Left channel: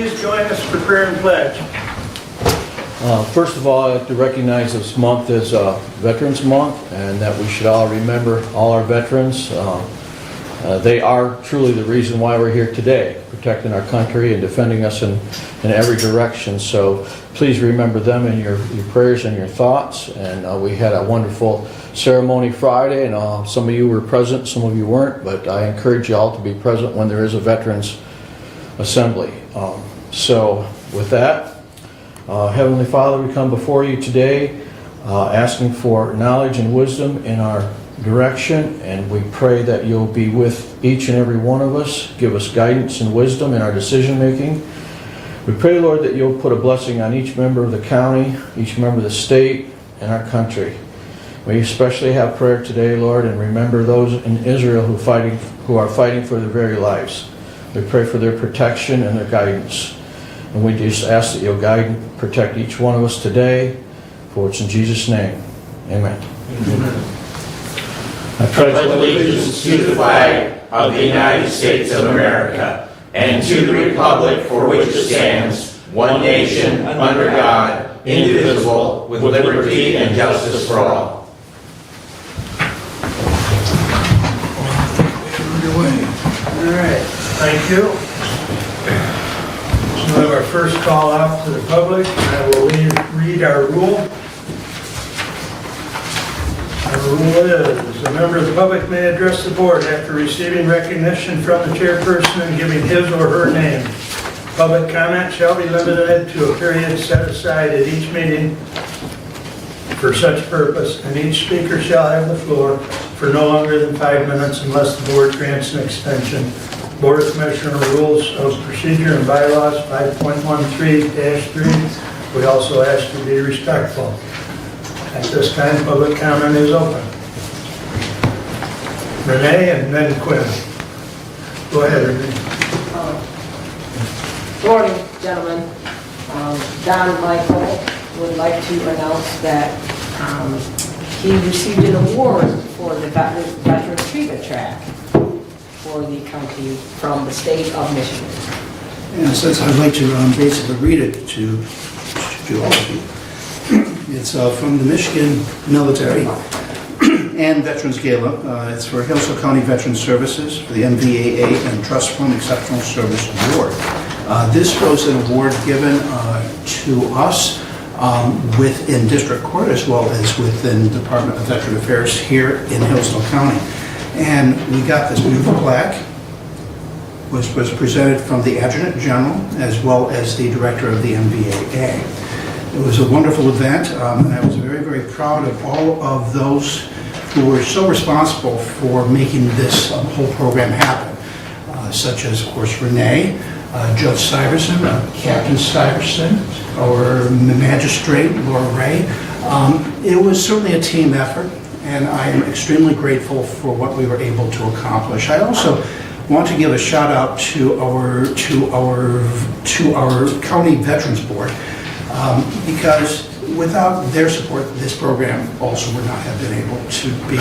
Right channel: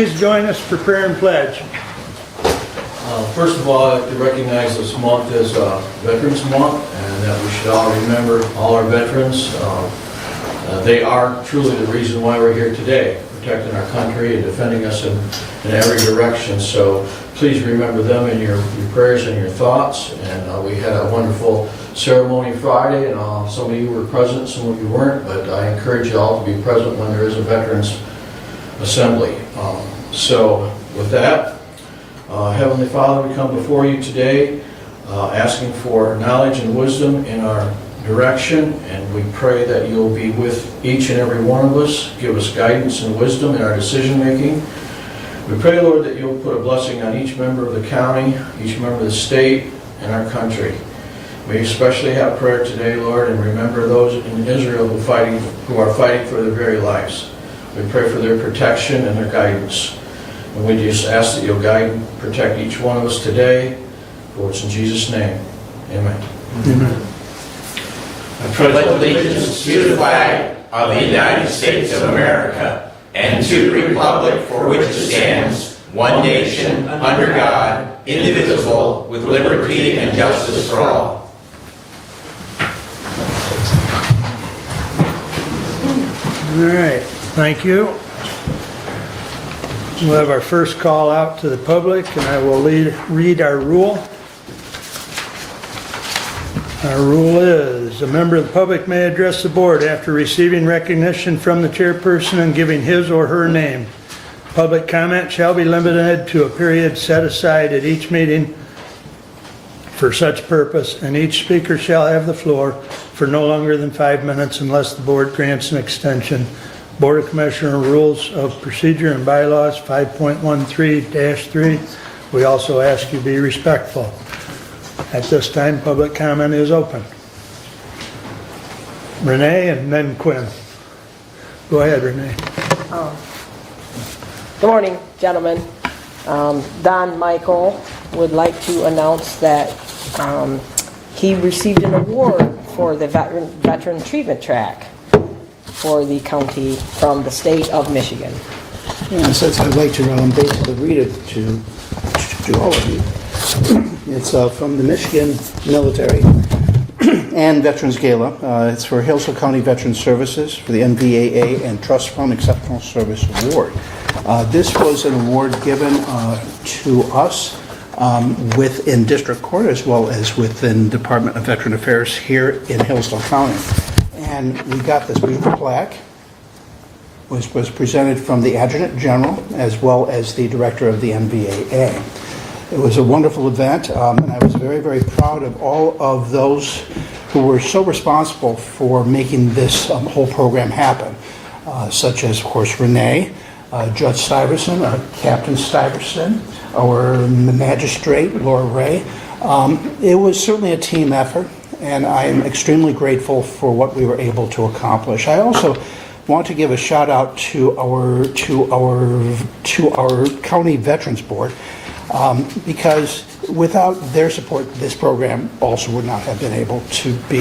Please join us for prayer and pledge. First of all, I'd like to recognize this month as Veterans Month, and that we should all remember all our veterans. They are truly the reason why we're here today, protecting our country and defending us in every direction. So please remember them in your prayers and your thoughts. And we had a wonderful ceremony Friday, and some of you were present, some of you weren't, but I encourage you all to be present when there is a Veterans Assembly. So with that, Heavenly Father, we come before you today asking for knowledge and wisdom in our direction, and we pray that you'll be with each and every one of us, give us guidance and wisdom in our decision making. We pray, Lord, that you'll put a blessing on each member of the county, each member of the state, and our country. We especially have prayer today, Lord, and remember those in Israel who are fighting for their very lives. We pray for their protection and their guidance. And we just ask that you'll guide and protect each one of us today, for it's in Jesus' name. Amen. Amen. I pledge allegiance to the flag of the United States of America and to the republic for which it stands, one nation, under God, indivisible, with liberty and justice for all. All right, thank you. We'll have our first call out to the public, and I will read our rule. Our rule is, a member of the public may address the board after receiving recognition from the chairperson and giving his or her name. Public comment shall be limited to a period set aside at each meeting for such purpose, and each speaker shall have the floor for no longer than 5 minutes unless the board grants an extension. Board of Commissioner Rules of Procedure and Bylaws 5.13-3. We also ask you to be respectful. At this time, public comment is open. Renee and then Quinn. Go ahead, Renee. Good morning, gentlemen. Don Michael would like to announce that he received an award for the Veteran Treatment Track for the county from the state of Michigan. And since I'd like to basically read it to all of you. It's from the Michigan Military and Veterans Gala. It's for Hillsdale County Veteran Services for the NVAA and Trust Fund Exceptional Service Award. This was an award given to us within District Court as well as within Department of Veteran Affairs here in Hillsdale County. And we got this beautiful plaque, which was presented from the Adjutant General as well as the Director of the NVAA. It was a wonderful event, and I was very, very proud of all of those who were so responsible for making this whole program happen, such as, of course, Renee, Judge Stiverson, Captain Stiverson, our Magistrate, Laura Ray. It was certainly a team effort, and I am extremely grateful for what we were able to accomplish. I also want to give a shout out to our County Veterans Board, because without their support, this program also would not have been able to be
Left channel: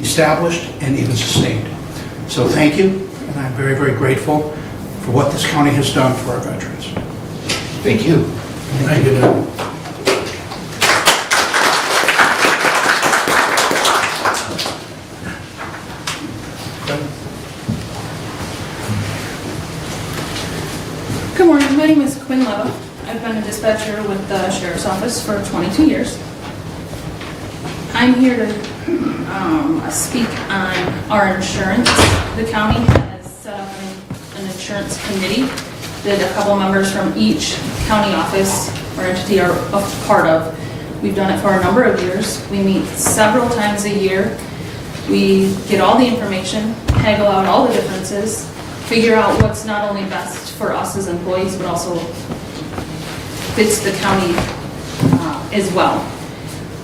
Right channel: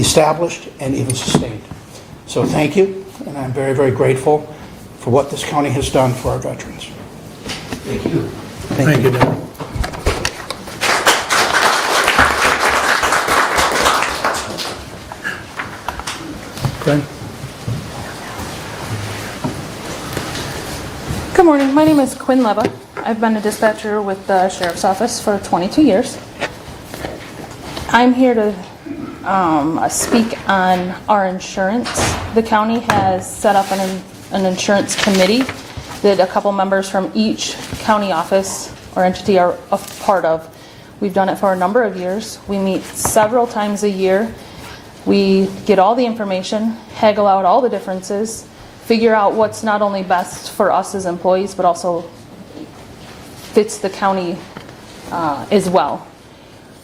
established and even sustained. So thank you, and I'm very, very grateful for what this county has done for our veterans. Thank you. Thank you. Quinn? Good morning, my name is Quinn Leva. I've been a dispatcher with the Sheriff's Office for 22 years. I'm here to speak on our insurance. The county has set up an insurance committee that a couple members from each county office or entity are a part of. We've done it for a number of years. We meet several times a year. We get all the information, haggle out all the differences, figure out what's not only best for us as employees, but also fits the county as well.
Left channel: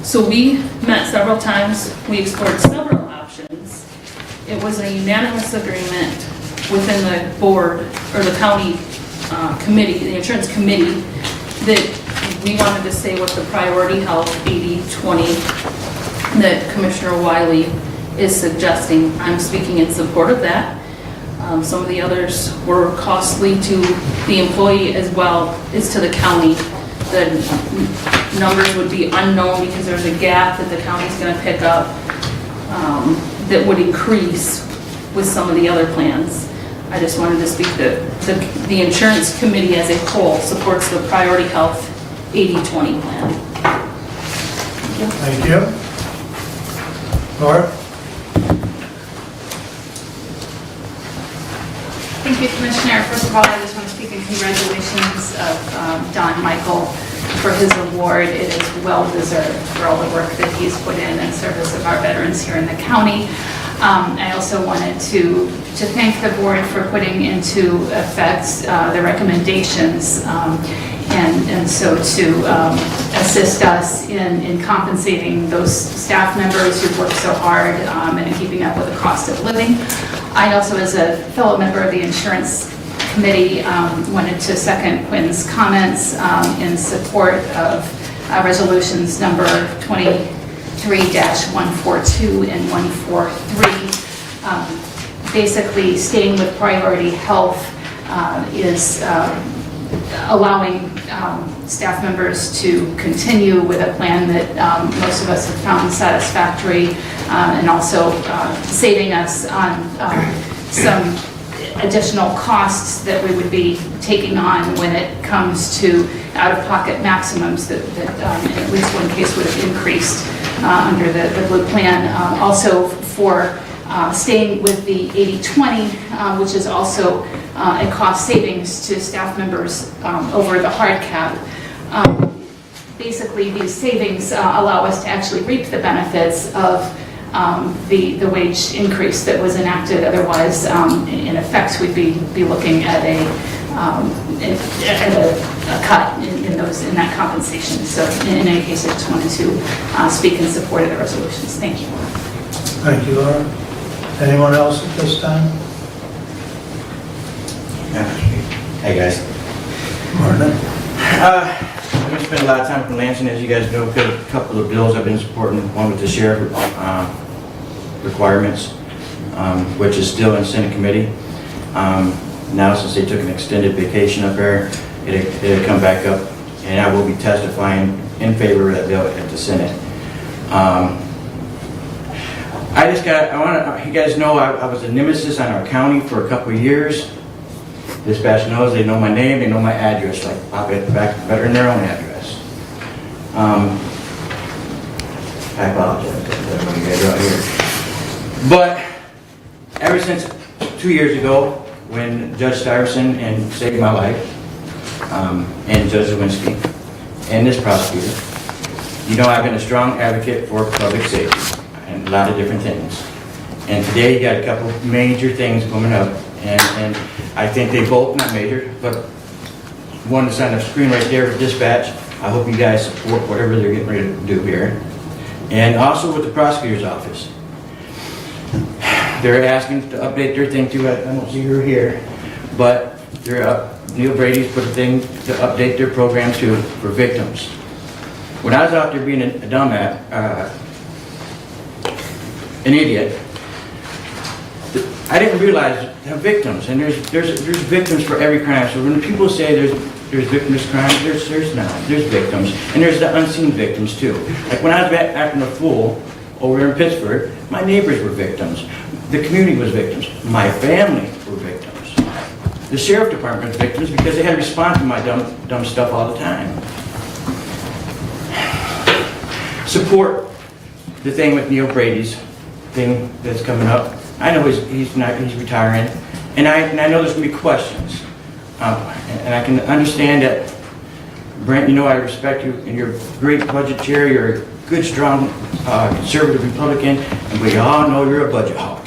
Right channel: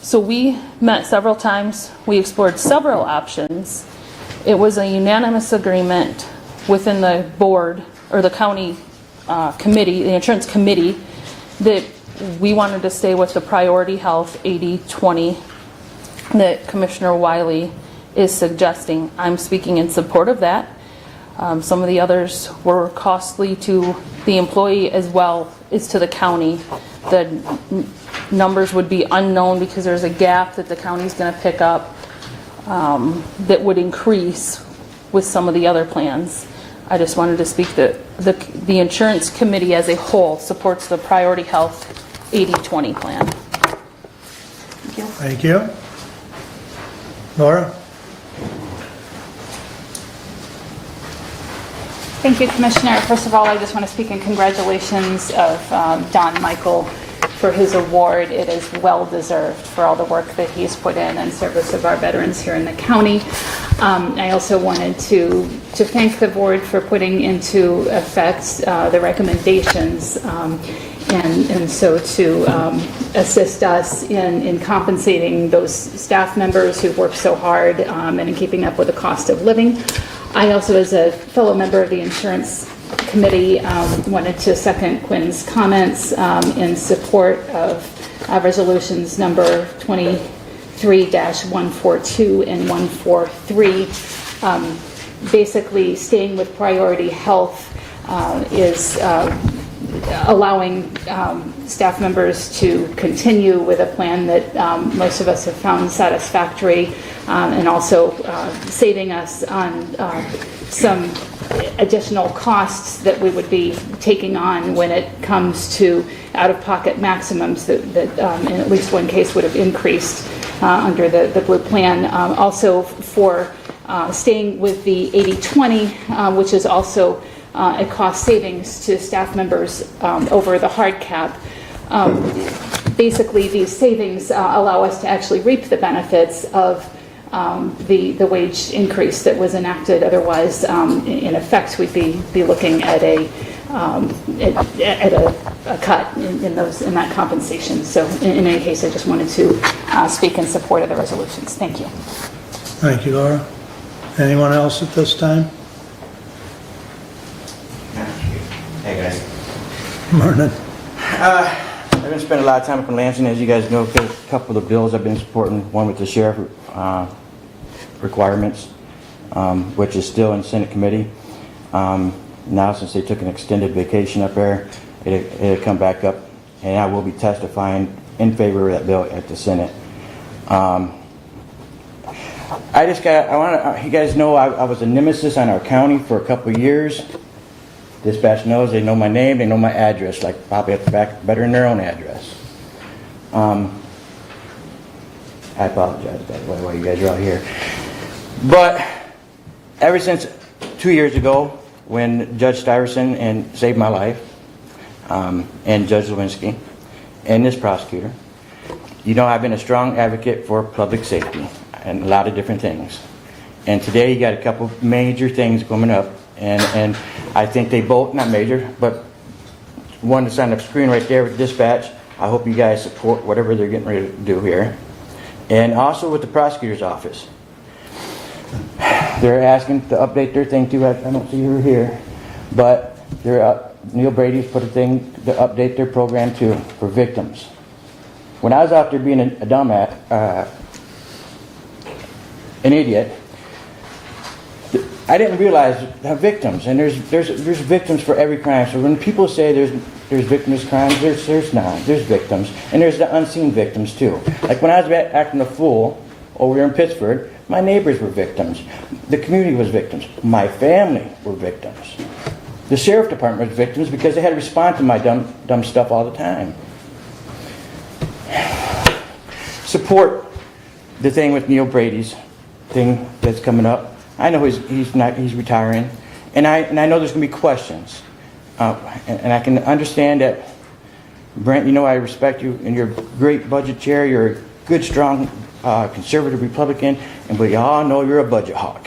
So we met several times. We explored several options. It was a unanimous agreement within the board or the county committee, the insurance committee, that we wanted to stay with the priority health 80-20 that Commissioner Wiley is suggesting. I'm speaking in support of that. Some of the others were costly to the employee as well as to the county. The numbers would be unknown because there's a gap that the county's going to pick up that would increase with some of the other plans. I just wanted to speak that the insurance committee as a whole supports the Priority Health 80/20 plan. Thank you. Laura? Thank you, Commissioner. First of all, I just want to speak in congratulations of Don Michael for his award. It is well-deserved for all the work that he's put in service of our veterans here in the county. I also wanted to thank the board for putting into effect the recommendations and so to assist us in compensating those staff members who've worked so hard and in keeping up with the cost of living. I also, as a fellow member of the insurance committee, wanted to second Quinn's comments in support of resolutions number 23-142 and 143. Basically, staying with Priority Health is allowing staff members to continue with a plan that most of us have found satisfactory and also saving us on some additional costs that we would be taking on when it comes to out-of-pocket maximums that in at least one case would have increased under the Blue plan. Also for staying with the 80/20, which is also a cost savings to staff members over the hard cap. Basically, these savings allow us to actually reap the benefits of the wage increase that was enacted. Otherwise, in effect, we'd be looking at a cut in that compensation. So, in any case, I just wanted to speak in support of the resolutions. Thank you. Thank you, Laura. Anyone else at this time? Hey guys. Martin? We spent a lot of time in Lansing, as you guys know. A couple of bills I've been supporting. One with the sheriff requirements, which is still in Senate committee. Now, since they took an extended vacation up there, it'll come back up, and I will be testifying in favor of that bill at the Senate. I want you guys know I was a nemesis on our county for a couple of years. Dispatch knows, they know my name, they know my address, like probably at the back, better than their own address. I apologize, that's what you guys are out here. But ever since 2 years ago, when Judge Stuyvesant saved my life, and Judge Lewinsky, and this prosecutor, you know I've been a strong advocate for public safety and a lot of different things. And today you got a couple major things coming up, and I think they both, not major, but one that's on the screen right there for dispatch. I hope you guys support whatever they're getting ready to do here. And also with the prosecutor's office. They're asking to update their thing too. I don't see her here, but they're up. Neil Brady's put a thing to update their program too for victims. When I was out there being a dumbass, an idiot, I didn't realize that victims, and there's victims for every crime. So when people say there's victims crimes, there's not. There's victims, and there's the unseen victims too. Like when I was acting a fool over here in Pittsburgh, my neighbors were victims. The community was victims. My family were victims. The sheriff department was victims because they had to respond to my dumb stuff all the time. Support the thing with Neil Brady's thing that's coming up. I know he's retiring, and I know there's gonna be questions, and I can understand that. Brent, you know I respect you, and you're a great budget chair. You're a good, strong conservative Republican, and we all know you're a budget hawk,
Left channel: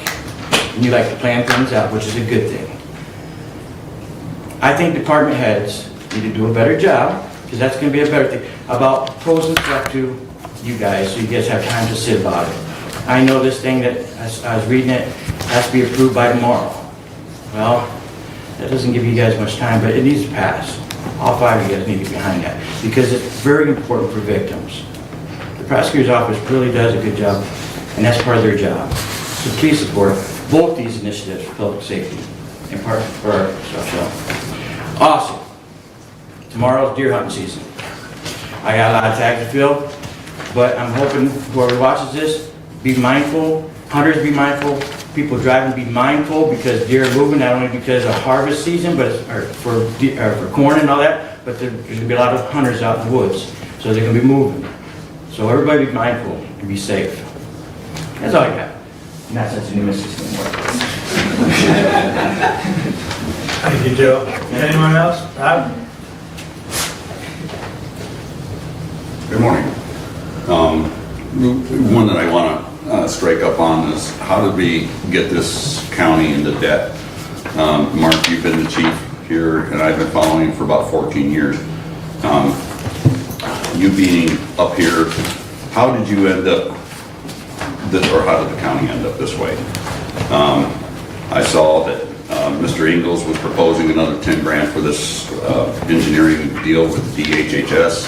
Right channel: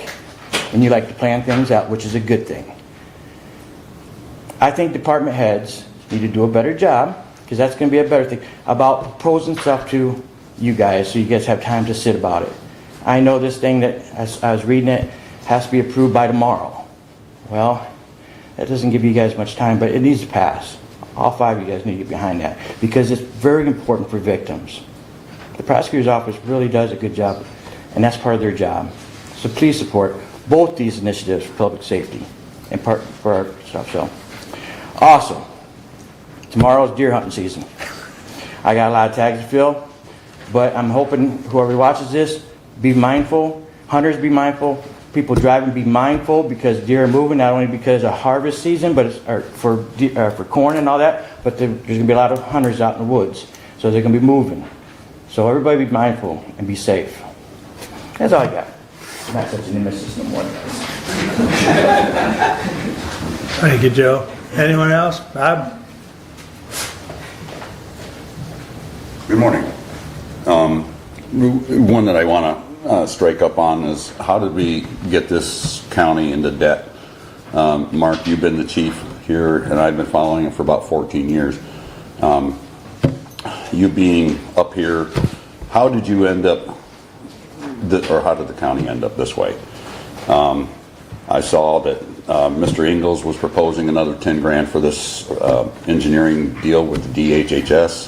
and you like to plan things out, which is a good thing. I think department heads need to do a better job, because that's going to be a better thing, about posing stuff to you guys, so you guys have time to sit about it. I know this thing that, as I was reading it, has to be approved by tomorrow. Well, that doesn't give you guys much time, but it needs to pass. All five of you guys need to be behind that, because it's very important for victims. The prosecutor's office really does a good job, and that's part of their job. So please support both these initiatives for public safety. and park for our stuff, so. Awesome. Tomorrow's deer hunting season. I got a lot of tags to fill, but I'm hoping whoever watches this, be mindful, hunters be mindful, people driving be mindful, because deer are moving, not only because of harvest season, but it's, or for corn and all that, but there's gonna be a lot of hunters out in the woods, so they're gonna be moving. So everybody be mindful and be safe. That's all I got. Not such an nemesis anymore. Thank you, Joe. Anyone else? Bob? Good morning. One that I want to strike up on is, how did we get this county into debt? Mark, you've been the chief here, and I've been following you for about 14 years. You being up here, how did you end up this, or how did the county end up this way? I saw that Mr. Ingles was proposing another 10 grand for this engineering deal with DHHS.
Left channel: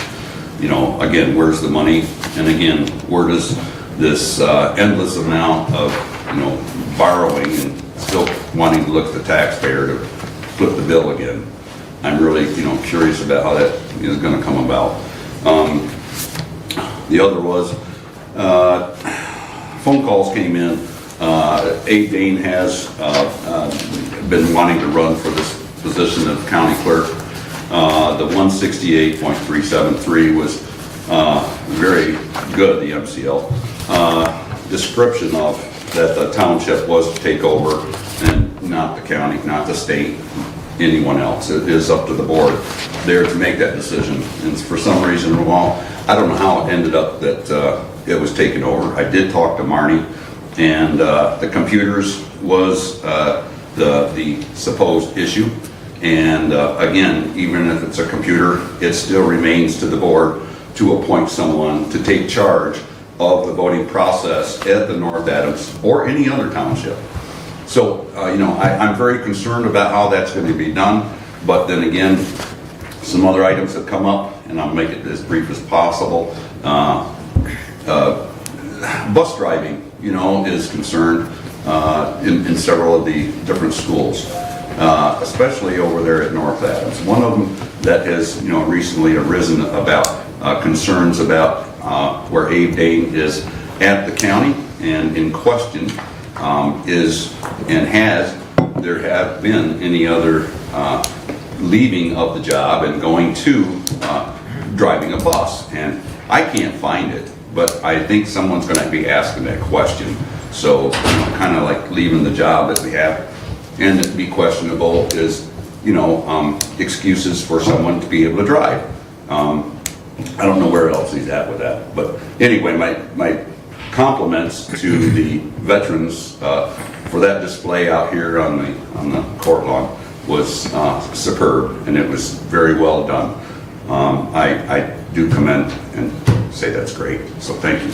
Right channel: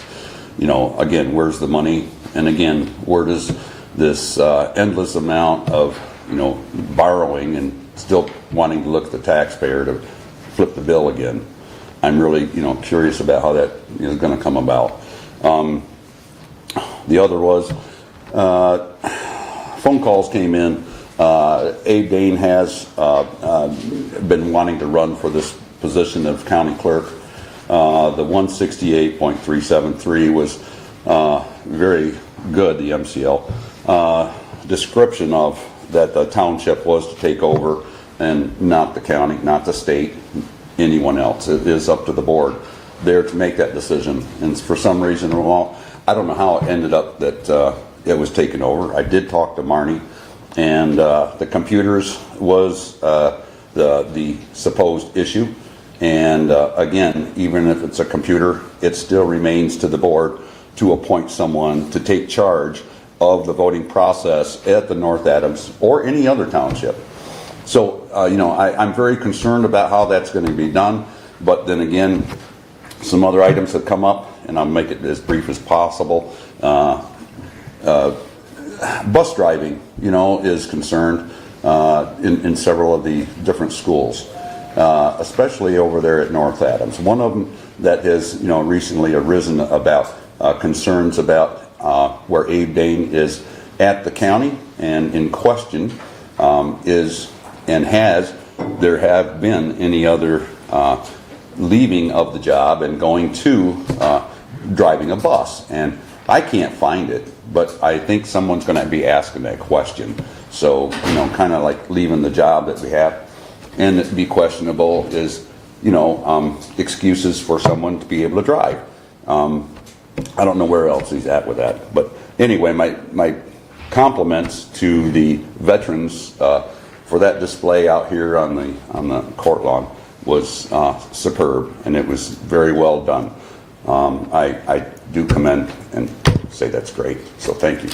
You know, again, where's the money? And again, where does this endless amount of, you know, borrowing and still wanting to look at the taxpayer to flip the bill again? I'm really, you know, curious about how that is going to come about. The other was, phone calls came in. Abe Dane has been wanting to run for this position of county clerk. The 168.373 was very good, the MCL. Description of that the township was to take over and not the county, not the state, anyone else. It is up to the board there to make that decision. And for some reason, well, I don't know how it ended up that it was taken over. I did talk to Marnie, and the computers was the supposed issue. And again, even if it's a computer, it still remains to the board to appoint someone to take charge of the voting process at the North Adams or any other township. So, you know, I'm very concerned about how that's going to be done. But then again, some other items have come up, and I'll make it as brief as possible. Bus driving, you know, is concerned in several of the different schools. Especially over there at North Adams. One of them that has, you know, recently arisen about concerns about where Abe Dane is at the county, and in question is, and there have been any other leaving of the job and going to driving a bus. And I can't find it, but I think someone's going to be asking that question. So, you know, kind of like leaving the job that we have. And it'd be questionable is, you know, excuses for someone to be able to drive. I don't know where else he's at with that. But anyway, my compliments to the veterans for that display out here on the court lawn was superb, and it was very well done. I do commend and say that's great. So thank you.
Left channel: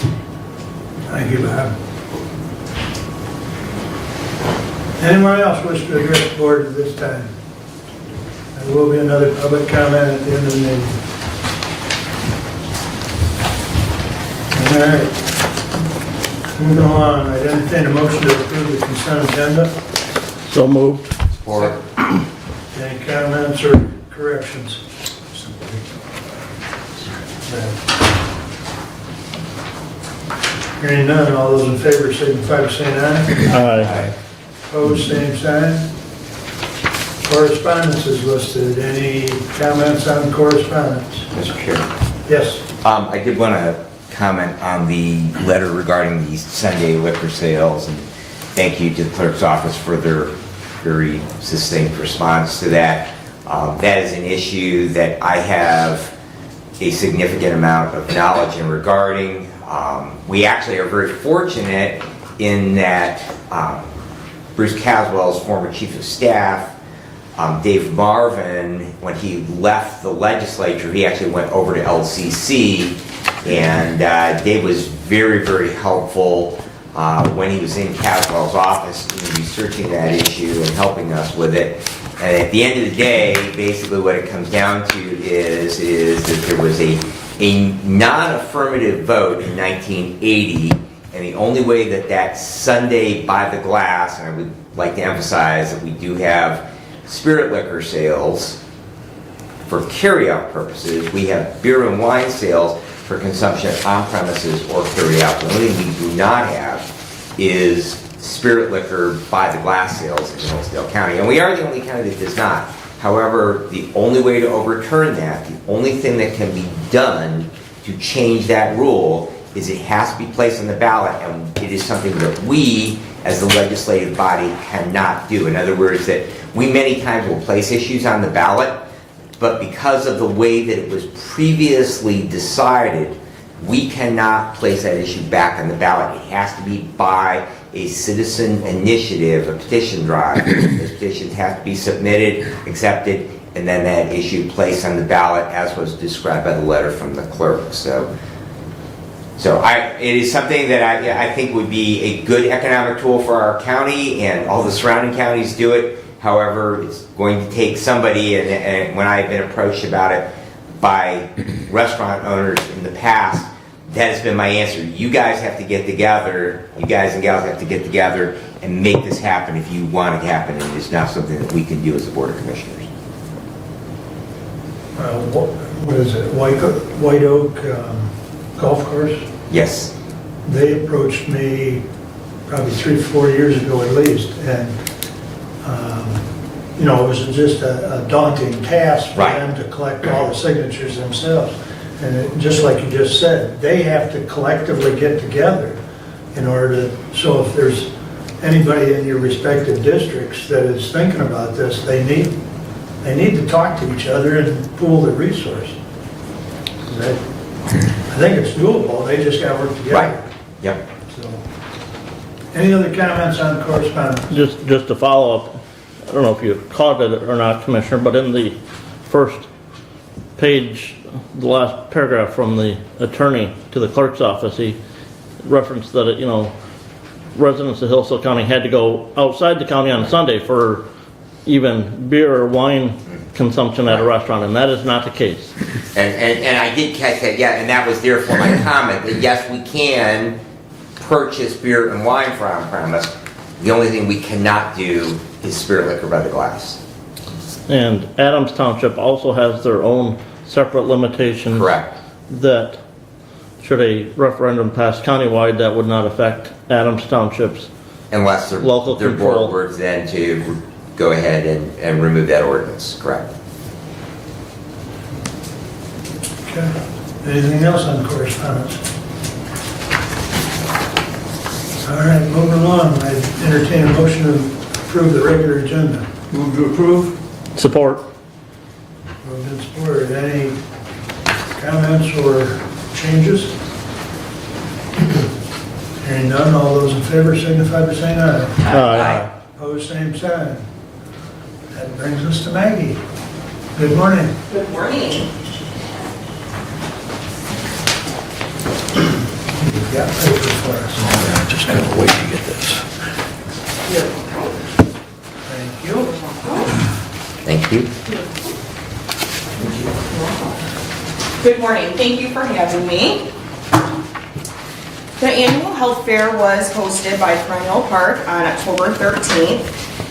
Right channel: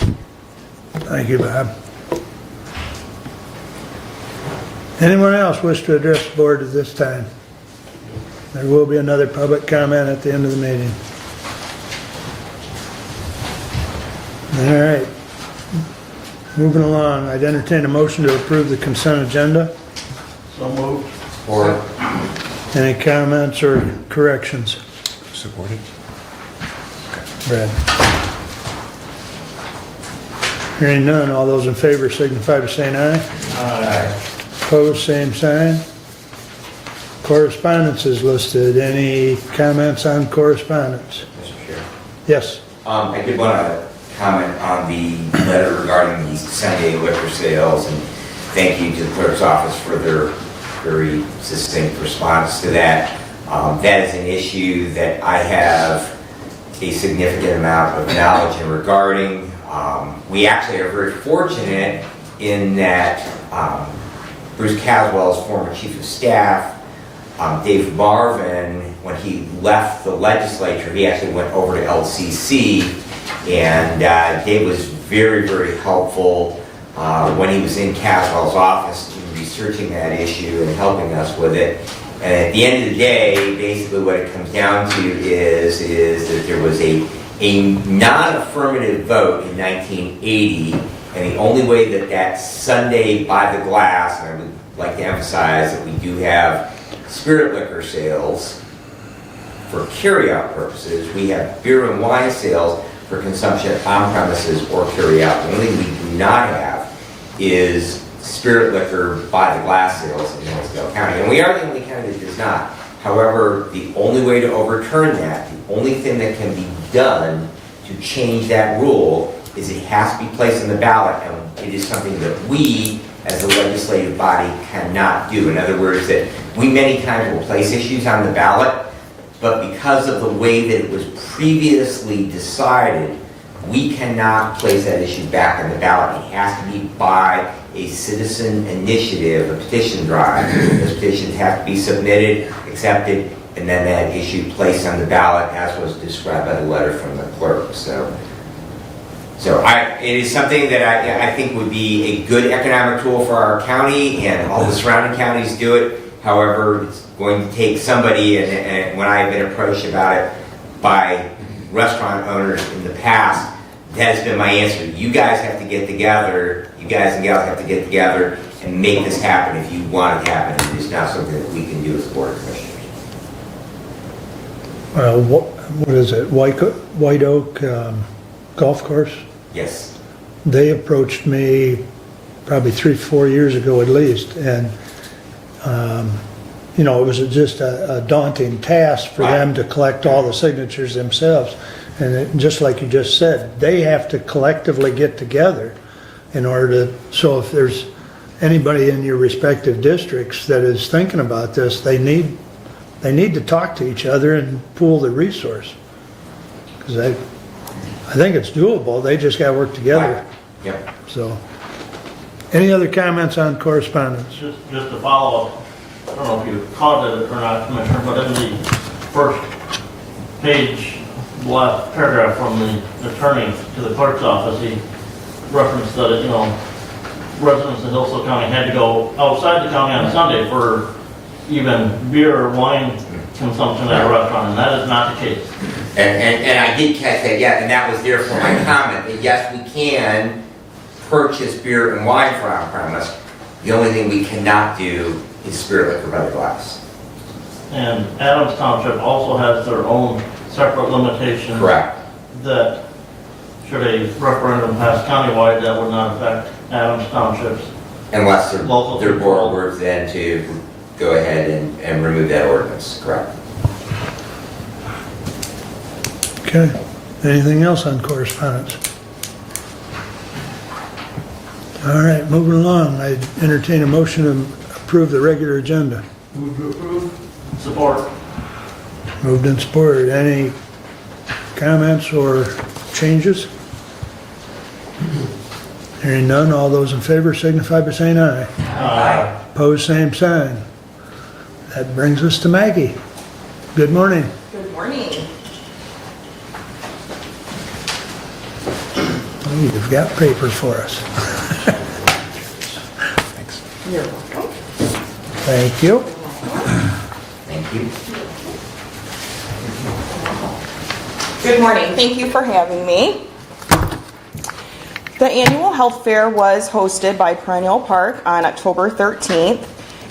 Thank you, Bob. Anyone else wish to address the board at this time? There will be another public comment at the end of the meeting. All right. Moving along, I'd entertain a motion to approve the consent agenda. So moved. Or Any comments or corrections? supported. Brad? Hearing none, all those in favor signify by saying aye. Aye. Opposed, same sign. Correspondence is listed. Any comments on correspondence? Mr. Chair. Yes. I did want to comment on the letter regarding the Sunday liquor sales, and thank you to the clerk's office for their very succinct response to that. That is an issue that I have a significant amount of knowledge in regarding. We actually are very fortunate in that Bruce Caswell's former chief of staff, Dave Marvin, when he left the legislature, he actually went over to LCC, and Dave was very, very helpful when he was in Caswell's office in researching that issue and helping us with it. And at the end of the day, basically what it comes down to is that there was a non-affirmative vote in 1980, and the only way that Sunday by the glass, and I would like to emphasize that we do have spirit liquor sales for carry-out purposes. We have beer and wine sales for consumption on premises or carry-out. The only thing we do not have is spirit liquor by the glass sales in Hillsdale County. And we are the only county that does not. However, the only way to overturn that, the only thing that can be done to change that rule is it has to be placed on the ballot, and it is something that we, as the legislative body, cannot do. In other words, that we many times will place issues on the ballot, but because of the way that it was previously decided, we cannot place that issue back on the ballot. It has to be by a citizen initiative, a petition drive. Those petitions have to be submitted, accepted, and then that issue placed on the ballot as was described by the letter from the clerk. So it is something that I think would be a good economic tool for our county, and all the surrounding counties do it. However, it's going to take somebody, and when I've been approached about it by restaurant owners in the past, that has been my answer. You guys have to get together, you guys and gals have to get together and make this happen if you want it to happen. It is not something that we can do as a Board of Commissioners. What is it, White Oak Golf Course? Yes. They approached me probably 3-4 years ago at least, and you know, it was just a daunting task for Right. them to collect all the signatures themselves. And just like you just said, they have to collectively get together in order to, so if there's anybody in your respective districts that is thinking about this, they need to talk to each other and pool their resource. 'Cause I think it's doable, they just gotta work together. Right. Yep. So, any other comments on correspondence? Just to follow up, I don't know if you caught it or not, Commissioner, but in the first page, the last paragraph from the attorney to the clerk's office, he referenced that, you know, residents of Hillsdale County had to go outside the county on a Sunday for even beer or wine consumption at a restaurant, and that is not the case. And I did catch that, yeah, and that was there for my comment, that yes, we can purchase beer and wine for on-premise. The only thing we cannot do is spirit liquor by the glass. And Adams Township also has their own separate limitations. Correct. That should a referendum pass countywide, that would not affect Adams Township's. Unless Local their board control. were then to go ahead and remove that ordinance, correct? Okay, anything else on correspondence? All right, moving along, I entertain a motion to approve the regular agenda. Move to approve? Support. Moved and supported. Any comments or changes? Hearing none, all those in favor signify by saying aye. Opposed, same sign. That brings us to Maggie. Good morning. Good morning. Oh, you've got paper for us. I'm just gonna wait to get this. Thank you. Thank you. Good morning. Thank you for having me. The annual health fair was hosted by Perennial Park on October 13th.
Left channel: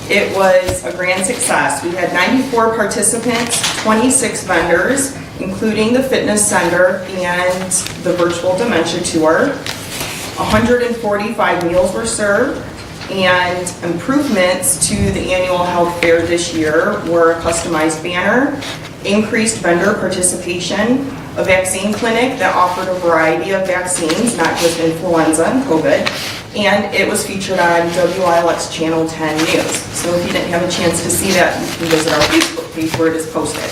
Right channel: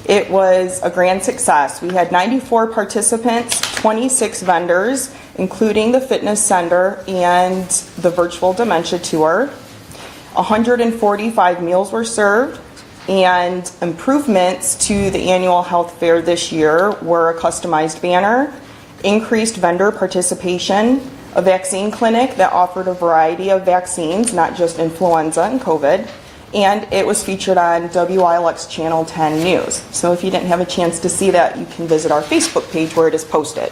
It was a grand success. We had 94 participants, 26 vendors, including the fitness center and the virtual dementia tour. 145 meals were served, and improvements to the annual health fair this year were a customized banner, increased vendor participation, a vaccine clinic that offered a variety of vaccines, not just influenza and COVID, and it was featured on WILX Channel 10 News. So if you didn't have a chance to see that, you can visit our Facebook page where it is posted.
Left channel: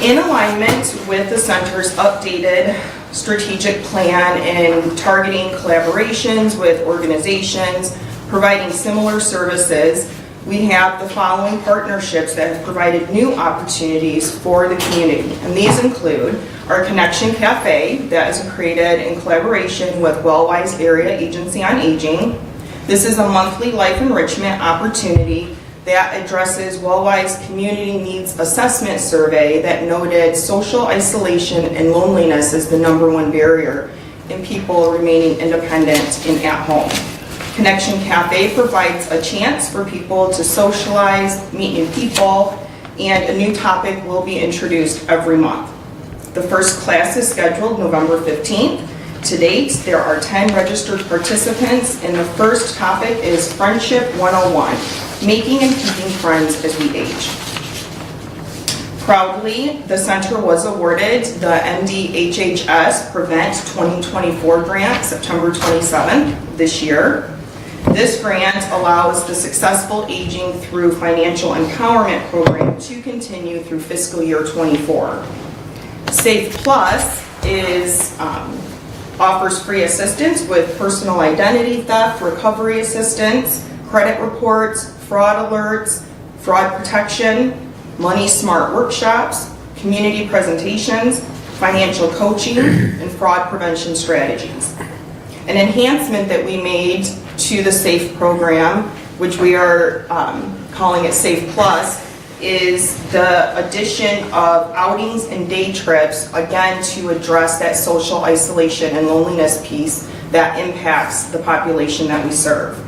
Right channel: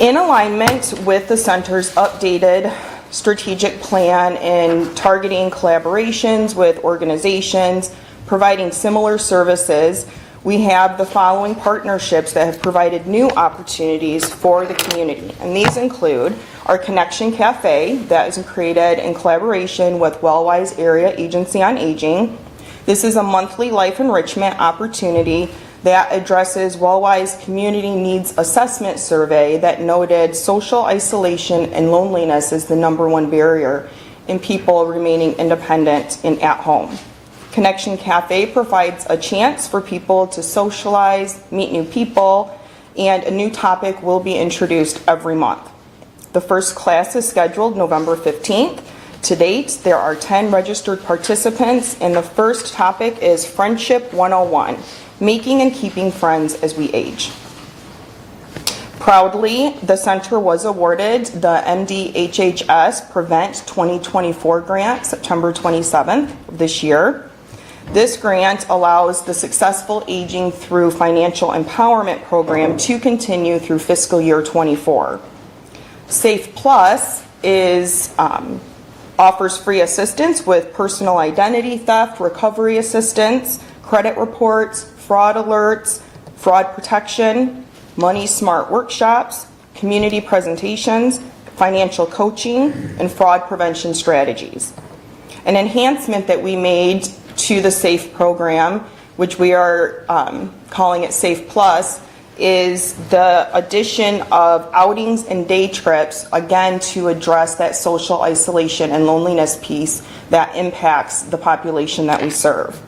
In alignment with the center's updated strategic plan and targeting collaborations with organizations providing similar services, we have the following partnerships that have provided new opportunities for the community. And these include our Connection Cafe that is created in collaboration with Wellwise Area Agency on Aging. This is a monthly life enrichment opportunity that addresses Wellwise Community Needs Assessment Survey that noted social isolation and loneliness is the #1 barrier in people remaining independent and at home. Connection Cafe provides a chance for people to socialize, meet new people, and a new topic will be introduced every month. The first class is scheduled November 15th. To date, there are 10 registered participants, and the first topic is Friendship 101, making and keeping friends as we age. Proudly, the center was awarded the MDHHS Prevent 2024 grant September 27th this year. This grant allows the Successful Aging Through Financial Empowerment program to continue through fiscal year 24. Safe Plus offers free assistance with personal identity theft, recovery assistance, credit reports, fraud alerts, fraud protection, Money Smart workshops, community presentations, financial coaching, and fraud prevention strategies. An enhancement that we made to the SAFE program, which we are calling it SAFE Plus, is the addition of outings and day trips, again, to address that social isolation and loneliness piece that impacts the population that we serve.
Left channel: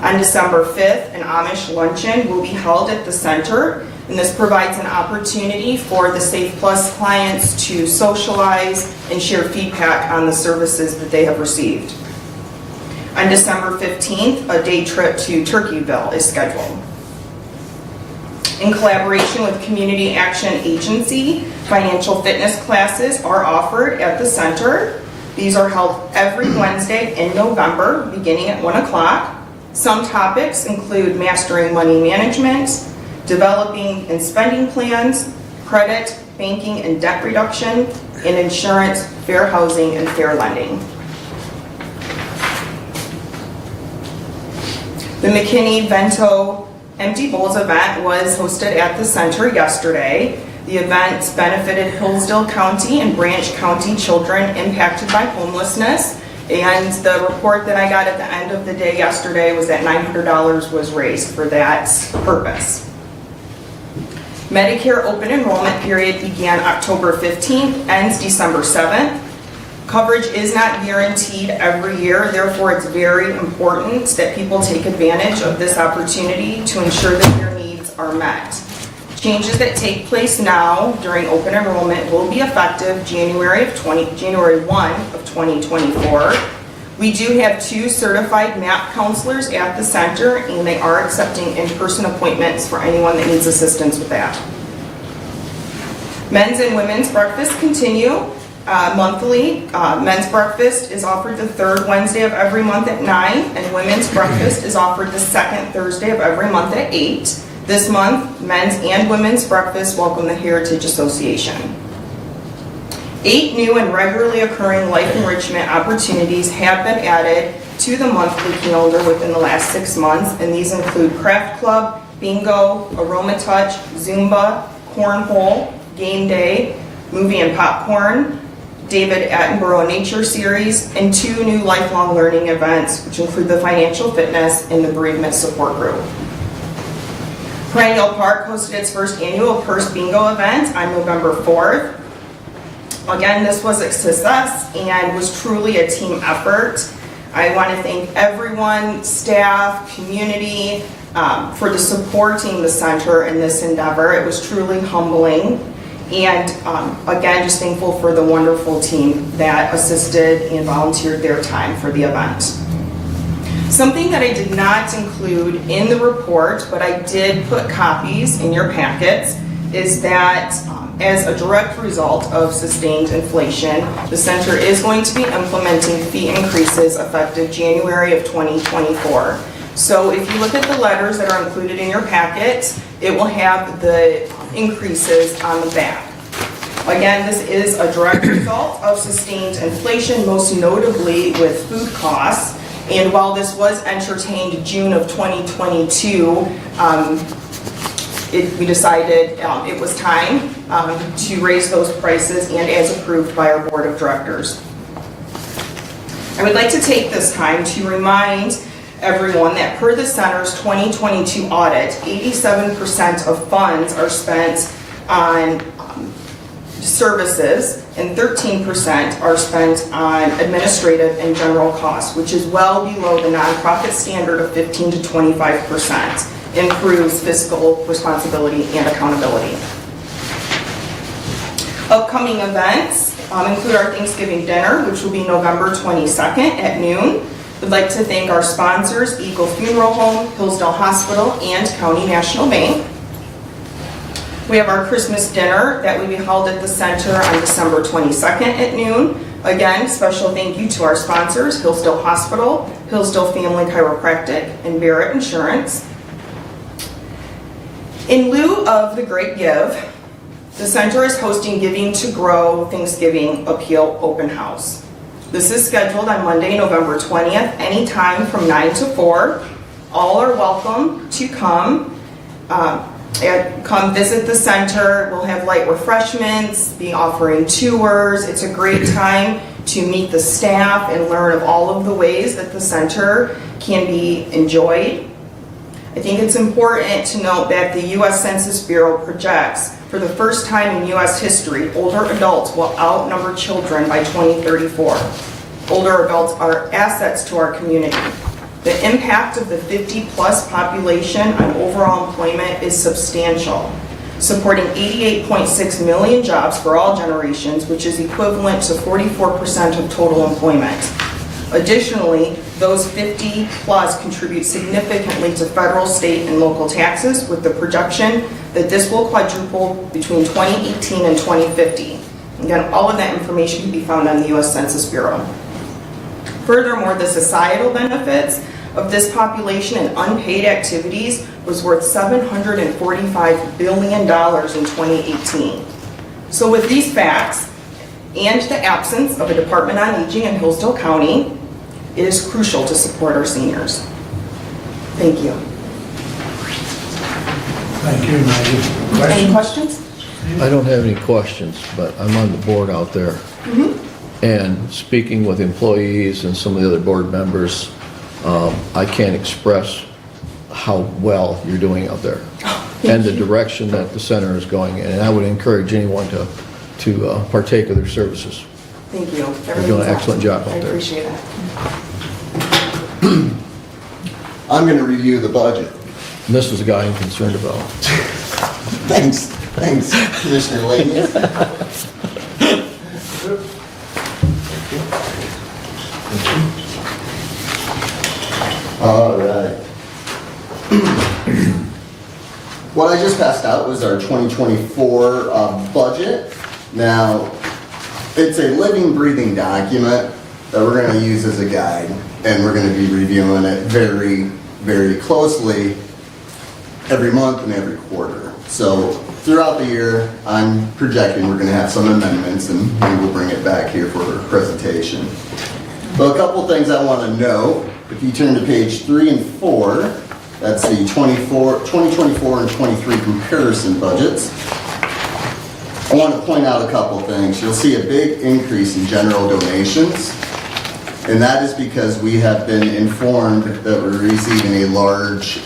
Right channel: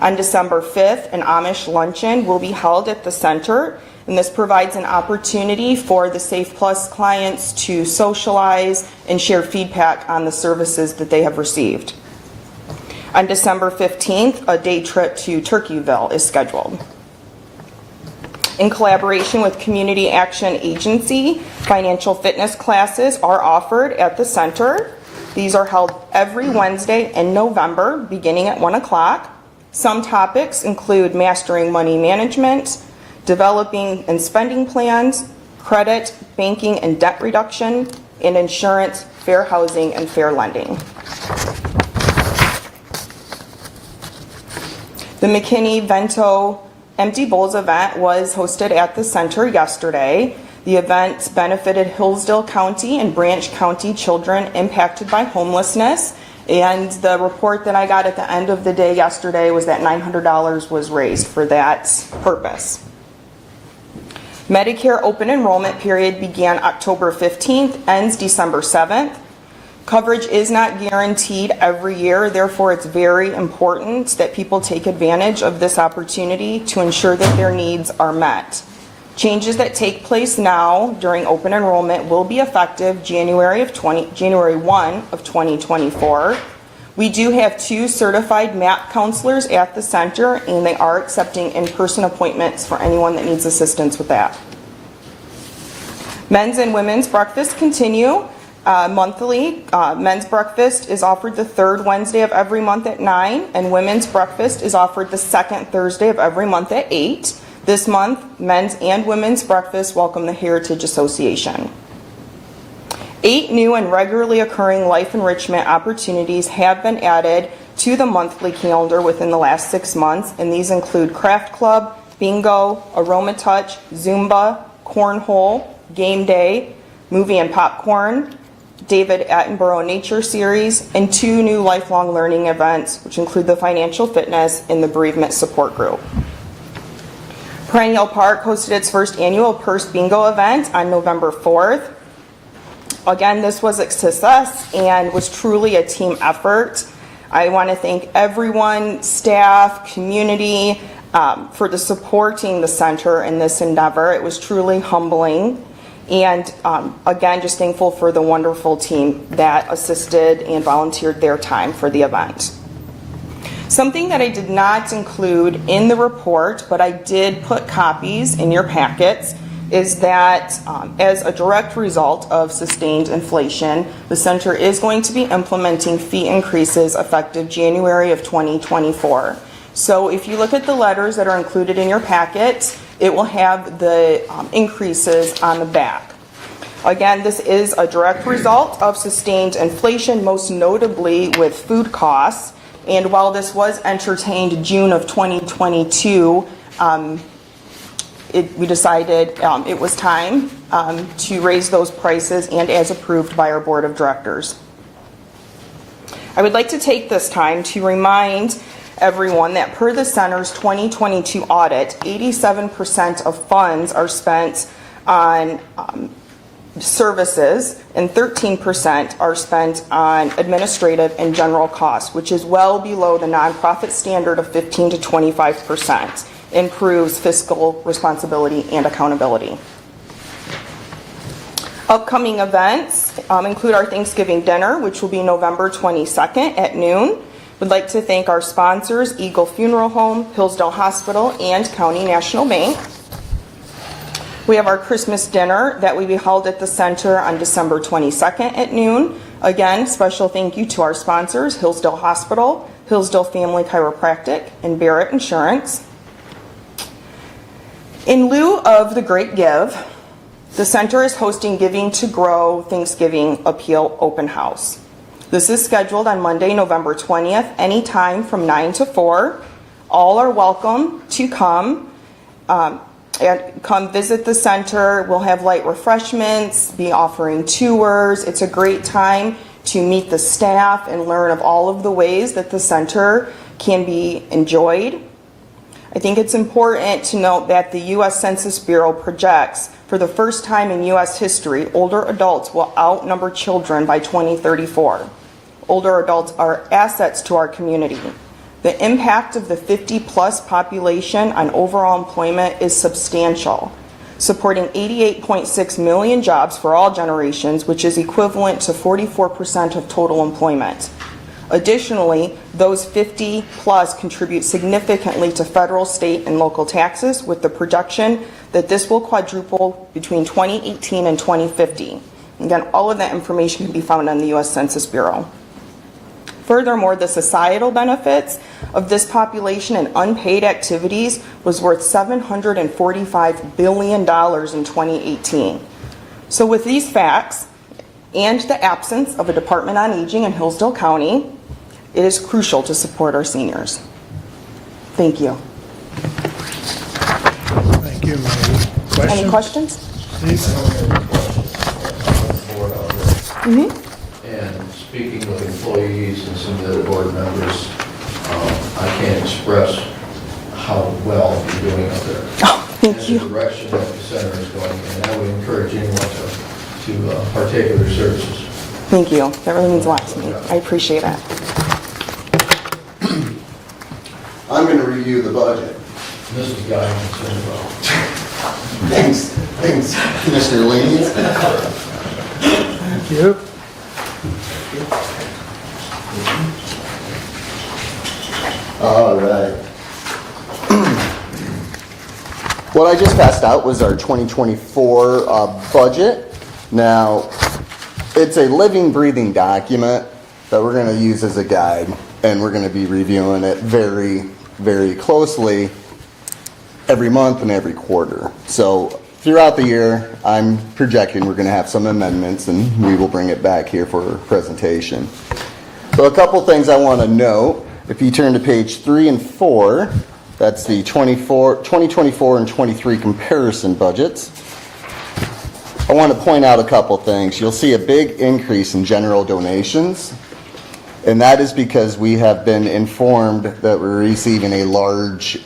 On December 5th, an Amish luncheon will be held at the center, and this provides an opportunity for the Safe Plus clients to socialize and share feedback on the services that they have received. On December 15th, a day trip to Turkeyville is scheduled. In collaboration with Community Action Agency, financial fitness classes are offered at the center. These are held every Wednesday in November, beginning at 1 o'clock. Some topics include mastering money management, developing and spending plans, credit, banking and debt reduction, and insurance, fair housing, and fair lending. The McKinney-Vento Empty Bowls event was hosted at the center yesterday. The event benefited Hillsdale County and Branch County children impacted by homelessness. And the report that I got at the end of the day yesterday was that $900 was raised for that purpose. Medicare open enrollment period began October 15th, ends December 7th. Coverage is not guaranteed every year, therefore it's very important that people take advantage of this opportunity to ensure that their needs are met. Changes that take place now during open enrollment will be effective January 1 of 2024. We do have 2 certified MAP counselors at the center, and they are accepting in-person appointments for anyone that needs assistance with that. Men's and women's breakfast continue monthly. Men's breakfast is offered the 3rd Wednesday of every month at 9, and women's breakfast is offered the 2nd Thursday of every month at 8. This month, men's and women's breakfast welcome the Heritage Association. 8 new and regularly occurring life enrichment opportunities have been added to the monthly calendar within the last 6 months, and these include Craft Club, Bingo, Aroma Touch, Zumba, Cornhole, Game Day, Movie and Popcorn, David Attenborough Nature Series, and 2 new lifelong learning events, which include the Financial Fitness and the Bereavement Support Group. Perennial Park hosted its first annual Purse Bingo event on November 4th. Again, this was a success and was truly a team effort. I want to thank everyone, staff, community, for the supporting the center in this endeavor. It was truly humbling. And again, just thankful for the wonderful team that assisted and volunteered their time for the event. Something that I did not include in the report, but I did put copies in your packets, is that as a direct result of sustained inflation, the center is going to be implementing fee increases effective January of 2024. So if you look at the letters that are included in your packet, it will have the increases on the back. Again, this is a direct result of sustained inflation, most notably with food costs. And while this was entertained June of 2022, we decided it was time to raise those prices, and as approved by our board of directors. I would like to take this time to remind everyone that per the center's 2022 audit, 87% of funds are spent on services and 13% are spent on administrative and general costs, which is well below the nonprofit standard of 15 to 25%. Improves fiscal responsibility and accountability. Upcoming events include our Thanksgiving dinner, which will be November 22nd at noon. We'd like to thank our sponsors, Eagle Funeral Home, Hillsdale Hospital, and County National Bank. We have our Christmas dinner that will be held at the center on December 22nd at noon. Again, special thank you to our sponsors, Hillsdale Hospital, Hillsdale Family Chiropractic, and Barrett Insurance. In lieu of the Great Give, the center is hosting Giving to Grow Thanksgiving Appeal Open House. This is scheduled on Monday, November 20th, anytime from 9 to 4. All are welcome to come. Come visit the center. We'll have light refreshments, be offering tours. It's a great time to meet the staff and learn of all of the ways that the center can be enjoyed. I think it's important to note that the U.S. Census Bureau projects for the first time in U.S. history, older adults will outnumber children by 2034. Older adults are assets to our community. The impact of the 50-plus population on overall employment is substantial, supporting 88.6 million jobs for all generations, which is equivalent to 44% of total employment. Additionally, those 50-plus contribute significantly to federal, state, and local taxes, with the projection that this will quadruple between 2018 and 2050. Again, all of that information can be found on the U.S. Census Bureau. Furthermore, the societal benefits of this population and unpaid activities was worth $745 billion in 2018. So with these facts and the absence of a Department on Aging in Hillsdale County, it is crucial to support our seniors. Thank you. Thank you, Maggie. Any questions? I don't have any questions, but I'm on the board out there. And speaking with employees and some of the other board members, I can't express how well you're doing out there. And the direction that the center is going in. And I would encourage anyone to partake of their services. Thank you. That really You're doing means an a lot. excellent job out I there. appreciate that. I'm going to review the budget. And this is the guy I'm concerned about. Thanks, Commissioner Laney. Yep. All right. What I just passed out was our 2024 budget. Now, it's a living, breathing document that we're going to use as a guide, and we're going to be reviewing it very, very closely every month and every quarter. So throughout the year, I'm projecting we're going to have some amendments, and we will bring it back here for presentation. So a couple things I want to note. If you turn to page 3 and 4, that's the 2024 and 23 comparison budgets. I want to point out a couple things. You'll see a big increase in general donations, and that is because we have been informed that we're receiving a large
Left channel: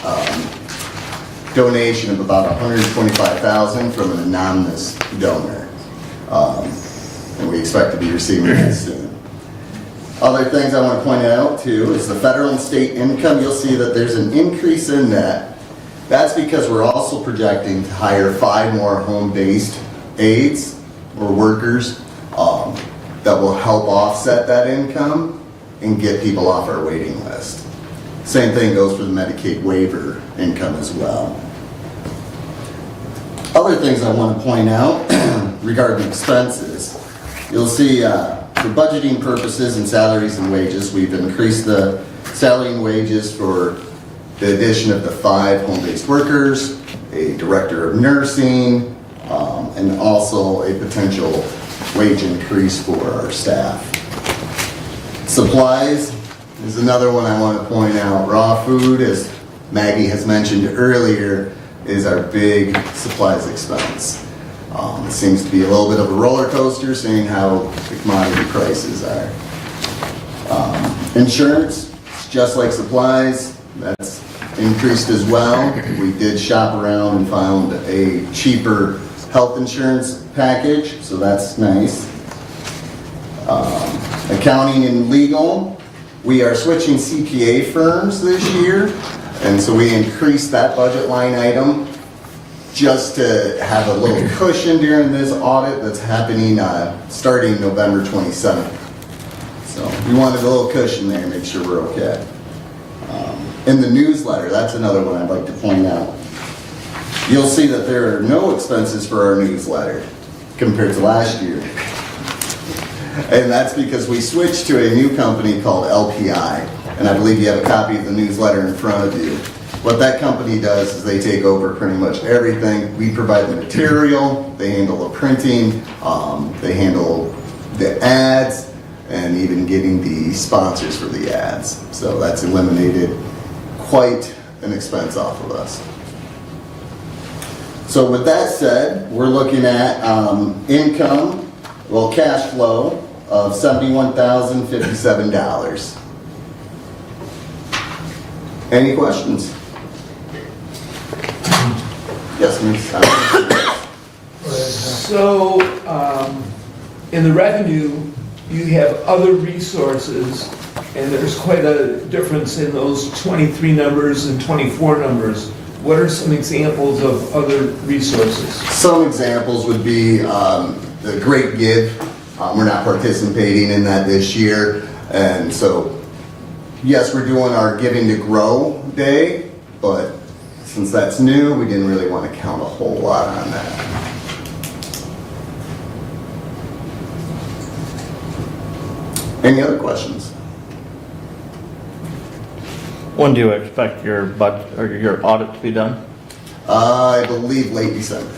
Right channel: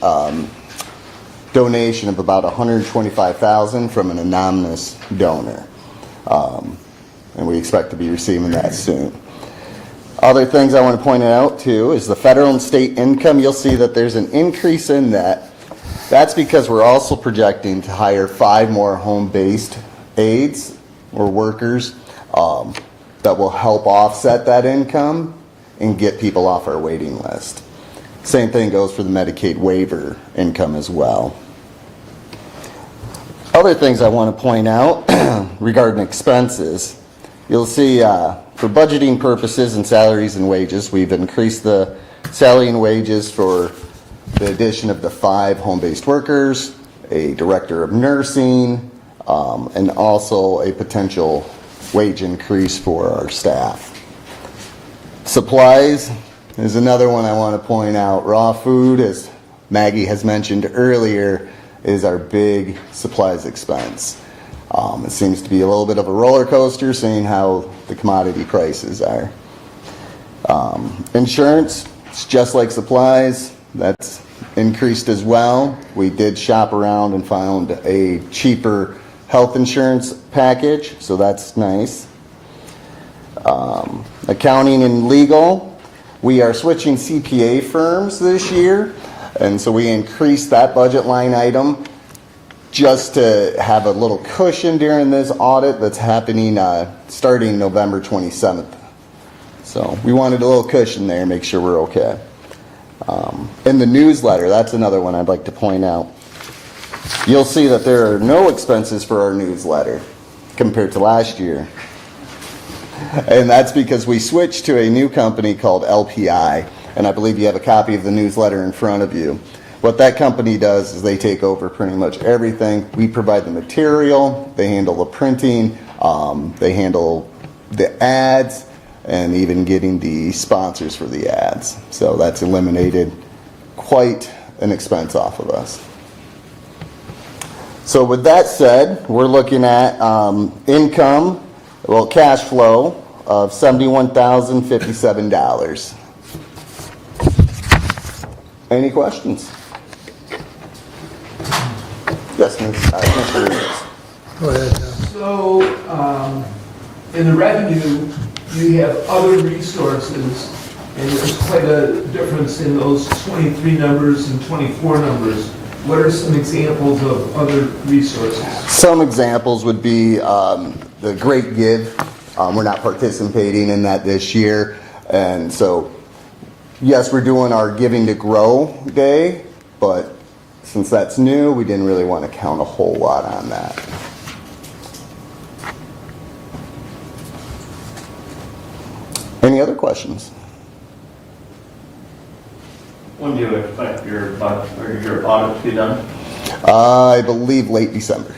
donation of about $125,000 from an anonymous donor, and we expect to be receiving that soon. Other things I want to point out too is the federal and state income. You'll see that there's an increase in that. That's because we're also projecting to hire 5 more home-based aides or workers that will help offset that income and get people off our waiting list. Same thing goes for the Medicaid waiver income as well. Other things I want to point out regarding expenses, you'll see for budgeting purposes and salaries and wages, we've increased the salary and wages for the addition of the 5 home-based workers, a director of nursing, and also a potential wage increase for our staff. Supplies is another one I want to point out. Raw food, as Maggie has mentioned earlier, is our big supplies expense. It seems to be a little bit of a roller coaster, seeing how the commodity prices are. Insurance, it's just like supplies, that's increased as well. We did shop around and found a cheaper health insurance package, so that's nice. Accounting and legal, we are switching CPA firms this year, and so we increased that budget line item just to have a little cushion during this audit that's happening starting November 27th. So we wanted a little cushion there, make sure we're okay. In the newsletter, that's another one I'd like to point out. You'll see that there are no expenses for our newsletter compared to last year. And that's because we switched to a new company called LPI, and I believe you have a copy of the newsletter in front of you. What that company does is they take over pretty much everything. We provide the material, they handle the printing, they handle the ads, and even getting the sponsors for the ads. So that's eliminated quite an expense off of us. So with that said, we're looking at income, well, cash flow of $71,057. Any questions? Yes, Ms. Go ahead. So, in the revenue, you have other resources, and there's quite a difference in those 23 numbers and 24 numbers. What are some examples of other resources? Some examples would be the Great Give. We're not participating in that this year. And so, yes, we're doing our Giving to Grow Day, but since that's new, we didn't really want to count a whole lot on that. Any other questions? When do you expect your budget, or your audit to be done? I believe late December.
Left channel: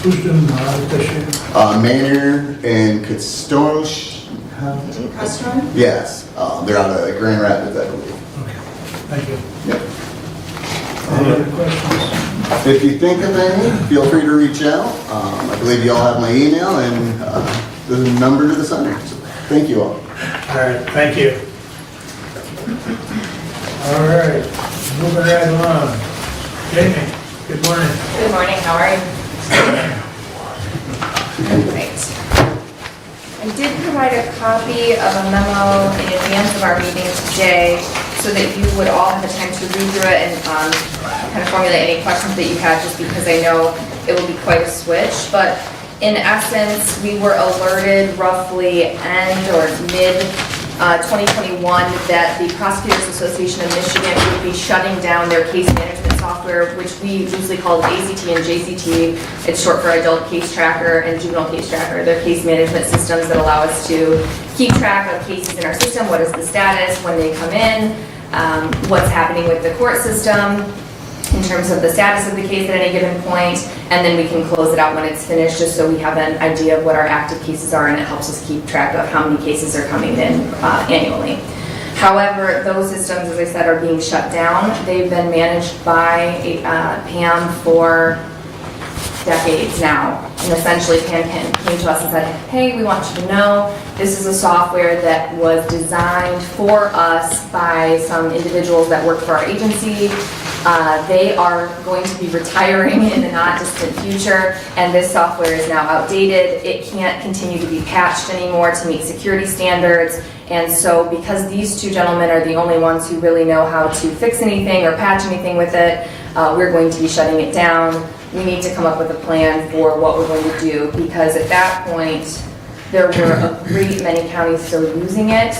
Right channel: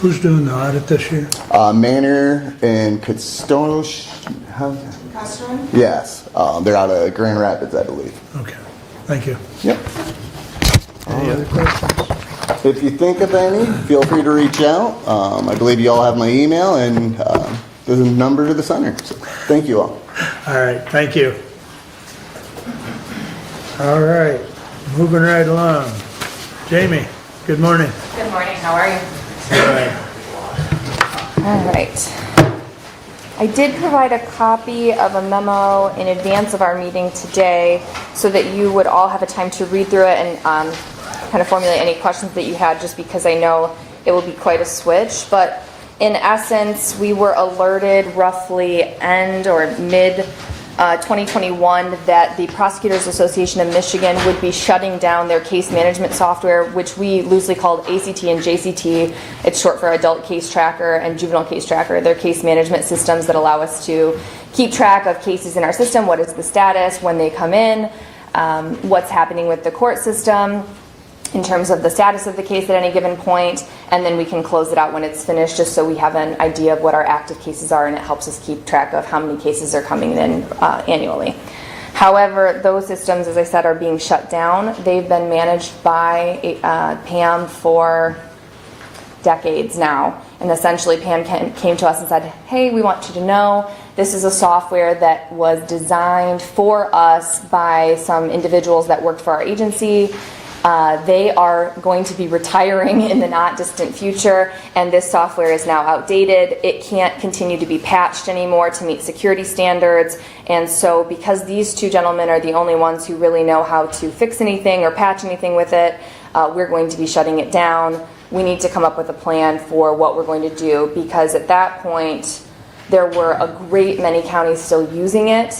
Who's doing the audit this year? Manor and Custosh. Customer? Yes, they're out of Grand Rapids, I believe. Okay, thank you. Yep. Any other questions? If you think of any, feel free to reach out. I believe you all have my email and the number to the center. So, thank you all. All right, thank you. All right, moving right along. Jamie, good morning. Good morning, how are you? All right. I did provide a copy of a memo in advance of our meeting today so that you would all have a time to read through it and kind of formulate any questions that you have, just because I know it will be quite a switch. But in essence, we were alerted roughly end or mid 2021 that the Prosecutors Association of Michigan would be shutting down their case management software, which we loosely call ACT and JCT. It's short for Adult Case Tracker and Juvenile Case Tracker. They're case management systems that allow us to keep track of cases in our system, what is the status, when they come in, what's happening with the court system, in terms of the status of the case at any given point, and then we can close it out when it's finished, just so we have an idea of what our active cases are, and it helps us keep track of how many cases are coming in annually. However, those systems, as I said, are being shut down. They've been managed by Pam for decades now, and essentially Pam came to us and said, hey, we want you to know this is a software that was designed for us by some individuals that work for our agency. They are going to be retiring in the not distant future, and this software is now outdated. It can't continue to be patched anymore to meet security standards. And so because these two gentlemen are the only ones who really know how to fix anything or patch anything with it, we're going to be shutting it down. We need to come up with a plan for what we're going to do, because at that point there were a great many counties still using it.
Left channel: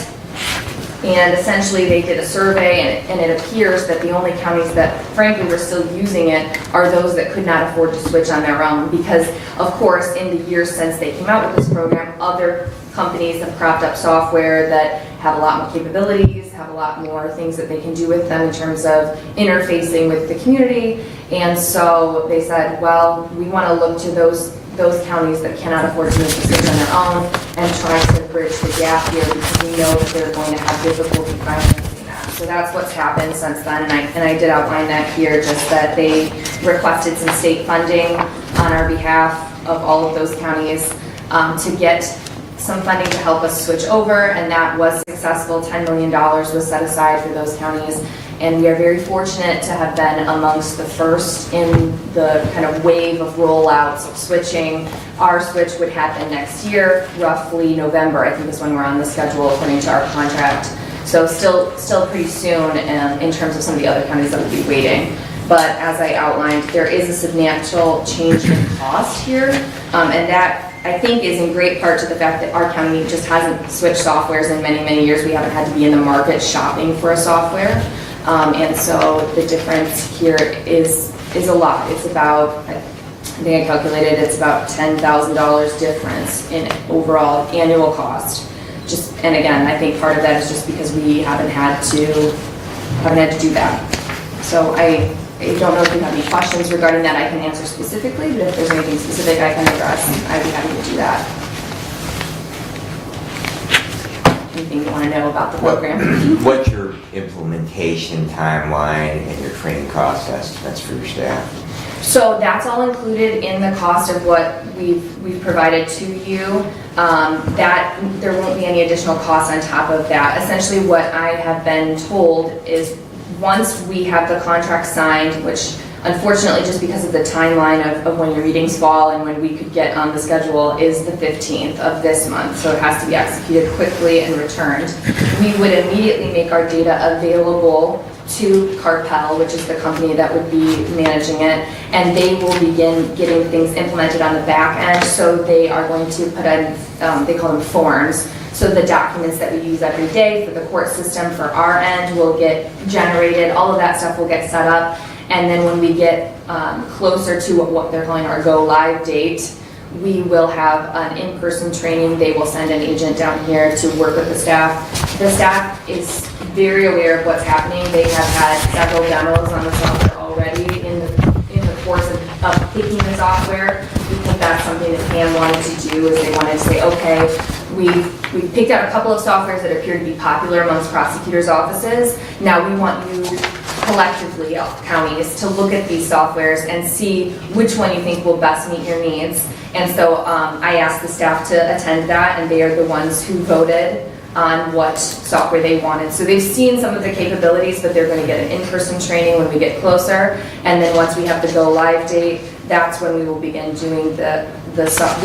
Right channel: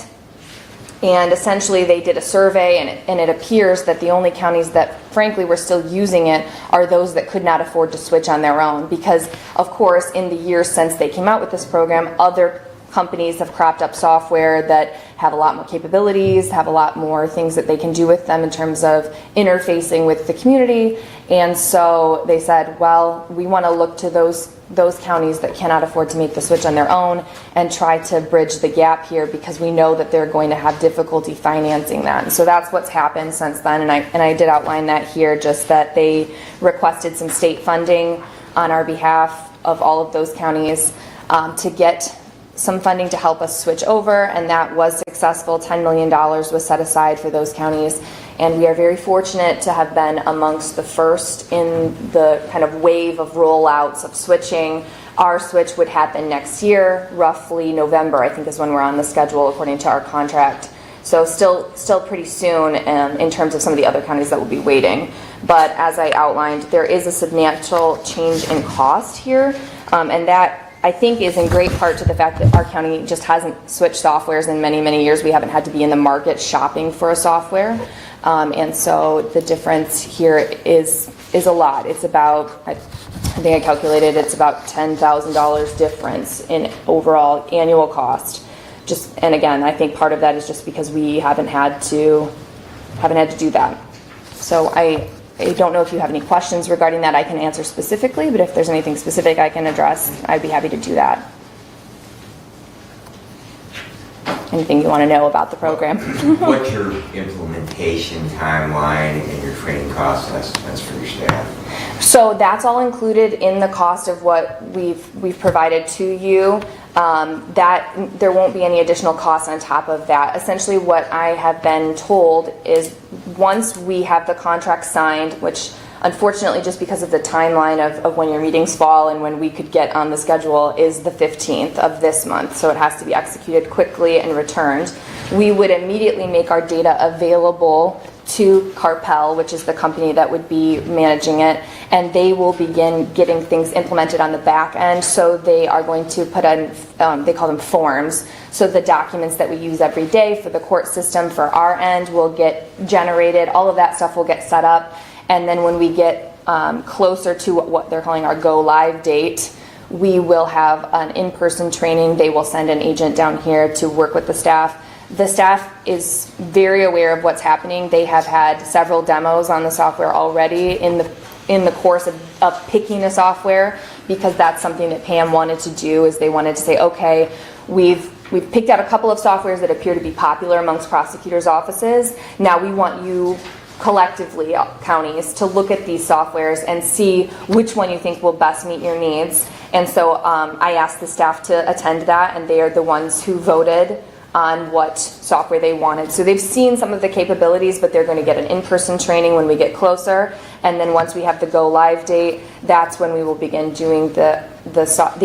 And essentially they did a survey, and it appears that the only counties that frankly were still using it are those that could not afford to switch on their own, because of course in the years since they came out with this program, other companies have cropped up software that have a lot more capabilities, have a lot more things that they can do with them in terms of interfacing with the community. And so they said, well, we want to look to those counties that cannot afford to make the switch on their own and try to bridge the gap here, because we know that they're going to have difficulty financing that. So that's what's happened since then, and I did outline that here, just that they requested some state funding on our behalf of all of those counties to get some funding to help us switch over, and that was successful. $10 million was set aside for those counties, and we are very fortunate to have been amongst the first in the kind of wave of rollouts of switching. Our switch would happen next year, roughly November, I think is when we're on the schedule according to our contract. So still pretty soon in terms of some of the other counties that will be waiting. But as I outlined, there is a substantial change in cost here, and that I think is in great part to the fact that our county just hasn't switched softwares in many, many years. We haven't had to be in the market shopping for a software. And so the difference here is a lot. It's about, I think I calculated, it's about $10,000 difference in overall annual cost. And again, I think part of that is just because we haven't had to do that. So I don't know if you have any questions regarding that. I can answer specifically, but if there's anything specific I can address, I'd be happy to do that. Anything you want to know about the program? What's your implementation timeline and your training cost estimates for your staff? So that's all included in the cost of what we've provided to you. That there won't be any additional costs on top of that. Essentially what I have been told is once we have the contract signed, which unfortunately just because of the timeline of when your meetings fall and when we could get on the schedule is the 15th of this month, so it has to be executed quickly and returned, we would immediately make our data available to Carpel, which is the company that would be managing it, and they will begin getting things implemented on the back end. So they are going to put in, they call them forms. So the documents that we use every day for the court system for our end will get generated. All of that stuff will get set up. And then when we get closer to what they're calling our go live date, we will have an in-person training. They will send an agent down here to work with the staff. The staff is very aware of what's happening. They have had several demos on the software already in the course of picking the software, because that's something that Pam wanted to do, is they wanted to say, okay, we've picked out a couple of softwares that appear to be popular amongst prosecutors' offices. Now we want you collectively, counties, to look at these softwares and see which one you think will best meet your needs. And so I asked the staff to attend that, and they are the ones who voted on what software they wanted. So they've seen some of the capabilities, but they're going to get an in-person training when we get closer. And then once we have the go live date, that's when we will begin doing the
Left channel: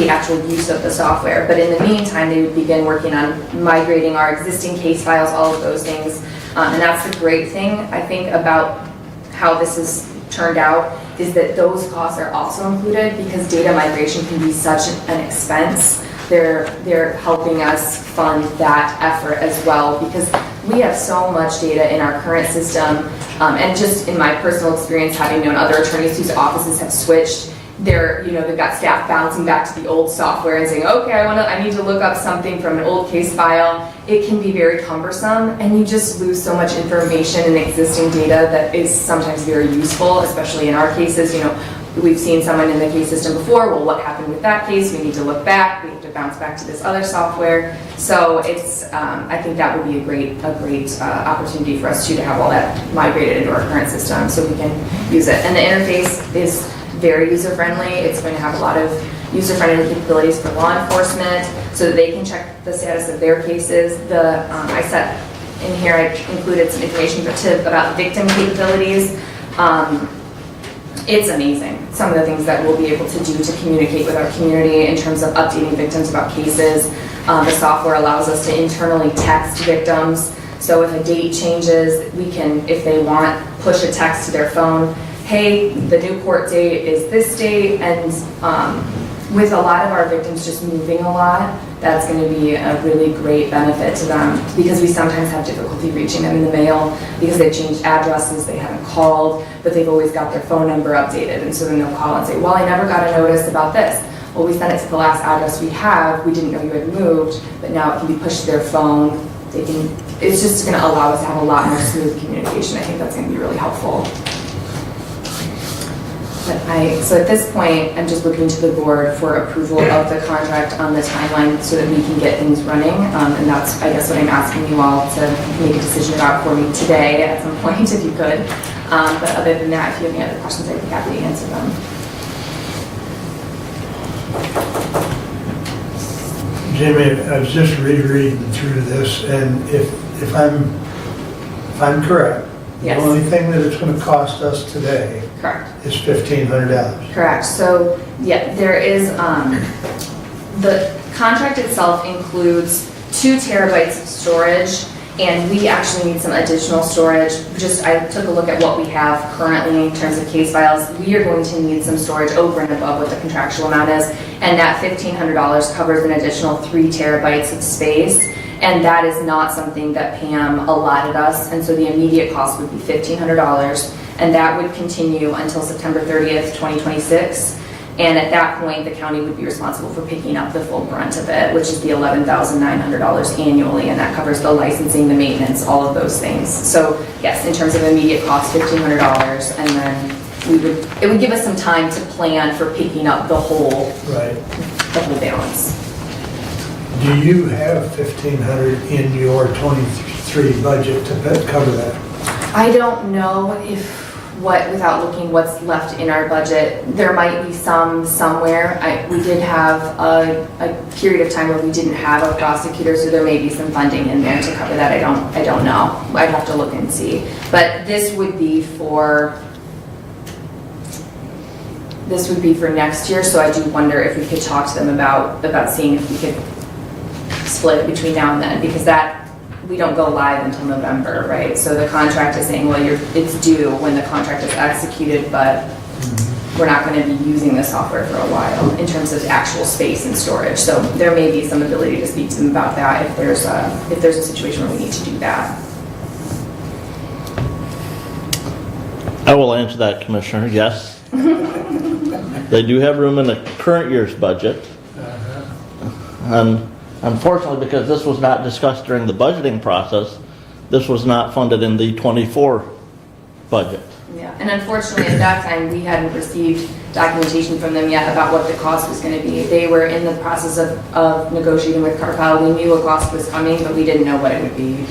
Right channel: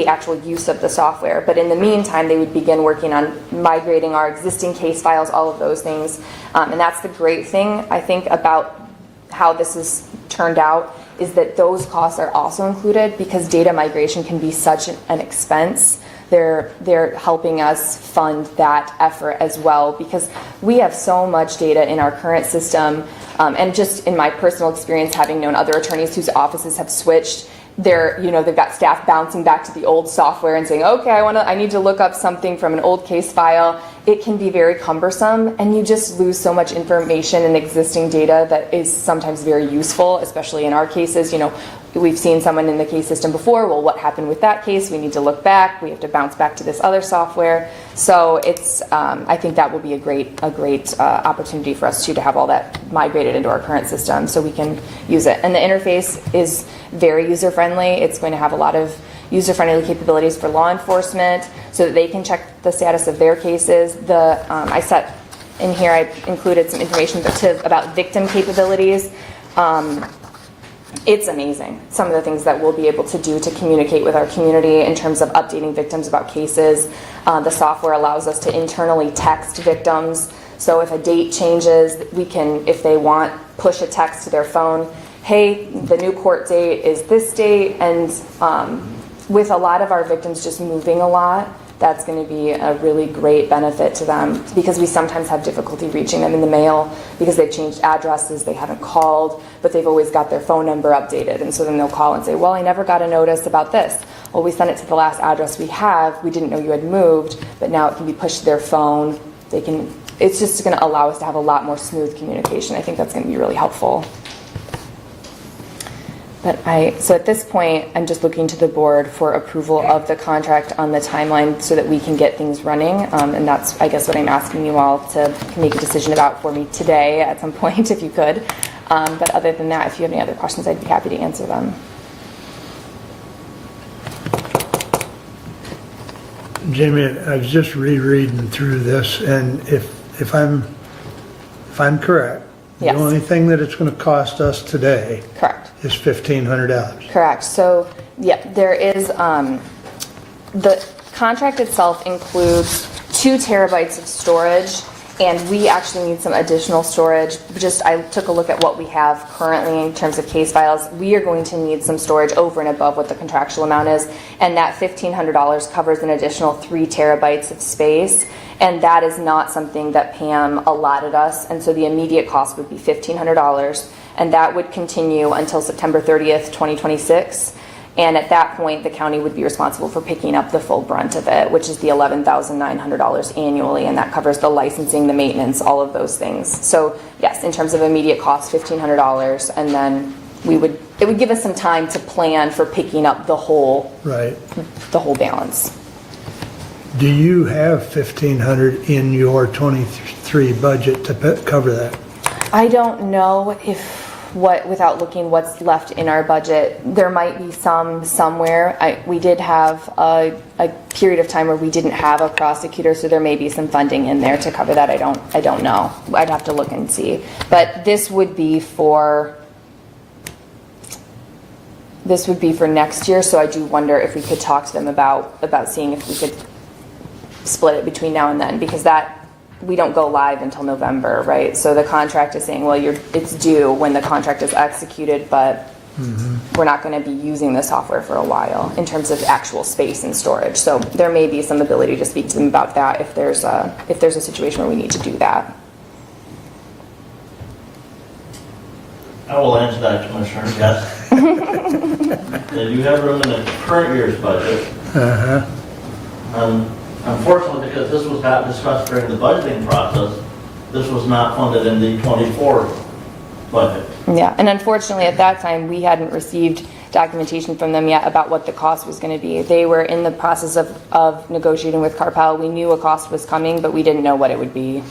actual use of the software. But in the meantime, they would begin working on migrating our existing case files, all of those things. And that's the great thing, I think, about how this has turned out, is that those costs are also included, because data migration can be such an expense. They're helping us fund that effort as well, because we have so much data in our current system, and just in my personal experience, having known other attorneys whose offices have switched, they've got staff bouncing back to the old software and saying, okay, I need to look up something from an old case file. It can be very cumbersome, and you just lose so much information and existing data that is sometimes very useful, especially in our cases. We've seen someone in the case system before. Well, what happened with that case? We need to look back. We have to bounce back to this other software. So it's, I think that would be a great opportunity for us to have all that migrated into our current system, so we can use it. And the interface is very user-friendly. It's going to have a lot of user-friendly capabilities for law enforcement, so that they can check the status of their cases. I set in here, I included some information about victim capabilities. It's amazing, some of the things that we'll be able to do to communicate with our community in terms of updating victims about cases. The software allows us to internally text victims. So if a date changes, we can, if they want, push a text to their phone. Hey, the new court date is this date. And with a lot of our victims just moving a lot, that's going to be a really great benefit to them, because we sometimes have difficulty reaching them in the mail because they've changed addresses, they haven't called, but they've always got their phone number updated. And so then they'll call and say, well, I never got a notice about this. Well, we sent it to the last address we have. We didn't know you had moved, but now it can be pushed to their phone. It's just going to allow us to have a lot more smooth communication. I think that's going to be really helpful. So at this point, I'm just looking to the board for approval of the contract on the timeline so that we can get things running. And that's, I guess, what I'm asking you all to make a decision about for me today at some point, if you could. But other than that, if you have any other questions, I'd be happy to answer them. Jamie, I was just rereading through this, and if I'm correct, Yes. the only thing that it's going to cost us today Correct. is $1,500. Correct. So, yeah, there is, the contract itself includes 2 terabytes of storage, and we actually need some additional storage. I took a look at what we have currently in terms of case files. We are going to need some storage over and above what the contractual amount is, and that $1,500 covers an additional 3 terabytes of space. And that is not something that Pam allotted us, and so the immediate cost would be $1,500, and that would continue until September 30th, 2026. And at that point, the county would be responsible for picking up the full brunt of it, which is the $11,900 annually, and that covers the licensing, the maintenance, all of those things. So yes, in terms of immediate cost, $1,500, and then it would give us some time to plan for picking up the whole balance. Do you have $1,500 in your 23 budget to cover that? I don't know without looking what's left in our budget. There might be some somewhere. We did have a period of time where we didn't have a prosecutor, so there may be some funding in there to cover that. I don't know. I'd have to look and see. But this would be for next year, so I do wonder if we could talk to them about seeing if we could split it between now and then, because we don't go live until November, right? So the contract is saying, well, it's due when the contract is executed, but we're not going to be using the software for a while in terms of actual space and storage. So there may be some ability to speak to them about that if there's a situation where we need to do that. I will answer that, Commissioner, yes. They do have room in the current year's budget. Unfortunately, because this was not discussed during the budgeting process, this was not funded in the 24 budget. Yeah, and unfortunately at that time, we hadn't received documentation from them yet about what the cost was going to be. They were in the process of negotiating with Carpel. We knew a cost was coming, but we didn't know what it would be.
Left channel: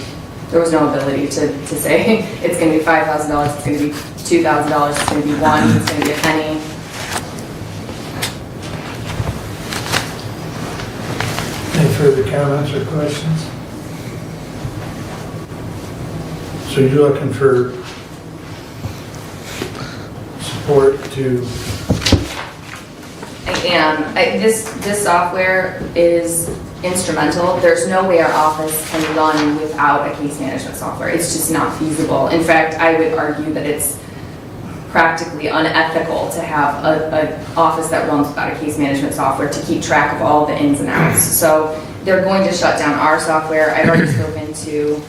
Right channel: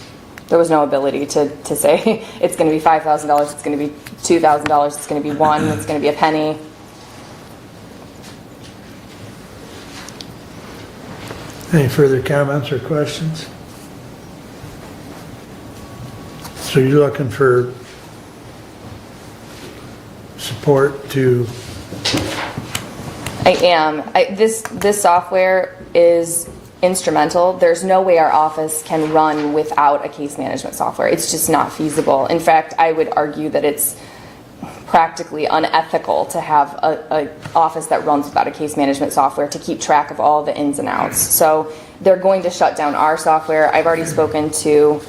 There was no ability to say it's going to be $5,000, it's going to be $2,000, it's going to be $1, it's going to be a penny. Any further comments or questions? So you're looking for support to... I am. This software is instrumental. There's no way our office can run without a case management software. It's just not feasible. In fact, I would argue that it's practically unethical to have an office that runs without a case management software to keep track of all the ins and outs. So they're going to shut down our software. I've already spoken to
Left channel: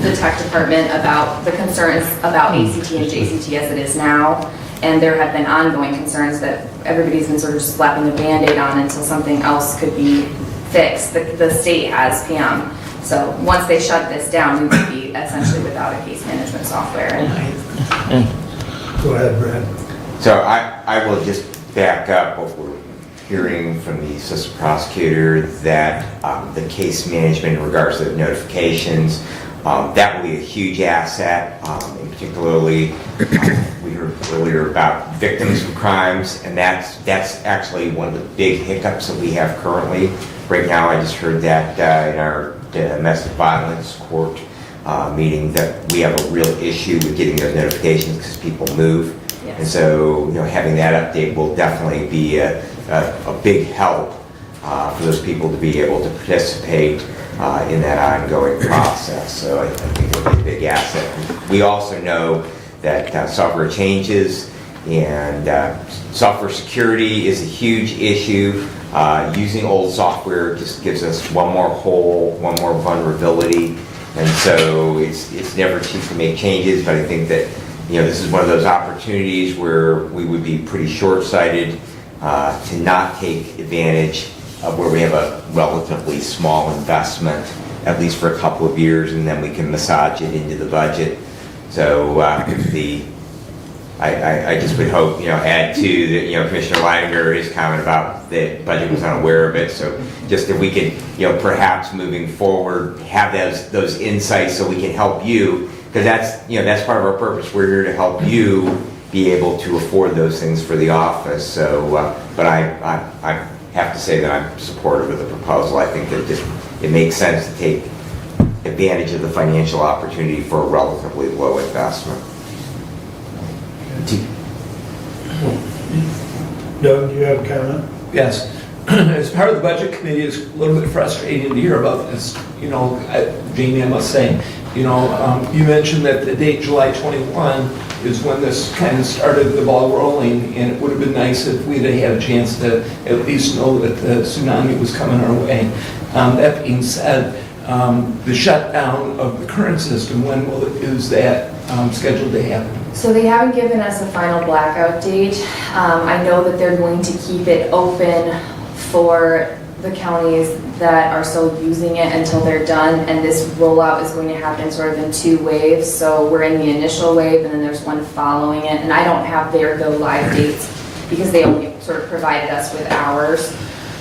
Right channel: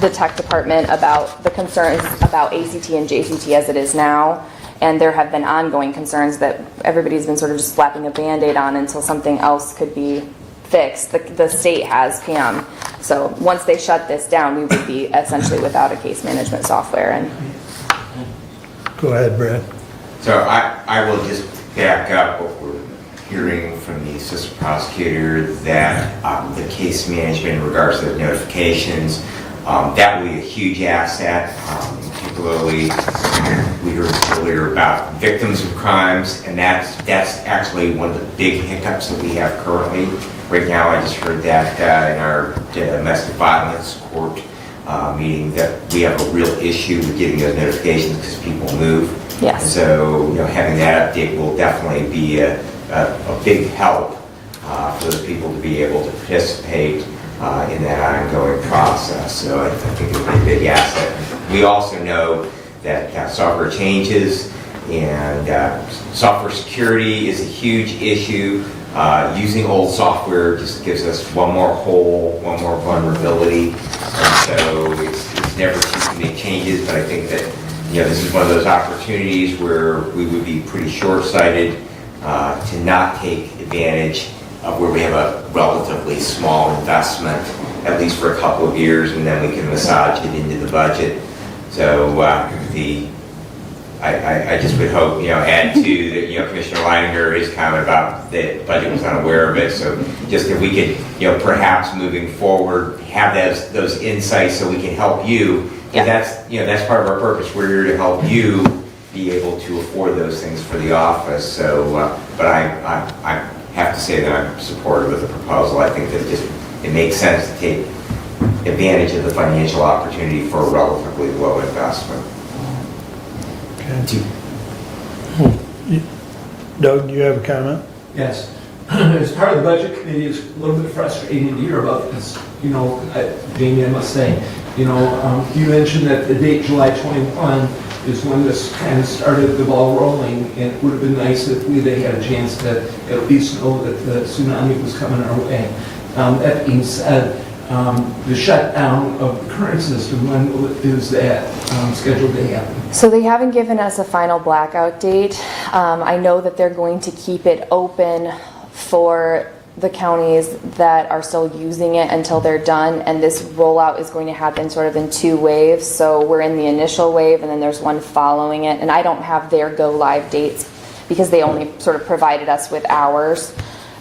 the tech department about the concerns about ACT and JCT as it is now, and there have been ongoing concerns that everybody's been sort of just slapping a Band-Aid on until something else could be fixed. The state has PM. So once they shut this down, we would be essentially without a case management software. And Go ahead, Brad. So I will just back up what we're hearing from the assistant prosecutor, that the case management in regards to the notifications, that will be a huge asset. Particularly, we heard earlier about victims of crimes, and that's actually one of the big hiccups that we have currently. Right now, I just heard that in our domestic violence court meeting, that we have a real issue with getting those notifications because people move. Yes. And so, having that update will definitely be a big help for those people to be able to participate in that ongoing process. So I think it'll be a big asset. We also know that software changes, and software security is a huge issue. Using old software just gives us one more hole, one more vulnerability, and so it's never cheap to make changes. But I think that this is one of those opportunities where we would be pretty short-sighted to not take advantage of where we have a relatively small investment, at least for a couple of years, and then we can massage it into the budget. So I just would hope, add to the, Commissioner Leininger, his comment about the budget was unaware of it. So just if we could, perhaps moving forward, have those insights so we can help you. And that's part of our purpose. We're here to help you be able to afford those things for the office. So, but I have to say that I'm supportive of the proposal. I think that it makes sense to take advantage of the financial opportunity for a relatively low investment. Doug, do you have a comment? Yes. As part of the budget committee, it's a little bit frustrating to hear about this. You know, Jamie, I must say, you mentioned that the date July 21 is when this kind of started the ball rolling, and it would have been nice if we'd have had a chance to at least know that the tsunami was coming our way. That being said, the shutdown of the current system, is that scheduled to happen? So they haven't given us a final blackout date. I know that they're going to keep it open for the counties that are still using it until they're done, and this rollout is going to happen sort of in 2 waves. So we're in the initial wave, and then there's one following it, and I don't have their go live dates because they only sort of provided us with ours.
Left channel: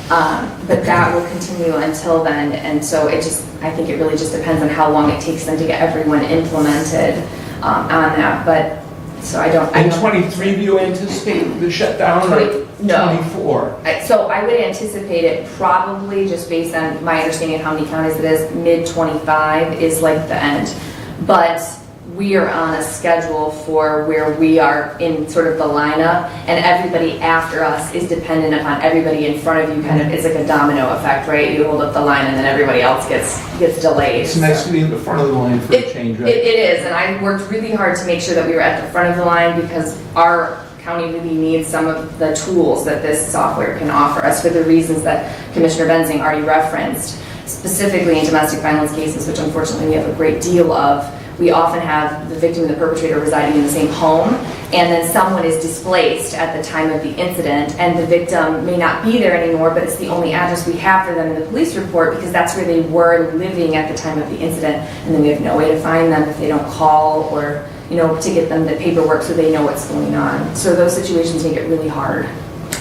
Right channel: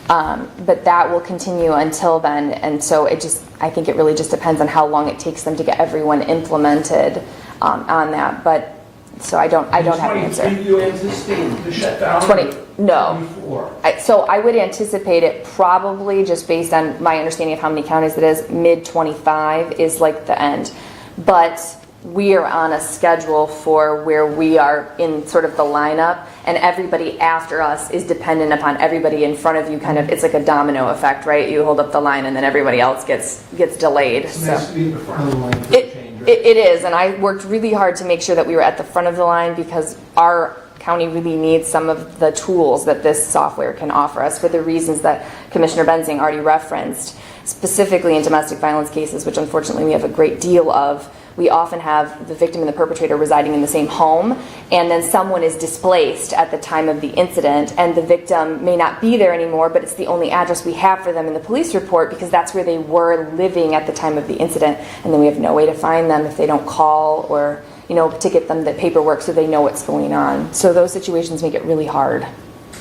But that will continue until then, and so I think it really just depends on how long it takes them to get everyone implemented on that. But so I don't. In 23, do you anticipate the shutdown? 20, no. 24. So I would anticipate it probably, just based on my understanding of how many counties it is, mid-25 is like the end. But we are on a schedule for where we are in sort of the lineup, and everybody after us is dependent upon everybody in front of you. Kind of, it's like a domino effect, right? You hold up the line, and then everybody else gets delayed. It's nice to be in the front of the line for a change, right? It is, and I worked really hard to make sure that we were at the front of the line because our county really needs some of the tools that this software can offer us for the reasons that Commissioner Benzing already referenced, specifically in domestic violence cases, which unfortunately we have a great deal of. We often have the victim and the perpetrator residing in the same home, and then someone is displaced at the time of the incident, and the victim may not be there anymore, but it's the only address we have for them in the police report because that's where they were living at the time of the incident, and then we have no way to find them if they don't call or to get them the paperwork so they know what's going on. So those situations make it really hard.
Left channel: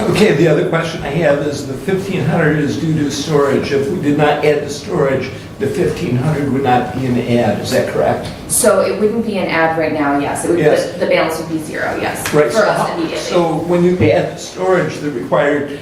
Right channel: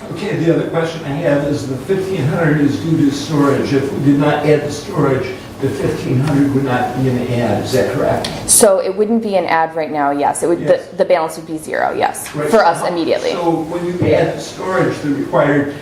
Okay, the other question I have is the 1,500 is due to storage. If we did not add the storage, the 1,500 would not be an ad, is that correct? So it wouldn't be an ad right now, yes. It would, yes. The balance would be 0, yes, right. for us immediately. So when you add the storage, the required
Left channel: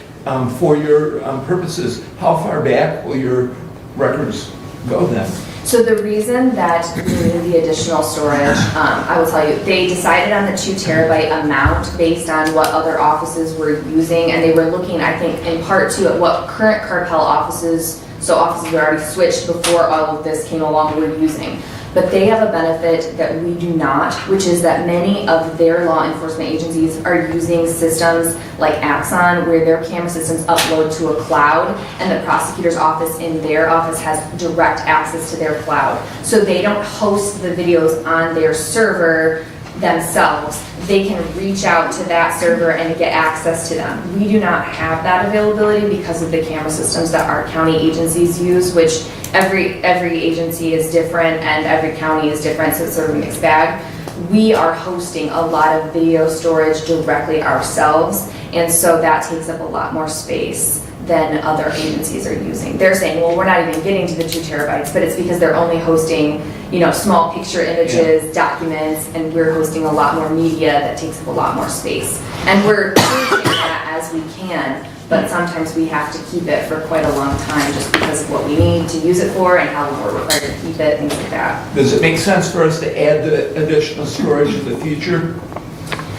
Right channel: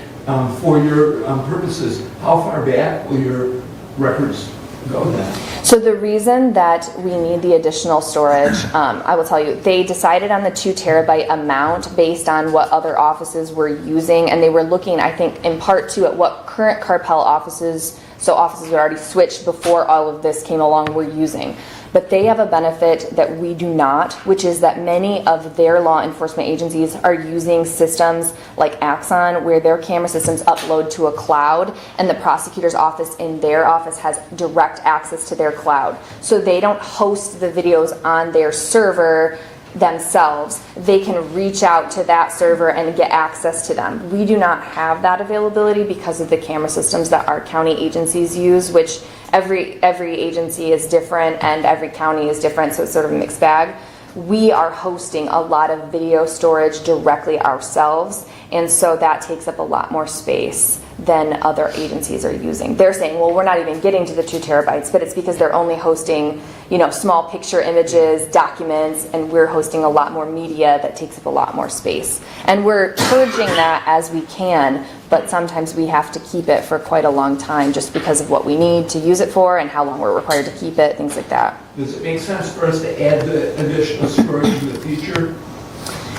for your purposes, how far back will your records go then? So the reason that we need the additional storage, I will tell you, they decided on the 2 terabyte amount based on what other offices were using, and they were looking, I think, in part to at what current Carpel offices, so offices were already switched before all of this came along, were using. But they have a benefit that we do not, which is that many of their law enforcement agencies are using systems like Axon, where their camera systems upload to a cloud, and the prosecutor's office in their office has direct access to their cloud. So they don't host the videos on their server themselves. They can reach out to that server and get access to them. We do not have that availability because of the camera systems that our county agencies use, which every agency is different and every county is different, so it's sort of a mixed bag. We are hosting a lot of video storage directly ourselves, and so that takes up a lot more space than other agencies are using. They're saying, well, we're not even getting to the 2 terabytes, but it's because they're only hosting, small picture images, documents, and we're hosting a lot more media that takes up a lot more space. And we're purging that as we can, but sometimes we have to keep it for quite a long time just because of what we need to use it for and how long we're required to keep it, things like that. Does it make sense for us to add the additional storage in the future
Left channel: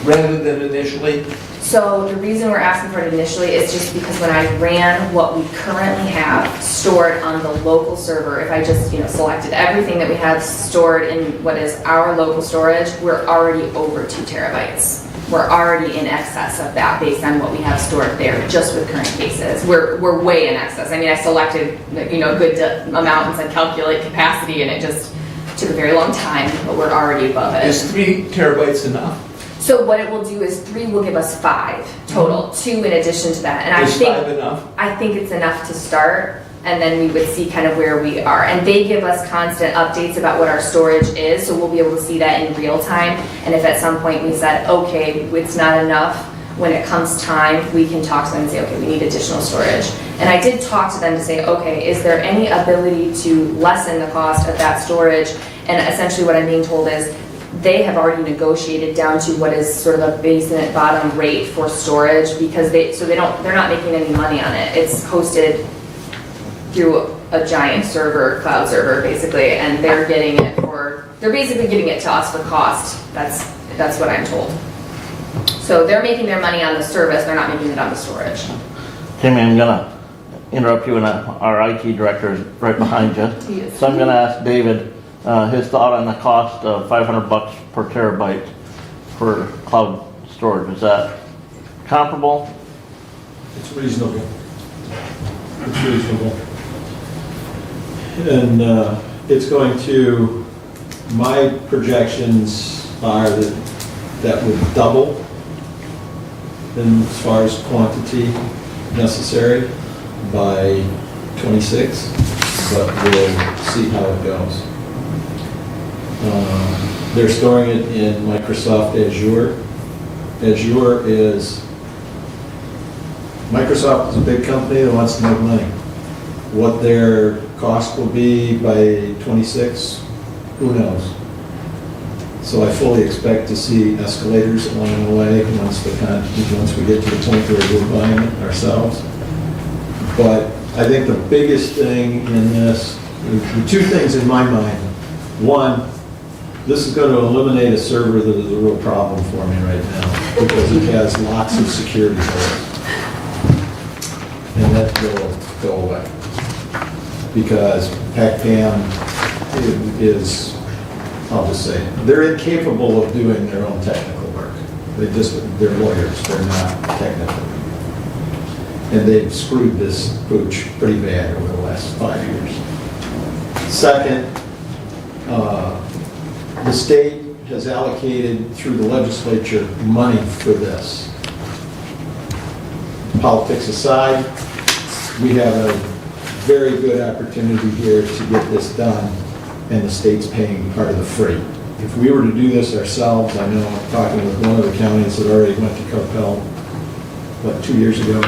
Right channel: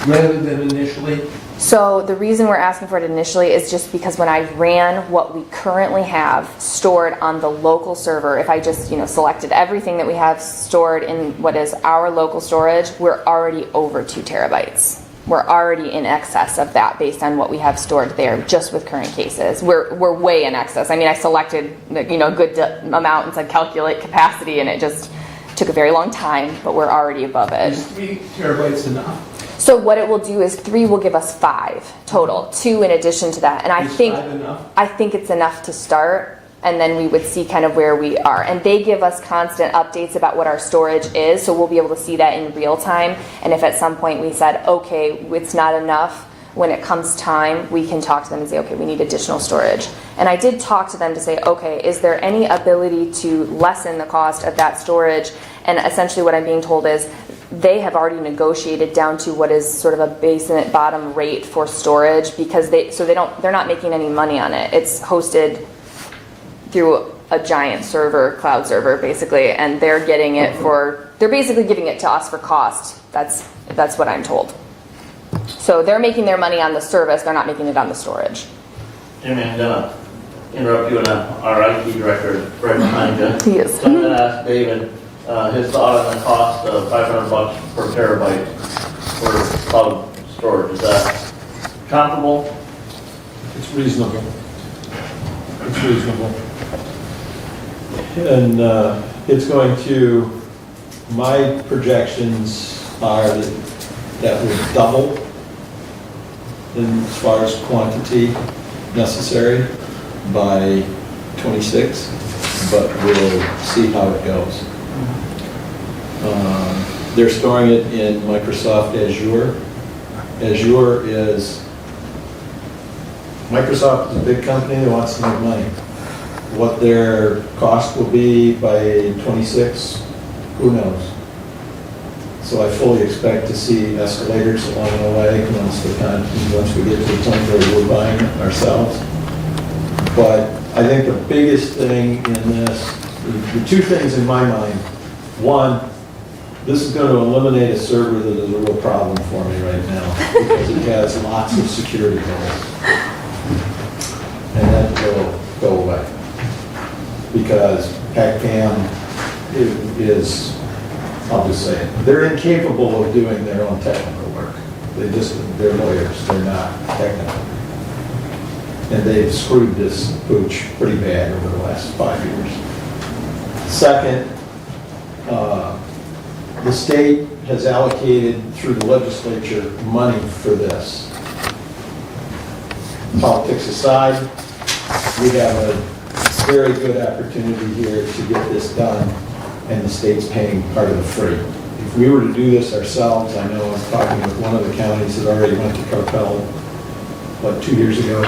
rather than initially? So the reason we're asking for it initially is just because when I ran what we currently have stored on the local server, if I just selected everything that we have stored in what is our local storage, we're already over 2 terabytes. We're already in excess of that based on what we have stored there, just with current cases. We're way in excess. I mean, I selected a good amount and said calculate capacity, and it just took a very long time, but we're already above it. Is 3 terabytes enough? So what it will do is 3 will give us 5 total, 2 in addition to that. And Is 5 enough? I think it's enough to start, and then we would see kind of where we are. And they give us constant updates about what our storage is, so we'll be able to see that in real time. And if at some point we said, okay, it's not enough, when it comes time, we can talk to them and say, okay, we need additional storage. And I did talk to them to say, okay, is there any ability to lessen the cost of that storage? And essentially what I'm being told is, they have already negotiated down to what is sort of a basement bottom rate for storage because they're not making any money on it. It's hosted through a giant server, cloud server basically, and they're basically giving it to us for cost. That's what I'm told. So they're making their money on the service, they're not making it on the storage. Tammy, I'm gonna interrupt you, and our IT director is right behind you. He is. So I'm gonna ask David his thought on the cost of $500 per terabyte for cloud storage. Is that comparable? It's reasonable. It's reasonable. And it's going to, my projections are that would double in as far as quantity necessary by 26, but we'll see how it goes. They're storing it in Microsoft Azure. Microsoft is a big company that wants to make money. What their cost will be by 26, who knows? So I fully expect to see escalators along the way once we get to the point where we're buying it ourselves. But I think the biggest thing in this, the two things in my mind. One, this is going to eliminate a server that is a real problem for me right now because it has lots of security holes. And that will go away. Because PACPAM is, I'll just say it, they're incapable of doing their own technical work. They're lawyers, they're not technical. And they've screwed this pooch pretty bad over the last 5 years. Second, the state has allocated through the legislature money for this. Politics aside, we have a very good opportunity here to get this done, and the state's paying part of the freight. If we were to do this ourselves, I know I'm talking with one of the counties that already went to Carpel, 2 years ago,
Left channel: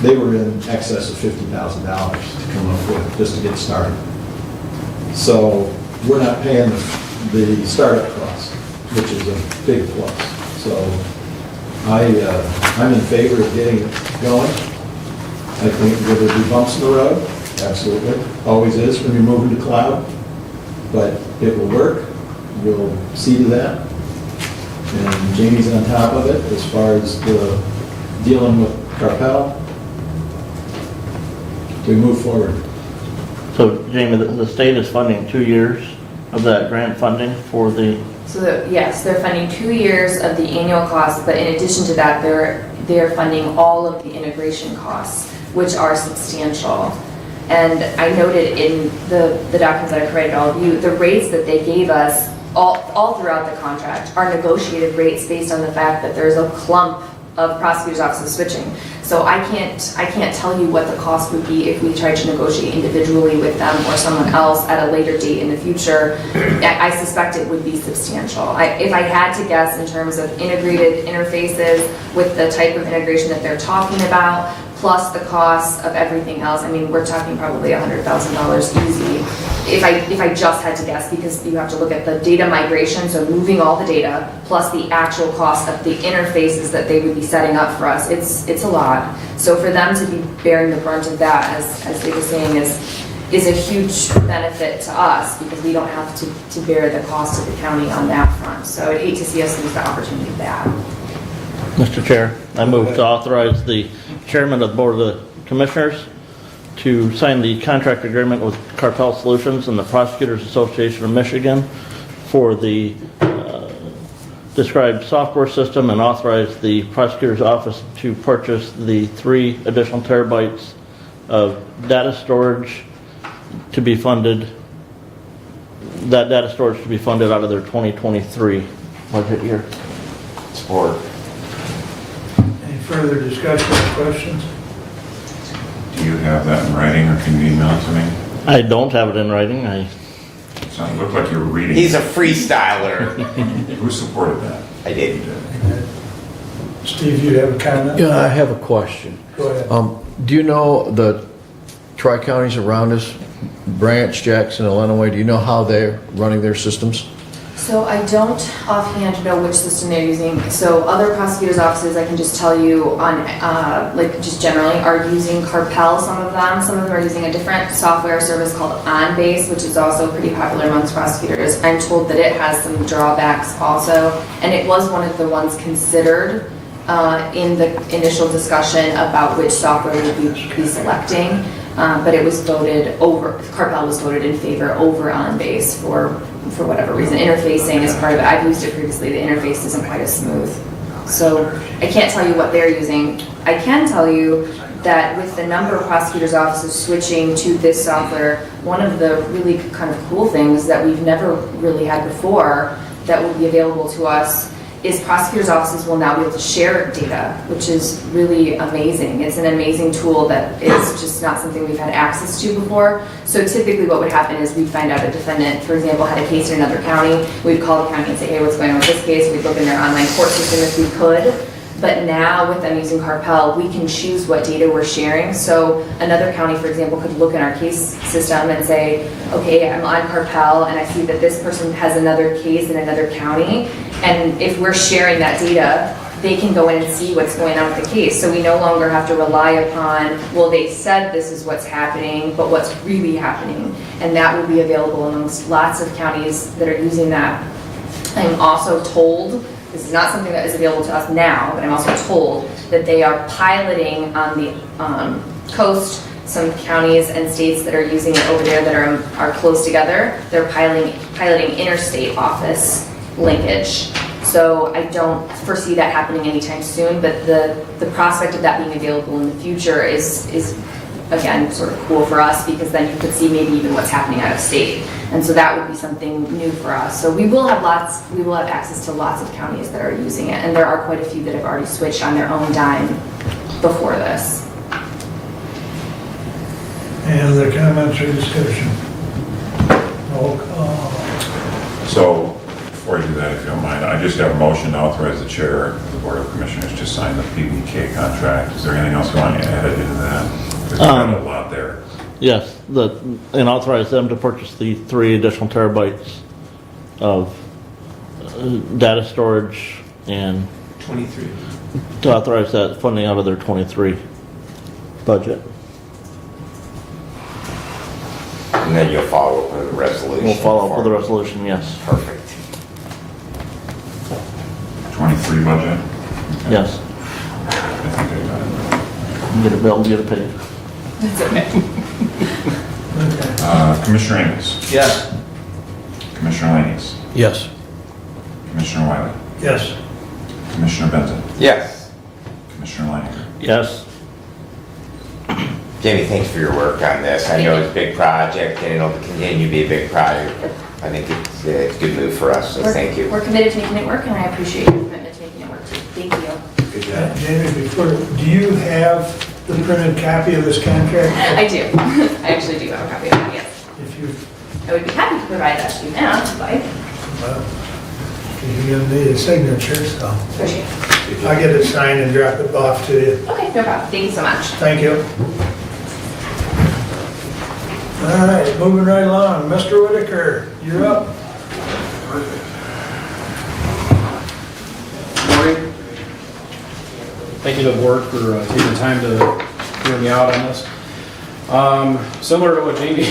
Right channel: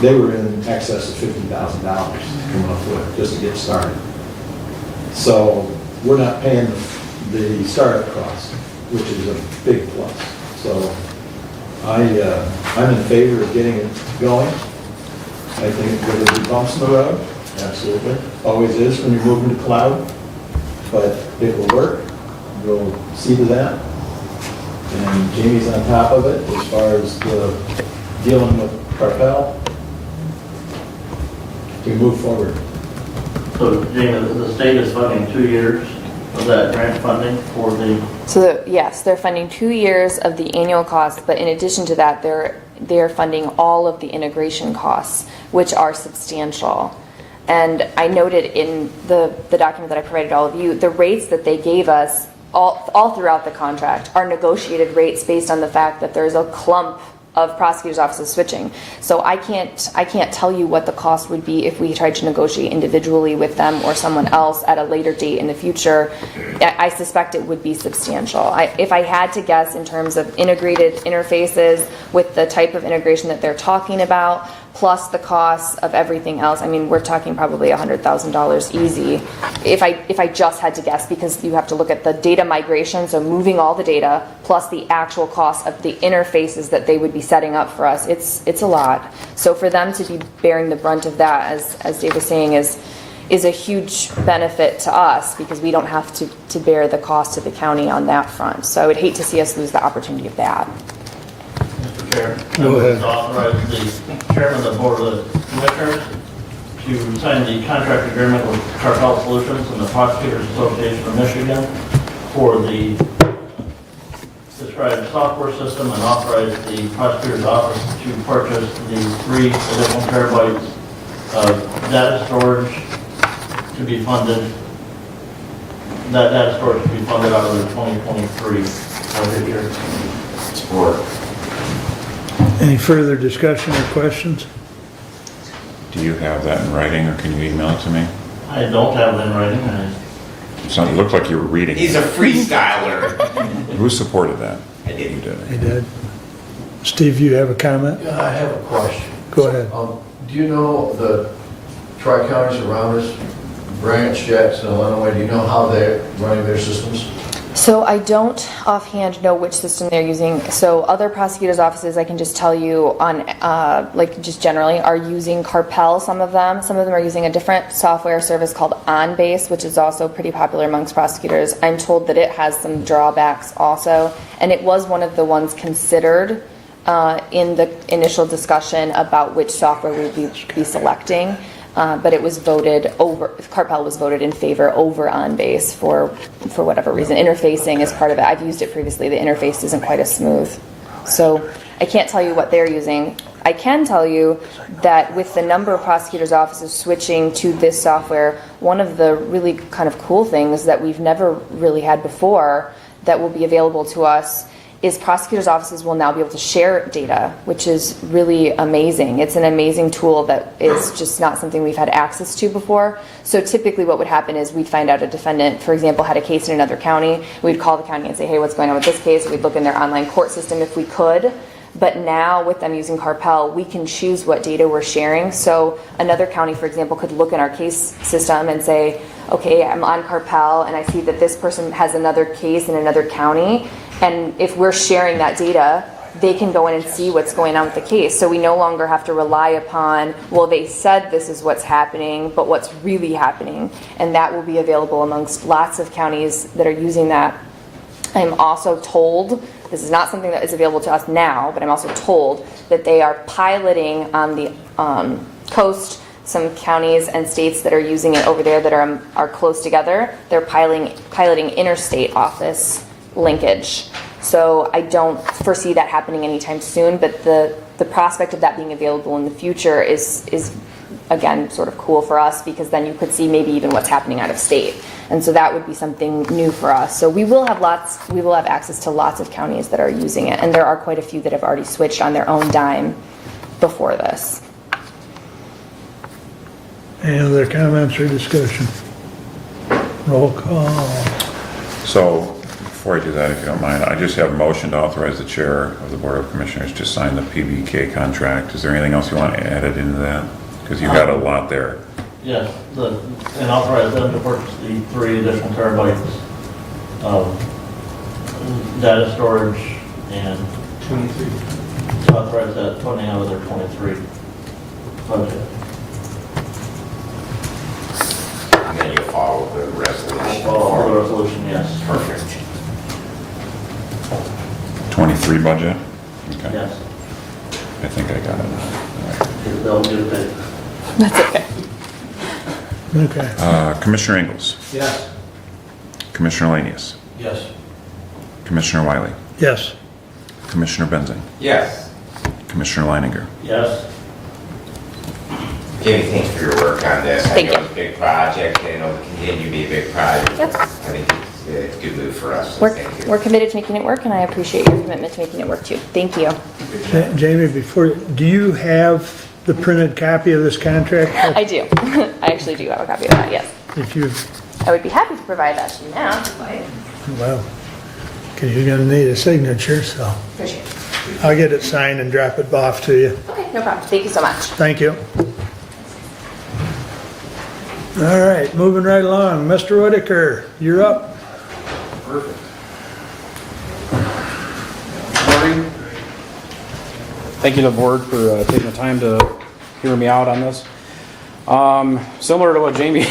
they were in excess of $50,000 to come up with, just to get started. So we're not paying the startup costs, which is a big plus. So I'm in favor of getting it going. I think there will be bumps in the road, absolutely. Always is when you're moving to cloud, but it will work. We'll see to that. And Jamie's on top of it as far as dealing with Carpel. We move forward. So, Jamie, the state is funding 2 years of that grant funding for the... So yes, they're funding 2 years of the annual cost, but in addition to that, they're funding all of the integration costs, which are substantial. And I noted in the documents that I provided all of you, the rates that they gave us all throughout the contract are negotiated rates based on the fact that there's a clump of prosecutors' offices switching. So I can't tell you what the cost would be if we tried to negotiate individually with them or someone else at a later date in the future. I suspect it would be substantial. If I had to guess in terms of integrated interfaces with the type of integration that they're talking about, plus the cost of everything else, I mean, we're talking probably $100,000 easy. If I just had to guess, because you have to look at the data migration, so moving all the data, plus the actual cost of the interfaces that they would be setting up for us, it's a lot. So for them to be bearing the brunt of that, as Dave was saying, is a huge benefit to us because we don't have to bear the cost of the county on that front. So I would hate to see us lose the opportunity of that. Mr. Chair, I move to authorize the chairman of the Board of Commissioners to sign the contract agreement with Carpel Solutions and the Prosecutors Association of Michigan for the described software system and authorize the prosecutor's office to purchase the 3 additional terabytes of data storage to be funded. That data storage to be funded out of their 2023 budget year. Support. Any further discussion or questions? Do you have that in writing, or can you email it to me? I don't have it in writing. It looked like you were reading. He's a freestyler. Who supported that? I did. You did. He did. Steve, you have a comment? Yeah, I have a question. Go ahead. Do you know the tri-counties around us, Branch, Jackson, Illinois, do you know how they're running their systems? So I don't offhand know which system they're using. So other prosecutors' offices, I can just tell you on, like just generally, are using Carpel, some of them. Some of them are using a different software service called OnBase, which is also pretty popular amongst prosecutors. I'm told that it has some drawbacks also. And it was one of the ones considered in the initial discussion about which software we would be selecting. But it was voted over, Carpel was voted in favor over OnBase for whatever reason. Interfacing is part of it. I've used it previously. The interface isn't quite as smooth. So I can't tell you what they're using. I can tell you that with the number of prosecutors' offices switching to this software, one of the really kind of cool things that we've never really had before that will be available to us is prosecutors' offices will now be able to share data, which is really amazing. It's an amazing tool that is just not something we've had access to before. So typically what would happen is we'd find out a defendant, for example, had a case in another county. We'd call the county and say, hey, what's going on with this case? We'd look in their online court system if we could. But now with them using Carpel, we can choose what data we're sharing. So another county, for example, could look in our case system and say, okay, I'm on Carpel and I see that this person has another case in another county. And if we're sharing that data, they can go in and see what's going on with the case. So we no longer have to rely upon, well, they said this is what's happening, but what's really happening. And that will be available amongst lots of counties that are using that. I'm also told, this is not something that is available to us now, but I'm also told that they are piloting on the coast, some counties and states that are using it over there that are close together. They're piloting interstate office linkage. So I don't foresee that happening anytime soon, but the prospect of that being available in the future is again sort of cool for us, because then you could see maybe even what's happening out of state. And so that would be something new for us. So we will have access to lots of counties that are using it, and there are quite a few that have already switched on their own dime before this. Any other comments or discussion? Roll call. So, before you do that, if you don't mind, I just have a motion to authorize the chair of the Board of Commissioners to sign the PBK contract. Is there anything else you want to add into that? Because you got a lot there. Yes, and authorize them to purchase the 3 additional terabytes of data storage and 23. to authorize that funding out of their 23 budget. And then you'll follow up with a resolution. We'll follow up with a resolution, yes. Perfect. 23 budget? Okay. Yes. I think I got it. Get it billed, get it paid. That's okay. Commissioner Ingles? Yes. Commissioner Lanius? Yes. Commissioner Wiley? Yes. Commissioner Benton? Yes. Commissioner Leininger? Yes. Jamie, thanks for your work on this. I know it's a big project and it'll continue to be a big project. Yep. I think it's a good move for us, so thank you. We're committed to making it work, and I appreciate your commitment to making it work too. Thank you. Jamie, do you have the printed copy of this contract? I do. I actually do have a copy of that, yes. If you, I would be happy to provide that to you now, if you'd like. well, okay, you're gonna need a signature, so Appreciate it. I'll get it signed and drop it off to you. Okay, no problem. Thank you so much. Thank you. All right, moving right along. Mr. Whitaker, you're up. Morning. Thank you to the board for taking the time to hear me out on this. Similar to what Jamie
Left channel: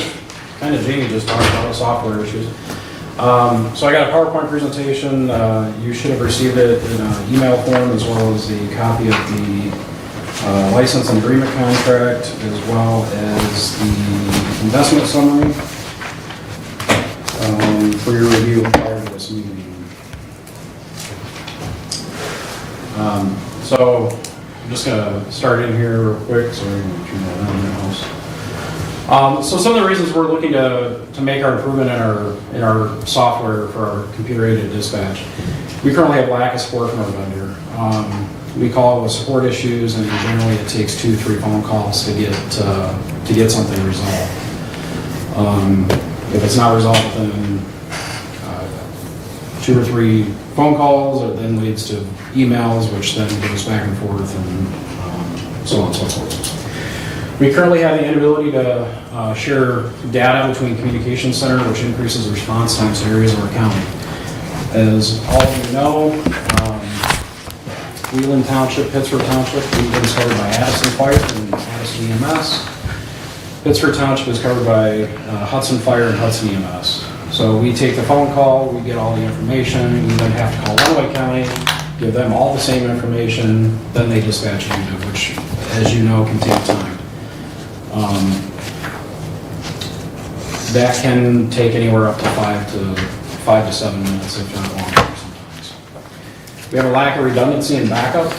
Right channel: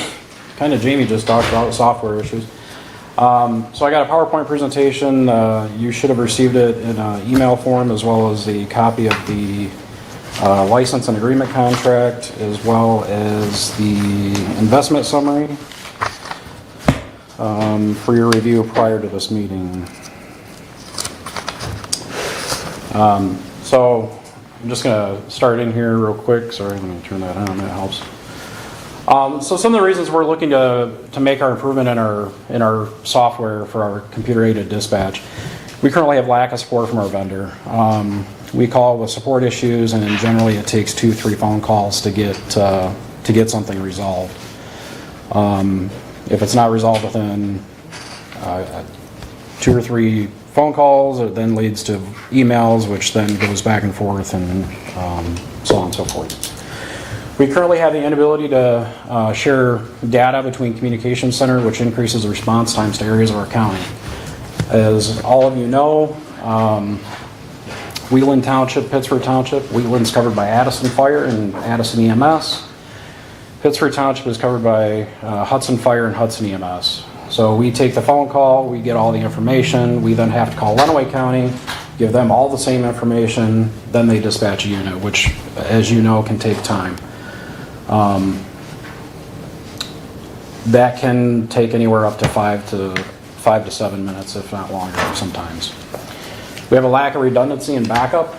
just talked about, software issues. So I got a PowerPoint presentation. You should have received it in an email form, as well as a copy of the license and agreement contract, as well as the investment summary for your review prior to this meeting. So I'm just going to start in here real quick. Sorry, I'm going to turn that on in the house. So some of the reasons we're looking to make our improvement in our software for our computer-aided dispatch. We currently have lack of support from our vendor. We call it with support issues, and generally it takes 2-3 phone calls to get something resolved. If it's not resolved within 2 or 3 phone calls, it then leads to emails, which then goes back and forth, and so on and so forth. We currently have the inability to share data between communication center, which increases response times to areas of our county. As all of you know, Wheeling Township, Pittsford Township, Wheeling is covered by Addison Fire and Addison EMS. Pittsford Township is covered by Hudson Fire and Hudson EMS. So we take the phone call, we get all the information, we then have to call Lenawee County, give them all the same information, then they dispatch a unit, which, as you know, can take time. That can take anywhere up to 5 to 7 minutes, if not longer sometimes. We have a lack of redundancy and backup.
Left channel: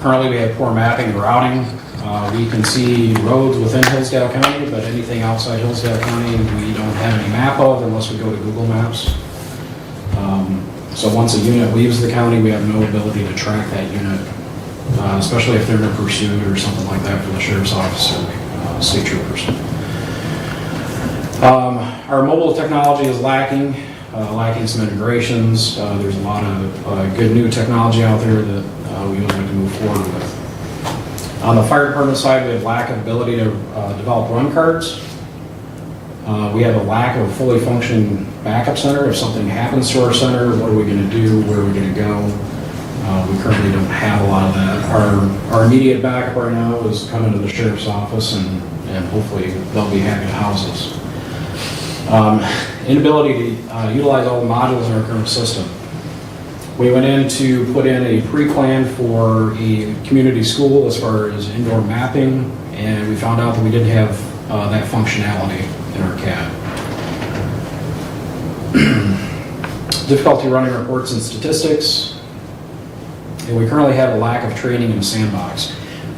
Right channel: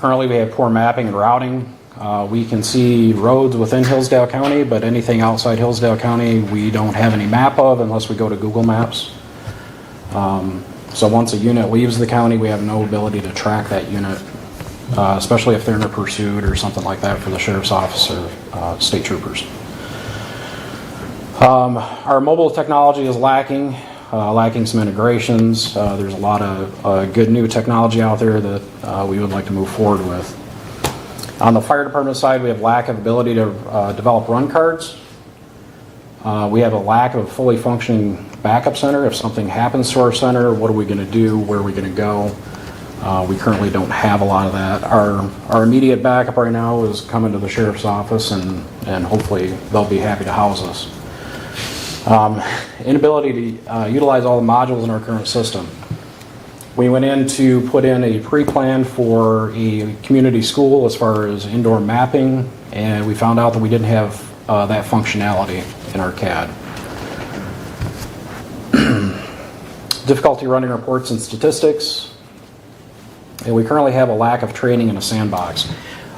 Currently, we have poor mapping and routing. We can see roads within Hillsdale County, but anything outside Hillsdale County, we don't have any map of unless we go to Google Maps. So once a unit leaves the county, we have no ability to track that unit, especially if they're in pursuit or something like that for the sheriff's office or state troopers. Our mobile technology is lacking some integrations. There's a lot of good new technology out there that we would like to move forward with. On the fire department side, we have lack of ability to develop run cards. We have a lack of a fully functioning backup center. If something happens to our center, what are we going to do? Where are we going to go? We currently don't have a lot of that. Our immediate backup right now is coming to the sheriff's office, and hopefully they'll be happy to house us. Inability to utilize all the modules in our current system. We went in to put in a pre-plan for a community school as far as indoor mapping, and we found out that we didn't have that functionality in our CAD. Difficulty running reports and statistics, and we currently have a lack of training in a sandbox.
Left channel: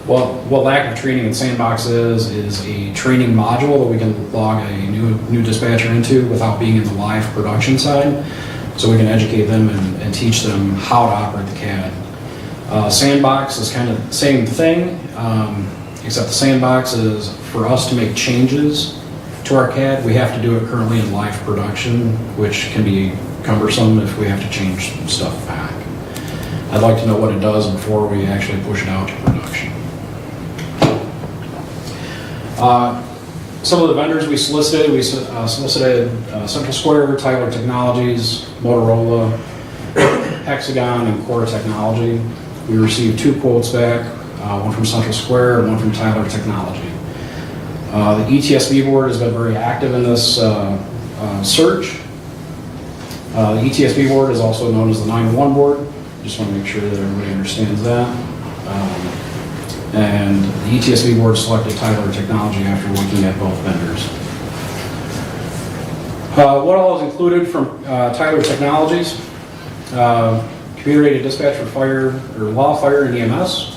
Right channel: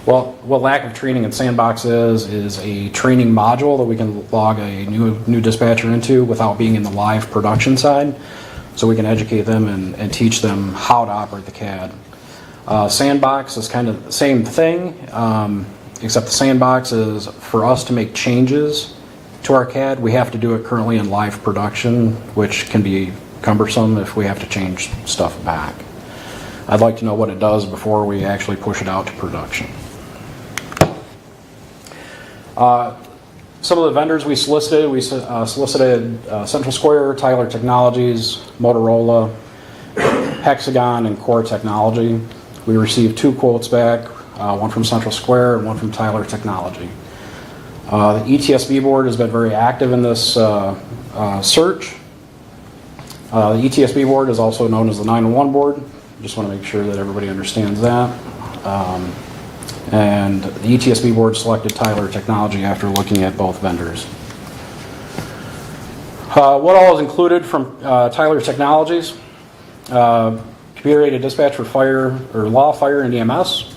Well, what lack of training in sandbox is a training module that we can log a new dispatcher into without being in the live production side, so we can educate them and teach them how to operate the CAD. Sandbox is kind of the same thing, except the sandbox is for us to make changes to our CAD. We have to do it currently in live production, which can be cumbersome if we have to change stuff back. I'd like to know what it does before we actually push it out to production. Some of the vendors we solicited, Central Square, Tyler Technologies, Motorola, Hexagon, and Core Technology. We received 2 quotes back, one from Central Square and one from Tyler Technology. The ETSB board has been very active in this search. The ETSB board is also known as the 911 board. Just want to make sure that everybody understands that. And the ETSB board selected Tyler Technology after looking at both vendors. What all is included from Tyler Technologies? Computer-aided dispatch for fire, or law, fire, and EMS.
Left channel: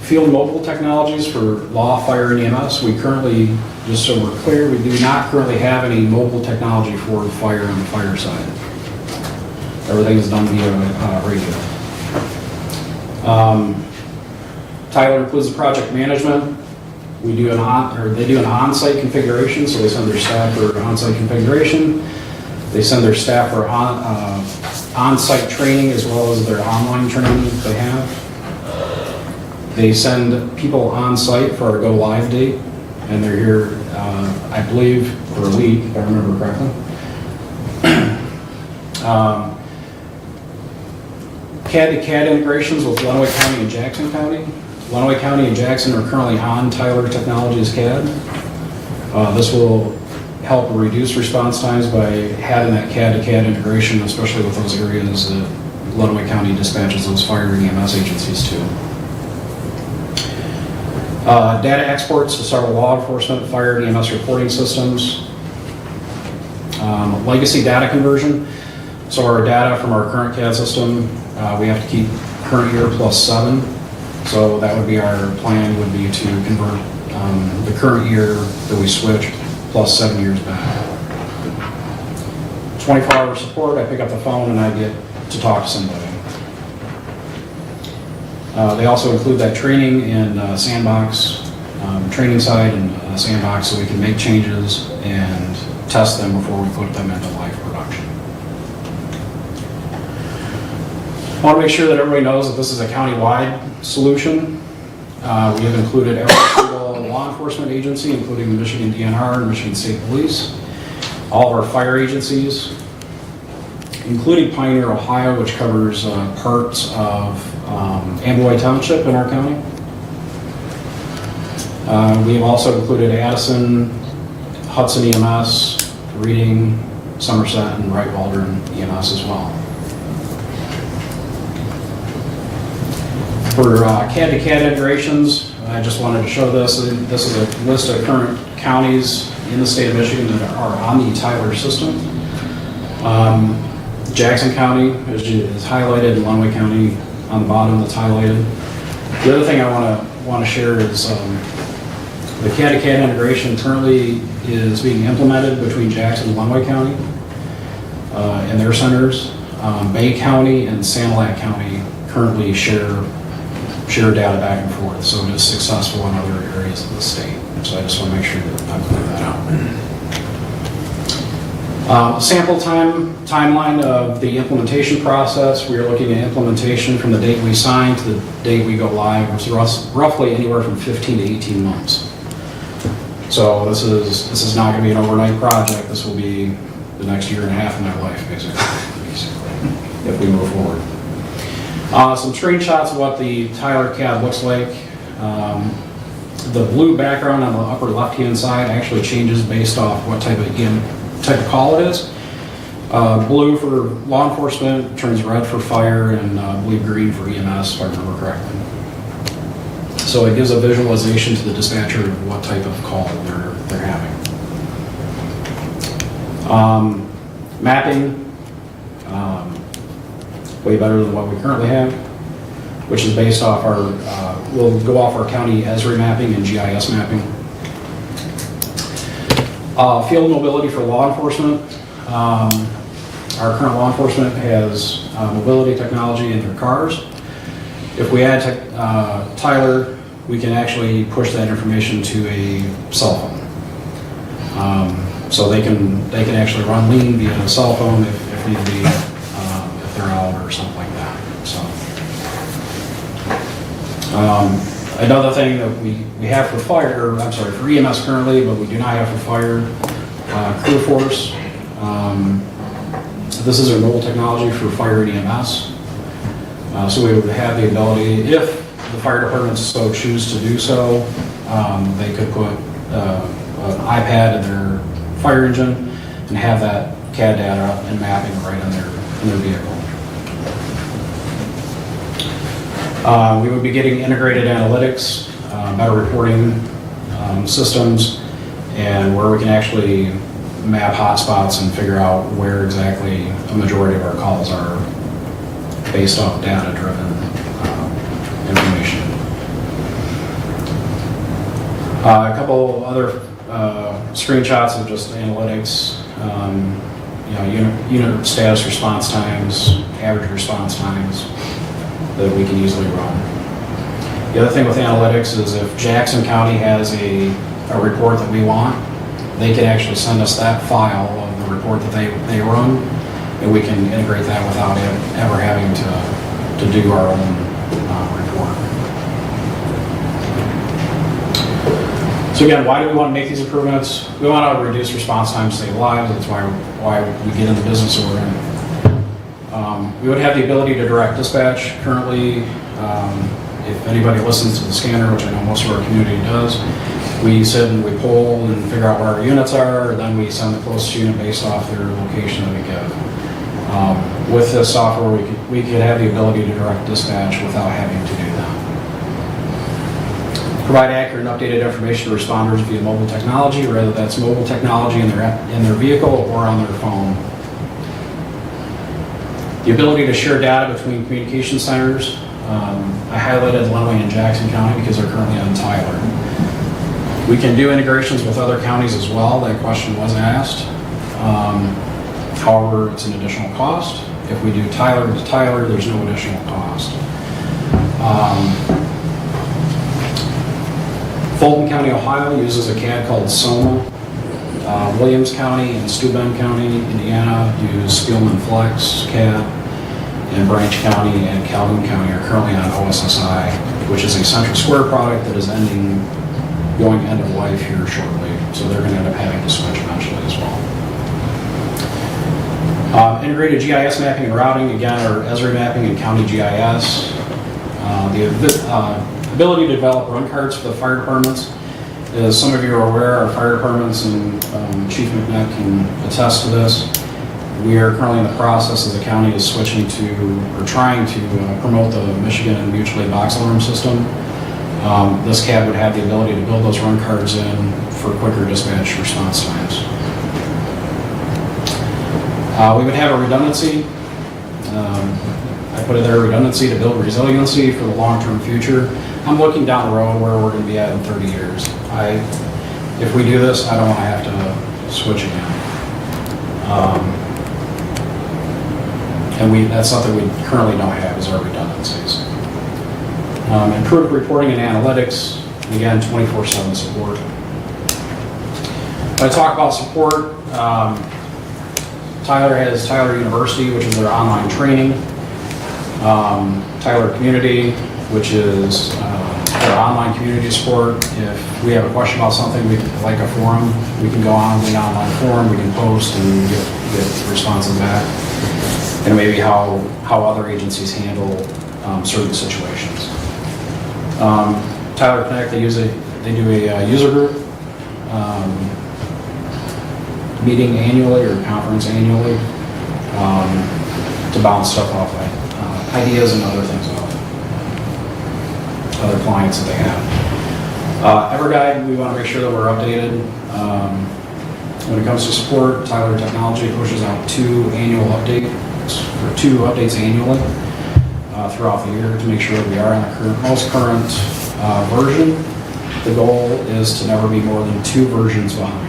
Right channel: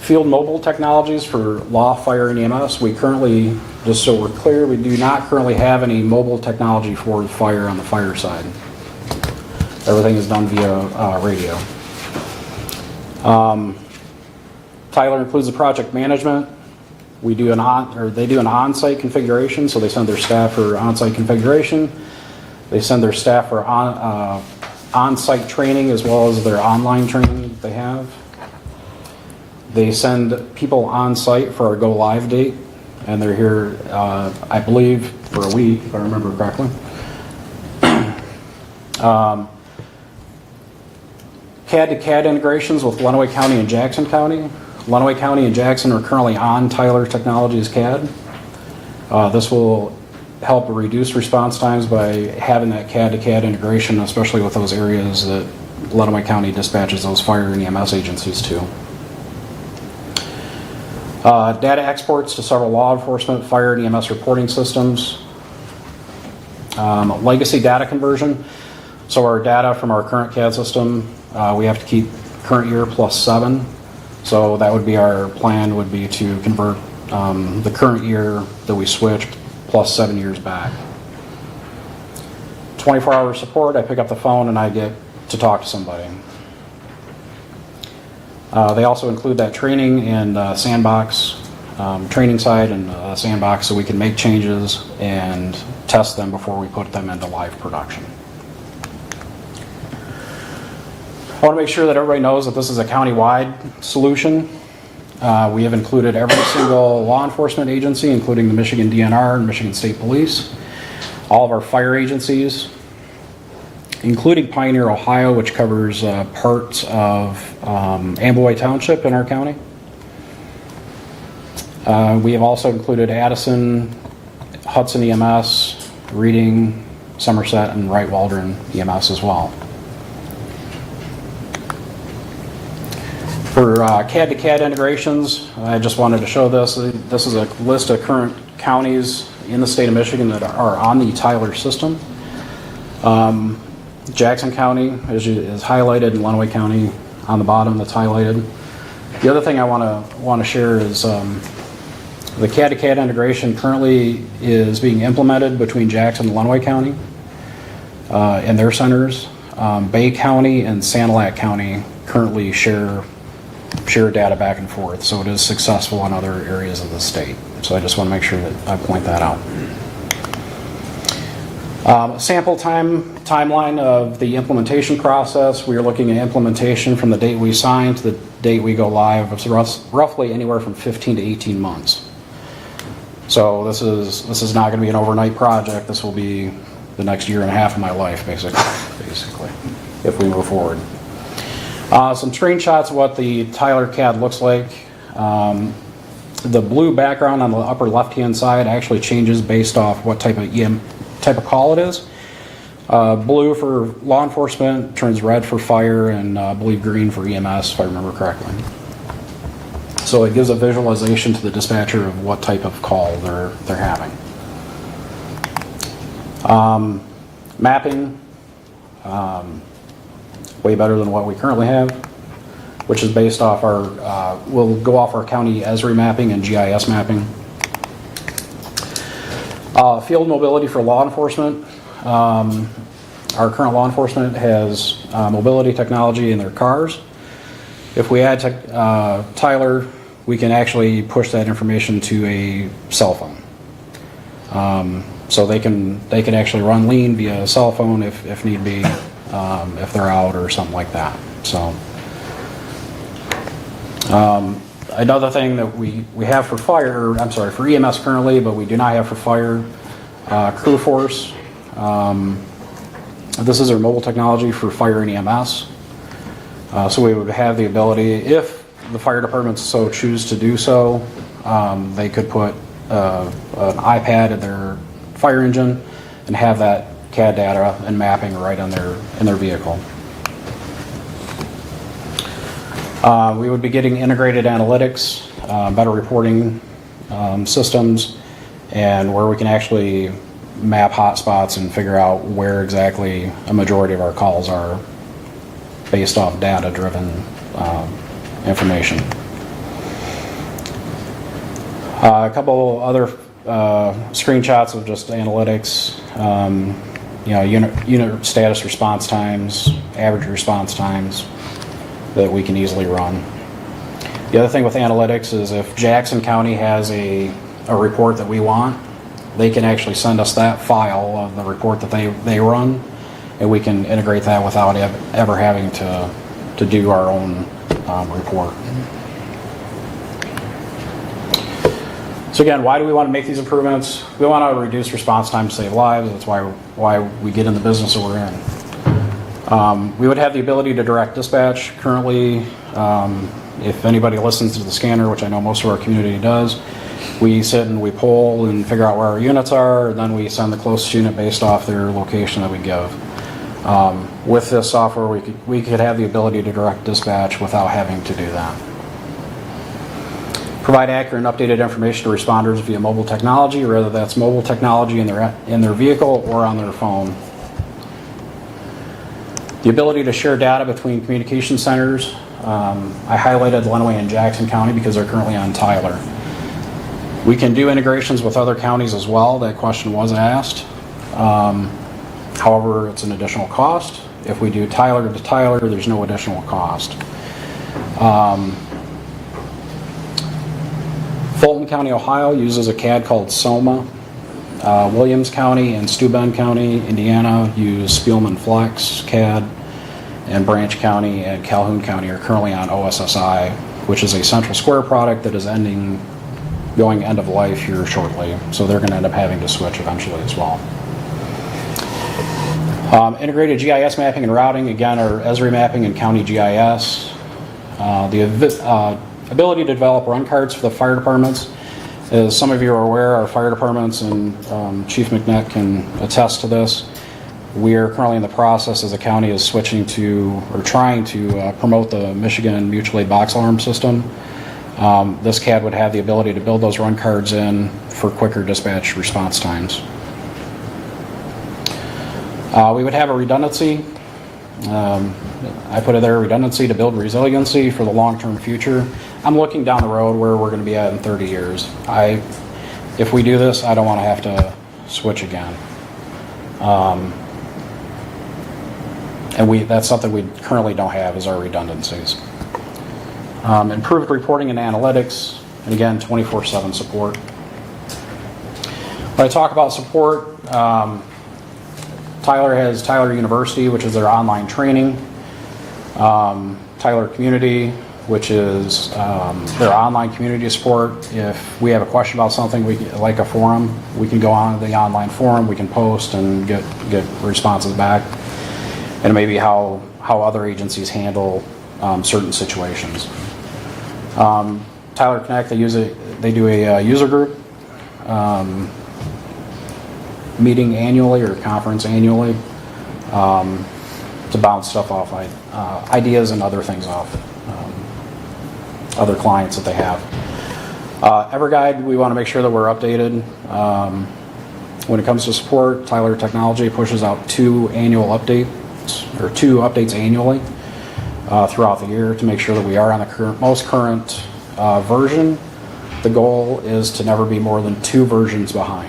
Field mobile technologies for law, fire, and EMS. We currently, just so we're clear, we do not currently have any mobile technology for fire on the fire side. Everything is done via radio. Tyler includes the project management. They do an on-site configuration, so they send their staff for on-site configuration. They send their staff for on-site training as well as their online training that they have. They send people on-site for our go live date, and they're here, I believe, for a week, if I remember correctly. CAD-to-CAD integrations with Lenawee County and Jackson County. Lenawee County and Jackson are currently on Tyler Technologies CAD. This will help reduce response times by having that CAD-to-CAD integration, especially with those areas that Lenawee County dispatches those fire and EMS agencies to. Data exports to several law enforcement, fire, and EMS reporting systems. Legacy data conversion. So our data from our current CAD system, we have to keep current year plus 7. So that would be our plan, would be to convert the current year that we switched plus 7 years back. 24-hour support, I pick up the phone and I get to talk to somebody. They also include that training and sandbox, training side and sandbox, so we can make changes and test them before we put them into live production. I want to make sure that everybody knows that this is a county-wide solution. We have included every single law enforcement agency, including the Michigan DNR and Michigan State Police, all of our fire agencies, including Pioneer, Ohio, which covers parts of Amboy Township in our county. We have also included Addison, Hudson EMS, Reading, Somerset, and Wright Waldron EMS as well. For CAD-to-CAD integrations, I just wanted to show this. This is a list of current counties in the state of Michigan that are on the Tyler system. Jackson County is highlighted, Lenawee County on the bottom that's highlighted. The other thing I want to share is the CAD-to-CAD integration currently is being implemented between Jackson and Lenawee County and their centers. Bay County and Sanilac County currently share data back and forth, so it is successful in other areas of the state. So I just want to make sure that I point that out. Sample timeline of the implementation process. We are looking at implementation from the date we sign to the date we go live, which is roughly anywhere from 15 to 18 months. So this is not going to be an overnight project. This will be the next year and a half of my life, basically, if we move forward. Some screenshots of what the Tyler CAD looks like. The blue background on the upper left-hand side actually changes based off what type of call it is. Blue for law enforcement, turns red for fire, and I believe green for EMS, if I remember correctly. So it gives a visualization to the dispatcher of what type of call they're having. Mapping. Way better than what we currently have, which is based off we'll go off our county ESRI mapping and GIS mapping. Field mobility for law enforcement. Our current law enforcement has mobility technology in their cars. If we add Tyler, we can actually push that information to a cell phone. So they can actually run lean via a cell phone if need be. If they're out or something like that. So another thing that we have for for EMS currently, but we do not have for fire, crew force. This is our mobile technology for fire and EMS. So we would have the ability, if the fire departments so choose to do so, they could put an iPad in their fire engine and have that CAD data and mapping right in their vehicle. We would be getting integrated analytics, better reporting systems, and where we can actually map hotspots and figure out where exactly a majority of our calls are based off data-driven information. A couple other screenshots of just analytics. Unit status response times, average response times that we can easily run. The other thing with analytics is if Jackson County has a report that we want, they can actually send us that file of the report that they run, and we can integrate that without ever having to do our own report. So again, why do we want to make these improvements? We want to reduce response time, save lives. That's why we get in the business that we're in. We would have the ability to direct dispatch. Currently, if anybody listens to the scanner, which I know most of our community does, we sit and we poll and figure out where our units are, and then we send the closest unit based off their location that we give. With this software, we could have the ability to direct dispatch without having to do that. Provide accurate and updated information to responders via mobile technology, whether that's mobile technology in their vehicle or on their phone. The ability to share data between communication centers. I highlighted Lenawee and Jackson County because they're currently on Tyler. We can do integrations with other counties as well. That question was asked. However, it's an additional cost. If we do Tyler to Tyler, there's no additional cost. Fulton County, Ohio uses a CAD called SOMA. Williams County and Steuben County, Indiana use Spielman Flex CAD, and Branch County and Calhoun County are currently on OSSI, which is a Central Square product that is going end of life here shortly. So they're going to end up having to switch eventually as well. Integrated GIS mapping and routing, again, are Esri mapping and county GIS. The ability to develop run cards for the fire departments. As some of you are aware, our fire departments, and Chief McNick can attest to this, we are currently in the process as the county is switching to, or trying to promote the Michigan mutual aid box alarm system. This CAD would have the ability to build those run cards in for quicker dispatch response times. We would have a redundancy. I put it there, redundancy to build resiliency for the long-term future. I'm looking down the road where we're going to be at in 30 years. If we do this, I don't want to have to switch again. And that's something we currently don't have, is our redundancies. Improved reporting and analytics, and again, 24/7 support. When I talk about support, Tyler has Tyler University, which is their online training. Tyler Community, which is their online community support. If we have a question about something, like a forum, we can go on the online forum, we can post and get responses back. And maybe how other agencies handle certain situations. Tyler Connect, they do a user group meeting annually or conference annually to bounce stuff off, ideas and other things off other clients that they have. EverGuide, we want to make sure that we're updated. When it comes to support, Tyler Technology pushes out 2 updates annually throughout the year to make sure that we are on the most current version. The goal is to never be more than 2 versions behind.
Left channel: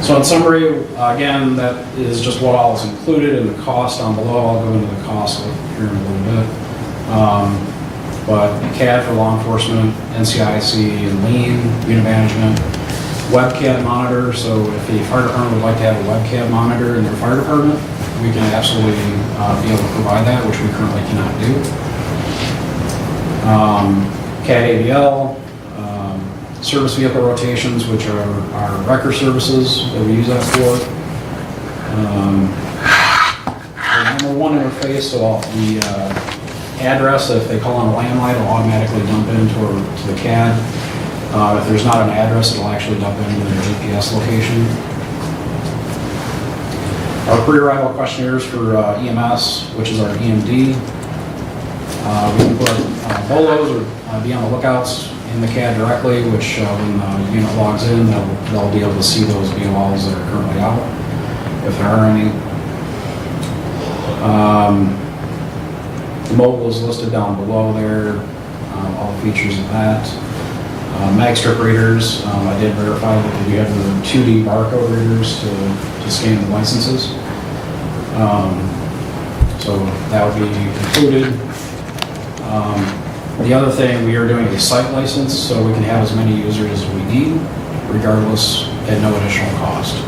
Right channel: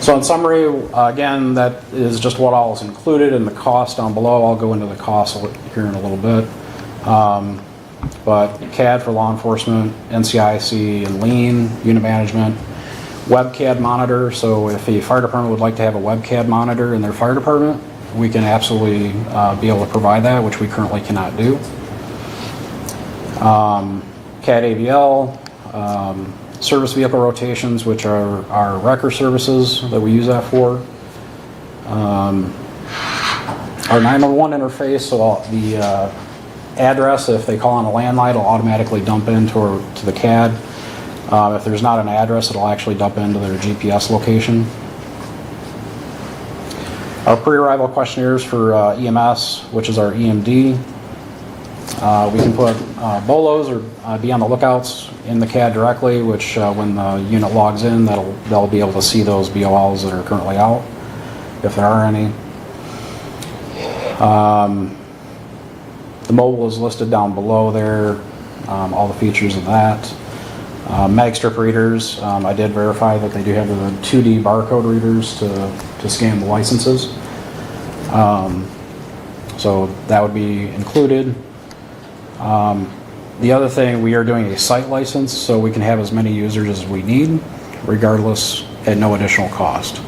So in summary, again, that is just what all is included in the cost down below. I'll go into the cost here in a little bit. But CAD for law enforcement, NCIC, lean, unit management, webcam monitor. So if the fire department would like to have a webcam monitor in their fire department, we can absolutely be able to provide that, which we currently cannot do. CAD ADL, service vehicle rotations, which are our wrecker services that we use that for. Our 911 interface, so the address, if they call on a landline, it'll automatically dump into the CAD. If there's not an address, it'll actually dump into their GPS location. Our pre-arrival questionnaires for EMS, which is our EMD. We can put BOLOs or be on the lookouts in the CAD directly, which when the unit logs in, they'll be able to see those BOLs that are currently out, if there are any. The mobile is listed down below there, all the features of that. Mag strip readers, I did verify that they do have the 2D barcode readers to scan the licenses. So that would be included. The other thing, we are doing a site license, so we can have as many users as we need, regardless, at no additional cost.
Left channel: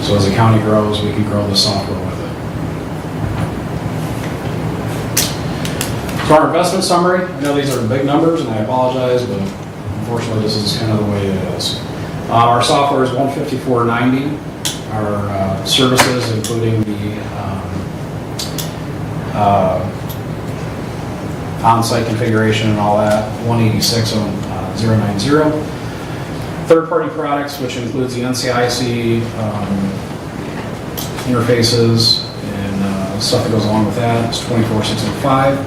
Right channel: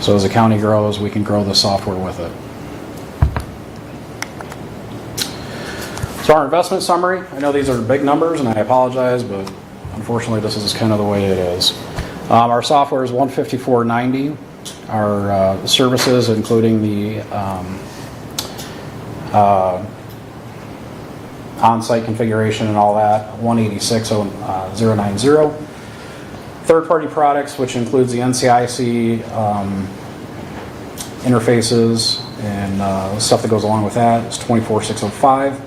So as the county grows, we can grow the software with it. So our investment summary, I know these are big numbers, and I apologize, but unfortunately this is kind of the way it is. Our software is $154.90. Our services, including the on-site configuration and all that, $186,090. Third-party products, which includes the NCIC interfaces and stuff that goes along with that, is $24,605.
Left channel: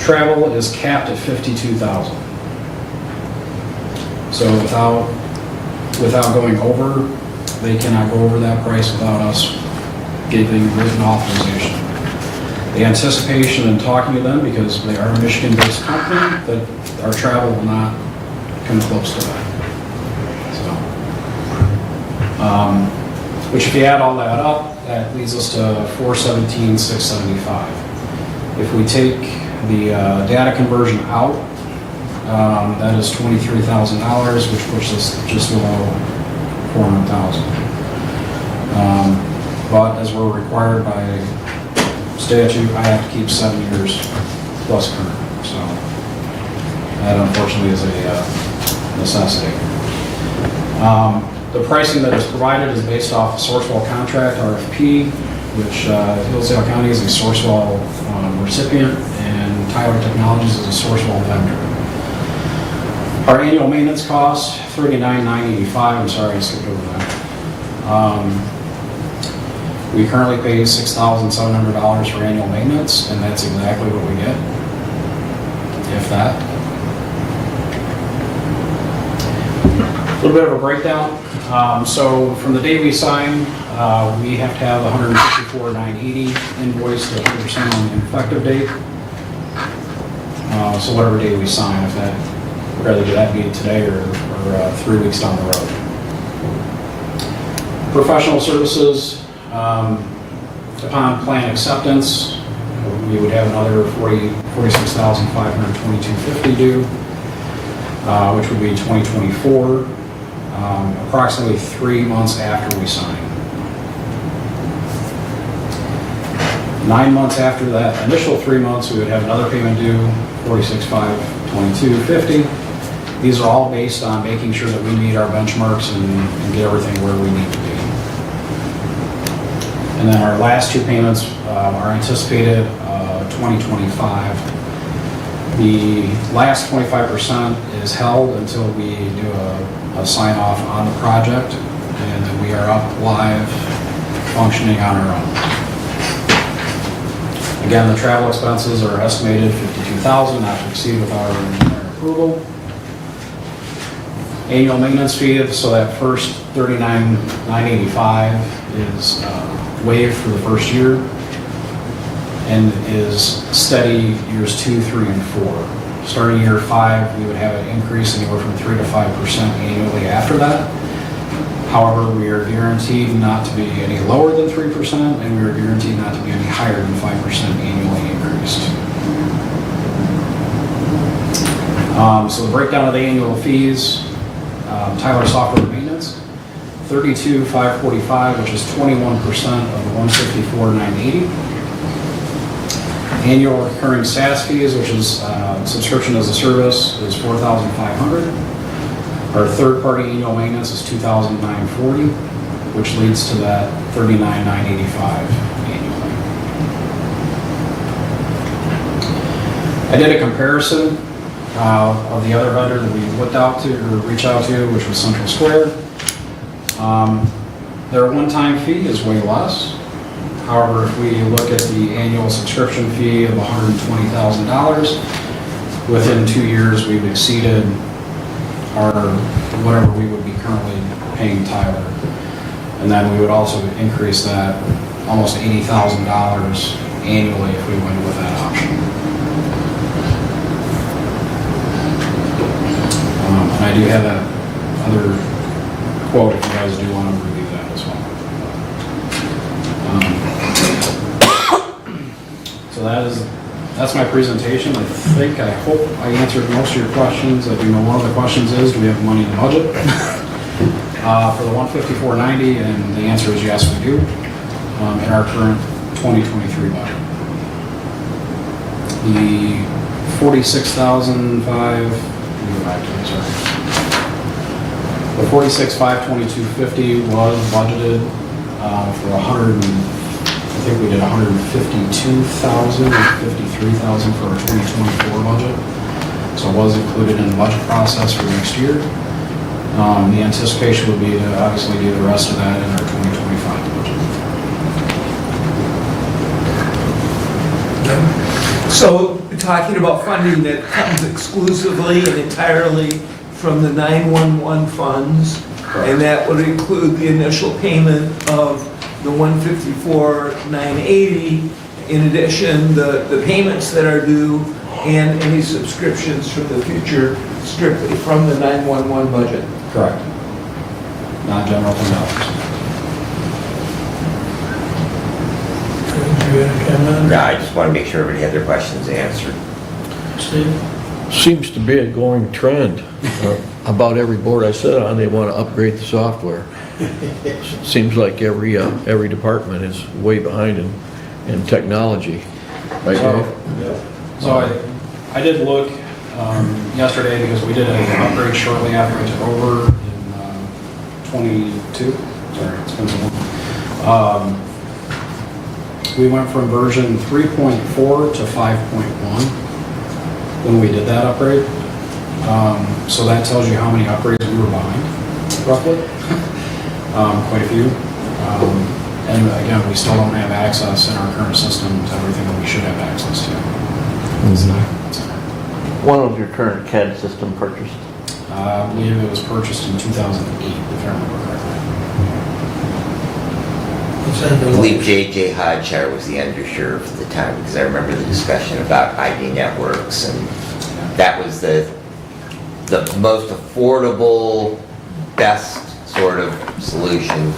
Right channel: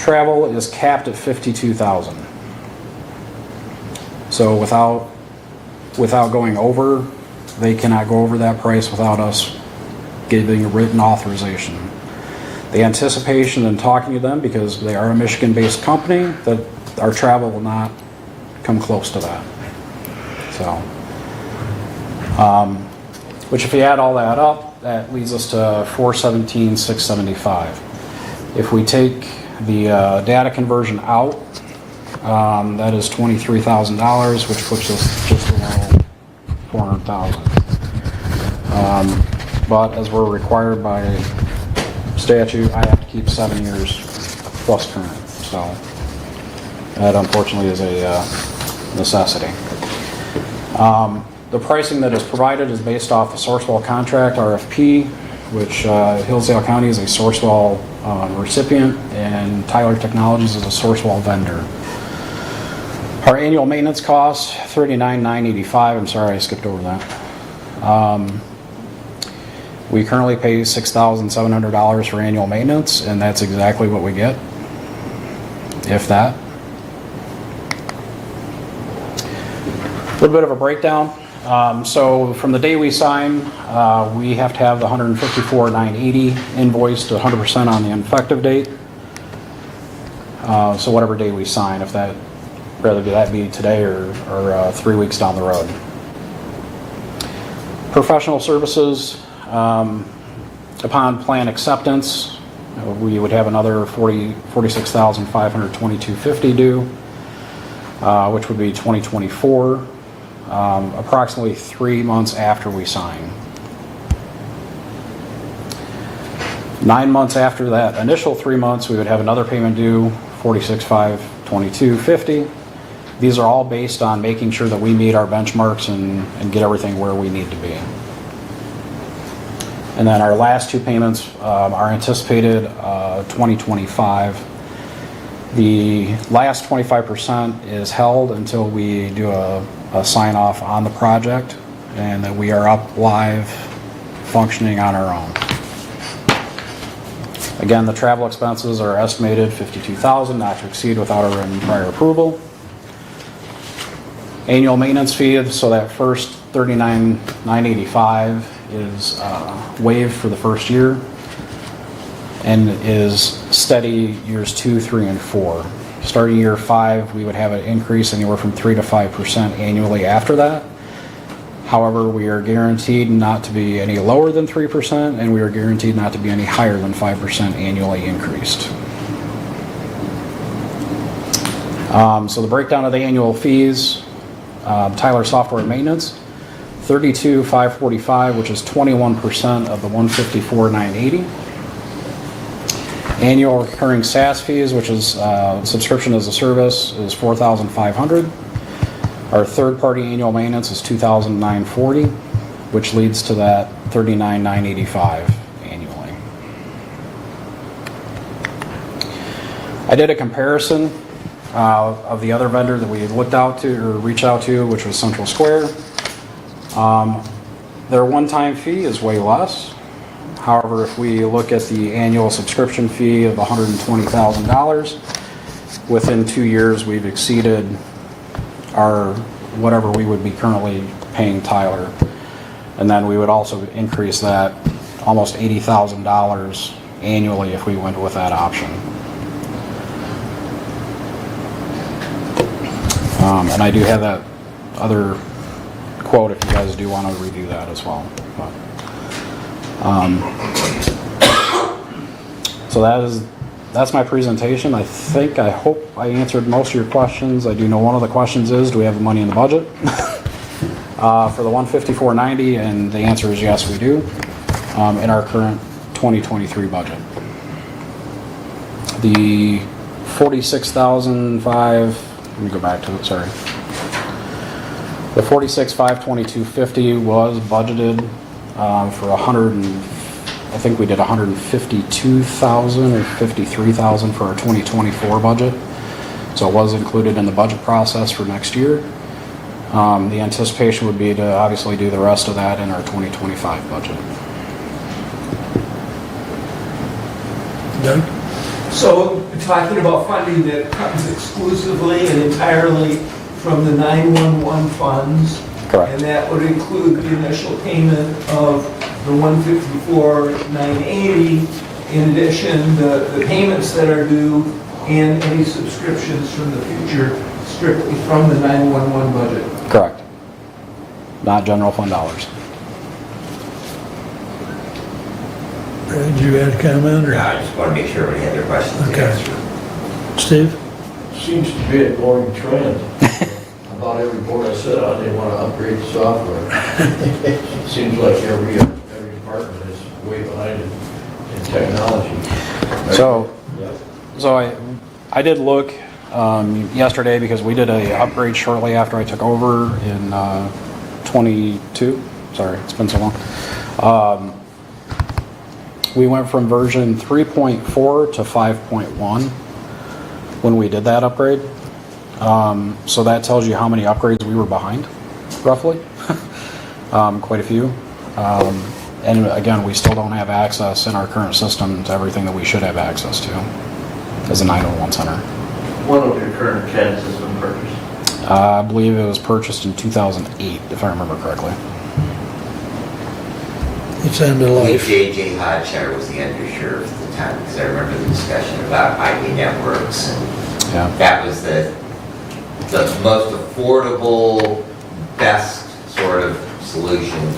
Travel is capped at $52,000. So without going over, they cannot go over that price without us giving written authorization. The anticipation in talking to them, because they are a Michigan-based company, that our travel will not come close to that. So, which if you add all that up, that leads us to $417,675. If we take the data conversion out, that is $23,000, which puts us just below $400,000. But as we're required by statute, I have to keep 7 years plus current. So that unfortunately is a necessity. The pricing that is provided is based off the Sourcewell contract, RFP, which Hillsdale County is a Sourcewell recipient, and Tyler Technologies is a Sourcewell vendor. Our annual maintenance cost, $39,985. I'm sorry, I skipped over that. We currently pay $6,700 for annual maintenance, and that's exactly what we get, if that. A little bit of a breakdown. So from the day we sign, we have to have the $154,980 invoiced 100% on the effective date. So whatever day we sign, if that, whether that be today or 3 weeks down the road. Professional services, upon plan acceptance, we would have another $46,522.50 due, which would be 2024, approximately 3 months after we sign. 9 months after that initial 3 months, we would have another payment due, $46,522.50. These are all based on making sure that we meet our benchmarks and get everything where we need to be. And then our last 2 payments are anticipated 2025. The last 25% is held until we do a sign off on the project, and then we are up live functioning on our own. Again, the travel expenses are estimated $52,000, not to exceed without our prior approval. Annual maintenance fee, so that first $39,985 is waived for the first year and is steady years 2, 3, and 4. Starting year 5, we would have an increase anywhere from 3 to 5% annually after that. However, we are guaranteed not to be any lower than 3%, and we are guaranteed not to be any higher than 5% annually increased. So the breakdown of the annual fees, Tyler Software Maintenance, $32,545, which is 21% of the $154,980. Annual recurring SaaS fees, which is subscription as a service, is $4,500. Our third-party annual maintenance is $2,940, which leads to that $39,985 annually. I did a comparison of the other vendor that we looked out to or reached out to, which was Central Square. Their one-time fee is way less. However, if we look at the annual subscription fee of $120,000, within 2 years we've exceeded our whatever we would be currently paying Tyler. And then we would also increase that almost $80,000 annually if we went with that option. And I do have that other quote if you guys do want to review that as well. So that's my presentation. I hope I answered most of your questions. I do know one of the questions is, do we have money in the budget for the $154,990? And the answer is yes, we do, in our current 2023 budget. The $46,500, let me go back to it, sorry. The $46,522.50 was budgeted for I think we did $152,000 or $53,000 for our 2024 budget. So it was included in the budget process for next year. The anticipation would be to obviously do the rest of that in our 2025 budget. So talking about funding that comes exclusively and entirely from the 911 funds. Correct. And that would include the initial payment of the $154,980. In addition, the payments that are due and any subscriptions for the future strictly from the 911 budget. Correct. Non-general fund dollars. Did you have a comment? No, I just want to make sure everybody had their questions answered. Steve? Seems to be a going trend. About every board I sit on, they want to upgrade the software. It seems like every department is way behind in technology. So I did look yesterday because we did an upgrade shortly after I took over in 22. Sorry, it's been so long. We went from version 3.4 to 5.1 when we did that upgrade. So that tells you how many upgrades we were behind, roughly. Quite a few. And again, we still don't have access in our current system to everything that we should have access to as a 911 center. When was your current CAD system purchased? I believe it was purchased in 2008, if I remember correctly. It's end I of believe life. J.J. Hodshire was the undersheriff at the time, because I remember the discussion about IP networks, and that was the most affordable, best sort of solution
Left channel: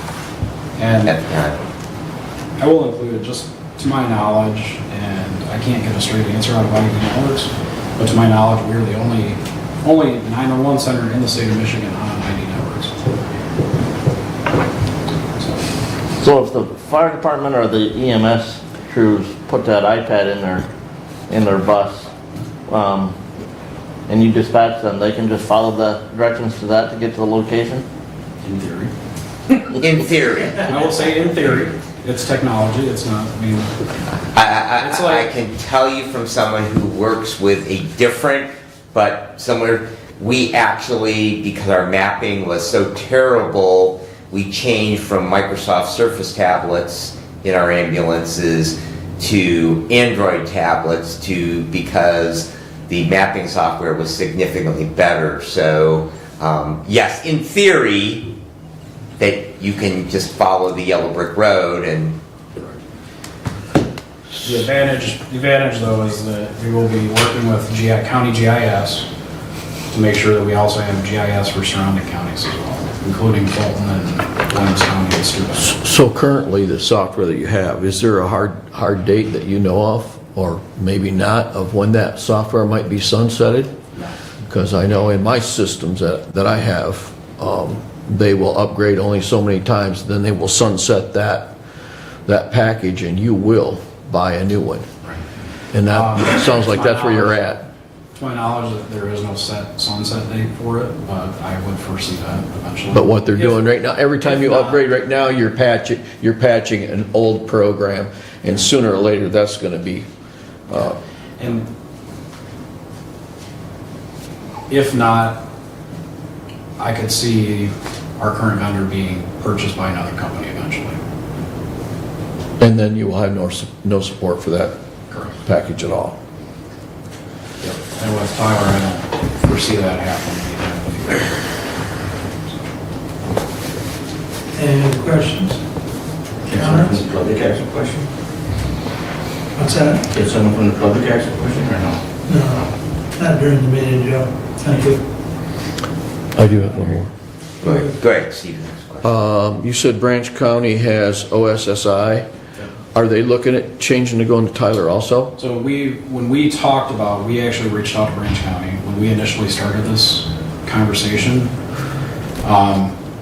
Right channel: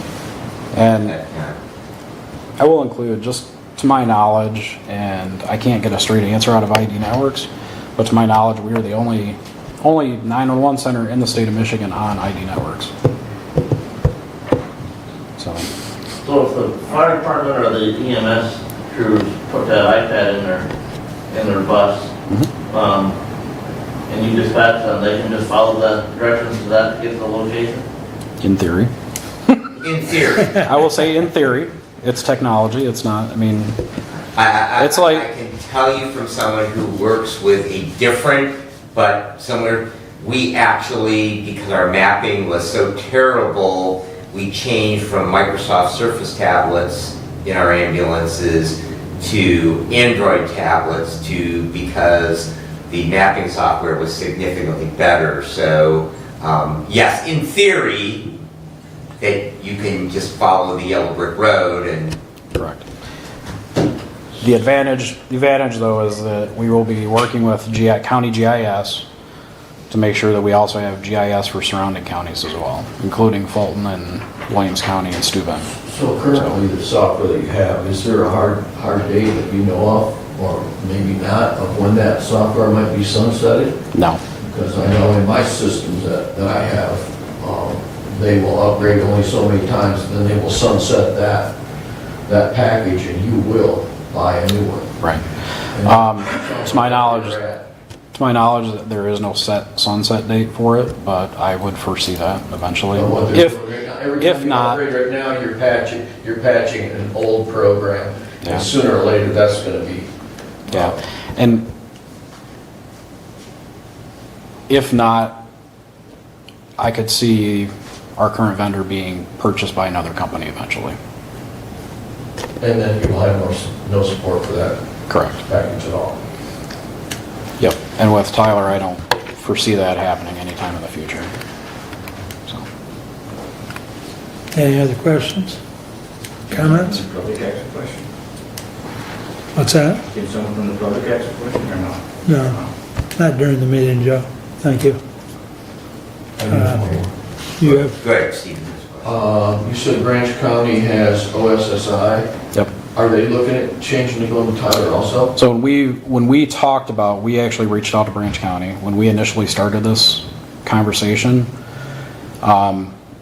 And at the time. I will include, just to my knowledge, and I can't get a straight answer out of ID Networks, but to my knowledge, we're the only 911 center in the state of Michigan on ID Networks. So if the fire department or the EMS crews put that iPad in their bus, and you dispatch them, they can just follow that directions to that to get to the location? In theory. In theory. I will say in theory. It's technology, it's not, I mean, It's like, I can tell you from someone who works with a different, but similar, we actually, because our mapping was so terrible, we changed from Microsoft Surface tablets in our ambulances to Android tablets because the mapping software was significantly better. So, yes, in theory, that you can just follow the yellow brick road and... Correct. The advantage though is that we will be working with county GIS to make sure that we also have GIS for surrounding counties as well, including Fulton and Williams County and Steuben. So currently, the software that you have, is there a hard date that you know of, or maybe not, of when that software might be sunsetted? No. Because I know in my systems that I have, they will upgrade only so many times, then they will sunset that package, and you will buy a new one. Right. And that sounds like that's where you're at. To my knowledge, there is no set sunset date for it, but I would foresee that eventually. But what they're doing right now, every time you upgrade right now, you're patching an old program, Yeah. and sooner or later, that's gonna be. Yeah, and if not, I could see our current vendor being purchased by another company eventually. And then you will have no support for that. Correct. Package at all. Yep, and with Tyler, I don't foresee that happening anytime in the future. Any other questions? Comments? Public ask a question? What's that? Did someone from the public ask a question or no? No, not during the meeting, Joe. Thank you. I do have one more. You have- Go ahead, Stephen. You said Branch County has OSSI. Yep. Are they looking at changing to going to Tyler also? So when we talked about, we actually reached out to Branch County when we initially started this conversation.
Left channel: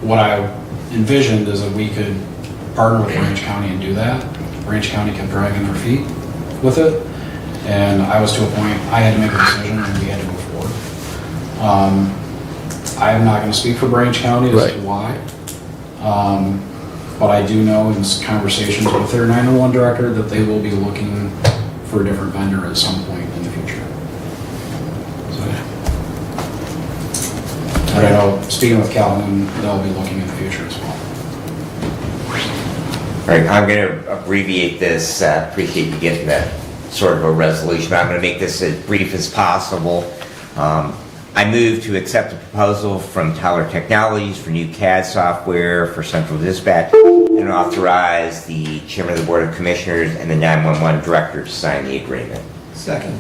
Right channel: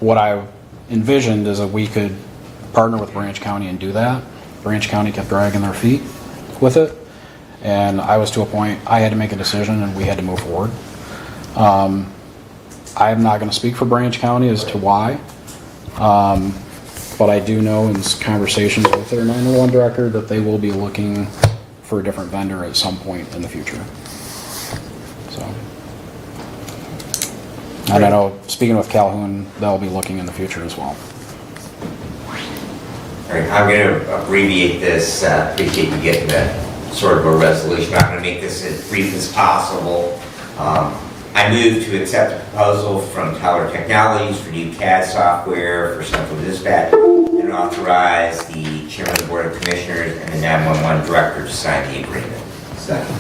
What I envisioned is that we could partner with Branch County and do that. Branch County kept dragging their feet with it, and I was to a point, I had to make a decision and we had to move forward. I'm not going to speak for Branch County as to why, but I do know in conversations with their 911 director that they will be looking for a different vendor at some point in the future. So, I don't know, speaking with Calhoun, they'll be looking in the future as well. All right, I'm going to abbreviate this. Appreciate you getting that sort of a resolution. I'm going to make this as brief as possible. I move to accept the proposal from Tyler Technologies for new CAD software for central dispatch and authorize the chairman of the board of commissioners and the 911 director to sign the agreement. Second.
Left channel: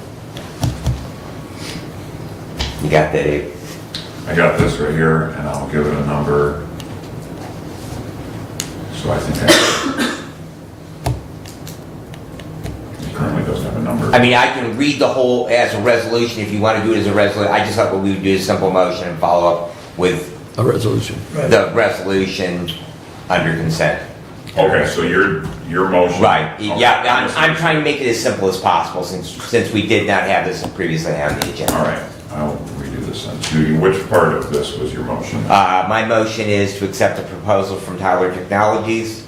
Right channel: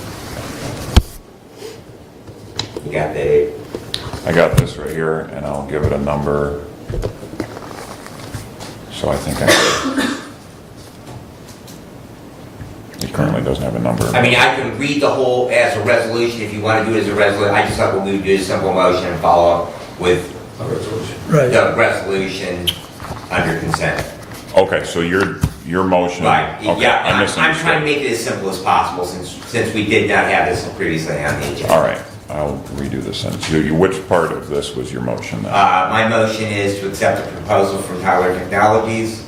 You got that, Abe? I got this right here, and I'll give it a number. So I think it currently doesn't have a number. I mean, I can read the whole as a resolution if you want to do it as a resolution. I just thought what we would do is a simple motion and follow up with A resolution. the resolution under consent. Okay, so your motion. Right, Okay, yeah, I I'm trying to make it as simple as possible since we did not have this previously on the agenda. All right, I'll redo this then. Which part of this was your motion? My motion is to accept the proposal from Tyler Technologies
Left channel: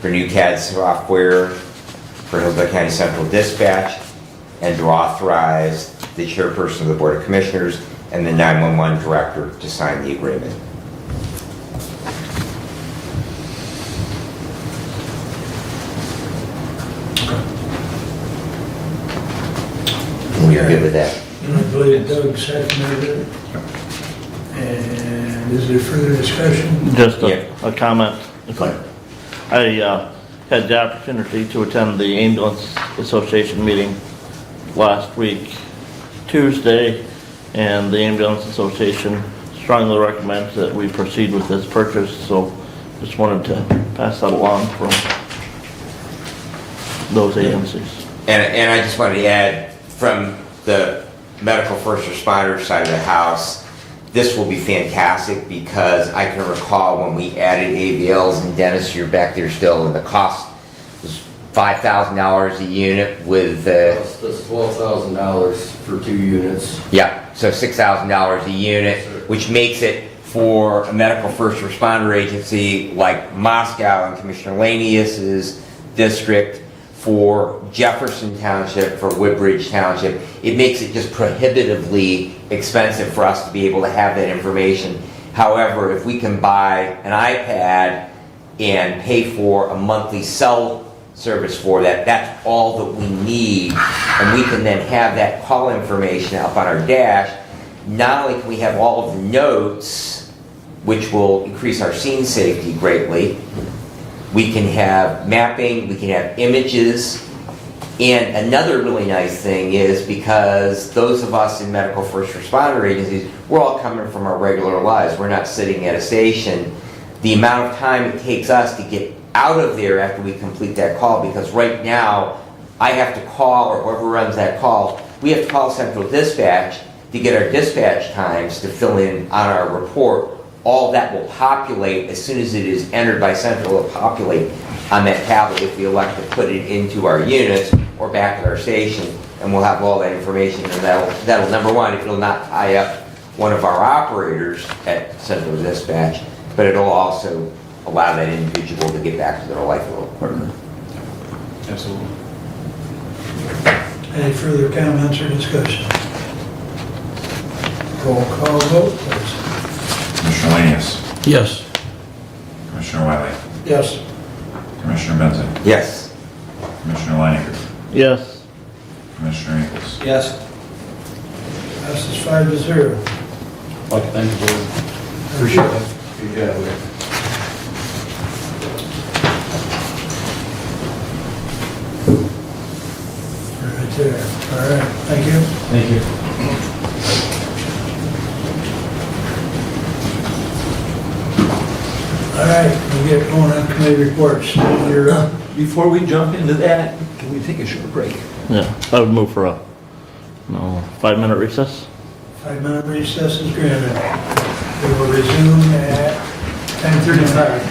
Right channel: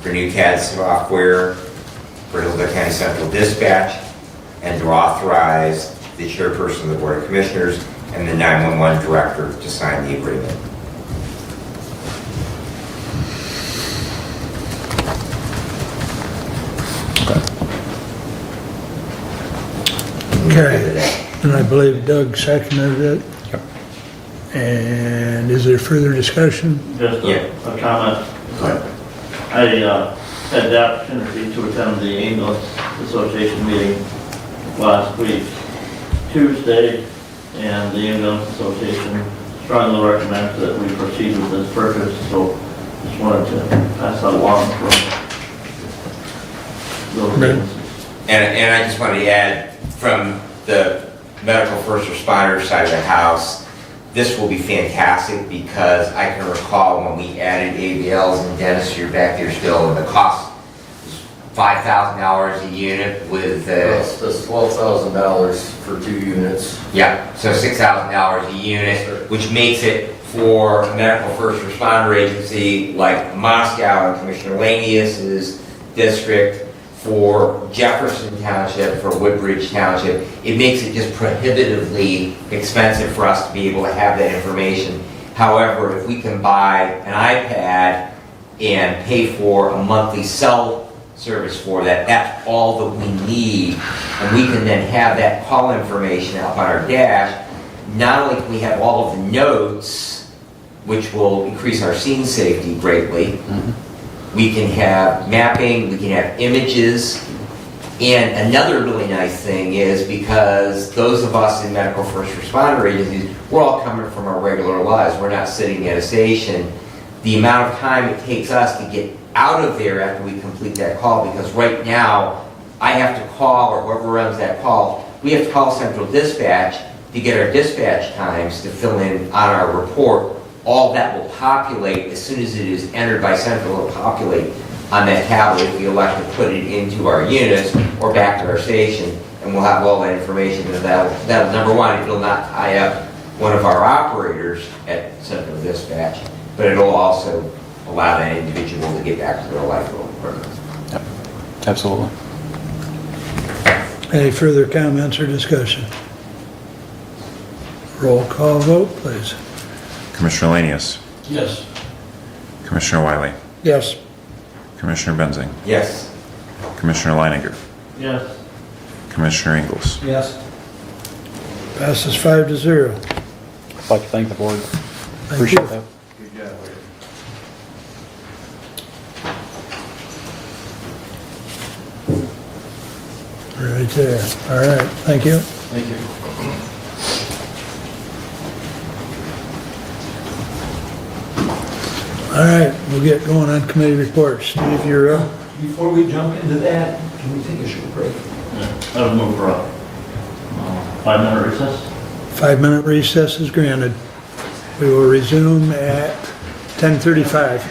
for new CAD software for Hillsdale County Central Dispatch, and to authorize the chairperson of the Board of Commissioners and the 911 director to sign the agreement. Okay. Good with that. And I believe Doug seconded it. And is there further discussion? Just a comment. I had the opportunity to attend the Ambulance Association meeting last week, Tuesday, and the Ambulance Association strongly recommends that we proceed with this purchase, so just wanted to pass that along from those agencies. And I just wanted to add, from the medical first responder side of the house, this will be fantastic because I can recall when we added ABLs and dentistry back there still, and the cost was $5,000 a unit with That's $12,000 for 2 units. yeah, so $6,000 a unit, which makes it for a medical first responder agency like Moscow and Commissioner Lanius's district, for Jefferson Township, for Woodbridge Township, it makes it just prohibitively expensive for us to be able to have that information. However, if we can buy an iPad and pay for a monthly cell service for that, that's all that we need, and we can then have that call information up on our dash. Not only can we have all of the notes, which will increase our scene safety greatly, we can have mapping, we can have images, and another really nice thing is because those of us in medical first responder agencies, we're all coming from our regular lives. We're not sitting at a station. The amount of time it takes us to get out of there after we complete that call, because right now I have to call, or whoever runs that call, we have to call Central Dispatch to get our dispatch times to fill in on our report. All that will populate as soon as it is entered by Central. It'll populate on that tablet if we elect to put it into our units or back to our station, and we'll have all that information. And that'll number one, it'll not tie up one of our operators at Central Dispatch, but it'll also allow that individual to get back to their life a little quicker. Yep. Absolutely. Any further comments or discussion? Roll call vote, please. Commissioner Lanius. Yes. Commissioner Wiley. Yes. Commissioner Benzing. Yes. Commissioner Leininger. Yes. Commissioner Ingles. Yes. Passes 5-0. I'd like to thank the board. Appreciate that. Good job. Right there. All right, thank you. Thank you. All right, we'll get going on committee reports. You're up. Before we jump into that, can we take a short break? Yeah, I would move for a 5-minute recess. 5-minute recess is granted. We will resume at 10:35.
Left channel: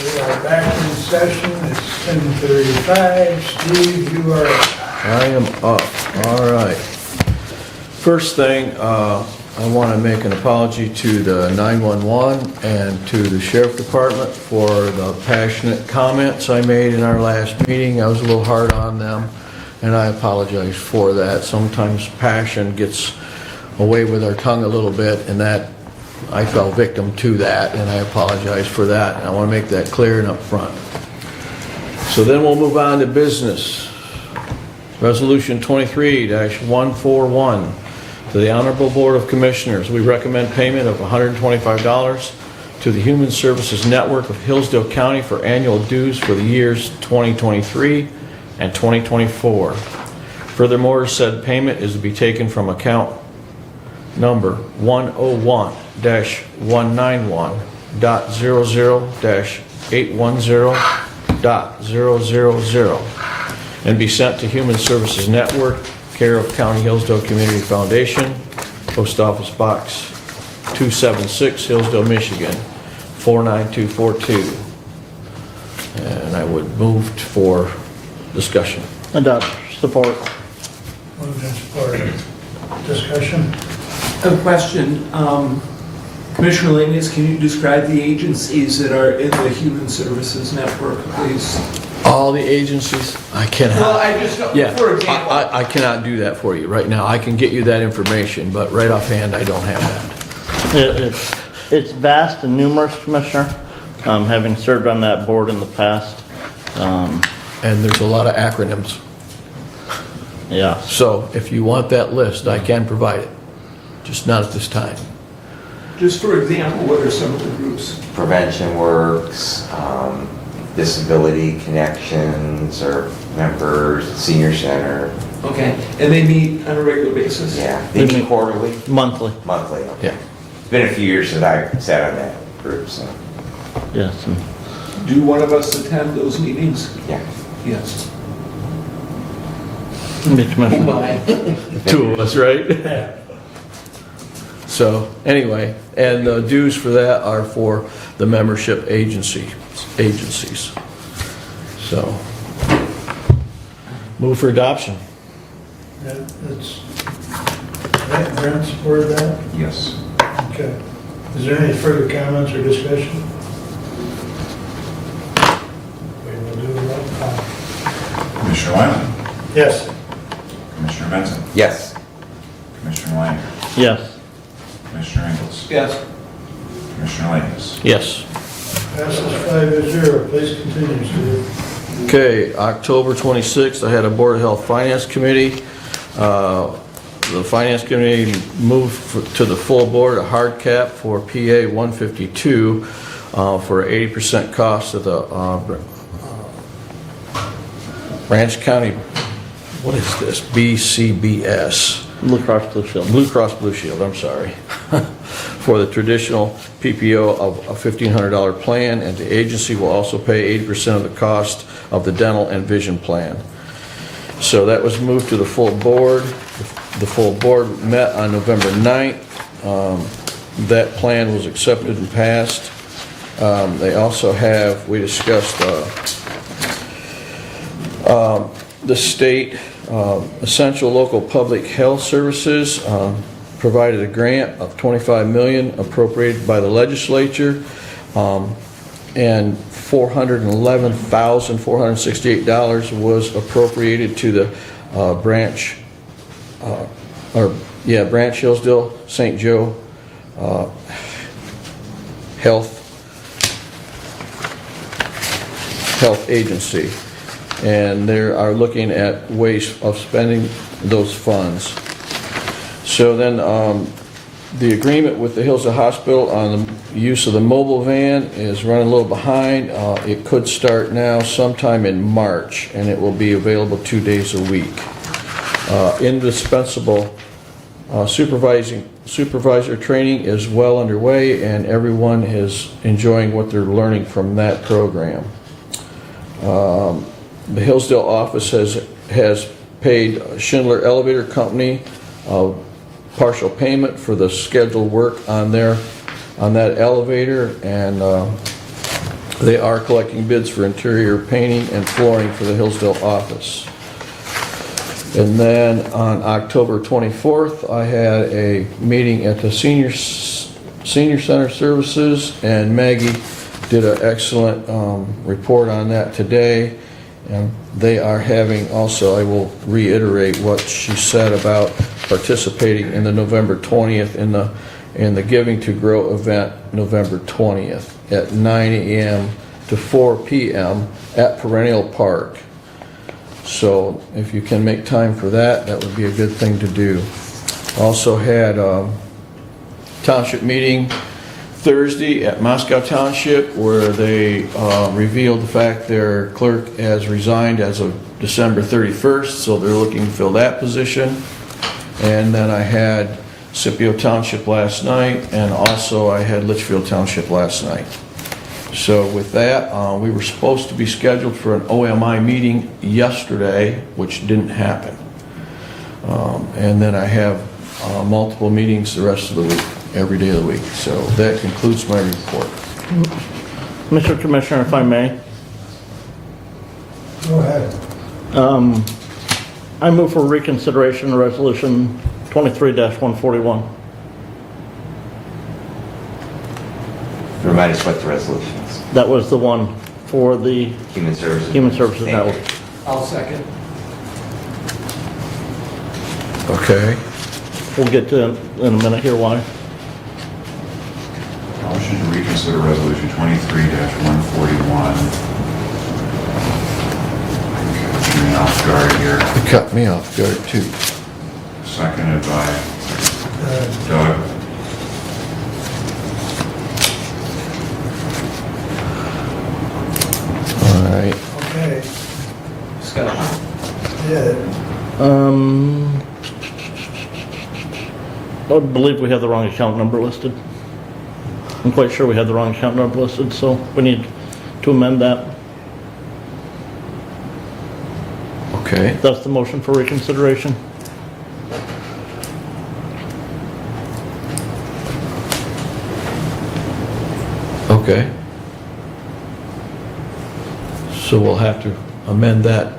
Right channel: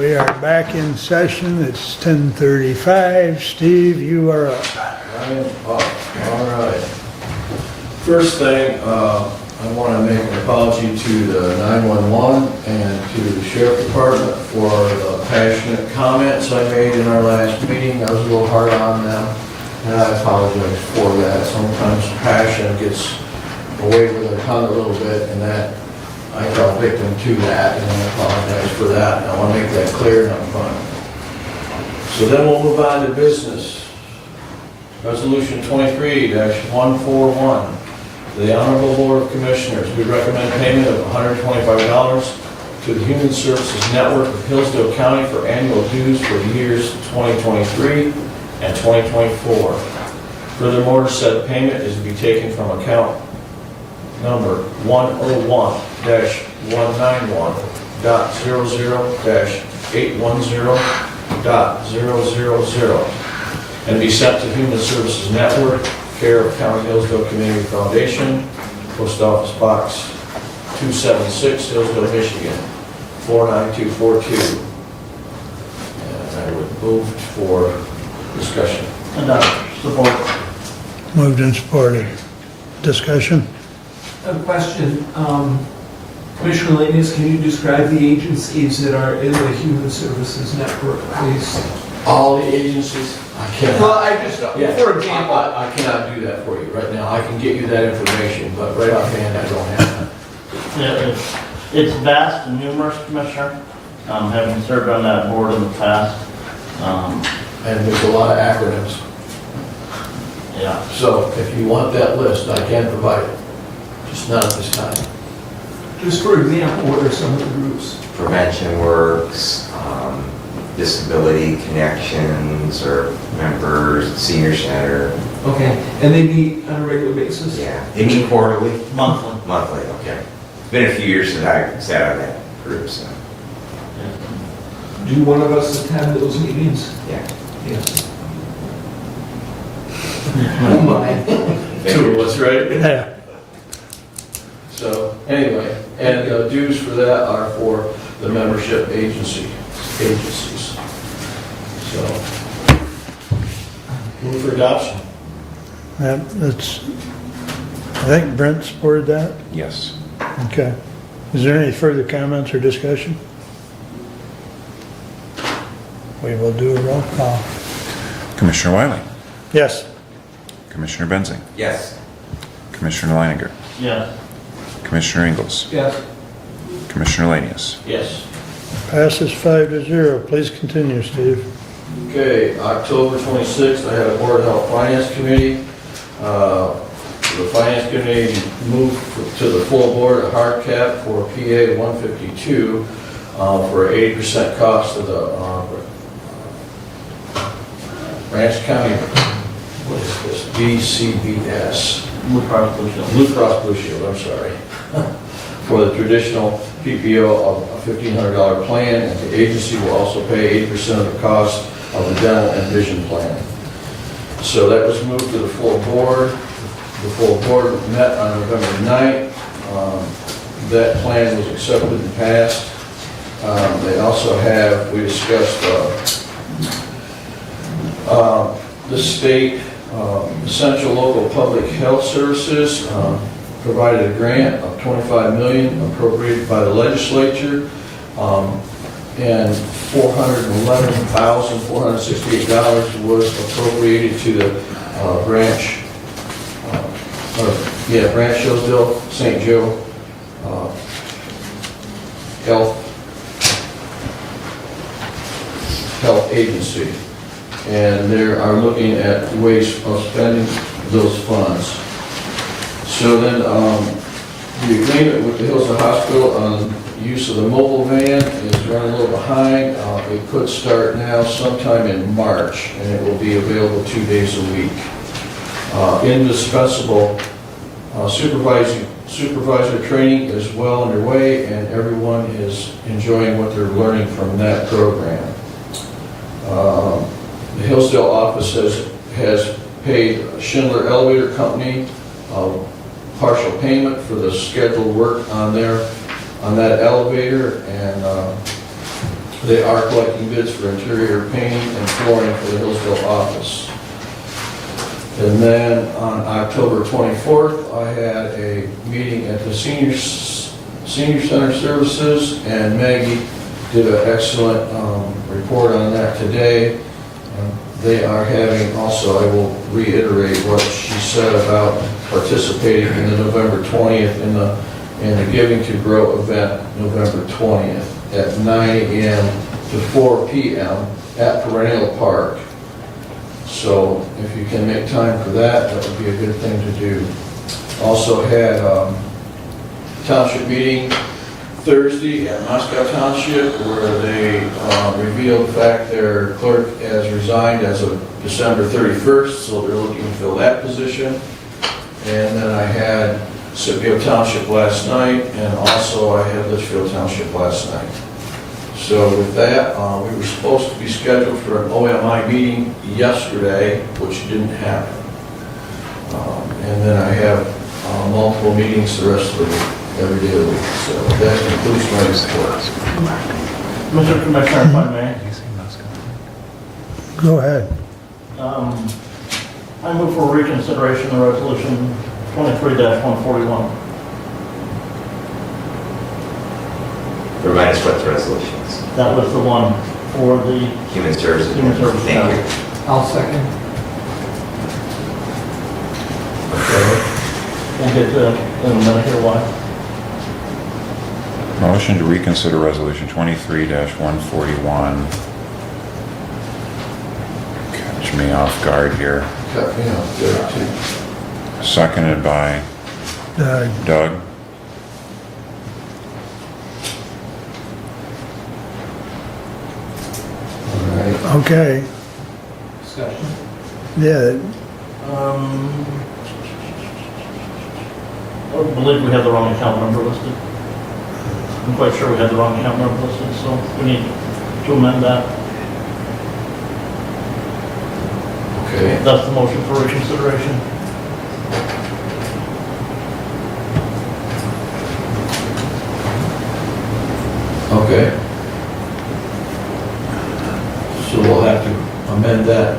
We are back in session. It's 10:35. Steve, you are up. I am up, all right. First thing, I want to make an apology to the 911 and to the sheriff department for the passionate comments I made in our last meeting. I was a little hard on them, and I apologize for that. Sometimes passion gets away with our tongue a little bit, and that I fell victim to that, and I apologize for that. And I want to make that clear and up front. So then we'll move on to business. Resolution 23-141. To the Honorable Board of Commissioners, we recommend payment of $125 to the Human Services Network of Hillsdale County for annual dues for the years 2023 and 2024. Furthermore, said payment is to be taken from account number 101-191.00-810.000 and be sent to Human Services Network, care of County Hillsdale Community Foundation, Post Office Box 276, Hillsdale, Michigan, 49242. And I would move for discussion. Adopt. Support. Moved and supported. Discussion? A question, Commissioner Lanius, can you describe the agencies that are in the Human Services Network, please? All the agencies? I cannot. Well, I just, Yeah, for example. I cannot do that for you right now. I can get you that information, but right offhand, I don't have that. It's vast and numerous, Commissioner, having served on that board in the past. And there's a lot of acronyms. Yeah. So if you want that list, I can provide it, just not at this time. Just for example, what are some of the groups? Prevention Works, Disability Connections, or members, Senior Center. Okay, and they meet on a regular basis? Yeah, they meet quarterly? Monthly. Monthly, okay. Yeah. It's been a few years since I sat on that group, so. Yes. Do one of us attend those meetings? Yeah. Yes. Two of us, right? So, anyway, and the dues for that are for the membership agencies. So, move for adoption. That's, I think Brent supported that. Yes. Okay. Is there any further comments or discussion? We will do a roll call. Commissioner Wiley? Yes. Commissioner Benson? Yes. Commissioner Leininger? Yes. Commissioner Ingles? Yes. Commissioner Lanius? Yes. Passes 5-0. Please continue, Steve. Okay, October 26th, I had a Board of Health Finance Committee. The Finance Committee moved to the full board a hard cap for PA 152 for 80% cost of the Branch County, what is this, BCBS? Blue Cross Blue Shield. Blue Cross Blue Shield, I'm sorry. For the traditional PPO of a $1,500 plan, and the agency will also pay 8% of the cost of the dental and vision plan. So that was moved to the full board. The full board met on November 9th. That plan was accepted and passed. They also have, we discussed the state essential local public health services provided a grant of $25 million appropriated by the legislature, and $411,468 was appropriated to the branch Hillsdale St. Joe Health Agency. And they are looking at ways of spending those funds. So then the agreement with the Hillsdale Hospital on the use of the mobile van is running a little behind. It could start now sometime in March, and it will be available 2 days a week. Indispensable supervisor training is well underway, and everyone is enjoying what they're learning from that program. The Hillsdale office has paid Schindler Elevator Company partial payment for the scheduled work on that elevator, and They are collecting bids for interior painting and flooring for the Hillsdale office. And then on October 24th, I had a meeting at the Senior Center Services, and Maggie did an excellent report on that today. And they are having also, I will reiterate what she said about participating in the November 20th in the Giving to Grow event, November 20th at 9 a.m. to 4 p.m. at Perennial Park. So if you can make time for that, that would be a good thing to do. Also had a township meeting Thursday at Moscow Township where they revealed the fact their clerk has resigned as of December 31st, so they're looking to fill that position. And then I had Scipio Township last night, and also I had Litchfield Township last night. So with that, we were supposed to be scheduled for an OMI meeting yesterday, which didn't happen. And then I have multiple meetings the rest of the week, every day of the week. So that concludes my report. Mr. Commissioner, if I may. Go ahead. I move for reconsideration of resolution 23-141. Remind us what the resolution is. That was the one for the Human Services. Human Services. Thank you. I'll second. Okay. We'll get to it in a minute here why. Motion to reconsider resolution 23-141. Catch me off guard here. You cut me off there too. Seconded by Doug. All right. Okay. Scott. Yeah, I believe we have the wrong account number listed. I'm quite sure we have the wrong account number listed, so we need to amend that. Okay. That's the motion for reconsideration. Okay. So we'll have to amend that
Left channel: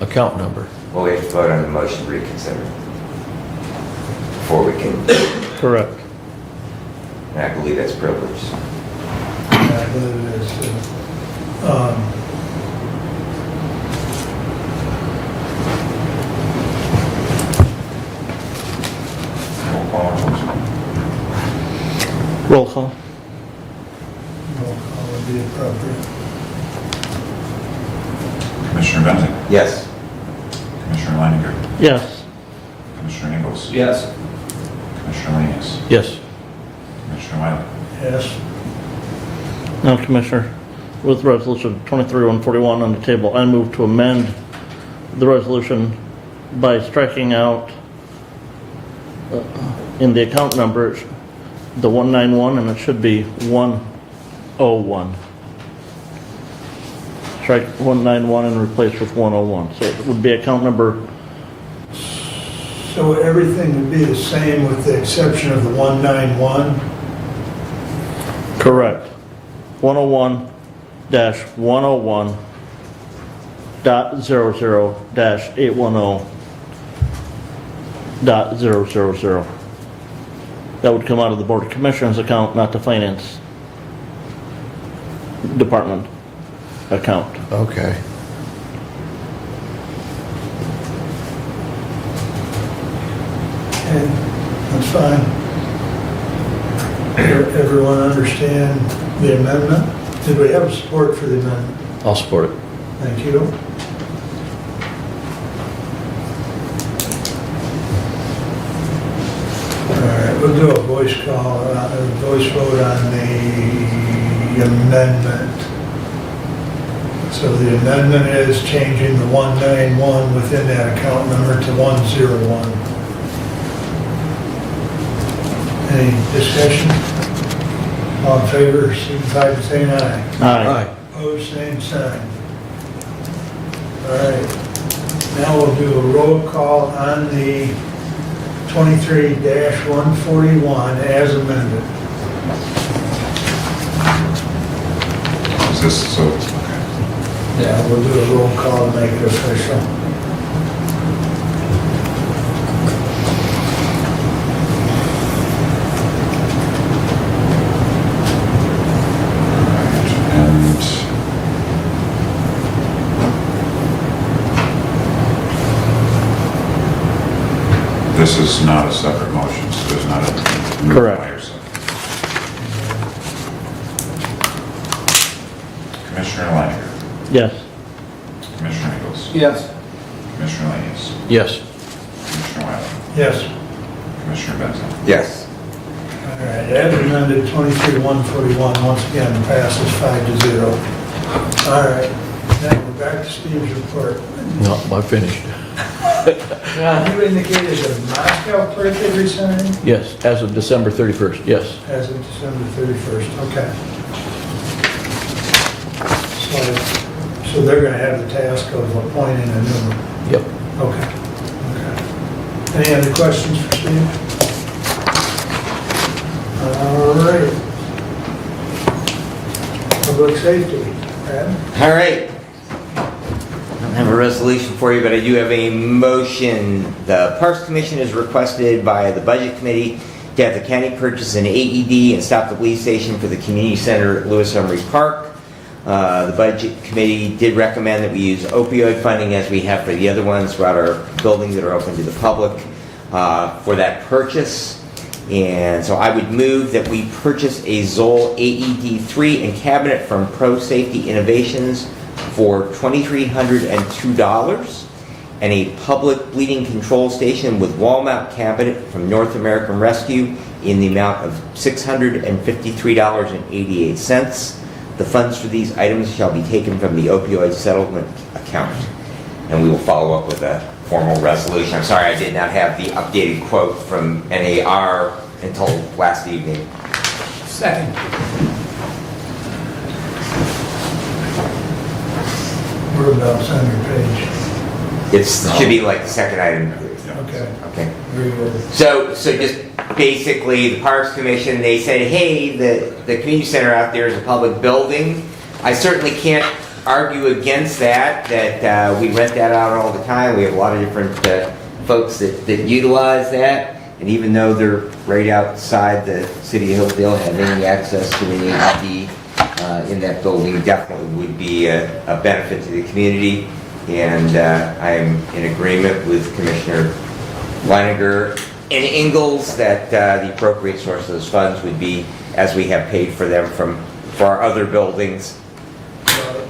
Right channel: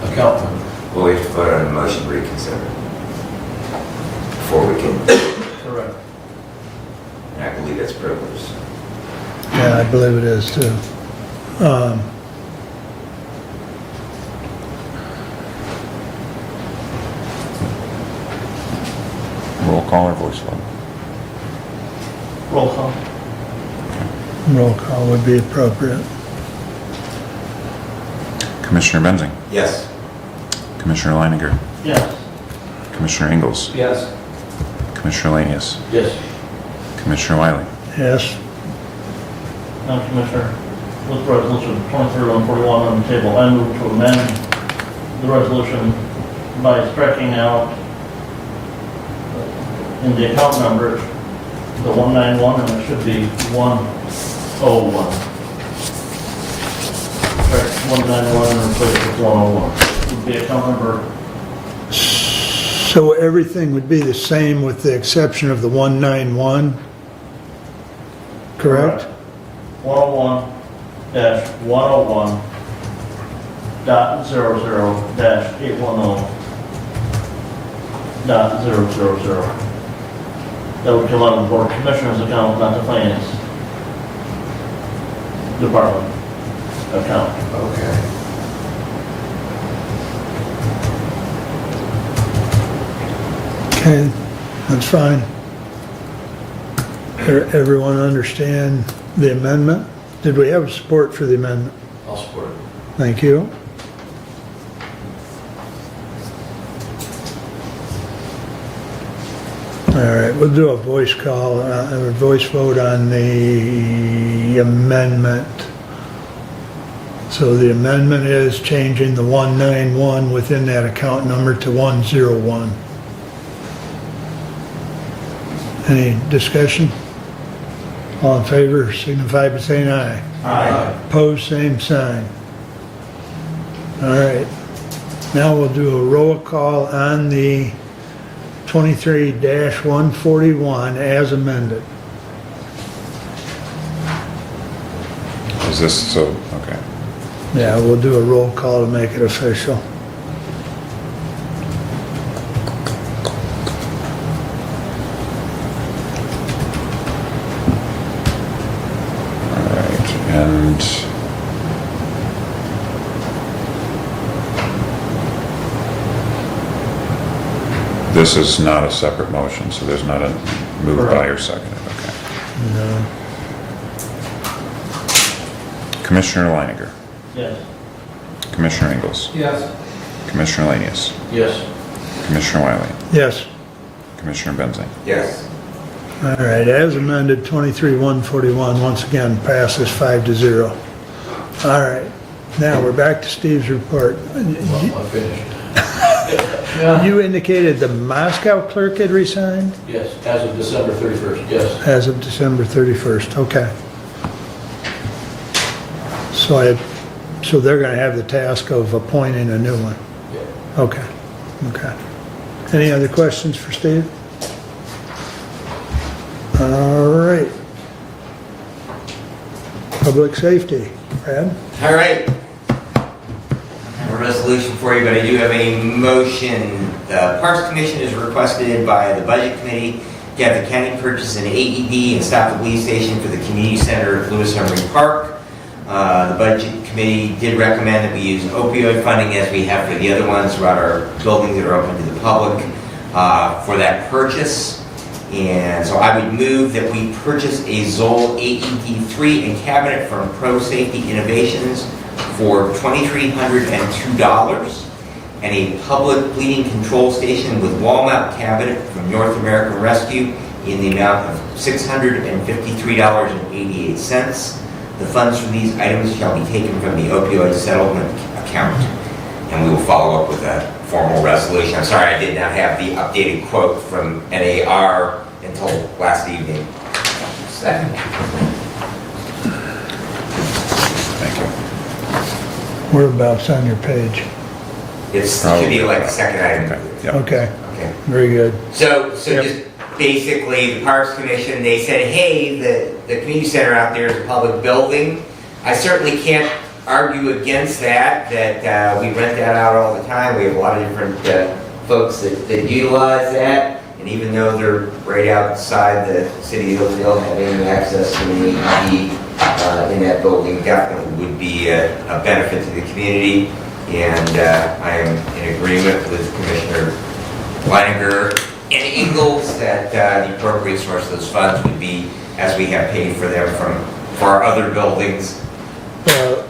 account number. Well, we have to vote on the motion to reconsider before we can, Correct. and I believe that's privileged. yeah, I believe it is too. Roll call or voice vote? Roll call. Roll call would be appropriate. Commissioner Benzing? Yes. Commissioner Leininger? Yes. Commissioner Ingalls? Yes. Commissioner Lanius? Yes. Commissioner Wiley? Yes. Now, Commissioner, with resolution 23-141 on the table, I move to amend the resolution by striking out in the account number the 191, and it should be 101. Strike 191 and replace it with 101. It would be account number. So everything would be the same with the exception of the 191? Correct. 101-101.00-810.000. That would come out of the Board of Commissioners account, not the Finance Department account. Okay. Okay, that's fine. Everyone understand the amendment? Did we have support for the amendment? I'll support it. Thank you. All right, we'll do a voice call, a voice vote on the amendment. So the amendment is changing the 191 within that account number to 101. Any discussion? All in favor, signify by saying aye. Aye. Opposed, same sign. All right. Now we'll do a roll call on the 23-141 as amended. Is this, so, okay. Yeah, we'll do a roll call to make it official. And this is not a separate motion, so there's not a move by or second. Commissioner Leininger, Yes. Commissioner Ingles, Yes. Commissioner Lanius, Yes. Commissioner Wiley, Yes. Commissioner Benzine. Yes. All right, as amended, 23-141, once again, passes 5-0. All right, now we're back to Steve's report. No, I'm finished. You indicated the Moscow clerk had resigned? Yes, as of December 31st, yes. As of December 31st, okay. So they're going to have the task of appointing a new one? Yep. Okay, okay. Any other questions for Steve? All right. Public safety, Brad? All right. I don't have a resolution for you, but I do have a motion. The Parks Commission is requested by the Budget Committee to have the county purchase an AED and stop the police station for the community center at Lewis Emery Park. The Budget Committee did recommend that we use opioid funding as we have for the other ones throughout our buildings that are open to the public for that purchase. And so I would move that we purchase a Zoll AED3 and cabinet from Pro Safety Innovations for $2,302 and a public bleeding control station with wall mount cabinet from North American Rescue in the amount of $653.88. The funds for these items shall be taken from the opioid settlement account. And we will follow up with a formal resolution. I'm sorry I did not have the updated quote from NAR until last evening. Second. Thank you. Whereabouts on your page? It should be like the second item. Okay, Okay. very good. So just basically, the Parks Commission, they said, hey, the community center out there is a public building. I certainly can't argue against that we rent that out all the time. We have a lot of different folks that utilize that. And even though they're right outside the city of Hillsdale, having access to the AED in that building definitely would be a benefit to the community. And I am in agreement with Commissioner Leininger and Ingles that the appropriate source of those funds would be, as we have paid for them for our other buildings.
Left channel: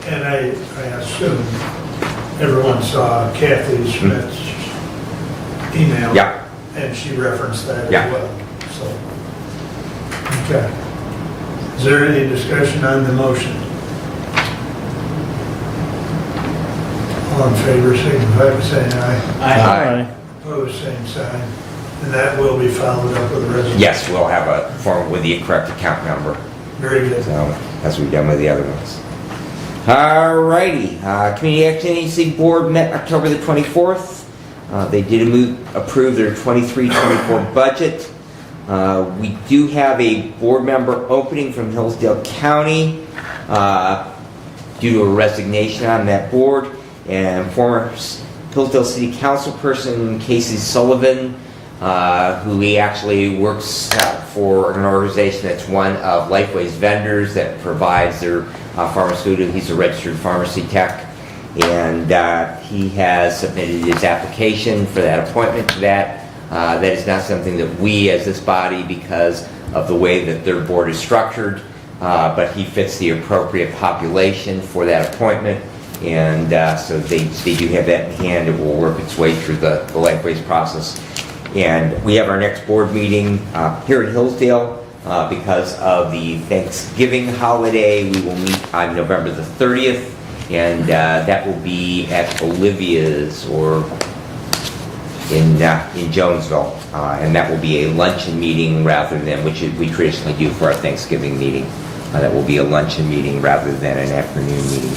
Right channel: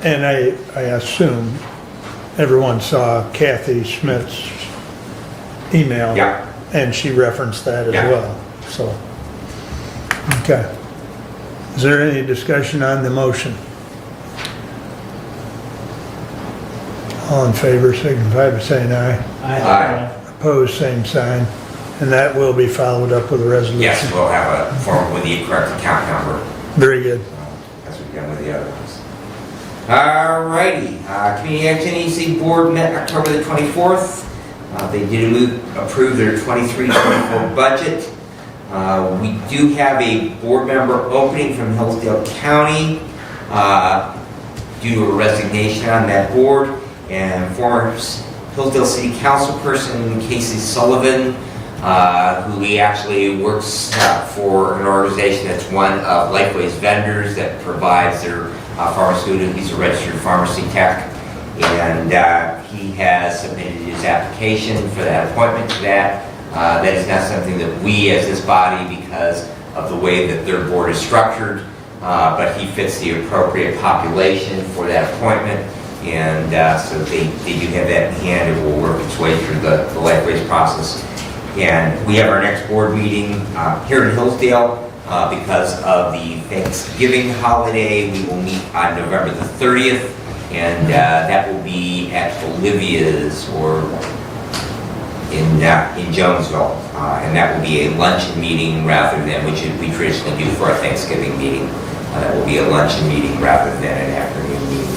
And I assume everyone saw Kathy Schmidt's email. Yeah. And she referenced that as Yeah. well, so. Okay. Is there any discussion on the motion? All in favor, signify by saying aye. Aye. Opposed, same sign. And that will be followed up with a resolution? Yes, we'll have a form with the correct account number, Very good. as we've done with the other ones. Alrighty, Community Action Agency Board met October the 24th. They did approve their 23-24 budget. We do have a board member opening from Hillsdale County due to a resignation on that board, and former Hillsdale City Council person Casey Sullivan, who he actually works for an organization that's one of Lifeway's vendors that provides their pharmaceutical. He's a registered pharmacy tech, and he has submitted his application for that appointment to that. That is not something that we as this body, because of the way that their board is structured, but he fits the appropriate population for that appointment, and so they do have that in hand. It will work its way through the Lifeways process. And we have our next board meeting here in Hillsdale. Because of the Thanksgiving holiday, we will meet on November the 30th, and that will be at Olivia's or in Jonesville, and that will be a luncheon meeting rather than, which we traditionally do for our Thanksgiving meeting. That will be a luncheon meeting rather than an afternoon meeting.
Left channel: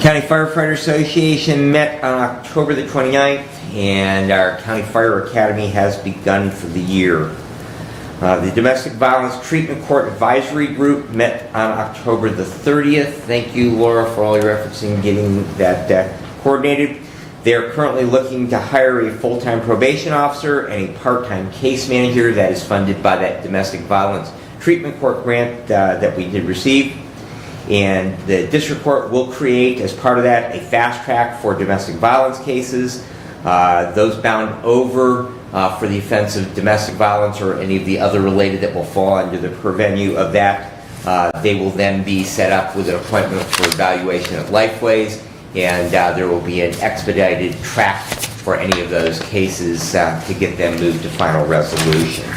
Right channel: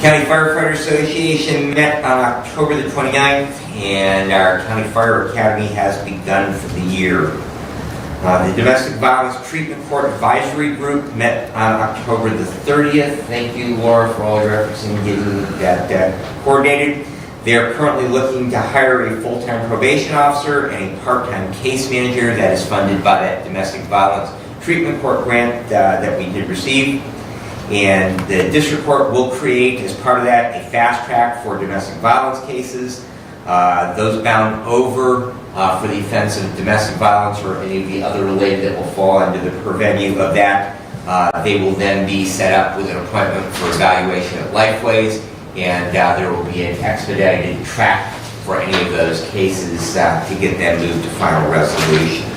County Firefighter Association met on October the 29th, and our County Fire Academy has begun for the year. The Domestic Violence Treatment Court Advisory Group met on October the 30th. Thank you, Laura, for all your efforts in getting that coordinated. They're currently looking to hire a full-time probation officer and a part-time case manager that is funded by that Domestic Violence Treatment Court grant that we did receive. And the district court will create, as part of that, a fast track for domestic violence cases. Those bound over for the offense of domestic violence or any of the other related that will fall under the purview of that, they will then be set up with an appointment for evaluation of Lifeways, and there will be an expedited track for any of those cases to get them moved to final resolution.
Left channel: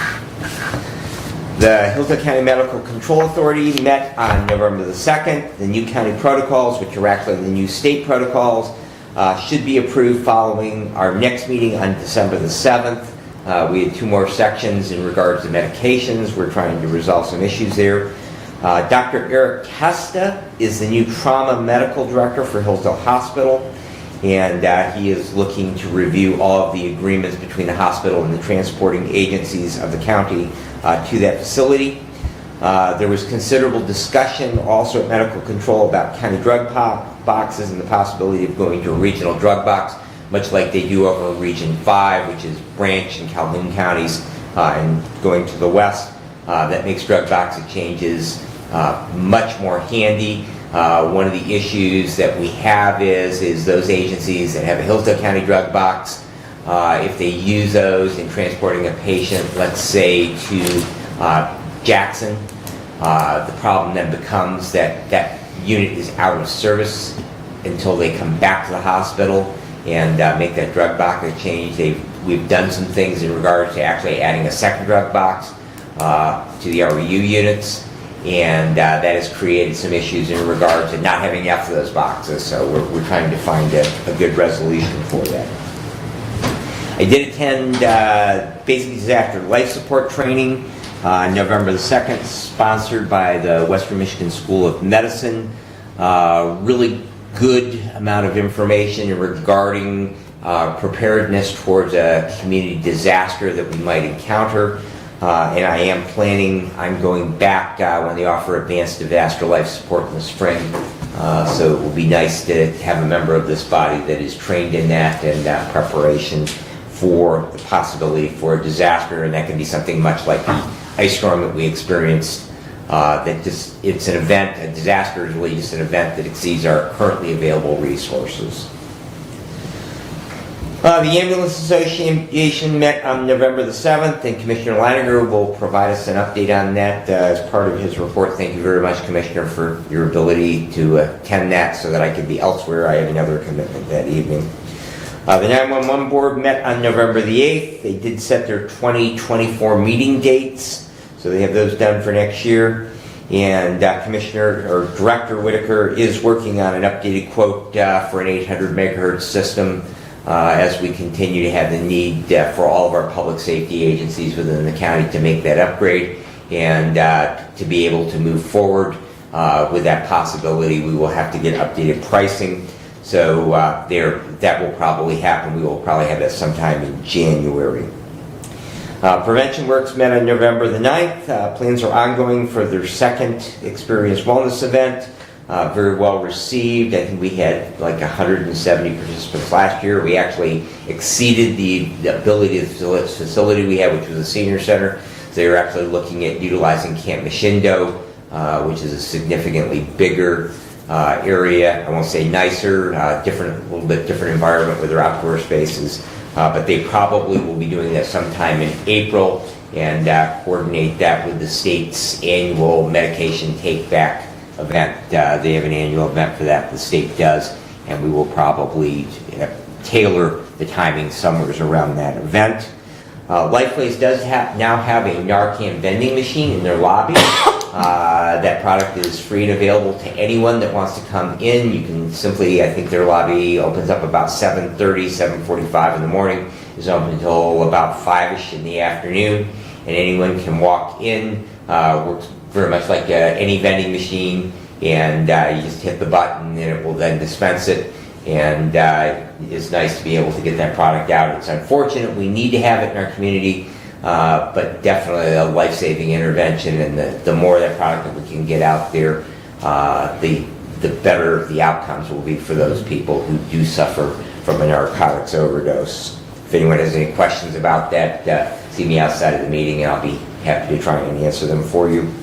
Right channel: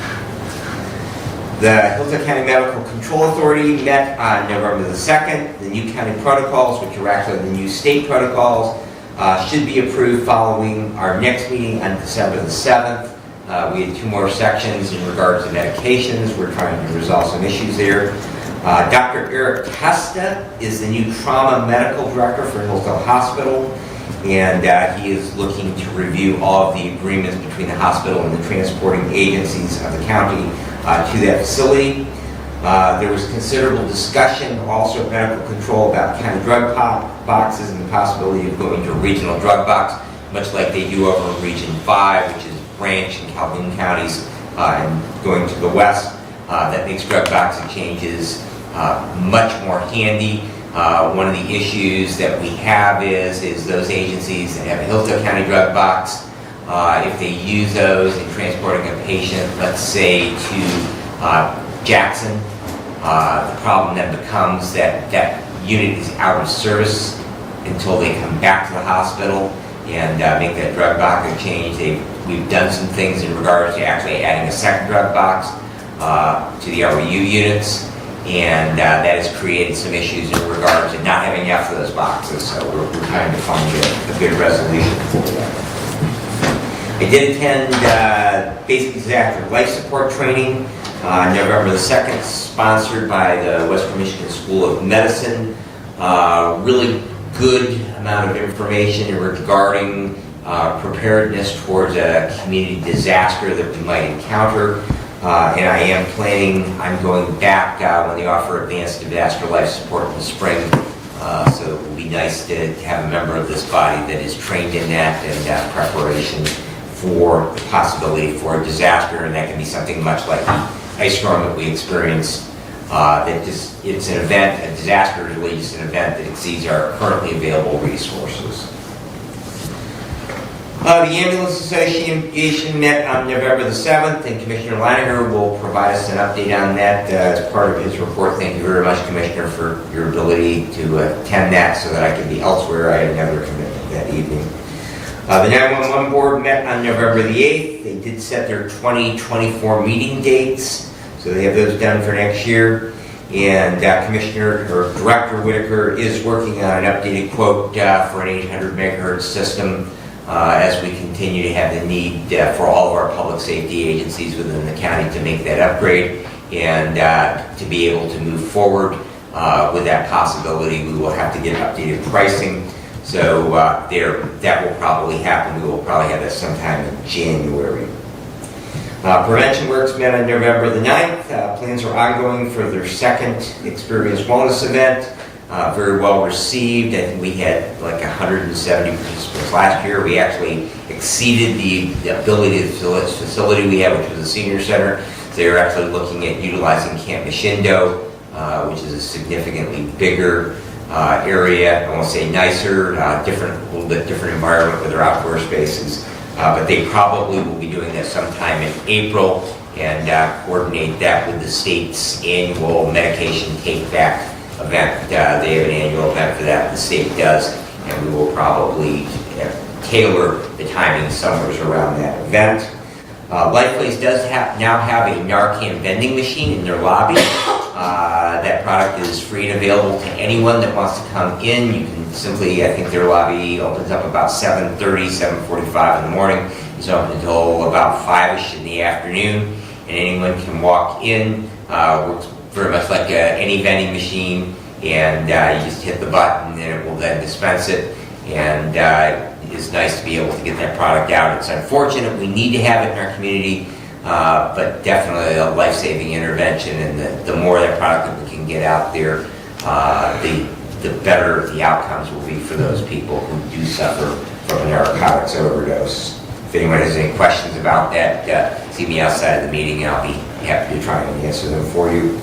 The Hillsdale County Medical Control Authority met on November the 2nd. The new county protocols, which are actually the new state protocols, should be approved following our next meeting on December the 7th. We had 2 more sections in regards to medications. We're trying to resolve some issues there. Dr. Eric Testa is the new trauma medical director for Hillsdale Hospital, and he is looking to review all of the agreements between the hospital and the transporting agencies of the county to that facility. There was considerable discussion also at medical control about county drug boxes and the possibility of going to a regional drug box, much like they do over Region 5, which is Branch and Calhoun counties, and going to the west. That makes drug box changes much more handy. One of the issues that we have is those agencies that have a Hillsdale County drug box, if they use those in transporting a patient, let's say to Jackson, the problem then becomes that that unit is out of service until they come back to the hospital and make that drug box change. We've done some things in regards to actually adding a second drug box to the RVU units, and that has created some issues in regards to not having enough of those boxes, so we're trying to find a good resolution for that. I did attend basic disaster life support training November the 2nd, sponsored by the Western Michigan School of Medicine. Really good amount of information regarding preparedness towards a community disaster that we might encounter. And I am planning, I'm going back when they offer advanced disaster life support in the spring. So it will be nice to have a member of this body that is trained in that and preparation for the possibility for a disaster. And that can be something much like the ice storm that we experienced. It's an event, a disaster is really just an event that exceeds our currently available resources. The Ambulance Association met on November the 7th, and Commissioner Laniger will provide us an update on that as part of his report. Thank you very much, Commissioner, for your ability to attend that so that I can be elsewhere. I had another commitment that evening. The 911 Board met on November the 8th. They did set their 2024 meeting dates, so they have those done for next year. And Director Whitaker is working on an updated quote for an 800 megahertz system as we continue to have the need for all of our public safety agencies within the county to make that upgrade, and to be able to move forward with that possibility, we will have to get updated pricing. So that will probably happen. We will probably have that sometime in January. Prevention Works met on November the 9th. Plans are ongoing for their second Experience Wellness event. Very well received. I think we had like 170 participants last year. We actually exceeded the ability of the facility we have, which was a senior center. So they were actually looking at utilizing Camp Machindo, which is a significantly bigger area. I won't say nicer, a little bit different environment with their outdoor spaces. But they probably will be doing that sometime in April and coordinate that with the state's annual medication take-back event. They have an annual event for that, the state does, and we will probably tailor the timing summers around that event. Lifeways does now have a Narcan vending machine in their lobby. That product is free and available to anyone that wants to come in. You can simply, I think their lobby opens up about 7:30, 7:45 in the morning. It's open until about 5-ish in the afternoon, and anyone can walk in. Works very much like any vending machine, and you just hit the button and it will then dispense it. And it's nice to be able to get that product out. It's unfortunate we need to have it in our community but definitely a life-saving intervention, and the more of that product that we can get out there, the better the outcomes will be for those people who do suffer from a narcotics overdose. If anyone has any questions about that, see me outside of the meeting, and I'll be happy to try and answer them for you.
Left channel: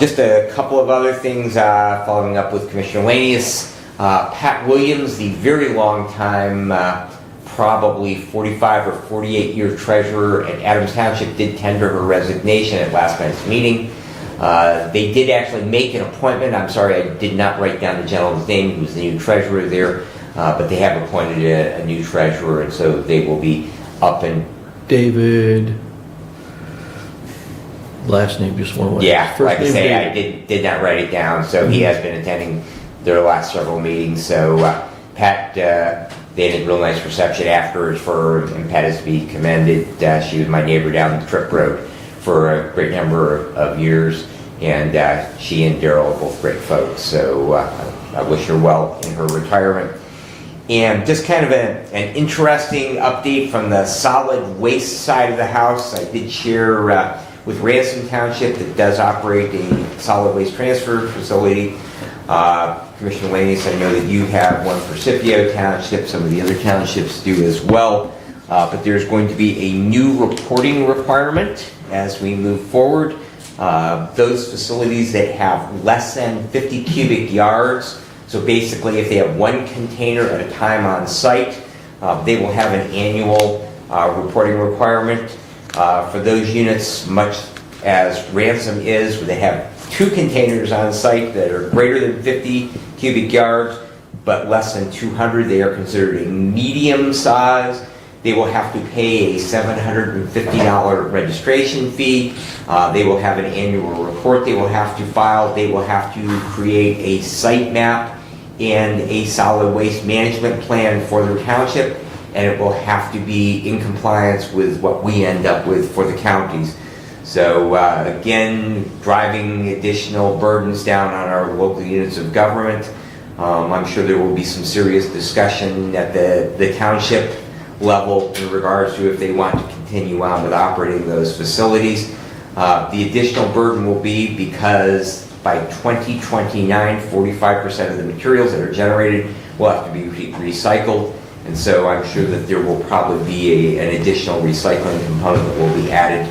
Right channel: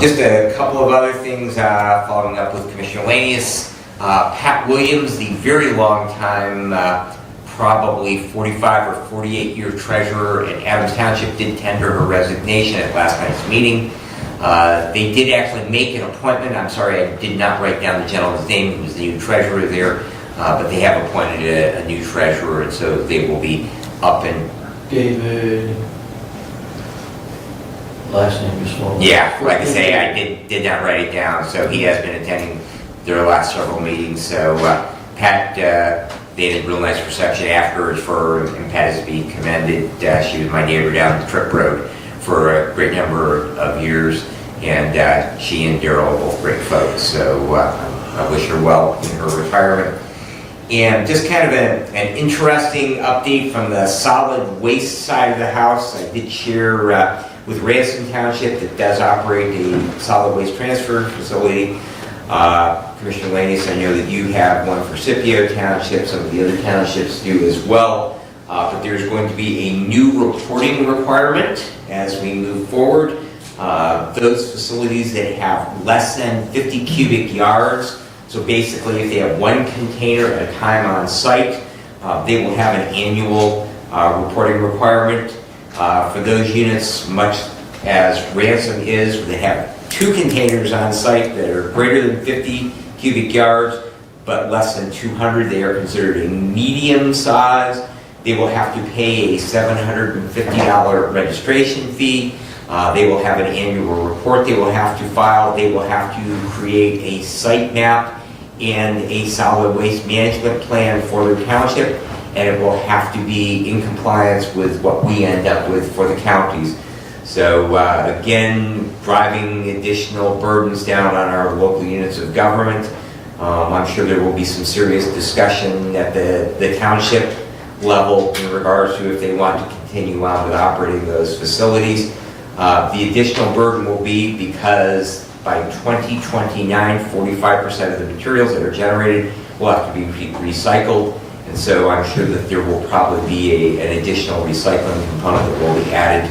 Just a couple of other things following up with Commissioner Lanius. Pat Williams, the very long time, probably 45 or 48-year treasurer at Adams Township, did tender her resignation at last night's meeting. They did actually make an appointment. I'm sorry, I did not write down the gentleman's name who was the new treasurer there, but they have appointed a new treasurer, and so they will be up and... David, last name just won't. Yeah, like I say, I did not write it down, so he has been attending their last several meetings. So Pat, they did a real nice reception afterwards for her, and Pat is to be commended. She was my neighbor down the Trick Road for a great number of years, and she and Daryl are both great folks. So I wish her well in her retirement. And just kind of an interesting update from the solid waste side of the house. I did share with Ransom Township that does operate a solid waste transfer facility. Commissioner Lanius, I know that you have one for Scipio Township, some of the other townships do as well, but there's going to be a new reporting requirement as we move forward. Those facilities that have less than 50 cubic yards, so basically if they have one container at a time on site, they will have an annual reporting requirement. For those units, much as Ransom is, where they have 2 containers on site that are greater than 50 cubic yards, but less than 200, they are considered a medium size. They will have to pay a $750 registration fee. They will have an annual report they will have to file. They will have to create a site map and a solid waste management plan for their township, and it will have to be in compliance with what we end up with for the counties. So again, driving additional burdens down on our local units of government. I'm sure there will be some serious discussion at the township level in regards to if they want to continue on with operating those facilities. The additional burden will be because by 2029, 45% of the materials that are generated will have to be recycled. And so I'm sure that there will probably be an additional recycling component that will be added,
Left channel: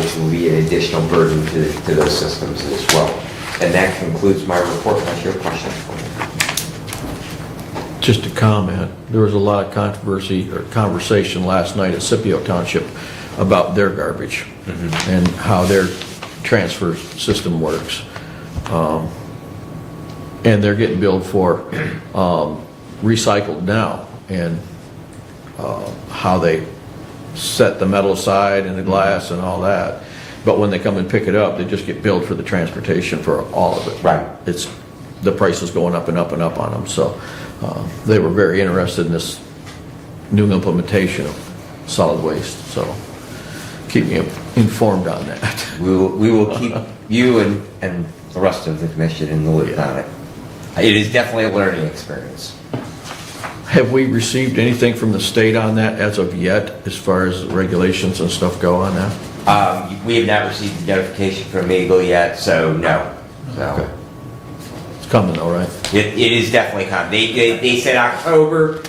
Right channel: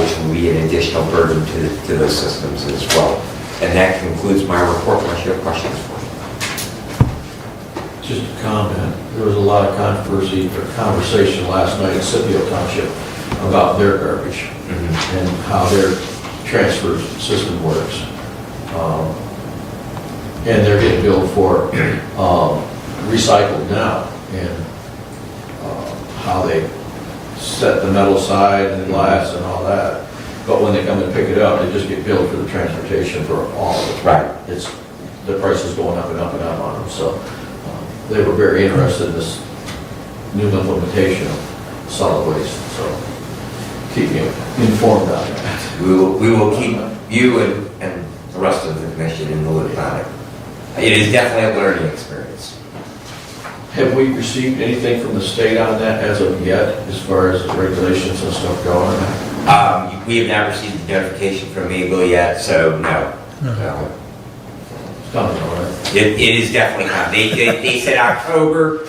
which will be an additional burden to those systems as well. And that concludes my report. Unless you have questions for me. Just a comment, there was a lot of controversy or conversation last night at Scipio Township about their garbage and how their transfer system works. And they're getting billed for recycled now, and how they set the metal side and the glass and all that. But when they come and pick it up, they just get billed for the transportation for all of it. Right. It's, the price is going up and up and up on them. So they were very interested in this new implementation of solid waste. So keep you informed on that. We will keep you and the rest of the commission in the loop on it. It is definitely a learning experience. Have we received anything from the state on that as of yet, as far as regulations and stuff go on that? We have not received notification from Eagle yet, so no. So. It's coming though, right? It is definitely coming. They said October.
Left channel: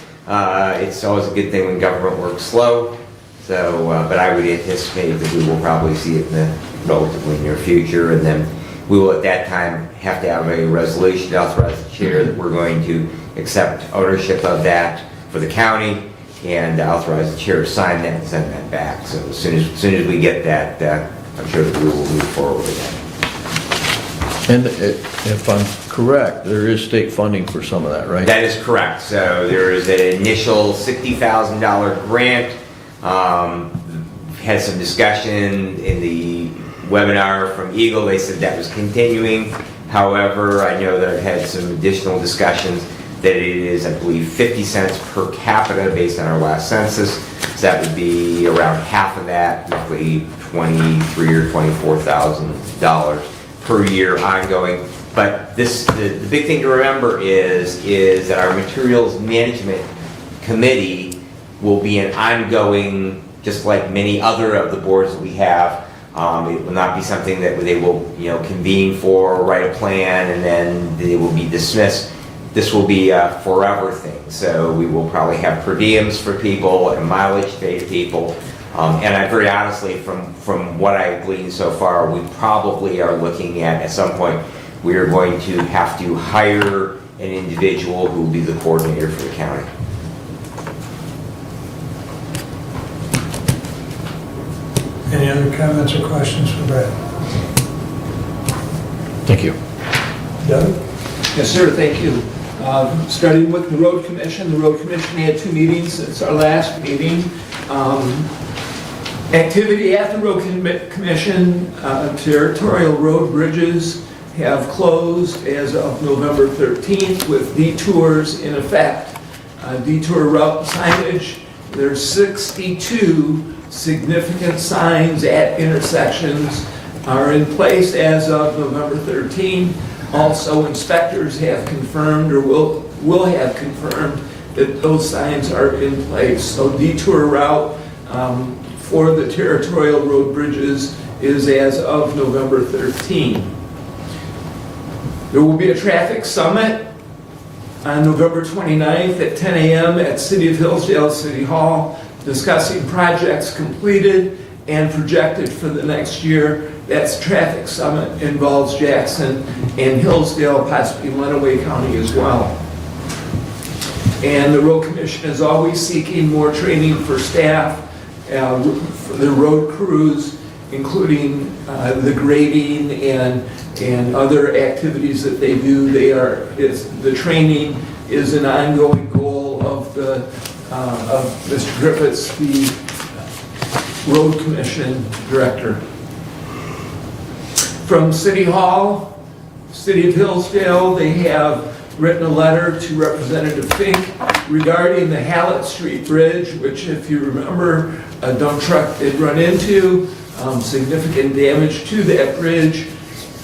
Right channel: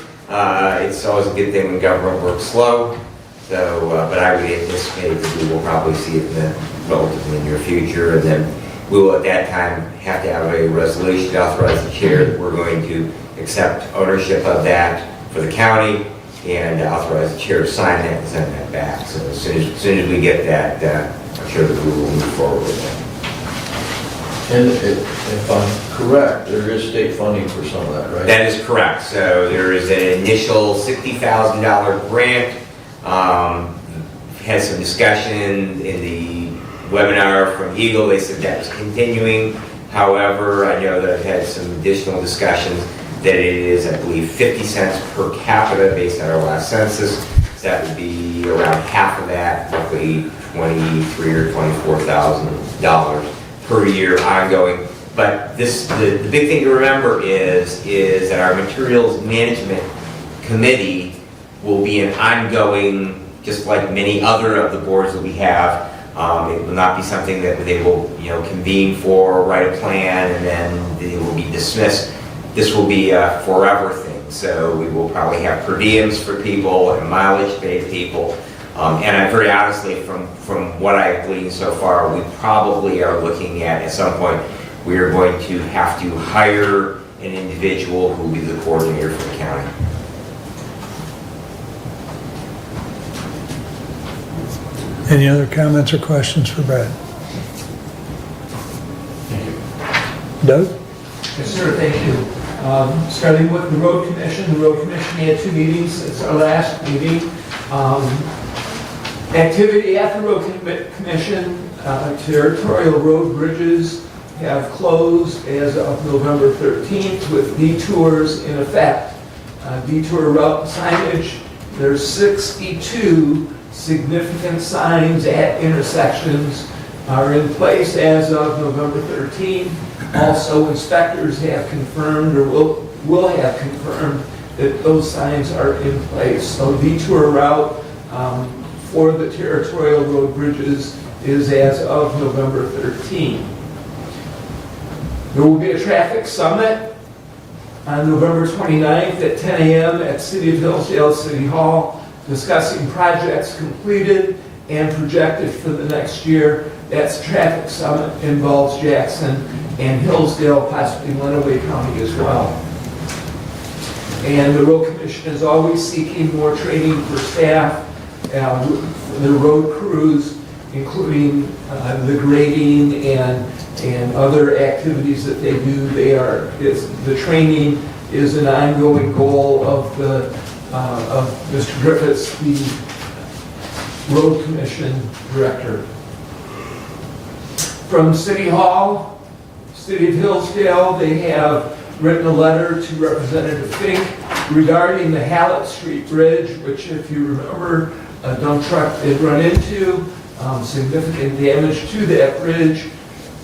It's always a good thing when government works slow. So, but I would anticipate that we will probably see it in the relatively near future, and then we will at that time have to have a resolution to authorize the chair that we're going to accept ownership of that for the county and authorize the chair to sign that and send that back. So as soon as we get that, I'm sure that we will move forward with that. And if I'm correct, there is state funding for some of that, right? That is correct. So there is an initial $60,000 grant. Had some discussion in the webinar from Eagle. They said that was continuing. However, I know that I've had some additional discussions that it is, I believe, 50 cents per capita based on our last census. So that would be around half of that, roughly $23,000 or $24,000 per year ongoing. But the big thing to remember is that our materials management committee will be an ongoing just like many other of the boards that we have. It will not be something that they will, convene for, write a plan, and then they will be dismissed. This will be a forever thing. So we will probably have per diems for people and mileage paid to people. And I very honestly, from what I've gleaned so far, we probably are looking at some point, we are going to have to hire an individual who will be the coordinator for the county. Any other comments or questions for Brad? Thank you. Doug? Yes, sir, thank you. Starting with the road commission had 2 meetings since our last meeting. Activity at the road commission, territorial road bridges have closed as of November 13th with detours in effect. Detour route signage, there's 62 significant signs at intersections are in place as of November 13th. Also, inspectors have confirmed or will have confirmed that those signs are in place. So detour route for the territorial road bridges is as of November 13th. There will be a traffic summit on November 29th at 10 a.m. at City of Hillsdale City Hall, discussing projects completed and projected for the next year. That's traffic summit, involves Jackson and Hillsdale, possibly Lenawee County as well. And the road commission is always seeking more training for staff, for the road crews, including the grading and other activities that they do. The training is an ongoing goal of Mr. Griffiths, the road commission director. From City Hall, City of Hillsdale, they have written a letter to Representative Fink regarding the Hallett Street Bridge, which, if you remember, a dump truck did run into, significant damage to that bridge.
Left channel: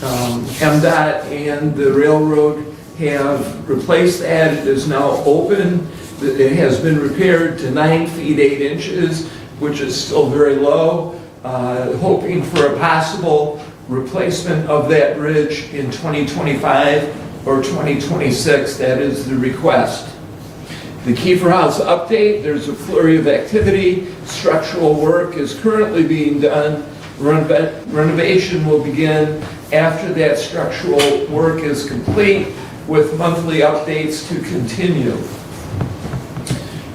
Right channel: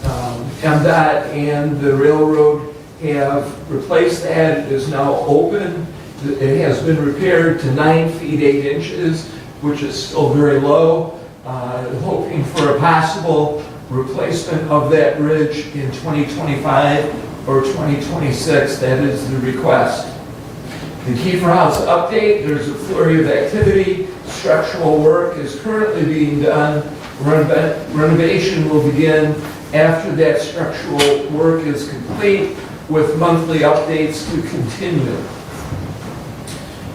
MDOT and the railroad have replaced that. It is now open. It has been repaired to 9 feet 8 inches, which is still very low. Hoping for a possible replacement of that bridge in 2025 or 2026. That is the request. The Kiefer House update, there's a flurry of activity. Structural work is currently being done. Renovation will begin after that structural work is complete, with monthly updates to continue.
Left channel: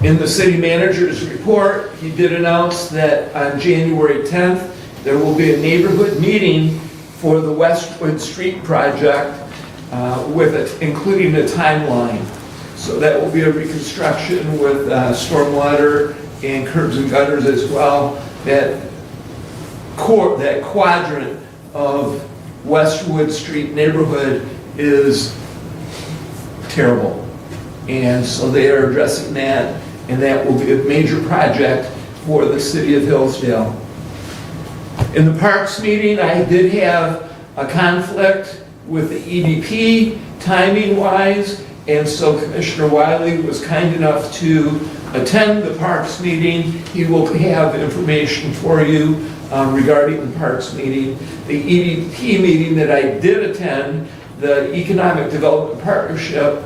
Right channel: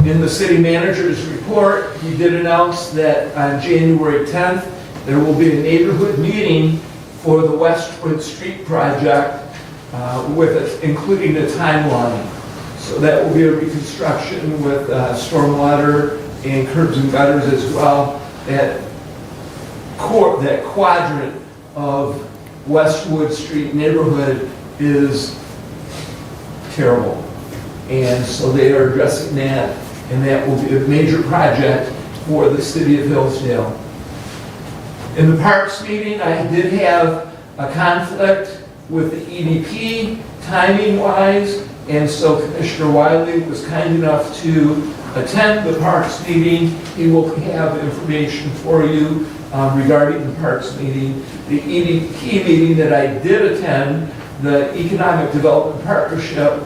In the city manager's report, he did announce that on January 10th, there will be a neighborhood meeting for the Westwood Street project, including a timeline. So that will be a reconstruction with stormwater and curbs and gutters as well. That quadrant of Westwood Street neighborhood is terrible. And so they are addressing that, and that will be a major project for the city of Hillsdale. In the parks meeting, I did have a conflict with the EDP timing-wise, and so Commissioner Wiley was kind enough to attend the parks meeting. He will have information for you regarding the parks meeting. The EDP meeting that I did attend, the Economic Development Partnership,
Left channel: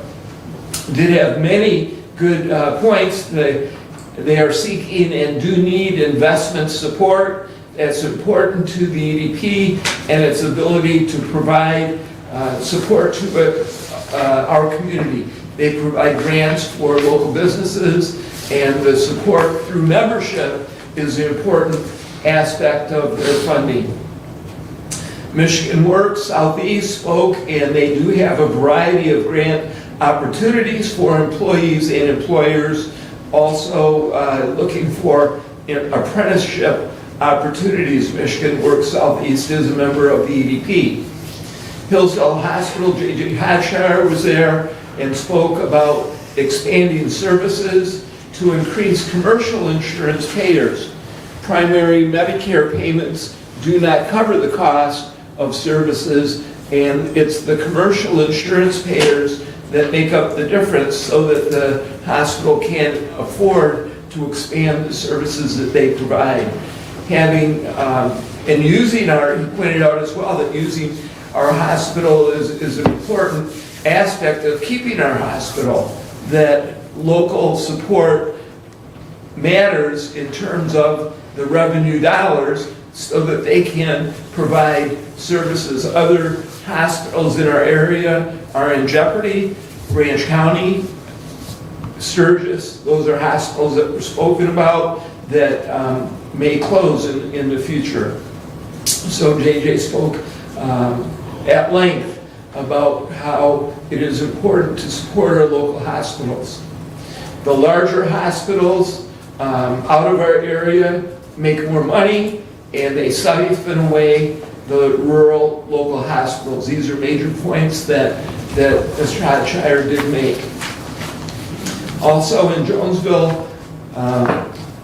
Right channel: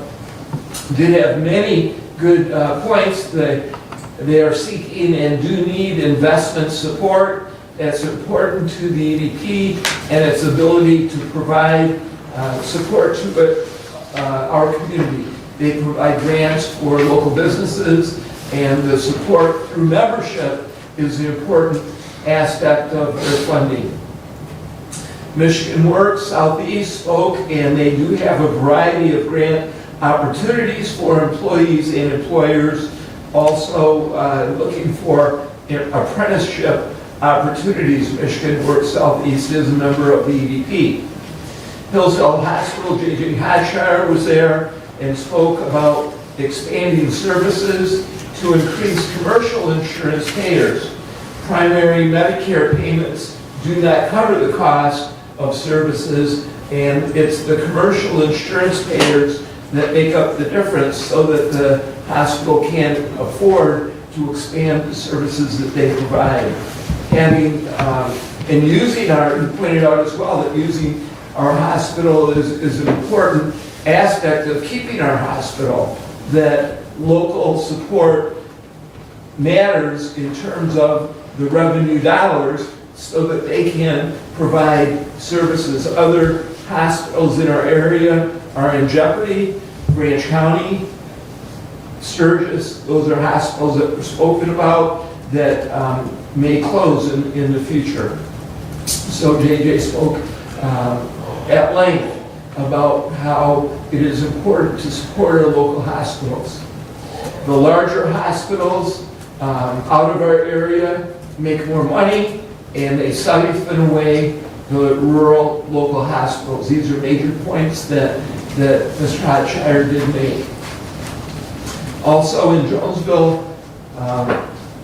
did have many good points. They are seeking and do need investment support. It's important to the EDP and its ability to provide support to our community. They provide grants for local businesses, and the support through membership is an important aspect of their funding. Michigan Works Southeast spoke, and they do have a variety of grant opportunities for employees and employers. Also looking for apprenticeship opportunities. Michigan Works Southeast is a member of the EDP. Hillsdale Hospital, J.J. Hashire was there and spoke about expanding services to increase commercial insurance payers. Primary Medicare payments do not cover the cost of services, and it's the commercial insurance payers that make up the difference so that the hospital can afford to expand the services that they provide. Having, and using our, you pointed out as well, that using our hospital is an important aspect of keeping our hospital, that local support matters in terms of the revenue dollars so that they can provide services. Other hospitals in our area are in jeopardy. Branch County, Sturgis, those are hospitals that were spoken about that may close in the future. So JJ spoke at length about how it is important to support our local hospitals. The larger hospitals out of our area make more money, and they siphon away the rural local hospitals. These are major points that Mr. Hotshire did make. Also in Jonesville,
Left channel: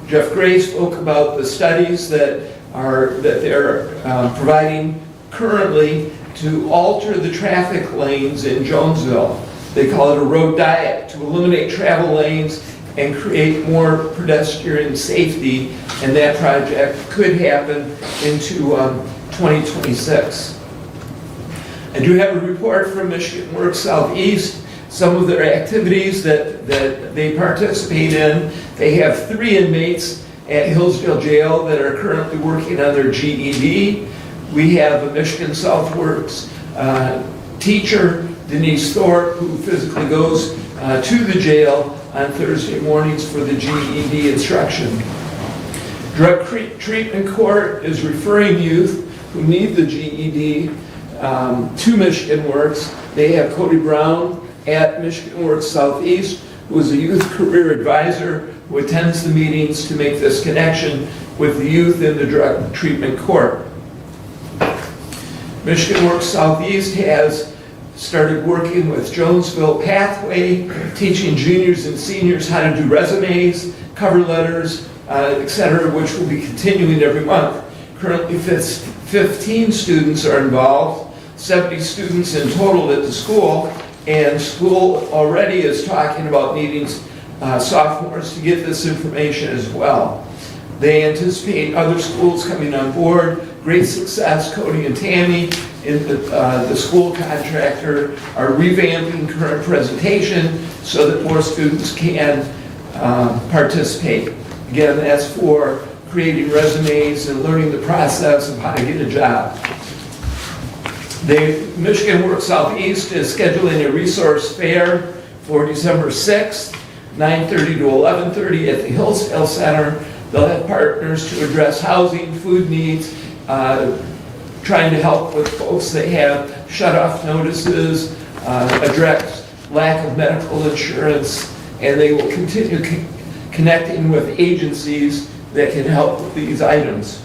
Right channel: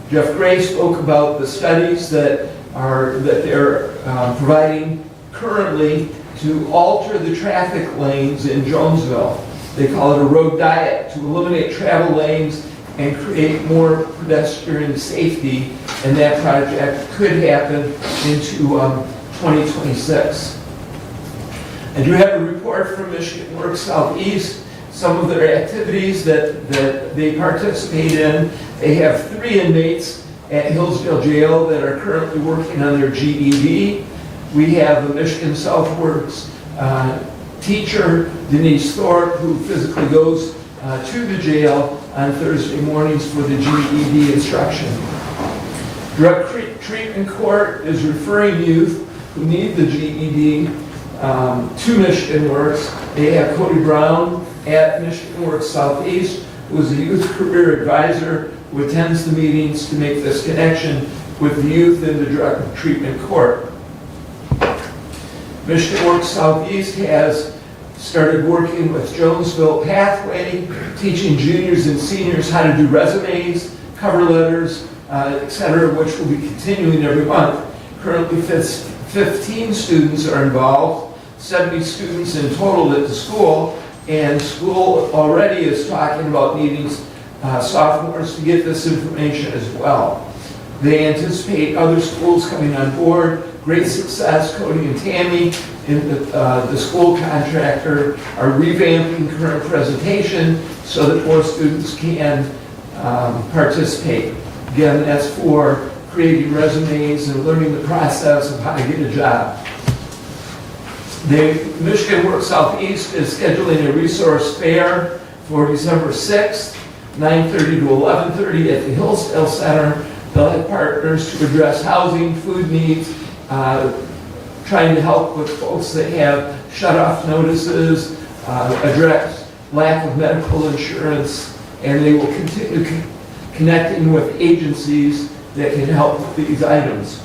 Jeff Gray spoke about the studies that they're providing currently to alter the traffic lanes in Jonesville. They call it a road diet, to eliminate travel lanes and create more pedestrian safety, and that project could happen into 2026. I do have a report from Michigan Works Southeast, some of their activities that they participate in. They have 3 inmates at Hillsdale Jail that are currently working on their GED. We have a Michigan South Works teacher, Denise Thorpe, who physically goes to the jail on Thursday mornings for the GED instruction. Drug Treatment Court is referring youth who need the GED to Michigan Works. They have Cody Brown at Michigan Works Southeast, who is a youth career advisor who attends the meetings to make this connection with the youth in the Drug Treatment Court. Michigan Works Southeast has started working with Jonesville Pathway, teaching juniors and seniors how to do resumes, cover letters, etc., which will be continuing every month. Currently, 15 students are involved, 70 students in total at the school, and school already is talking about needing sophomores to get this information as well. They anticipate other schools coming on board. Great success. Cody and Tammy in the school contractor are revamping current presentation so that more students can participate. Again, that's for creating resumes and learning the process of how to get a job. The Michigan Works Southeast is scheduling a resource fair for December 6th, 9:30 to 11:30 at the Hillsdale Center. They'll have partners to address housing, food needs, trying to help with folks that have shut-off notices, address lack of medical insurance, and they will continue connecting with agencies that can help with these items.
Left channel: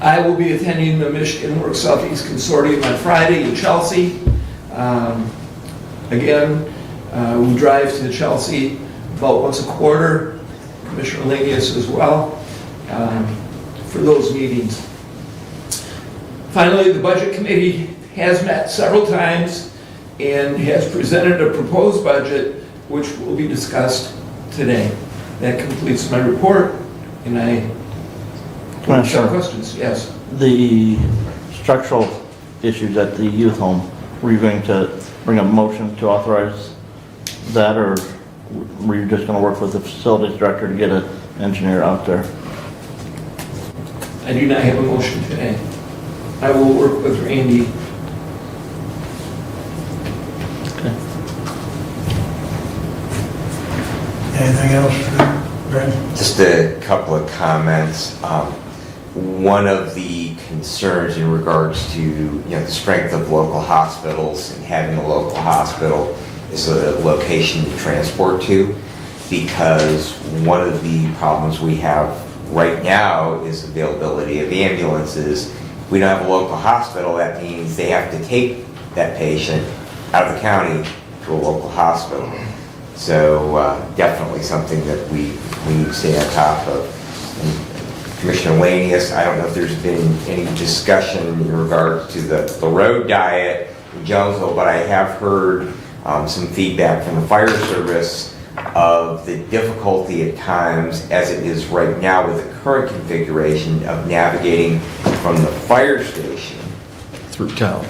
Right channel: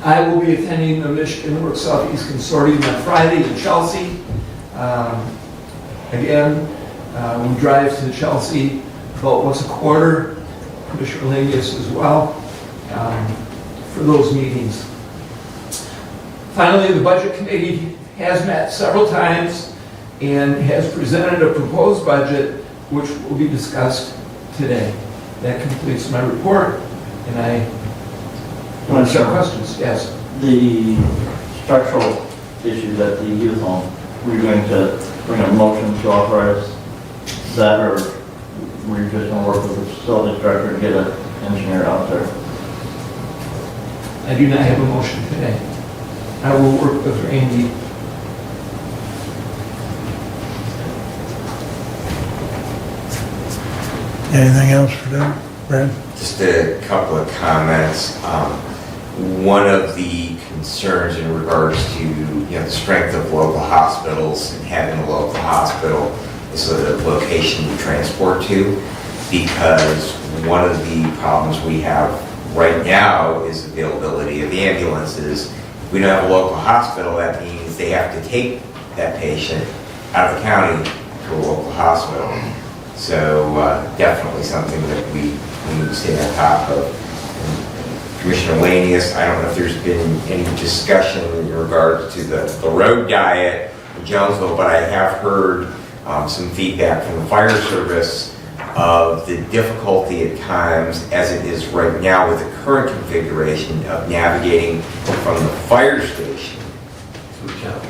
I will be attending the Michigan Works Southeast Consortium on Friday in Chelsea. Again, we drive to Chelsea about once a quarter. Commissioner Lanius as well, for those meetings. Finally, the Budget Committee has met several times and has presented a proposed budget which will be discussed today. That completes my report, and I have questions. Yes. The structural issues at the youth home, were you going to bring a motion to authorize that, or were you just going to work with the facilities director to get an engineer out there? I do not have a motion today. I will work with Randy. Anything else, Brad? Just a couple of comments. One of the concerns in regards to the strength of local hospitals and having a local hospital is the location to transport to, because one of the problems we have right now is availability of ambulances. If we don't have a local hospital, that means they have to take that patient out of the county to a local hospital. So definitely something that we need to stay on top of. And Commissioner Lanius, I don't know if there's been any discussion in regard to the road diet in Jonesville, but I have heard some feedback from the fire service of the difficulty at times, as it is right now with the current configuration, of navigating from the fire station Through town.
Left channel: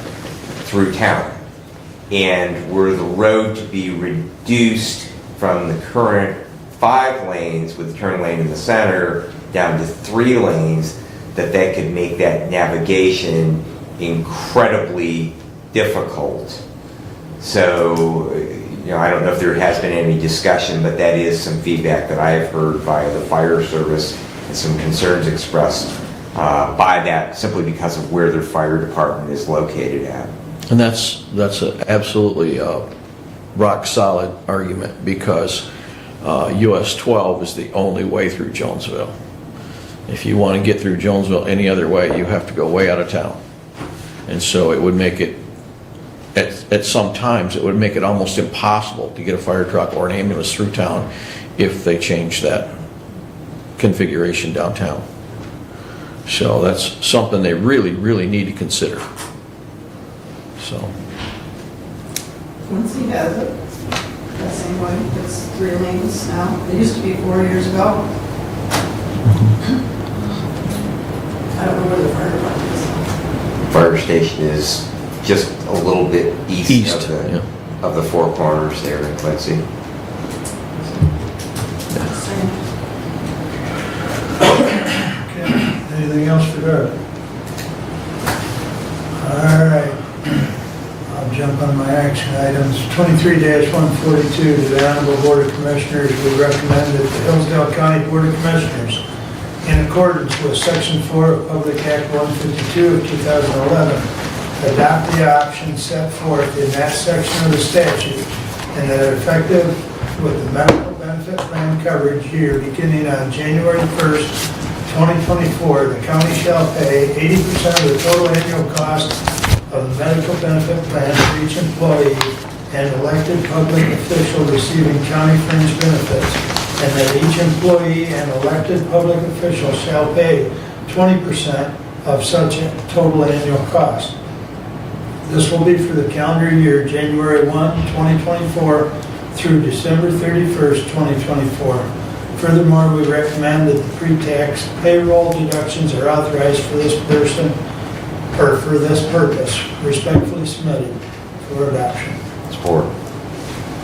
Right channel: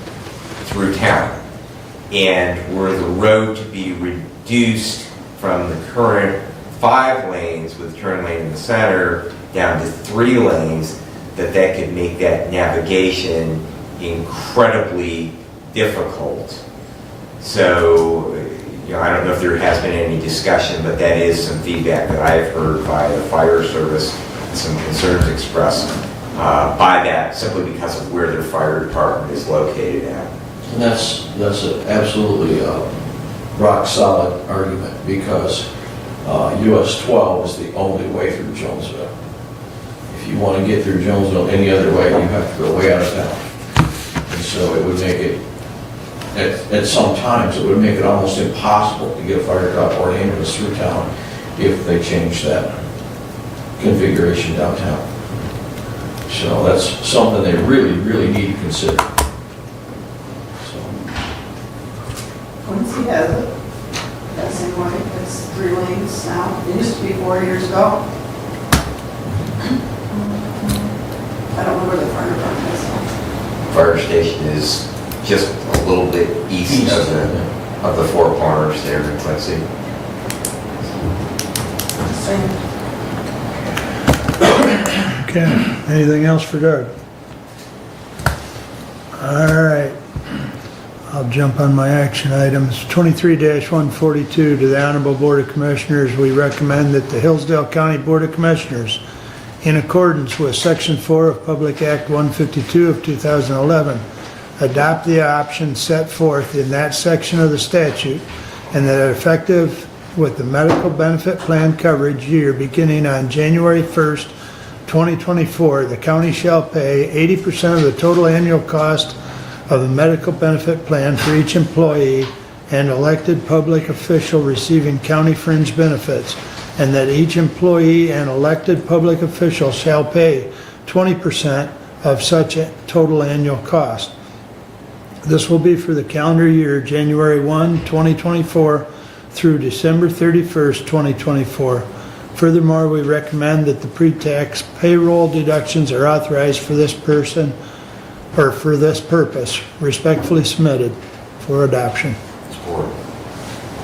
And were the road to be reduced from the current 5 lanes with a turn lane in the center down to 3 lanes, that could make that navigation incredibly difficult. So, I don't know if there has been any discussion, but that is some feedback that I have heard by the fire service, and some concerns expressed by that, simply because of where their fire department is located at. And that's an absolutely rock solid argument, because US 12 is the only way through Jonesville. If you want to get through Jonesville any other way, you have to go way out of town. And so it would make it, at some times, it would make it almost impossible to get a fire truck or an ambulance through town if they change that configuration downtown. So that's something they really, really need to consider. So. Quincy has it that same way. It's 3 lanes now. It used to be 4 years ago. I don't know where the fire department is. Fire station is just a little bit east of the 4 corners there in Quincy. Okay, anything else for Doug? All right, I'll jump on my action items. 23-142, to the Honorable Board of Commissioners, we recommend that the Hillsdale County Board of Commissioners, in accordance with Section 4 of Public Act 152 of 2011, adopt the option set forth in that section of the statute, and that effective with the medical benefit plan coverage year beginning on January 1st, 2024, the county shall pay 80% of the total annual cost of the medical benefit plan for each employee and elected public official receiving county fringe benefits, and that each employee and elected public official shall pay 20% of such total annual cost. This will be for the calendar year January 1, 2024 through December 31st, 2024. Furthermore, we recommend that the pre-tax payroll deductions are authorized for this person or for this purpose. Respectfully submitted for adoption. Support.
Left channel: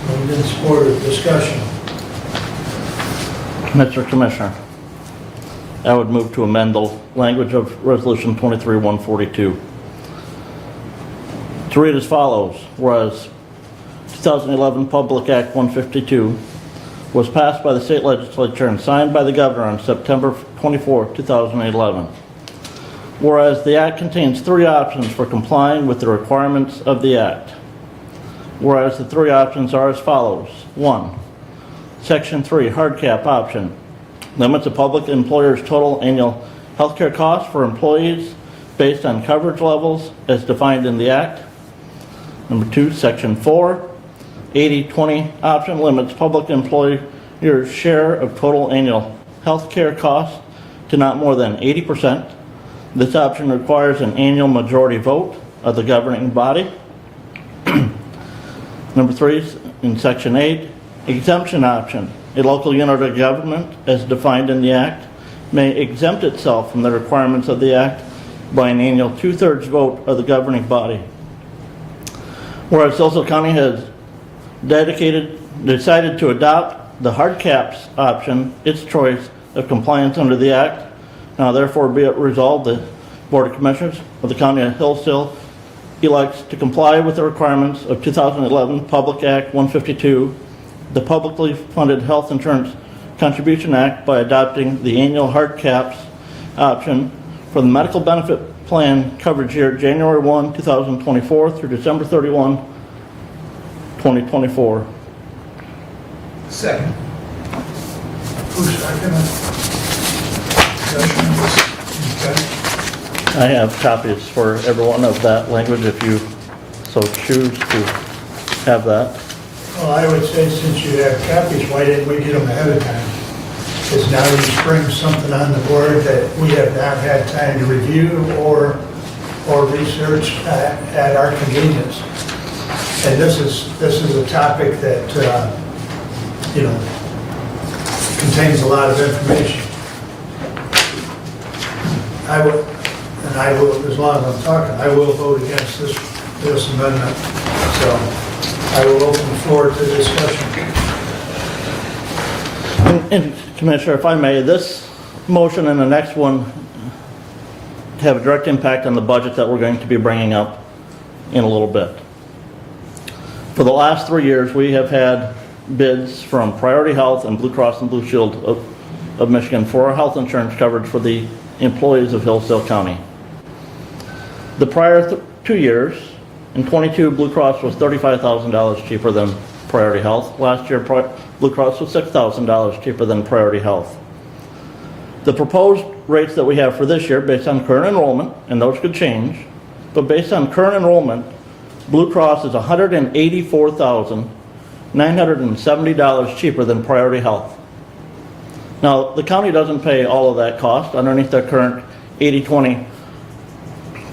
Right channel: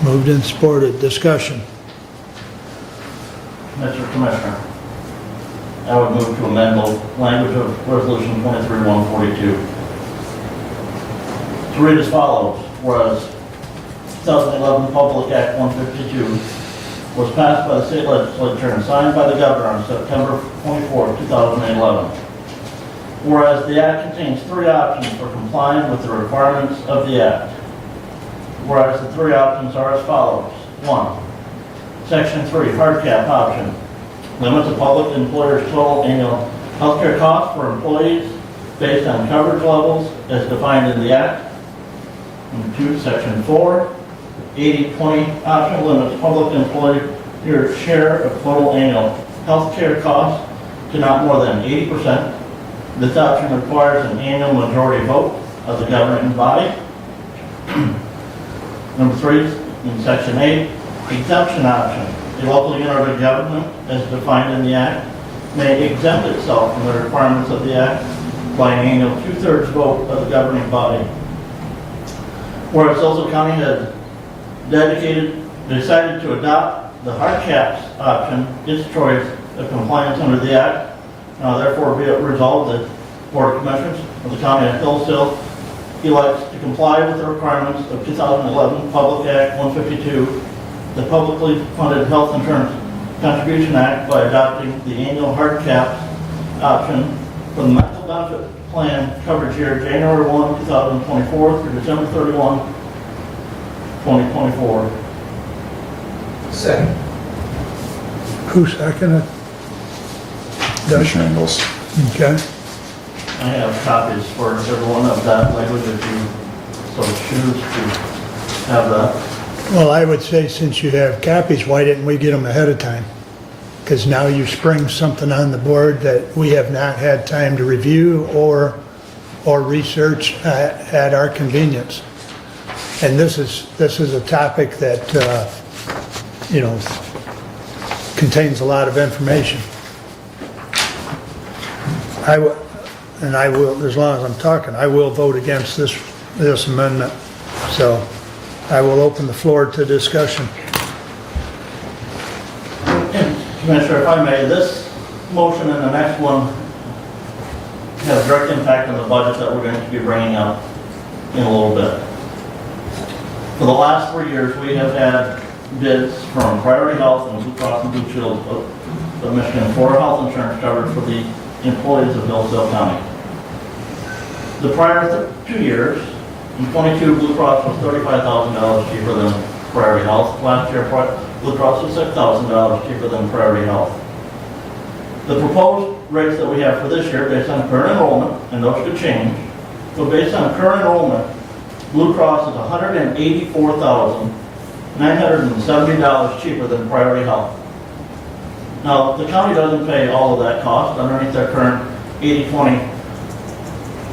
Moved and supported. Discussion. Mr. Commissioner, I would move to amend the language of Resolution 23-142 to read as follows. Whereas 2011 Public Act 152 was passed by the state legislature and signed by the governor on September 24, 2011. Whereas the act contains 3 options for complying with the requirements of the act. Whereas the 3 options are as follows. 1. Section 3, hard cap option. Limits a public employer's total annual healthcare costs for employees based on coverage levels as defined in the act. Number 2, Section 4, 80-20 option limits public employer's share of total annual healthcare costs to not more than 80%. This option requires an annual majority vote of the governing body. Number 3, in Section 8, exemption option. A local unit of government, as defined in the Act, may exempt itself from the requirements of the Act by an annual 2/3 vote of the governing body. Whereas Hillsdale County has decided to adopt the hard caps option, its choice of compliance under the Act. Now therefore be it resolved that the Board of Commissioners of the County of Hillsdale elects to comply with the requirements of 2011 Public Act 152, the Publicly Funded Health Insurance Contribution Act, by adopting the annual hard caps option for the medical benefit plan coverage year January 1, 2024 through December 31, 2024. Second. Who seconded? Discussion. Okay. I have copies for everyone of that language if you so choose to have that. Well, I would say since you have copies, why didn't we get them ahead of time? Because now you spring something on the board that we have not had time to review or research at our convenience. And this is a topic that you know, contains a lot of information. I will, as long as I'm talking, I will vote against this amendment. So I will open the floor to discussion. And Commissioner, if I may, this motion and the next one have a direct impact on the budget that we're going to be bringing up in a little bit. For the last 3 years, we have had bids from Priority Health and Blue Cross and Blue Shield of Michigan for our health insurance coverage for the employees of Hillsdale County. The prior 2 years, in 22, Blue Cross was $35,000 cheaper than Priority Health. Last year, Blue Cross was $6,000 cheaper than Priority Health. The proposed rates that we have for this year, based on current enrollment, and those could change, but based on current enrollment, Blue Cross is $184,970 cheaper than Priority Health. Now, the county doesn't pay all of that cost underneath their current 80-20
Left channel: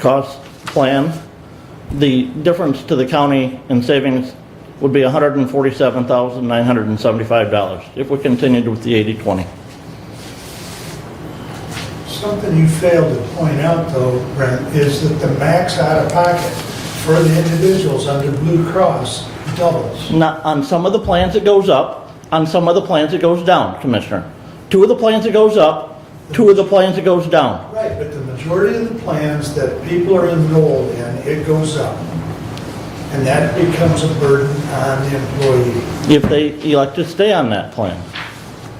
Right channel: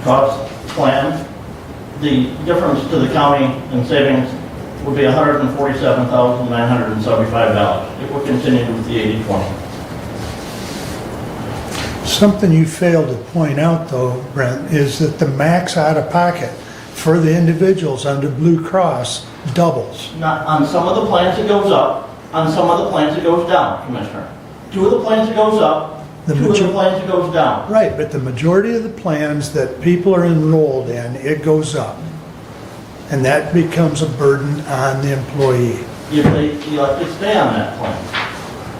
cost plan. The difference to the county in savings would be $147,975 if we continued with the 80-20. Something you failed to point out, though, Brent, is that the max out-of-pocket for the individuals under Blue Cross doubles. Not on some of the plans it goes up, on some of the plans it goes down, Commissioner. 2 of the plans it goes up, 2 of the plans it goes down. Right, but the majority of the plans that people are enrolled in, it goes up. And that becomes a burden on the employee. If they elect to stay on that plan.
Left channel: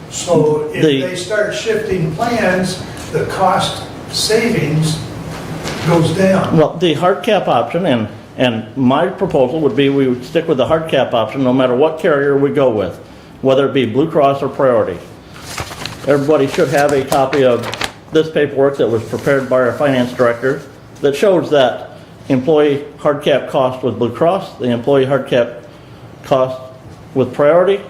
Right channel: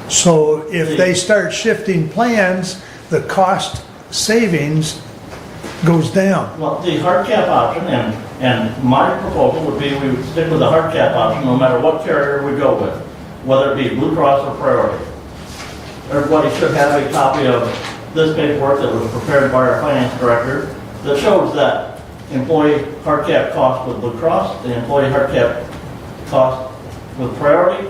So if they start shifting plans, the cost savings goes down. Well, the hard cap option, and my proposal would be we would stick with the hard cap option no matter what carrier we go with, whether it be Blue Cross or Priority. Everybody should have a copy of this paperwork that was prepared by our finance director that shows that employee hard cap cost with Blue Cross, the employee hard cap cost with Priority,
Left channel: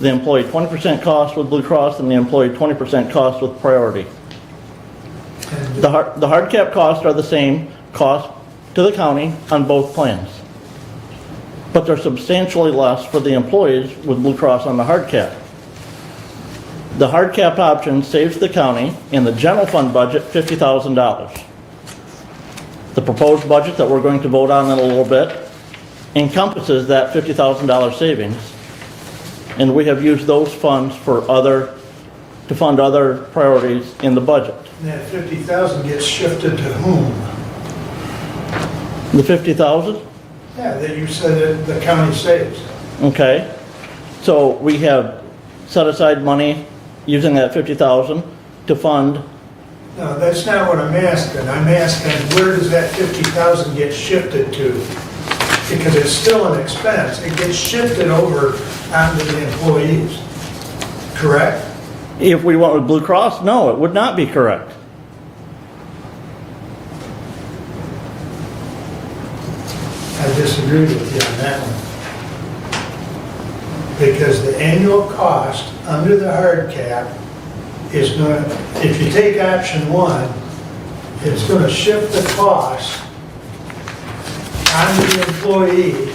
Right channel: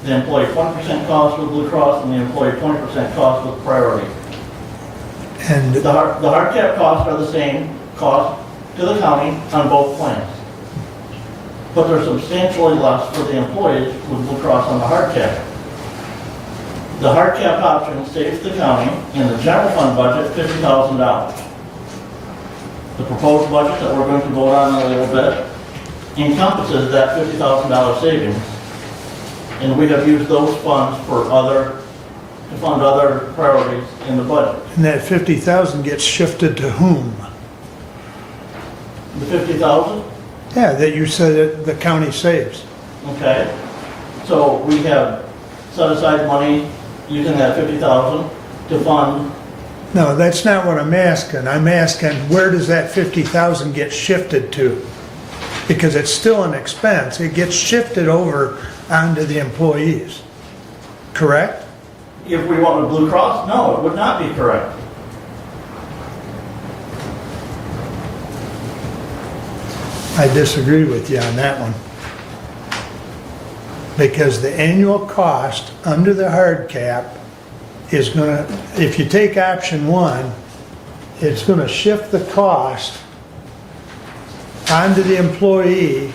the employee 20% cost with Blue Cross, and the employee 20% cost with Priority. And the hard cap costs are the same cost to the county on both plans. But they're substantially less for the employees with Blue Cross on the hard cap. The hard cap option saves the county in the general fund budget $50,000. The proposed budget that we're going to vote on in a little bit encompasses that $50,000 savings. And we have used those funds to fund other priorities in the budget. And that 50,000 gets shifted to whom? The 50,000? Yeah, that you said that the county saves. Okay. So we have set aside money using that 50,000 to fund. No, that's not what I'm asking. I'm asking where does that 50,000 get shifted to? Because it's still an expense. It gets shifted over onto the employees. Correct? If we went with Blue Cross, no, it would not be correct. I disagree with you on that one. Because the annual cost under the hard cap is going to, if you take option 1, it's going to shift the cost onto the employee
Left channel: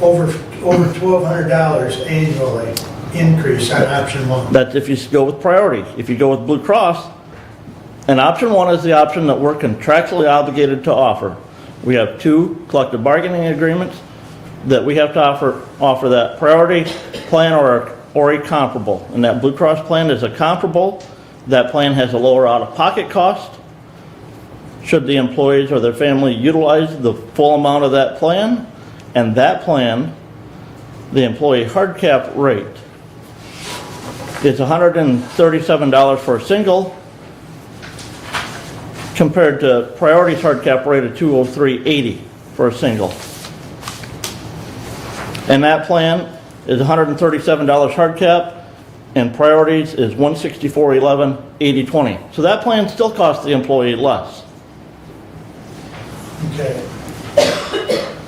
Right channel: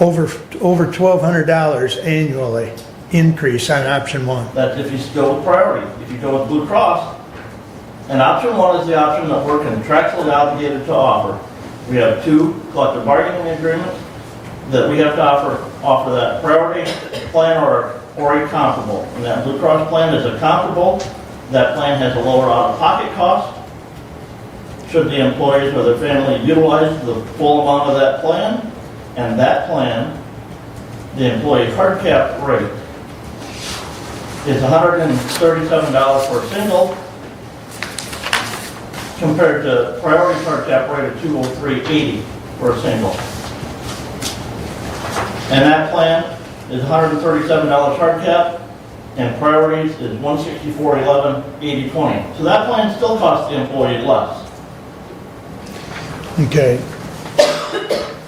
over $1,200 annually increase on option 1. That's if you go with Priority. If you go with Blue Cross, and option 1 is the option that we're contractually obligated to offer. We have 2 collective bargaining agreements that we have to offer that Priority plan or a comparable. And that Blue Cross plan is a comparable. That plan has a lower out-of-pocket cost. Should the employees or their family utilize the full amount of that plan, and that plan, the employee hard cap rate is $137 for a single, compared to Priority's hard cap rate of $203.80 for a single. And that plan is $137 hard cap, and Priorities is $164.11, 80/20. So that plan still costs the employee less. Okay.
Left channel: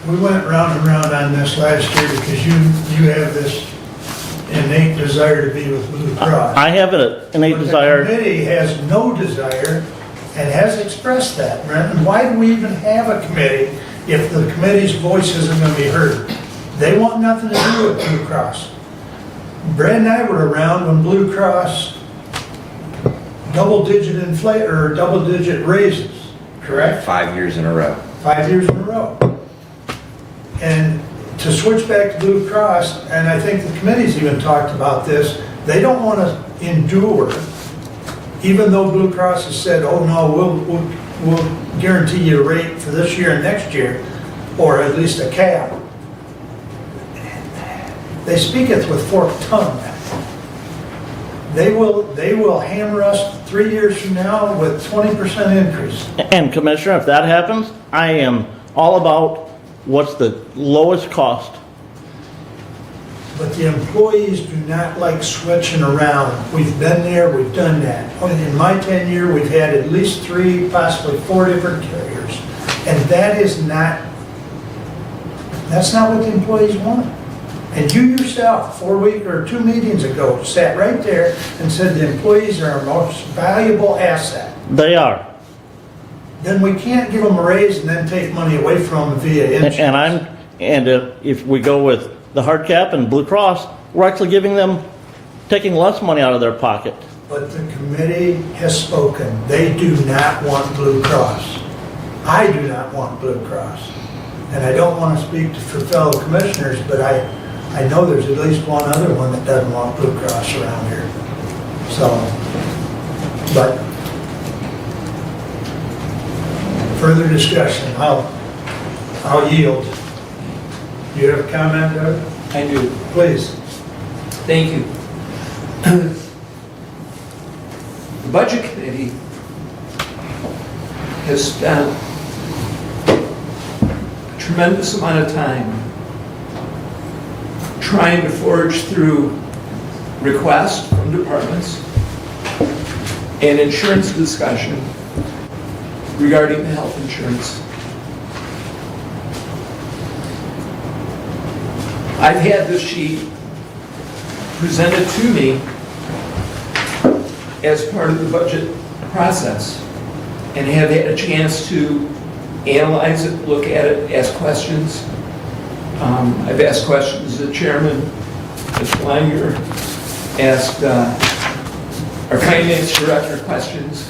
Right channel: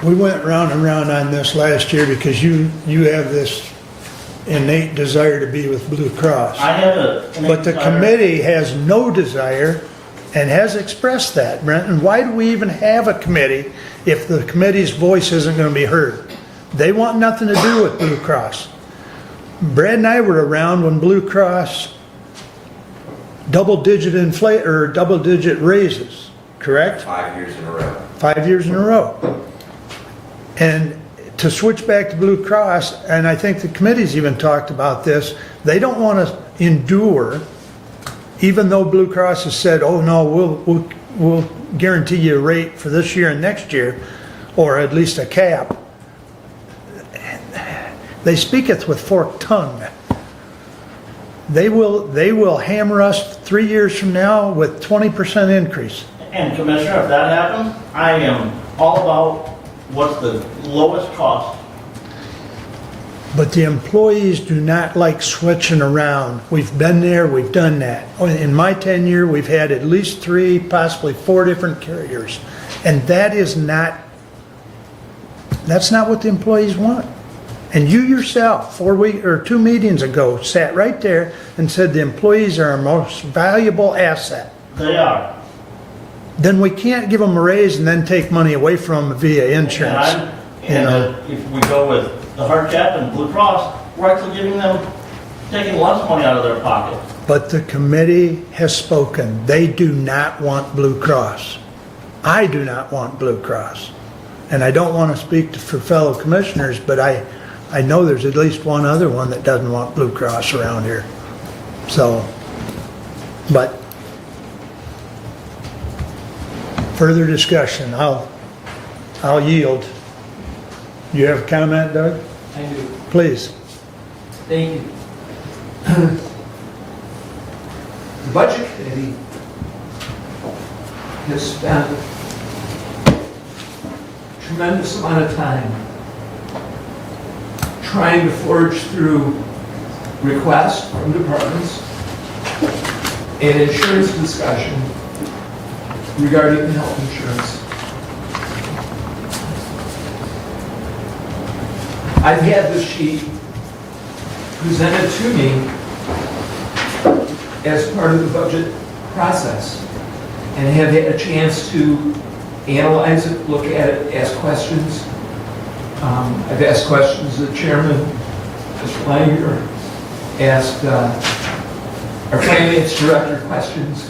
We went round and round on this last year because you have this innate desire to be with Blue Cross. I have an innate desire. But the committee has no desire and has expressed that, Brent. And why do we even have a committee if the committee's voice isn't going to be heard? They want nothing to do with Blue Cross. Brad and I were around when Blue Cross double-digit raises, correct? 5 years in a row. 5 years in a row. And to switch back to Blue Cross, and I think the committee's even talked about this, they don't want to endure, even though Blue Cross has said, oh no, we'll guarantee you a rate for this year and next year, or at least a cap. They speaketh with forked tongue. They will hammer us 3 years from now with 20% increase. And Commissioner, if that happens, I am all about what's the lowest cost. But the employees do not like switching around. We've been there, we've done that. In my tenure, we've had at least 3, possibly 4 different carriers. And that's not what the employees want. And you yourself, 2 meetings ago, sat right there and said the employees are our most valuable asset. They are. Then we can't give them a raise and then take money away from them via insurance. If we go with the hard cap and Blue Cross, we're actually taking less money out of their pocket. But the committee has spoken. They do not want Blue Cross. I do not want Blue Cross. And I don't want to speak for fellow commissioners, but I know there's at least one other one that doesn't want Blue Cross around here. So, but further discussion, I'll yield. Do you have a comment, Doug? I do. Please. Thank you. The Budget Committee has spent a tremendous amount of time trying to forge through requests from departments and insurance discussion regarding the health insurance. I've had this sheet presented to me as part of the budget process, and I have had a chance to analyze it, look at it, ask questions. I've asked questions to the chairman, Mr. Langer, asked our finance director questions,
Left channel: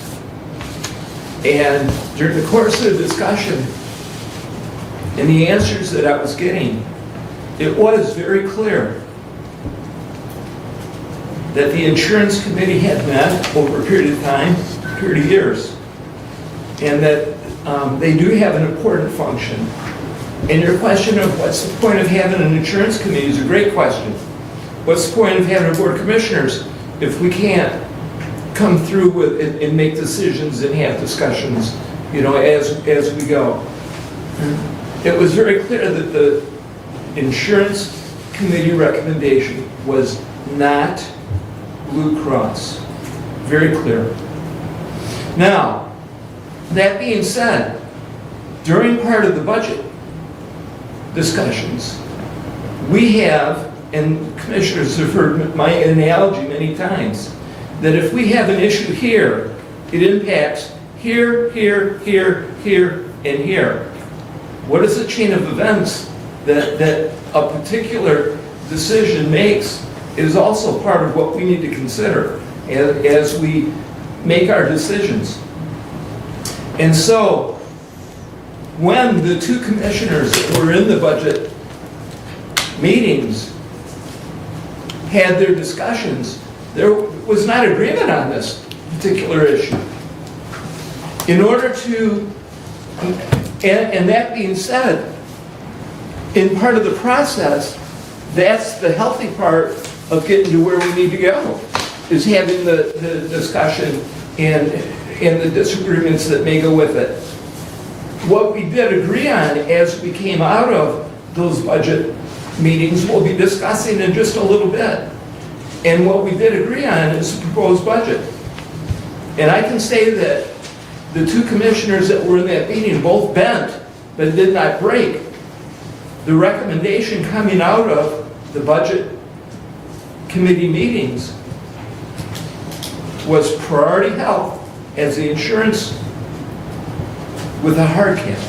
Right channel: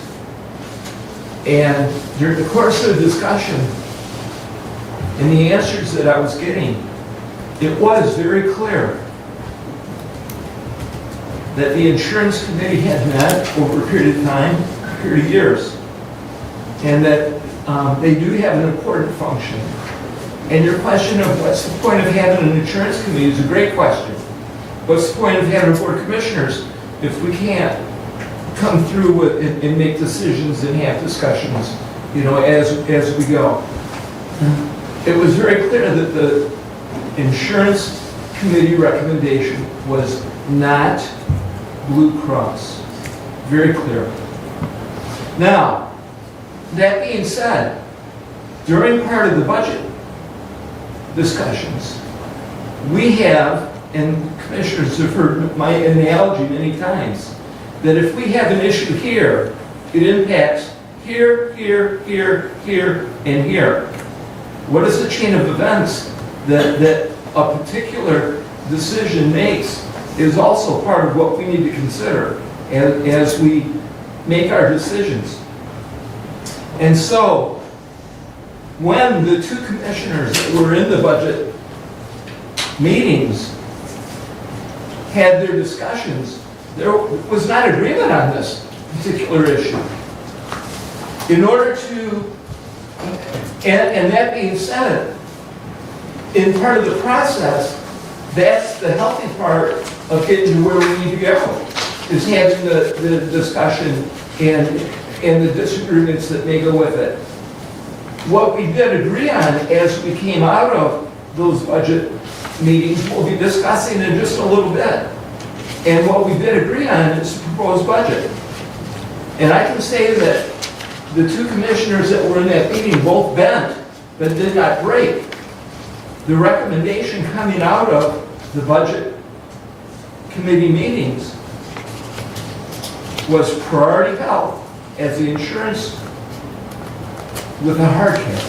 and during the course of the discussion and the answers that I was getting, it was very clear that the insurance committee had met over a period of time, a period of years, and that they do have an important function. And your question of what's the point of having an insurance committee is a great question. What's the point of having a board of commissioners if we can't come through with and make decisions and have discussions, as we go? It was very clear that the insurance committee recommendation was not Blue Cross. Very clear. Now, that being said, during part of the budget discussions, we have, and commissioners have heard my analogy many times, that if we have an issue here, it impacts here, here, here, here, and here. What is the chain of events that a particular decision makes is also part of what we need to consider as we make our decisions. And so, when the 2 commissioners that were in the budget meetings had their discussions, there was not agreement on this particular issue. In order to, and that being said, in part of the process, that's the healthy part of getting to where we need to go, is having the discussion and the disagreements that may go with it. What we did agree on as we came out of those budget meetings, we'll be discussing in just a little bit. And what we did agree on is the proposed budget. And I can say that the 2 commissioners that were in that meeting both bent, but did not break. The recommendation coming out of the budget committee meetings was priority health as the insurance with a hard cap.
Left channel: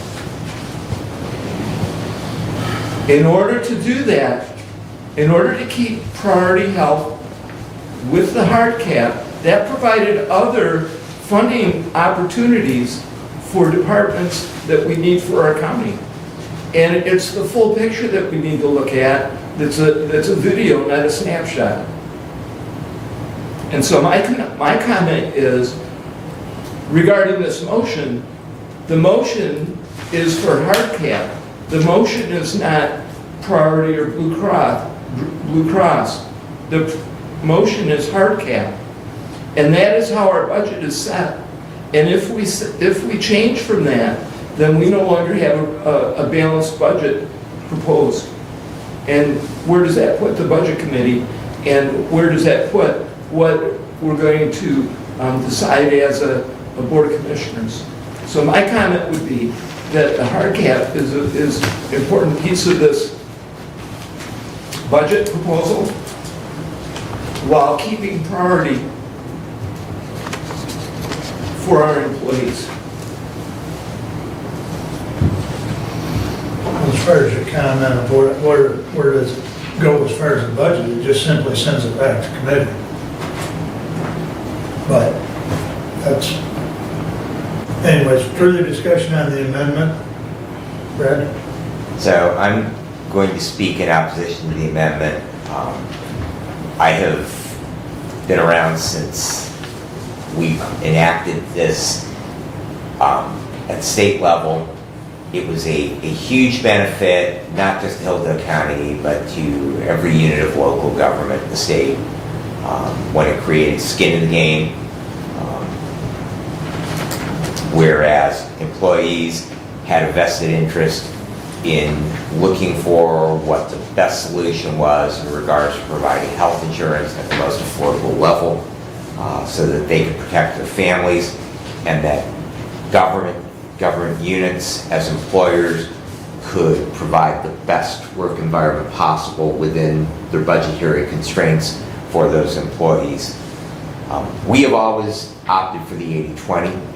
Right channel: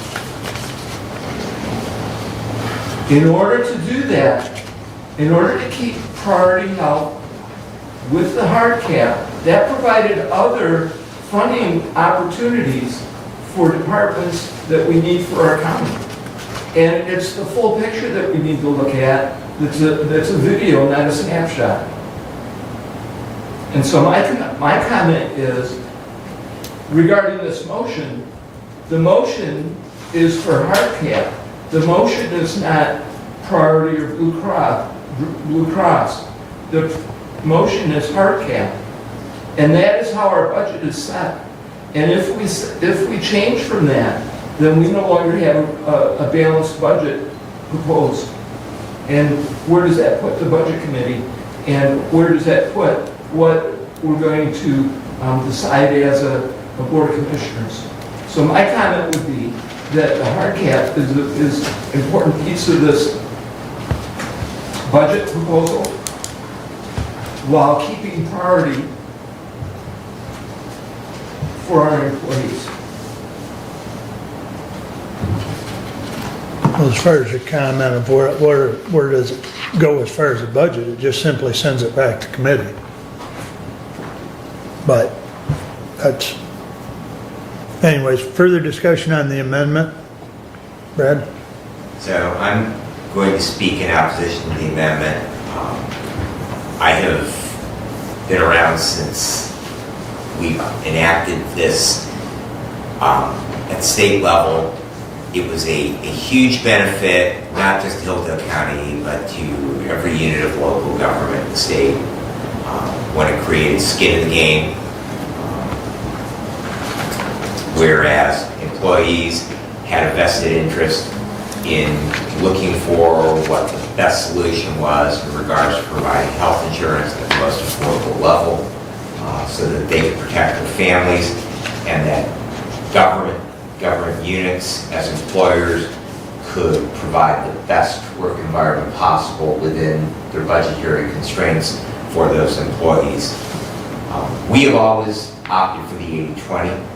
In order to do that, in order to keep priority health with the hard cap, that provided other funding opportunities for departments that we need for our county. And it's the full picture that we need to look at. That's a video, not a snapshot. And so my comment is, regarding this motion, the motion is for hard cap. The motion is not priority or Blue Cross. The motion is hard cap. And that is how our budget is set. And if we change from that, then we no longer have a balanced budget proposed. And where does that put the budget committee? And where does that put what we're going to decide as a board of commissioners? So my comment would be that the hard cap is an important piece of this budget proposal while keeping priority for our employees. Well, as far as your comment of where does it go as far as the budget, it just simply sends it back to committee. But that's, anyways, further discussion on the amendment. Brad? So I'm going to speak in opposition to the amendment. I have been around since we've enacted this at state level. It was a huge benefit, not just to Hillsdale County, but to every unit of local government in the state when it created skin in the game. Whereas employees had a vested interest in looking for what the best solution was in regards to providing health insurance at the most affordable level so that they could protect their families, and that government units as employers could provide the best work environment possible within their budgetary constraints for those employees. We have always opted for the 80-20.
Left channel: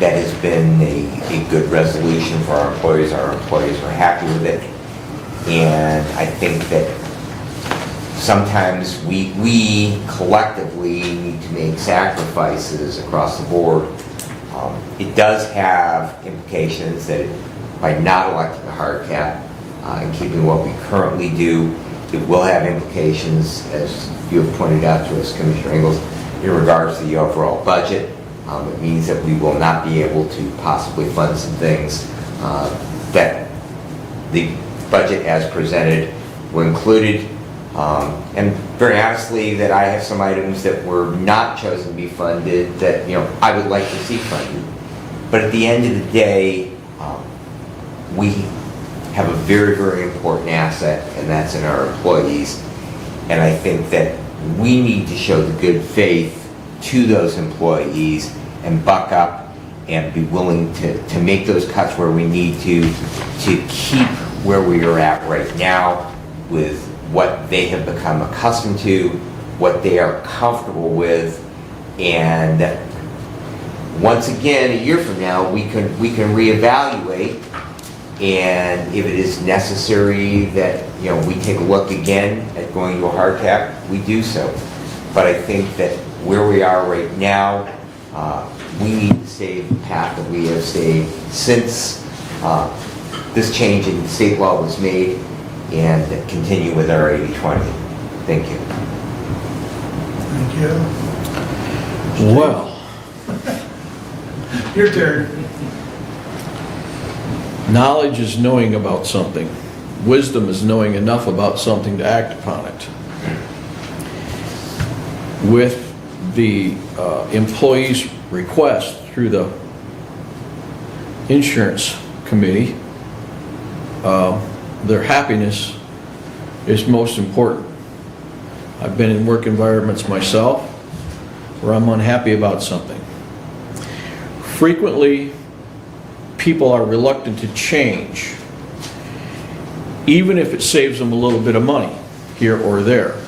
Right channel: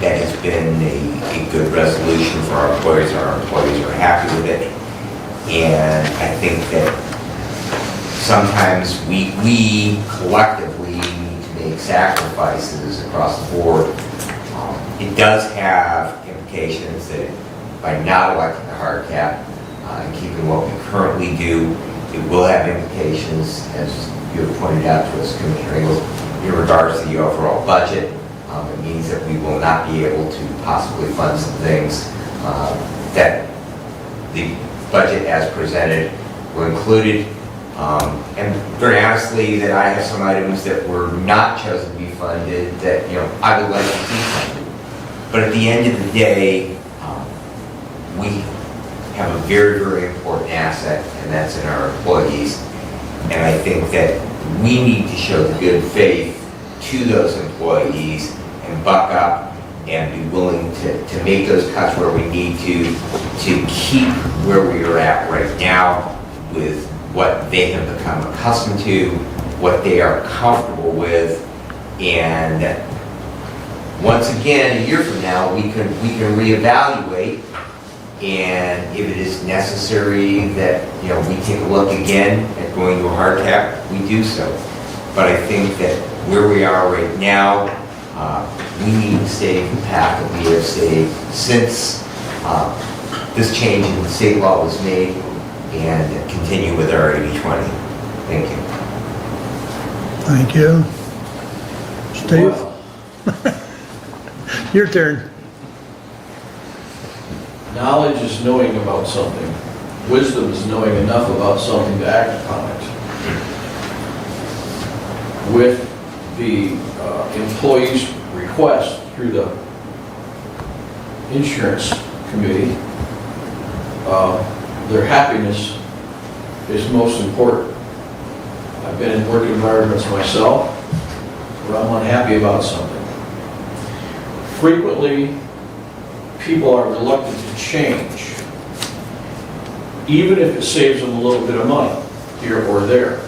That has been a good resolution for our employees. Our employees are happy with it. And I think that sometimes we collectively need to make sacrifices across the board. It does have implications that by not electing the hard cap and keeping what we currently do, it will have implications, as you have pointed out to us, Commissioner Ingles, in regards to the overall budget. It means that we will not be able to possibly fund some things that the budget as presented were included. And very honestly, that I have some items that were not chosen to be funded that I would like to see funded. But at the end of the day, we have a very, very important asset, and that's in our employees. And I think that we need to show the good faith to those employees and buck up and be willing to make those cuts where we need to keep where we are at right now with what they have become accustomed to, what they are comfortable with, and once again, a year from now, we can reevaluate, and if it is necessary that we take a look again at going to a hard cap, we do so. But I think that where we are right now, we need to stay the path that we have stayed since this change in the state law was made, and continue with our 80-20. Thank you. Thank you. Steve? Well, your turn. Knowledge is knowing about something. Wisdom is knowing enough about something to act upon it. With the employees' request through the insurance committee, their happiness is most important. I've been in work environments myself where I'm unhappy about something. Frequently, people are reluctant to change, even if it saves them a little bit of money here or there.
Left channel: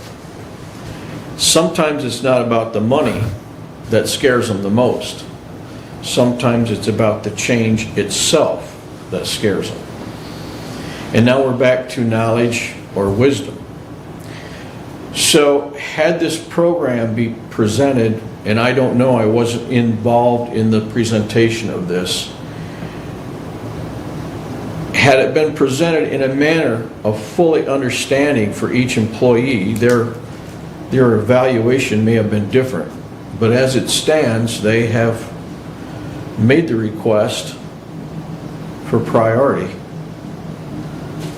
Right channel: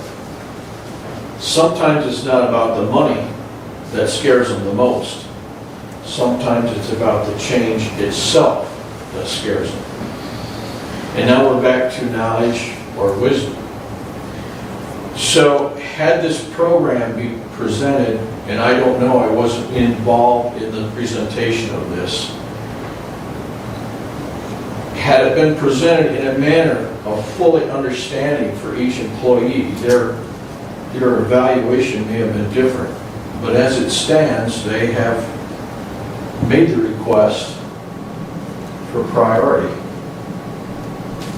Sometimes it's not about the money that scares them the most. Sometimes it's about the change itself that scares them. And now we're back to knowledge or wisdom. So had this program be presented, and I don't know, I wasn't involved in the presentation of this, had it been presented in a manner of fully understanding for each employee, their evaluation may have been different. But as it stands, they have made the request for priority.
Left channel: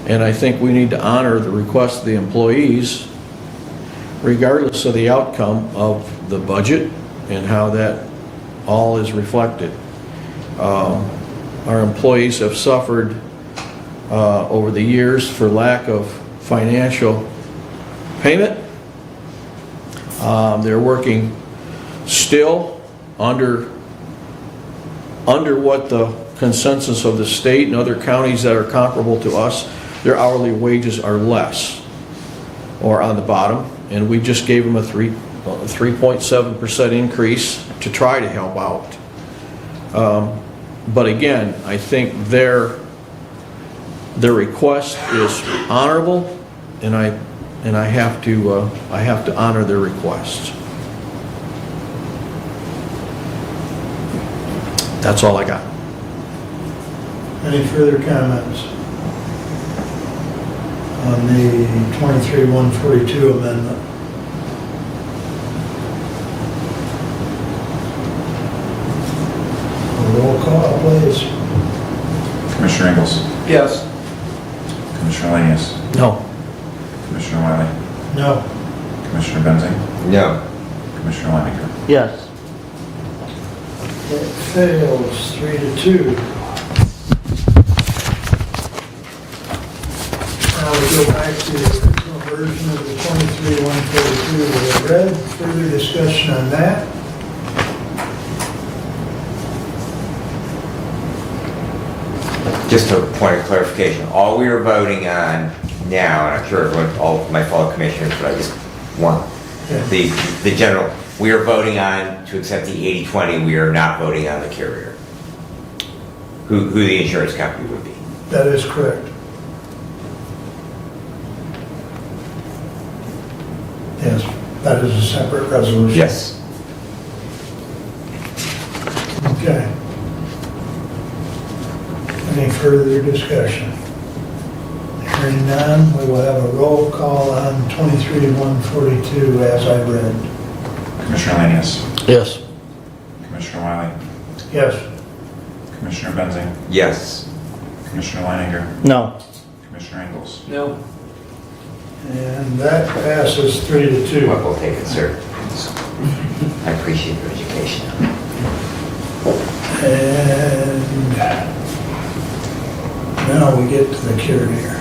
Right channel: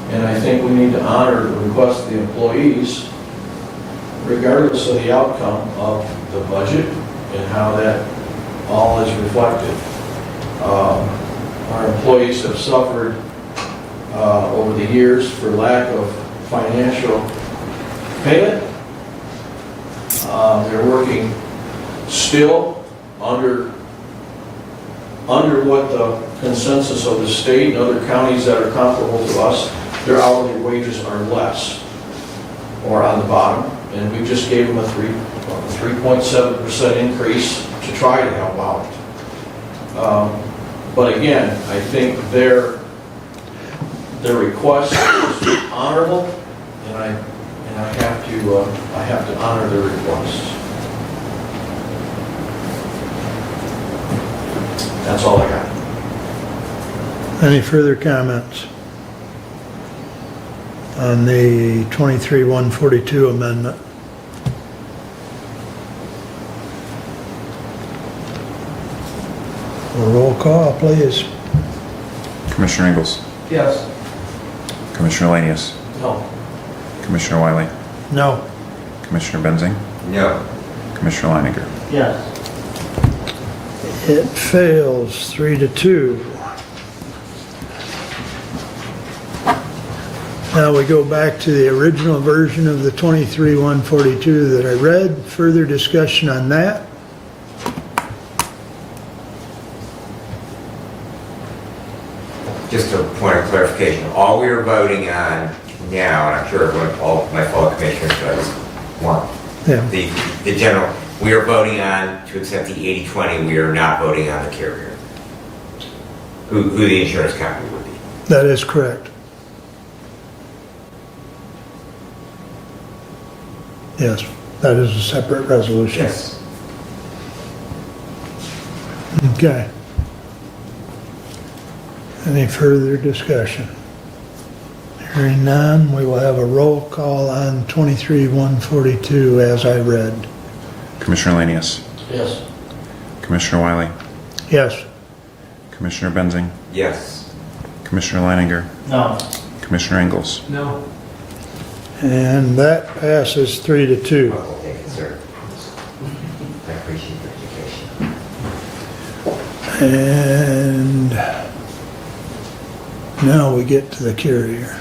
And I think we need to honor the request of the employees regardless of the outcome of the budget and how that all is reflected. Our employees have suffered over the years for lack of financial payment. They're working still under what the consensus of the state and other counties that are comparable to us, their hourly wages are less or on the bottom. And we just gave them a 3.7% increase to try to help out. But again, I think their request is honorable, and I have to honor their request. That's all I got. Any further comments on the 23-142 amendment? A roll call, please. Commissioner Ingles? Yes. Commissioner Lanius? No. Commissioner Wiley? No. Commissioner Benzing? No. Commissioner Leininger? Yes. It fails 3-2. Now we go back to the original version of the 23-142 that I read. Further discussion on that? Just a point of clarification, all we are voting on now, and I'm sure everyone, all my fellow commissioners, but I just want Yeah. the general, we are voting on to accept the 80/20, we are not voting on the carrier, who the insurance company would be. That is correct. Yes, that is a separate resolution. Yes. Okay. Any further discussion? Hearing none, we will have a roll call on 23-142 as I read. Commissioner Lanius? Yes. Commissioner Wiley? Yes. Commissioner Benzing? Yes. Commissioner Leininger? No. Commissioner Ingles? No. And that passes 3-2. We'll take it, sir. I appreciate your education. And now we get to the carrier.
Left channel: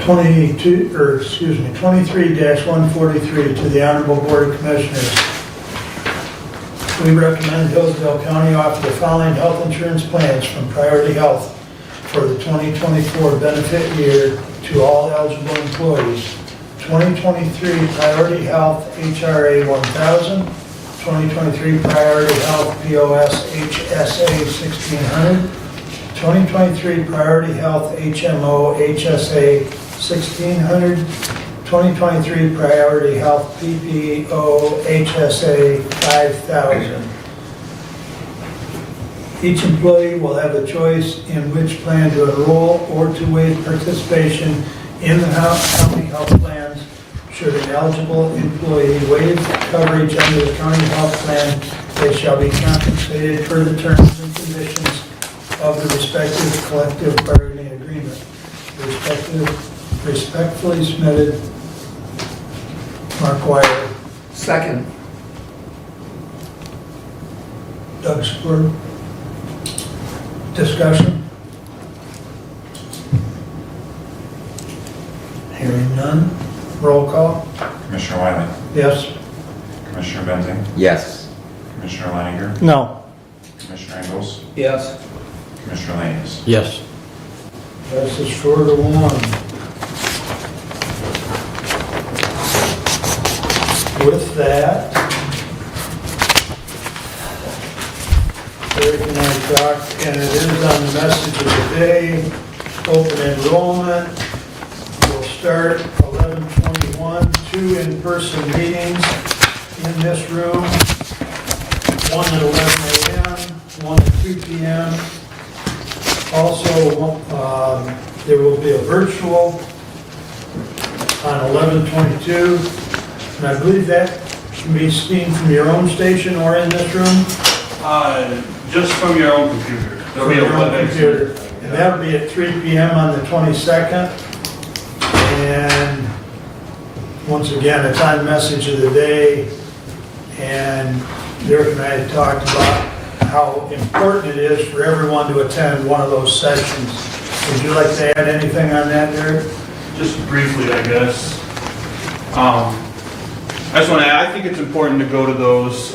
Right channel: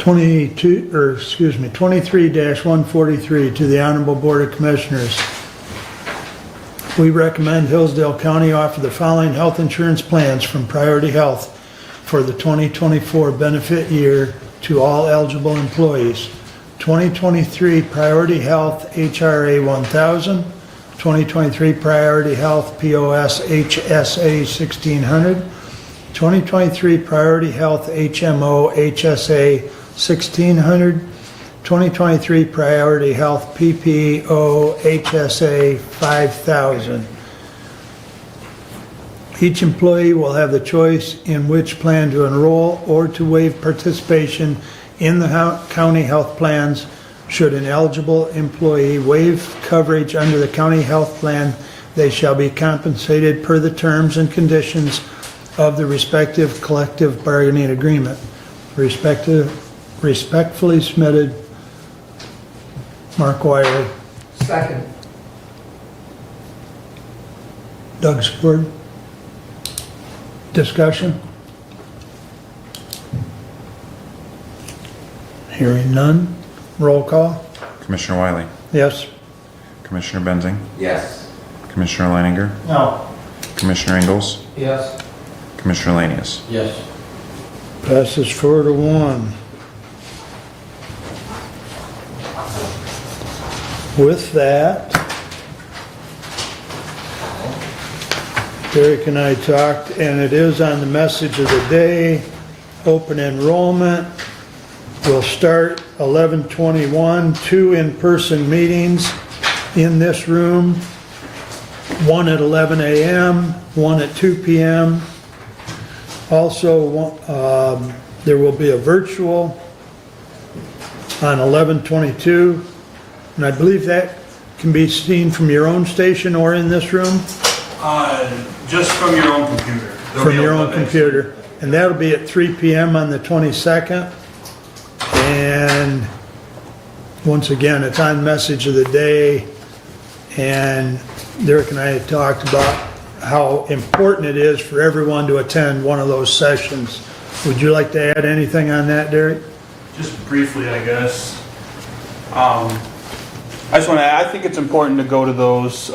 23-143 to the Honorable Board of Commissioners. We recommend Hillsdale County offer the following health insurance plans from Priority Health for the 2024 benefit year to all eligible employees. 2023 Priority Health HRA 1000, 2023 Priority Health POS HSA 1600, 2023 Priority Health HMO HSA 1600, 2023 Priority Health PPO HSA 5000. Each employee will have the choice in which plan to enroll or to waive participation in the county health plans. Should an eligible employee waive coverage under the county health plan, they shall be compensated per the terms and conditions of the respective collective bargaining agreement. Respectfully submitted, Mark Wiley. Second. Doug Spur. Discussion? Hearing none. Roll call. Commissioner Wiley? Yes. Commissioner Benzing? Yes. Commissioner Leininger? No. Commissioner Ingles? Yes. Commissioner Lanius? Yes. Passes 4-1. With that, Eric and I talked, and it is on the message of the day, open enrollment will start 11/21, 2 in-person meetings in this room, one at 11 a.m., one at 2 p.m. Also, there will be a virtual on 11/22, and I believe that can be seen from your own station or in this room? Just from your own computer. From your own computer. And that'll be at 3 p.m. on the 22nd. And once again, a time message of the day. And Derek and I had talked about how important it is for everyone to attend one of those sessions. Would you like to add anything on that, Derek? Just briefly, I guess. I think it's important to go to those.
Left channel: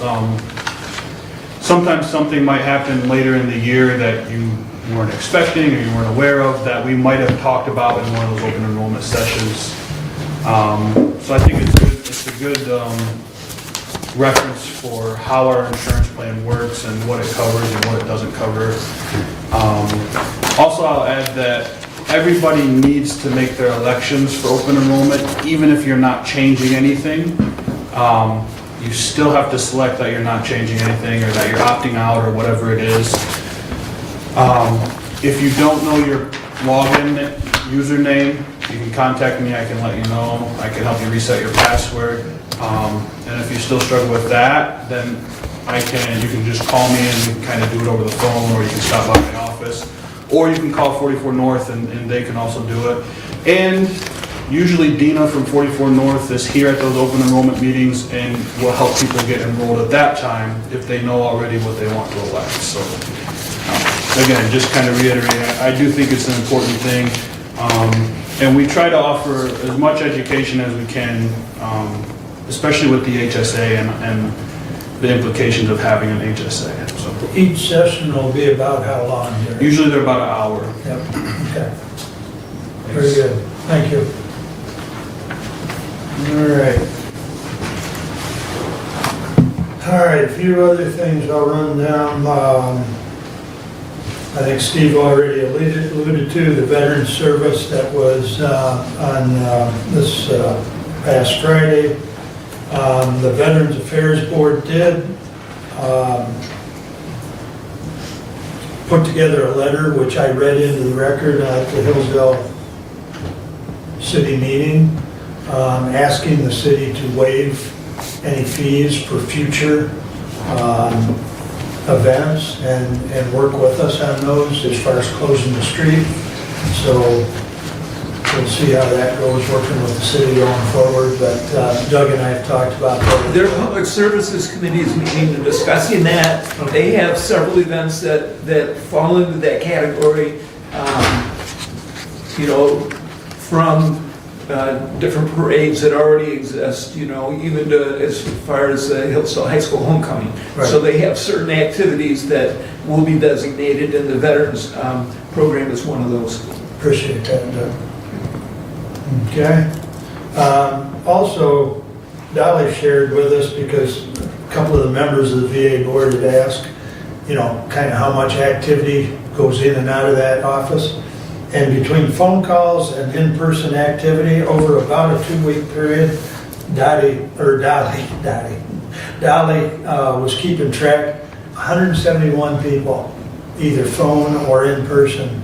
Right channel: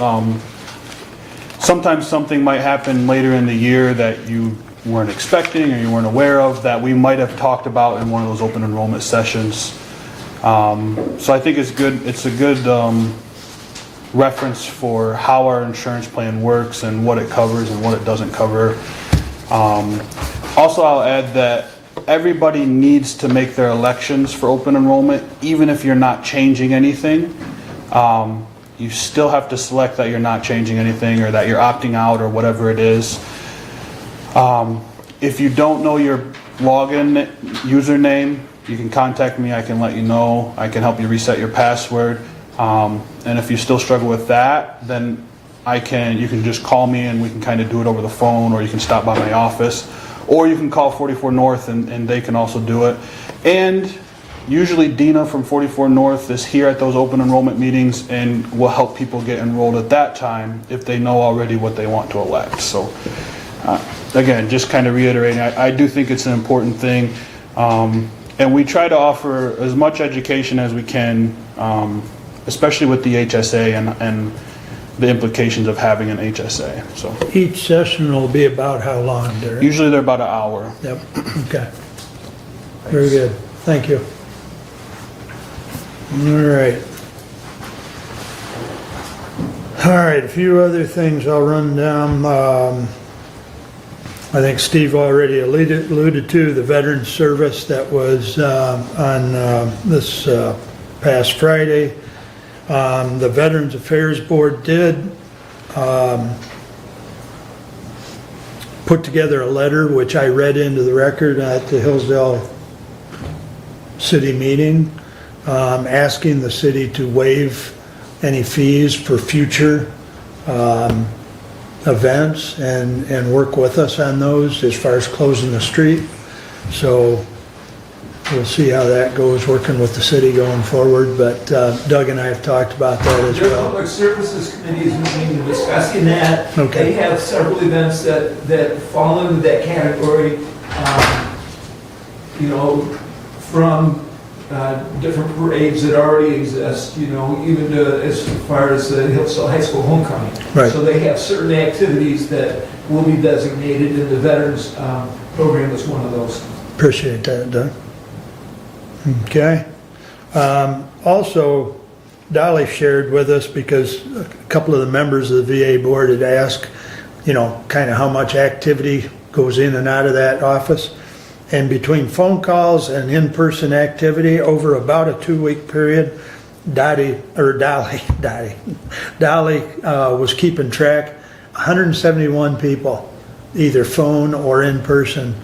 Sometimes something might happen later in the year that you weren't expecting or you weren't aware of that we might have talked about in one of those open enrollment sessions. So I think it's a good reference for how our insurance plan works and what it covers and what it doesn't cover. Also, I'll add that everybody needs to make their elections for open enrollment, even if you're not changing anything. You still have to select that you're not changing anything or that you're opting out or whatever it is. If you don't know your login username, you can contact me, I can let you know. I can help you reset your password. And if you still struggle with that, then you can just call me and we can kind of do it over the phone, or you can stop by my office, or you can call 44 North and they can also do it. And usually Dina from 44 North is here at those open enrollment meetings and will help people get enrolled at that time if they know already what they want to elect. So again, just kind of reiterating, I do think it's an important thing. And we try to offer as much education as we can, especially with the HSA and the implications of having an HSA. So Each session will be about how long, Derek? usually they're about an hour. Yep, okay. Very good, thank you. All right, a few other things I'll run down. I think Steve already alluded to the Veterans Service that was on this past Friday. The Veterans Affairs Board did put together a letter, which I read into the record at the Hillsdale City meeting, asking the city to waive any fees for future events and work with us on those as far as closing the street. So we'll see how that goes, working with the city going forward, but Doug and I have talked about that. Their Public Services Committee is meeting and discussing that. Okay. They have several events that fall into that category, from different parades that already exist, even as far as the Hillsdale High School homecoming. Right. So they have certain activities that will be designated, and the Veterans Program is one of those. Appreciate that, Doug. Okay. Also, Dolly shared with us, because a couple of the members of the VA board had asked, kind of how much activity goes in and out of that office. And between phone calls and in-person activity over about a 2-week period, Dolly was keeping track. 171 people, either phone or in person,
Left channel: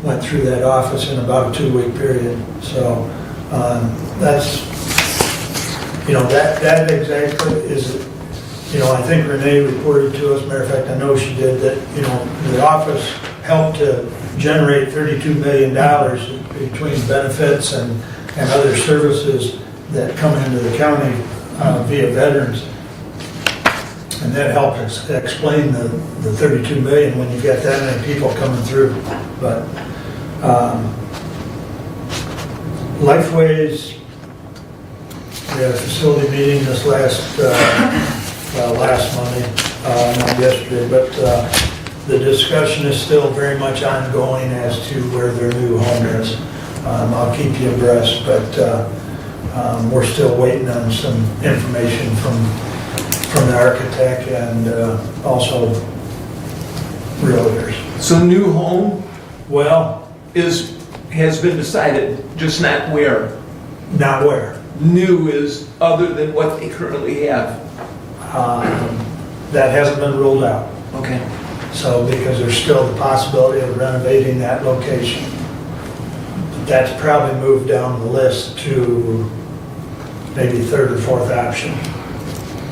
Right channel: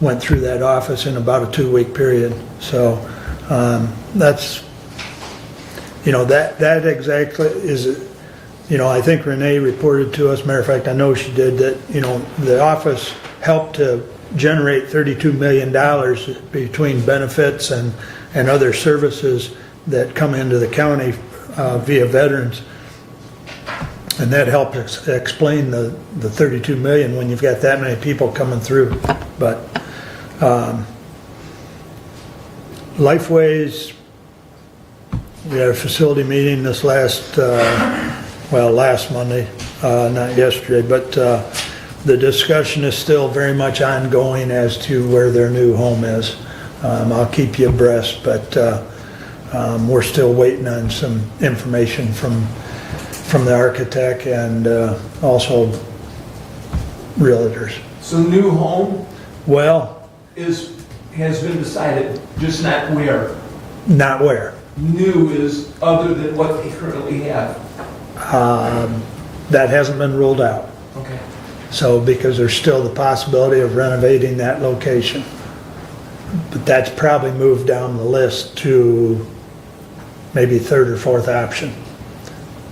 went through that office in about a 2-week period. So that's, that exactly is, I think Renee reported to us, matter of fact, I know she did, that, the office helped to generate $32 million between benefits and other services that come into the county via veterans. And that helped us explain the $32 million when you've got that many people coming through. But Lifeways, we had a facility meeting this last Monday, not yesterday, but the discussion is still very much ongoing as to where their new home is. I'll keep you abreast, but we're still waiting on some information from the architect and also realtors. So new home? Well, has been decided, just not where. Not where. New is other than what they currently have. That hasn't been ruled out. Okay. So, because there's still the possibility of renovating that location. But that's probably moved down the list to maybe third or fourth option.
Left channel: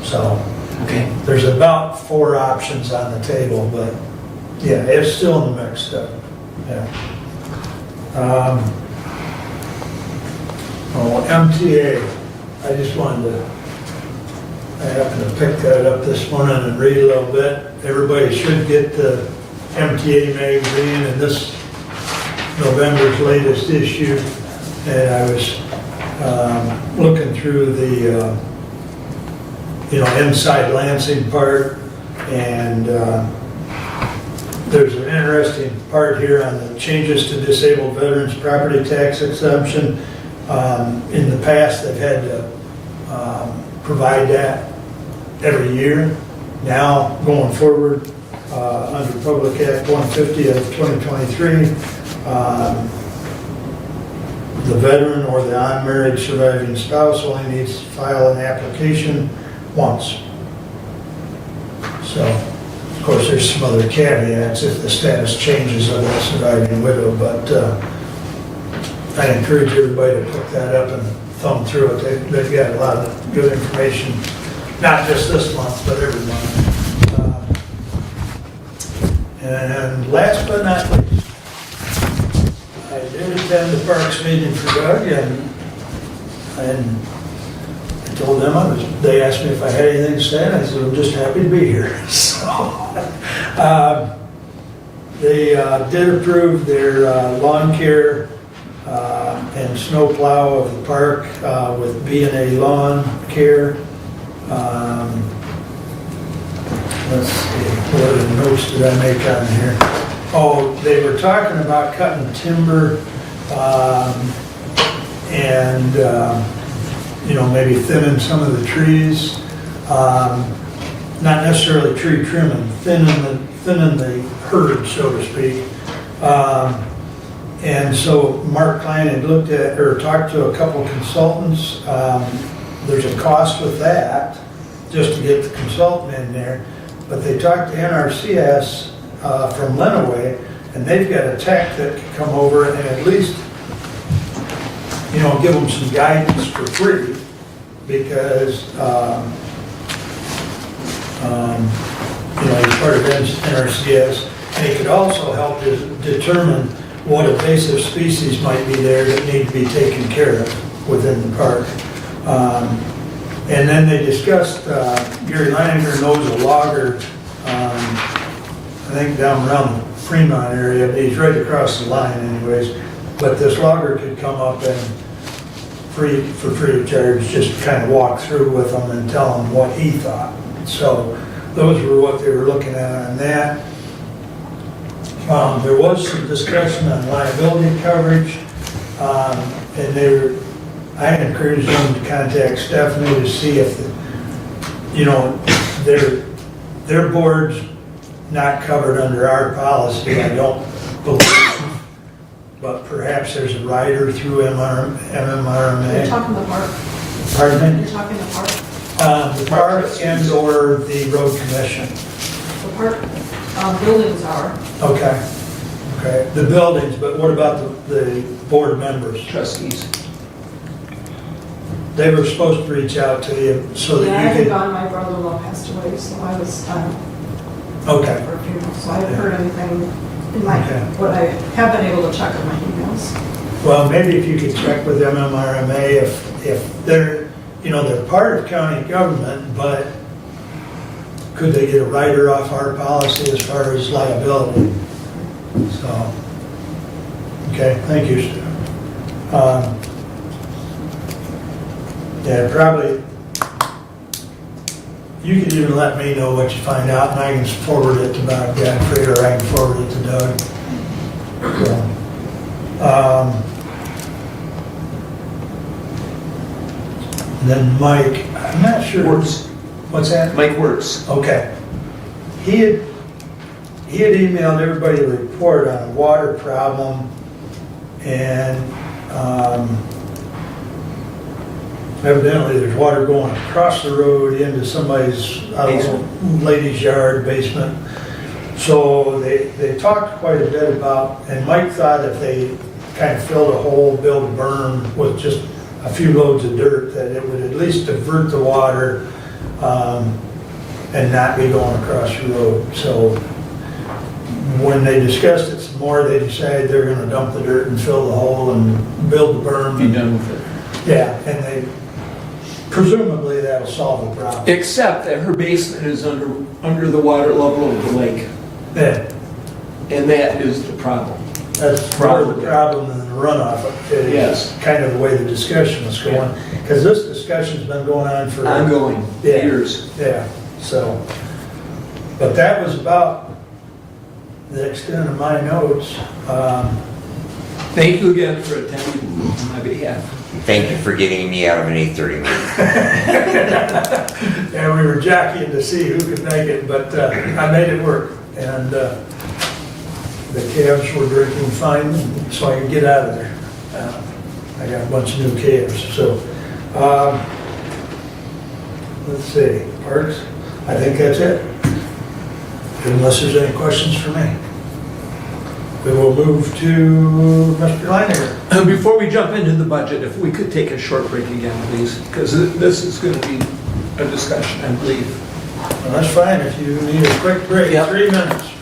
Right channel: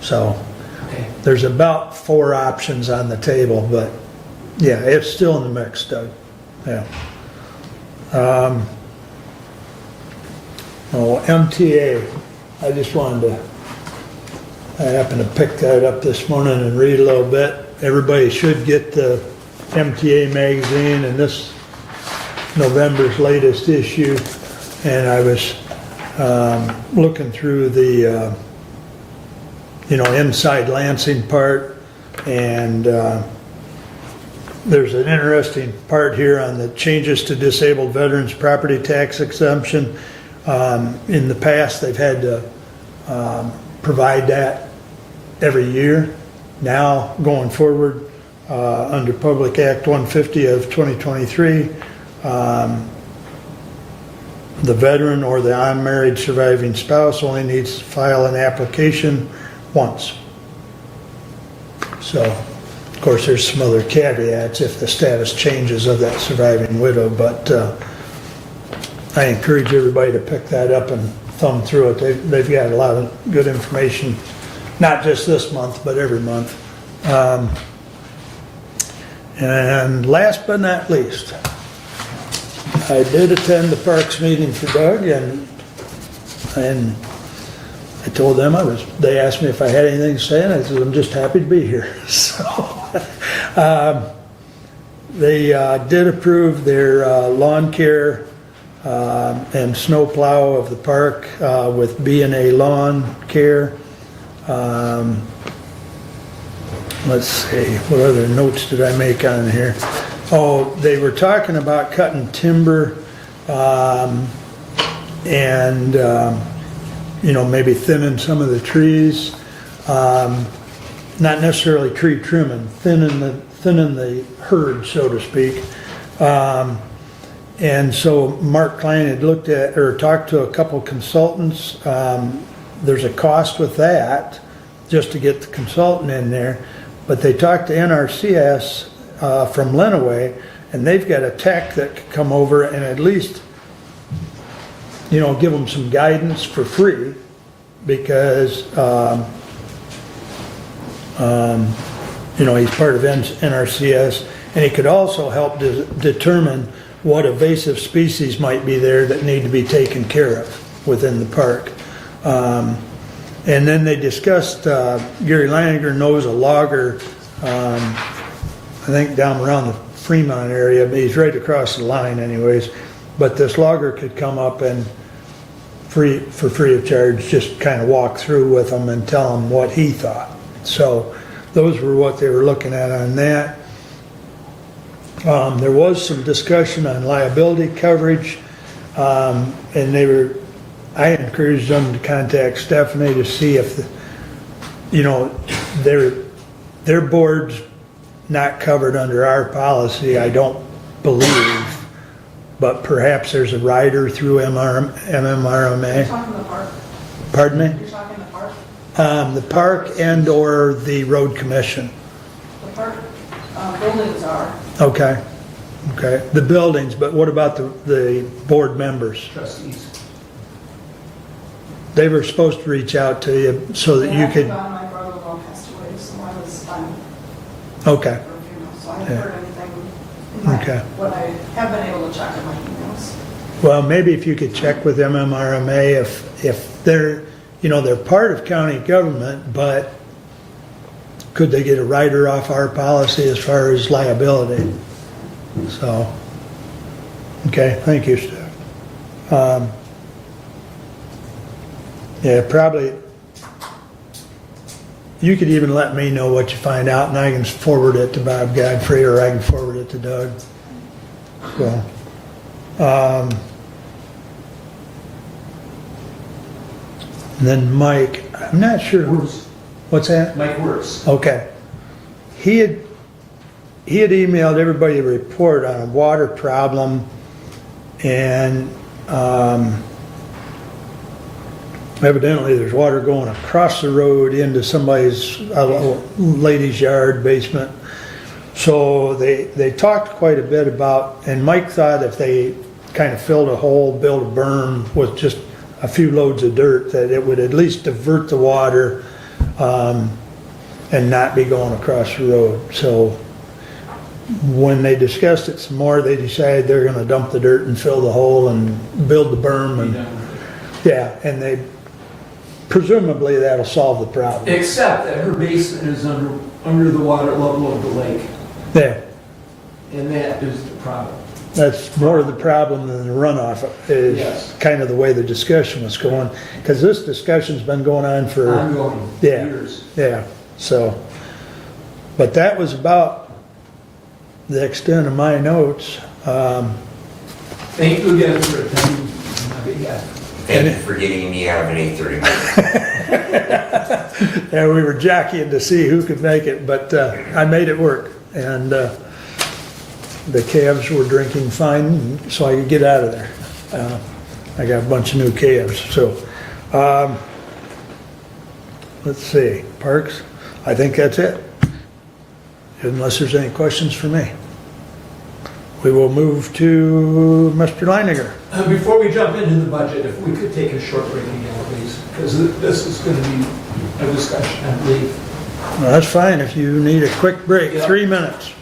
So, Okay. there's about 4 options on the table, but yeah, it's still in the mix stuff. Yeah. MTA, I just wanted to, I happened to pick that up this morning and read a little bit. Everybody should get the MTA magazine in this November's latest issue. And I was looking through the, inside Lansing part, and there's an interesting part here on the changes to disabled veterans property tax exemption. In the past, they've had to provide that every year. Now, going forward, under Public Act 150 of 2023, the veteran or the unmarried surviving spouse only needs to file an application once. So, of course, there's some other caveats if the status changes of that surviving widow, but I encourage everybody to pick that up and thumb through it. They've got a lot of good information, not just this month, but every month. And last but not least, I did attend the Parks meeting for Doug, and I told them they asked me if I had anything to say, and I said, I'm just happy to be here. So, they did approve their lawn care and snow plow of the park with B&A Lawn Care. Let's see, what other notes did I make on here? Oh, they were talking about cutting timber and maybe thinning some of the trees. Not necessarily tree trimming, thinning the herd, so to speak. And so Mark Klein had looked at, or talked to a couple consultants. There's a cost with that, just to get the consultant in there. But they talked to NRCS from Lenawee, and they've got a tech that can come over and at least, give them some guidance for free, because, he's part of NRCS, and he could also help determine what invasive species might be there that need to be taken care of within the park. And then they discussed, Gary Leininger knows a logger, I think down around the Fremont area, but he's right across the line anyways. But this logger could come up and for free of charge, just kind of walk through with them and tell them what he thought. So those were what they were looking at on that. There was some discussion on liability coverage, and I encouraged them to contact Stephanie to see if, their board's not covered under our policy, I don't believe, but perhaps there's a rider through MMRMA. You're talking the park. Pardon me? You're talking the park. The park and or the road commission. The park buildings are. Okay, the buildings, but what about the board members? Trustees. They were supposed to reach out to you so that Yeah, you I could. had gone, my brother-in-law passed away, so I was Okay. for a few months, so I haven't heard anything in my, what I have been able to check on my emails. Well, maybe if you could check with MMRMA if they're, they're part of county government, but could they get a rider off our policy as far as liability? So, okay, thank you, Stu. Yeah, probably, you could even let me know what you find out, and I can forward it to Bob Godfrey, or I can forward it to Doug. So, then Mike, I'm not sure. Works. What's that? Mike Works. Okay. He had emailed everybody a report on a water problem And evidently there's water going across the road into somebody's, I don't know, lady's yard, basement. So they talked quite a bit about, and Mike thought if they kind of filled a hole, built a berm with just a few loads of dirt, that it would at least divert the water and not be going across the road. So when they discussed it some more, they decided they're gonna dump the dirt and fill the hole and build the berm. Be done with it. Yeah, and they, presumably that'll solve the problem. Except that her basement is under the water level of the lake, Yeah, and that is the problem. that's more of the problem than the runoff. Is Yes. kind of the way the discussion is going. Because this discussion's been going on for Ongoing, Yeah. years. Yeah, so, but that was about the extent of my notes. Thank you again for attending on my behalf. Thank you for getting me out of an 8:30 meeting. And we were jockeying to see who could make it, but I made it work. And the calves were drinking fine, so I could get out of there. I got a bunch of new calves, so. Let's see, parks, I think that's it. Unless there's any questions for me. We will move to Mr. Leininger. Before we jump into the budget, if we could take a short break again, please, because this is going to be a discussion, I believe. Well, that's fine if you need a quick break, 3 minutes.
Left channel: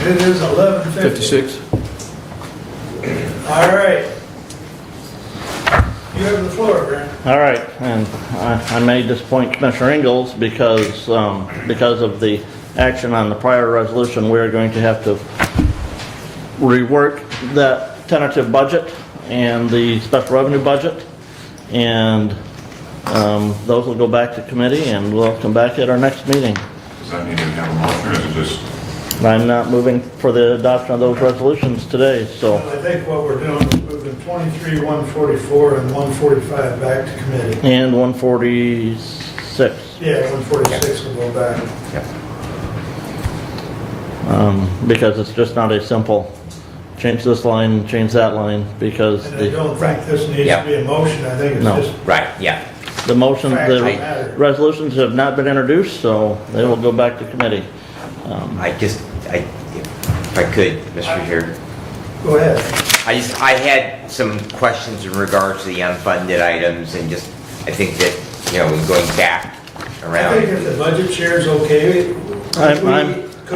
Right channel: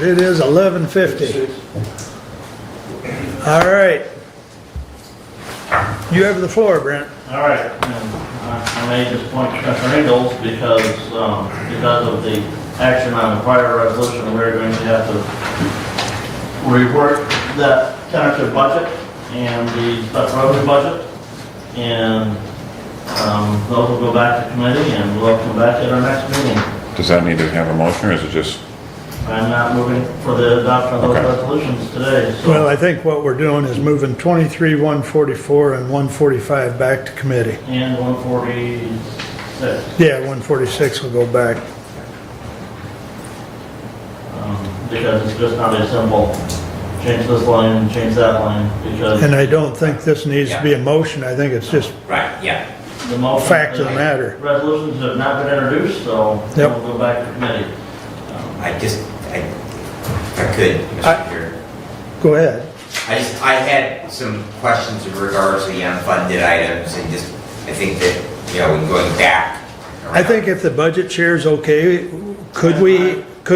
It is 11:50. All right. You have the floor, Brent. All right, and I may disappoint Commissioner Ingalls because of the action on the prior resolution, we're going to have to rework that tentative budget and the special revenue budget, and those will go back to committee, and we'll come back at our next meeting. Does that need to have a motion, or is it just? I'm not moving for the adoption of those resolutions today, so. Well, I think what we're doing is moving 23, 144, and 145 back to committee. And 146. Yeah, 146 will go back. Because it's just not a simple change this line, change that line, because. And I don't think this needs to be a motion. I think it's No. just Right, yeah. the motion, fact of the the matter. resolutions have not been introduced, so they will go back to committee. If I could, Mr. Chair. Go ahead. I had some questions in regards to the unfunded items and just, I think that, going back around. I think if the budget chair's okay, could we?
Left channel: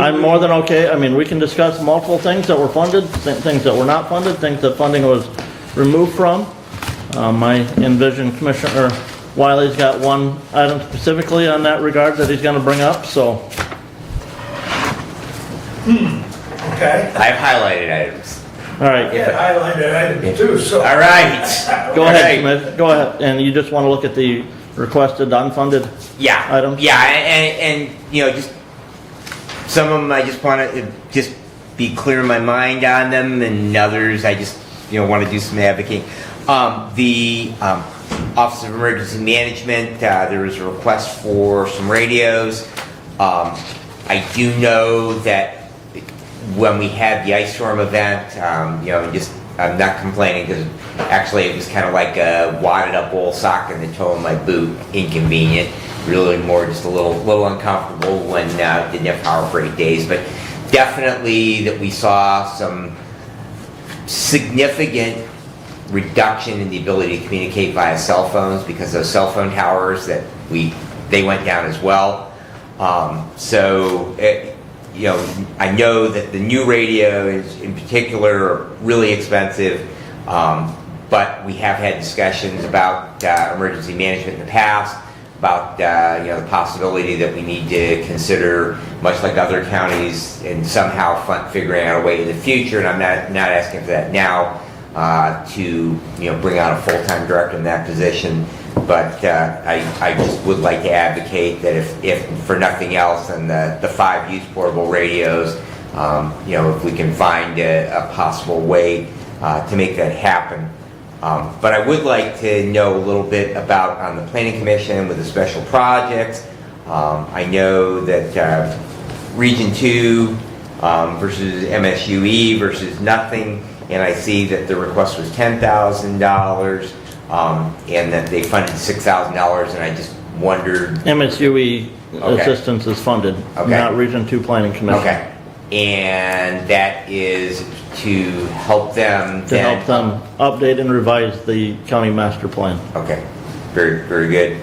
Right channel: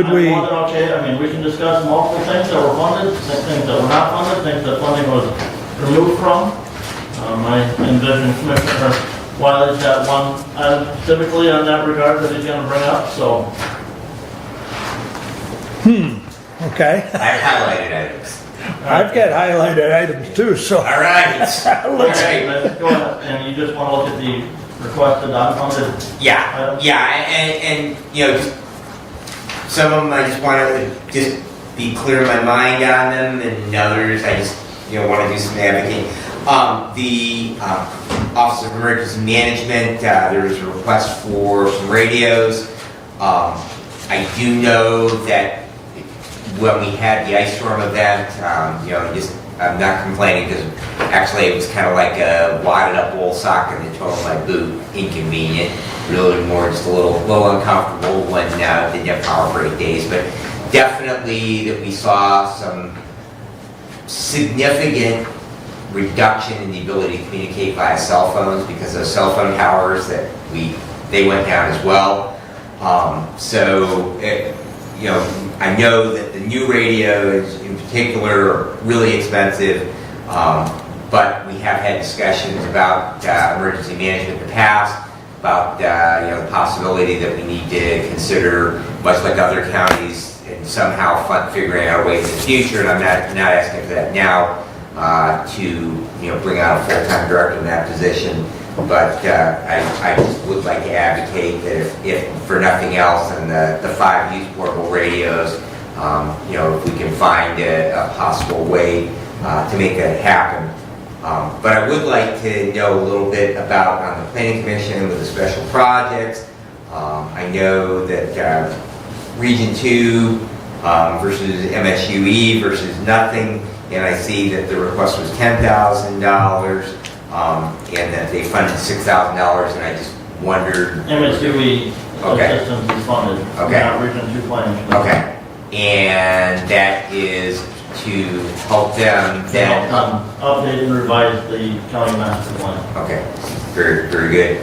I'm more than okay. I mean, we can discuss multiple things that were funded, things that were not funded, things that funding was removed from. I envision Commissioner Wiley's got one item specifically on that regard that he's going to bring up, so. Okay. I highlighted items. All right. I've got highlighted items too, so. All right. Go ahead, Smith. Go ahead. And you just want to look at the requested unfunded items? Yeah, and just some of them I just want to just be clear in my mind on them, and others I just want to do some advocating. The Office of Emergency Management, there was a request for some radios. I do know that when we had the ice storm event, I'm not complaining because actually it was kind of like a wadded up old sock in the toe of my boot, inconvenient, really more just a little uncomfortable when didn't have power for 8 days, but definitely that we saw some significant reduction in the ability to communicate via cell phones because those cell phone towers they went down as well. I know that the new radios in particular are really expensive, but we have had discussions about emergency management in the past, about the possibility that we need to consider, much like other counties, and somehow figuring out a way in the future, and I'm not asking for that now, to bring on a full-time director in that position. But I just would like to advocate that if for nothing else, and the 5 used portable radios, if we can find a possible way to make that happen. But I would like to know a little bit about on the Planning Commission with the special projects. I know that Region 2 versus MSUE versus nothing, and I see that the request was $10,000. And that they funded $6,000, and I just wondered. MSUE assistance is funded, not Region 2 Planning Commission. Okay. And that is to help them To help them update and revise the county master plan. Okay, very, very good.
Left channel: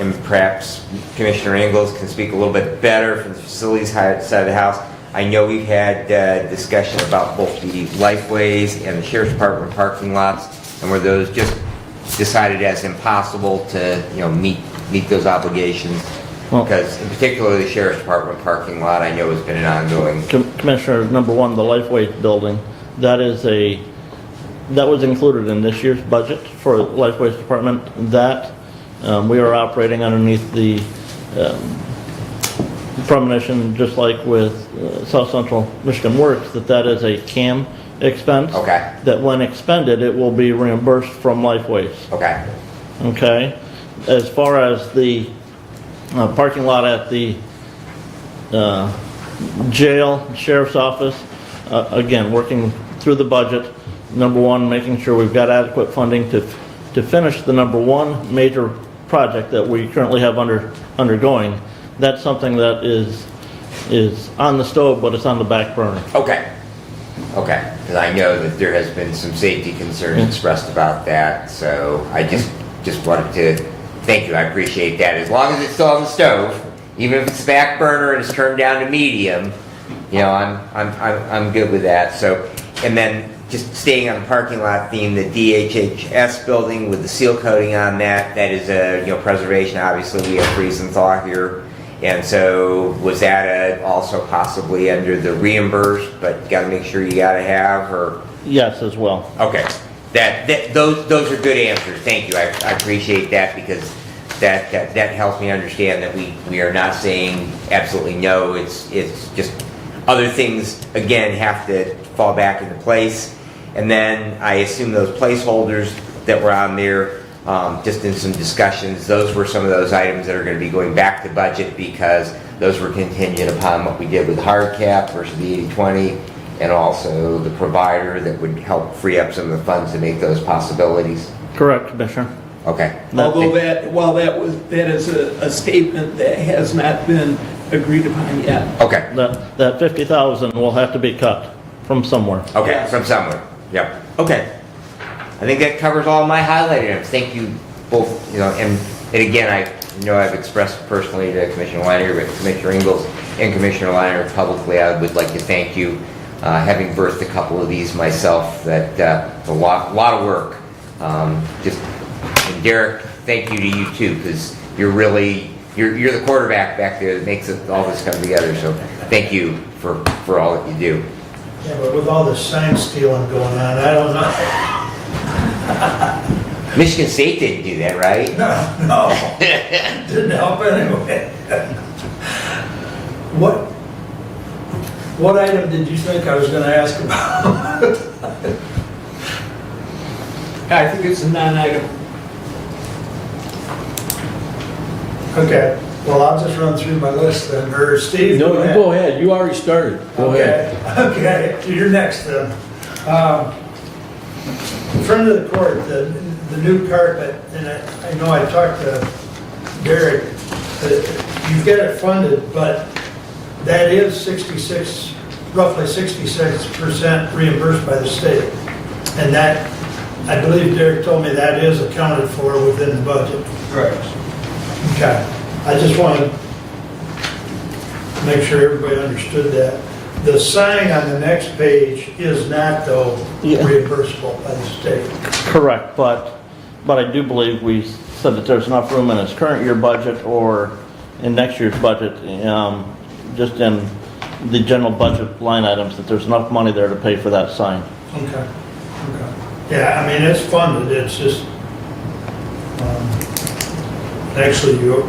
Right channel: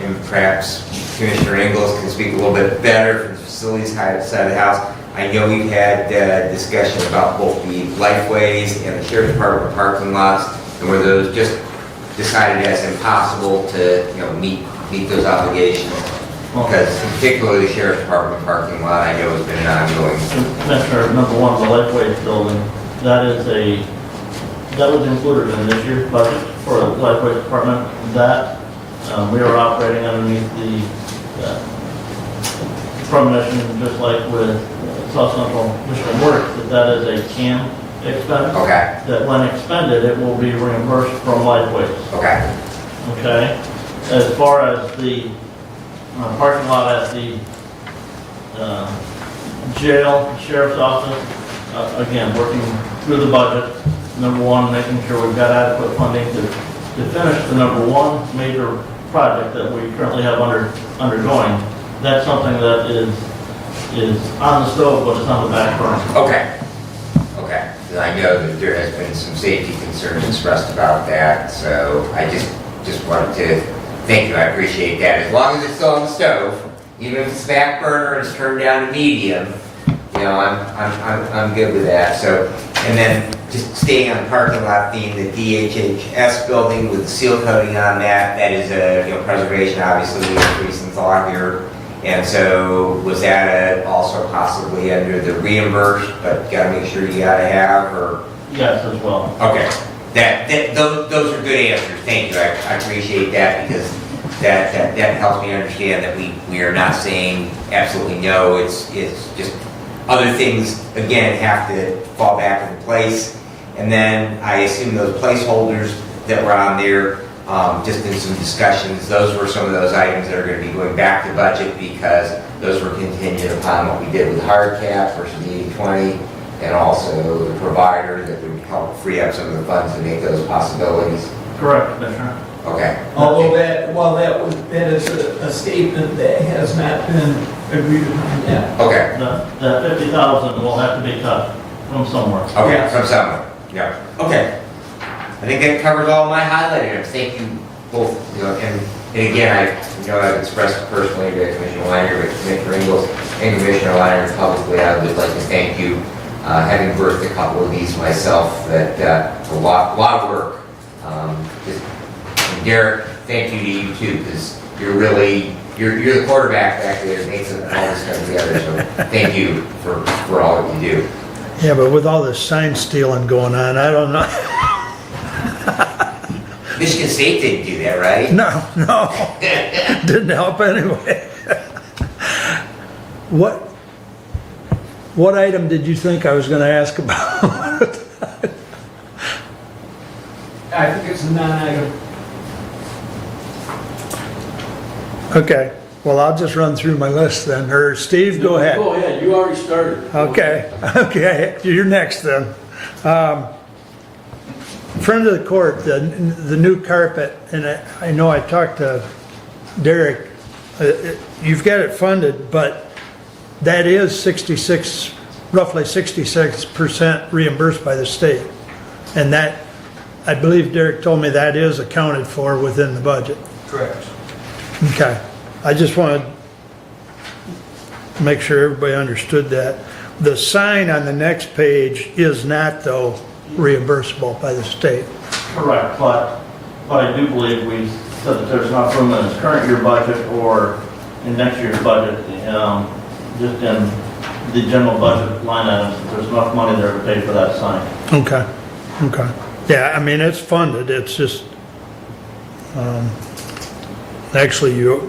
And perhaps Commissioner Ingalls can speak a little bit better from the facilities side of the house. I know we've had discussion about both the Lifeways and the Sheriff's Department parking lots, and were those just decided as impossible to meet those obligations? Because in particular the Sheriff's Department parking lot, I know has been an ongoing. Commissioner, number one, the Lifeways building, that was included in this year's budget for the Lifeways Department. That we are operating underneath the premonition, just like with South Central Michigan Works, that is a CAM expense. Okay. That when expended, it will be reimbursed from Lifeways. Okay. Okay. As far as the parking lot at the jail, sheriff's office, again, working through the budget. Number one, making sure we've got adequate funding to finish the number one major project that we currently have undergoing. That's something that is on the stove, but it's on the back burner. Okay. Okay. Because I know that there has been some safety concerns expressed about that, so I just wanted to thank you. I appreciate that. As long as it's still on the stove, Even if it's back burner and it's turned down to medium, you know, I'm good with that. So, and then just staying on the parking lot theme, the DHHS building with the seal coating on that, that is a, you know, preservation, obviously, we have recent thought here. And so was that also possibly under the reimbursed, but gotta make sure you gotta have, or? Yes, as well. Okay, those are good answers, thank you, I appreciate that, because that helps me understand that we are not saying absolutely no, it's just other things, again, have to fall back into place. And then I assume those placeholders that were on there, just in some discussions, those were some of those items that are going to be going back to budget because those were contingent upon what we did with hard cap versus the 80/20, and also the provider that would help free up some of the funds to make those possibilities. Correct, Commissioner. Okay. Although that is a statement that has not been agreed upon yet. Okay. That 50,000 will have to be cut from somewhere. Okay, Yes. from somewhere. Yeah. Okay. I think that covers all my highlighted items. Thank you both. You know, and again, I know I've expressed personally to Commissioner Weiner, Commissioner Ingles, and Commissioner Weiner, and publicly, I would like to thank you. Having birthed a couple of these myself, that a lot of work. Just Derek, thank you to you too, because you're really you're the quarterback back there that makes all this come together. So thank you for all that you do. Yeah, but with all this sign stealing going on, I don't know. Michigan State didn't do that, right? No. Didn't help anyway. What item did you think I was going to ask about? I think it's a non-item. Okay, well, I'll just run through my list then, or Steve, No, go ahead. go ahead, you already started. Go ahead. Okay, you're next then. In front of the court, the new carpet, and I know I talked to Derek, you've got it funded, but that is roughly 66% reimbursed by the state. And that, I believe Derek told me that is accounted for within the budget. Correct. Okay, I just wanted to make sure everybody understood that. The sign on the next page is not, though, reimbursable by the state. Correct, but I do believe we said that there's enough room in its current year budget or in next year's budget, just in the general budget line items, that there's enough money there to pay for that sign. Okay. Yeah, I mean, it's funded, it's just, actually, you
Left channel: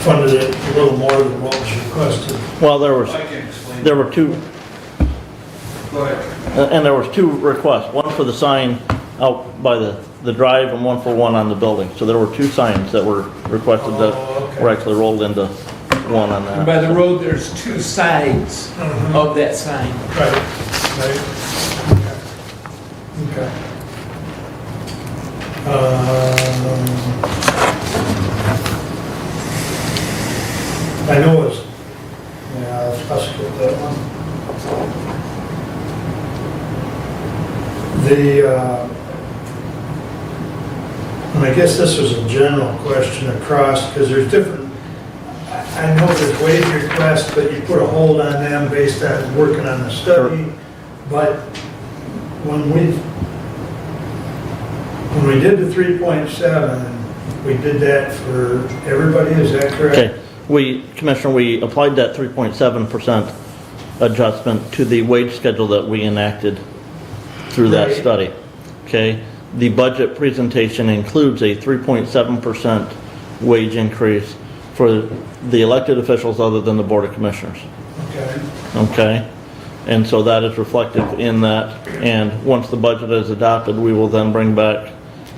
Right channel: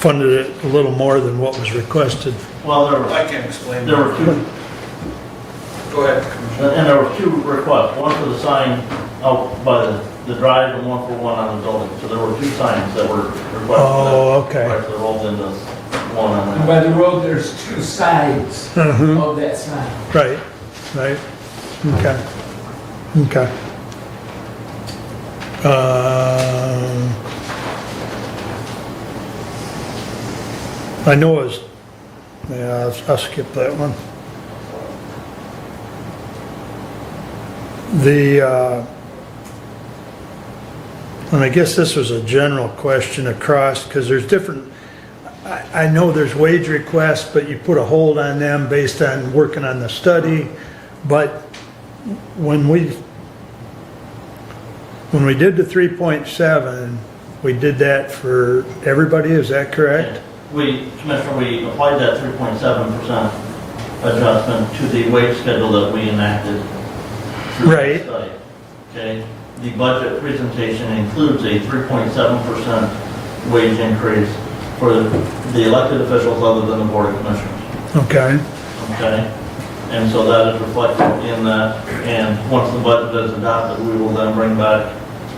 funded it a little more than what was requested. Well, I can explain. there were two, Go ahead. and there was two requests, one for the sign out by the drive and one for one on the building. So there were two signs that were requested that were actually rolled into one on And that. by the road, there's two sides of that sign. Right. Okay. I know it's, yeah, I'll skip that one. And I guess this was a general question across, because there's different, I know there's wage requests, but you put a hold on them based on working on the study. But when we did the 3.7, we did that for everybody, is that correct? Okay, Commissioner, we applied that 3.7% adjustment to the wage schedule that we enacted through that study. Okay, the budget presentation includes a 3.7% wage increase for the elected officials other than the Board of Commissioners. Okay. Okay, and so that is reflected in that, and once the budget is adopted, we will then bring back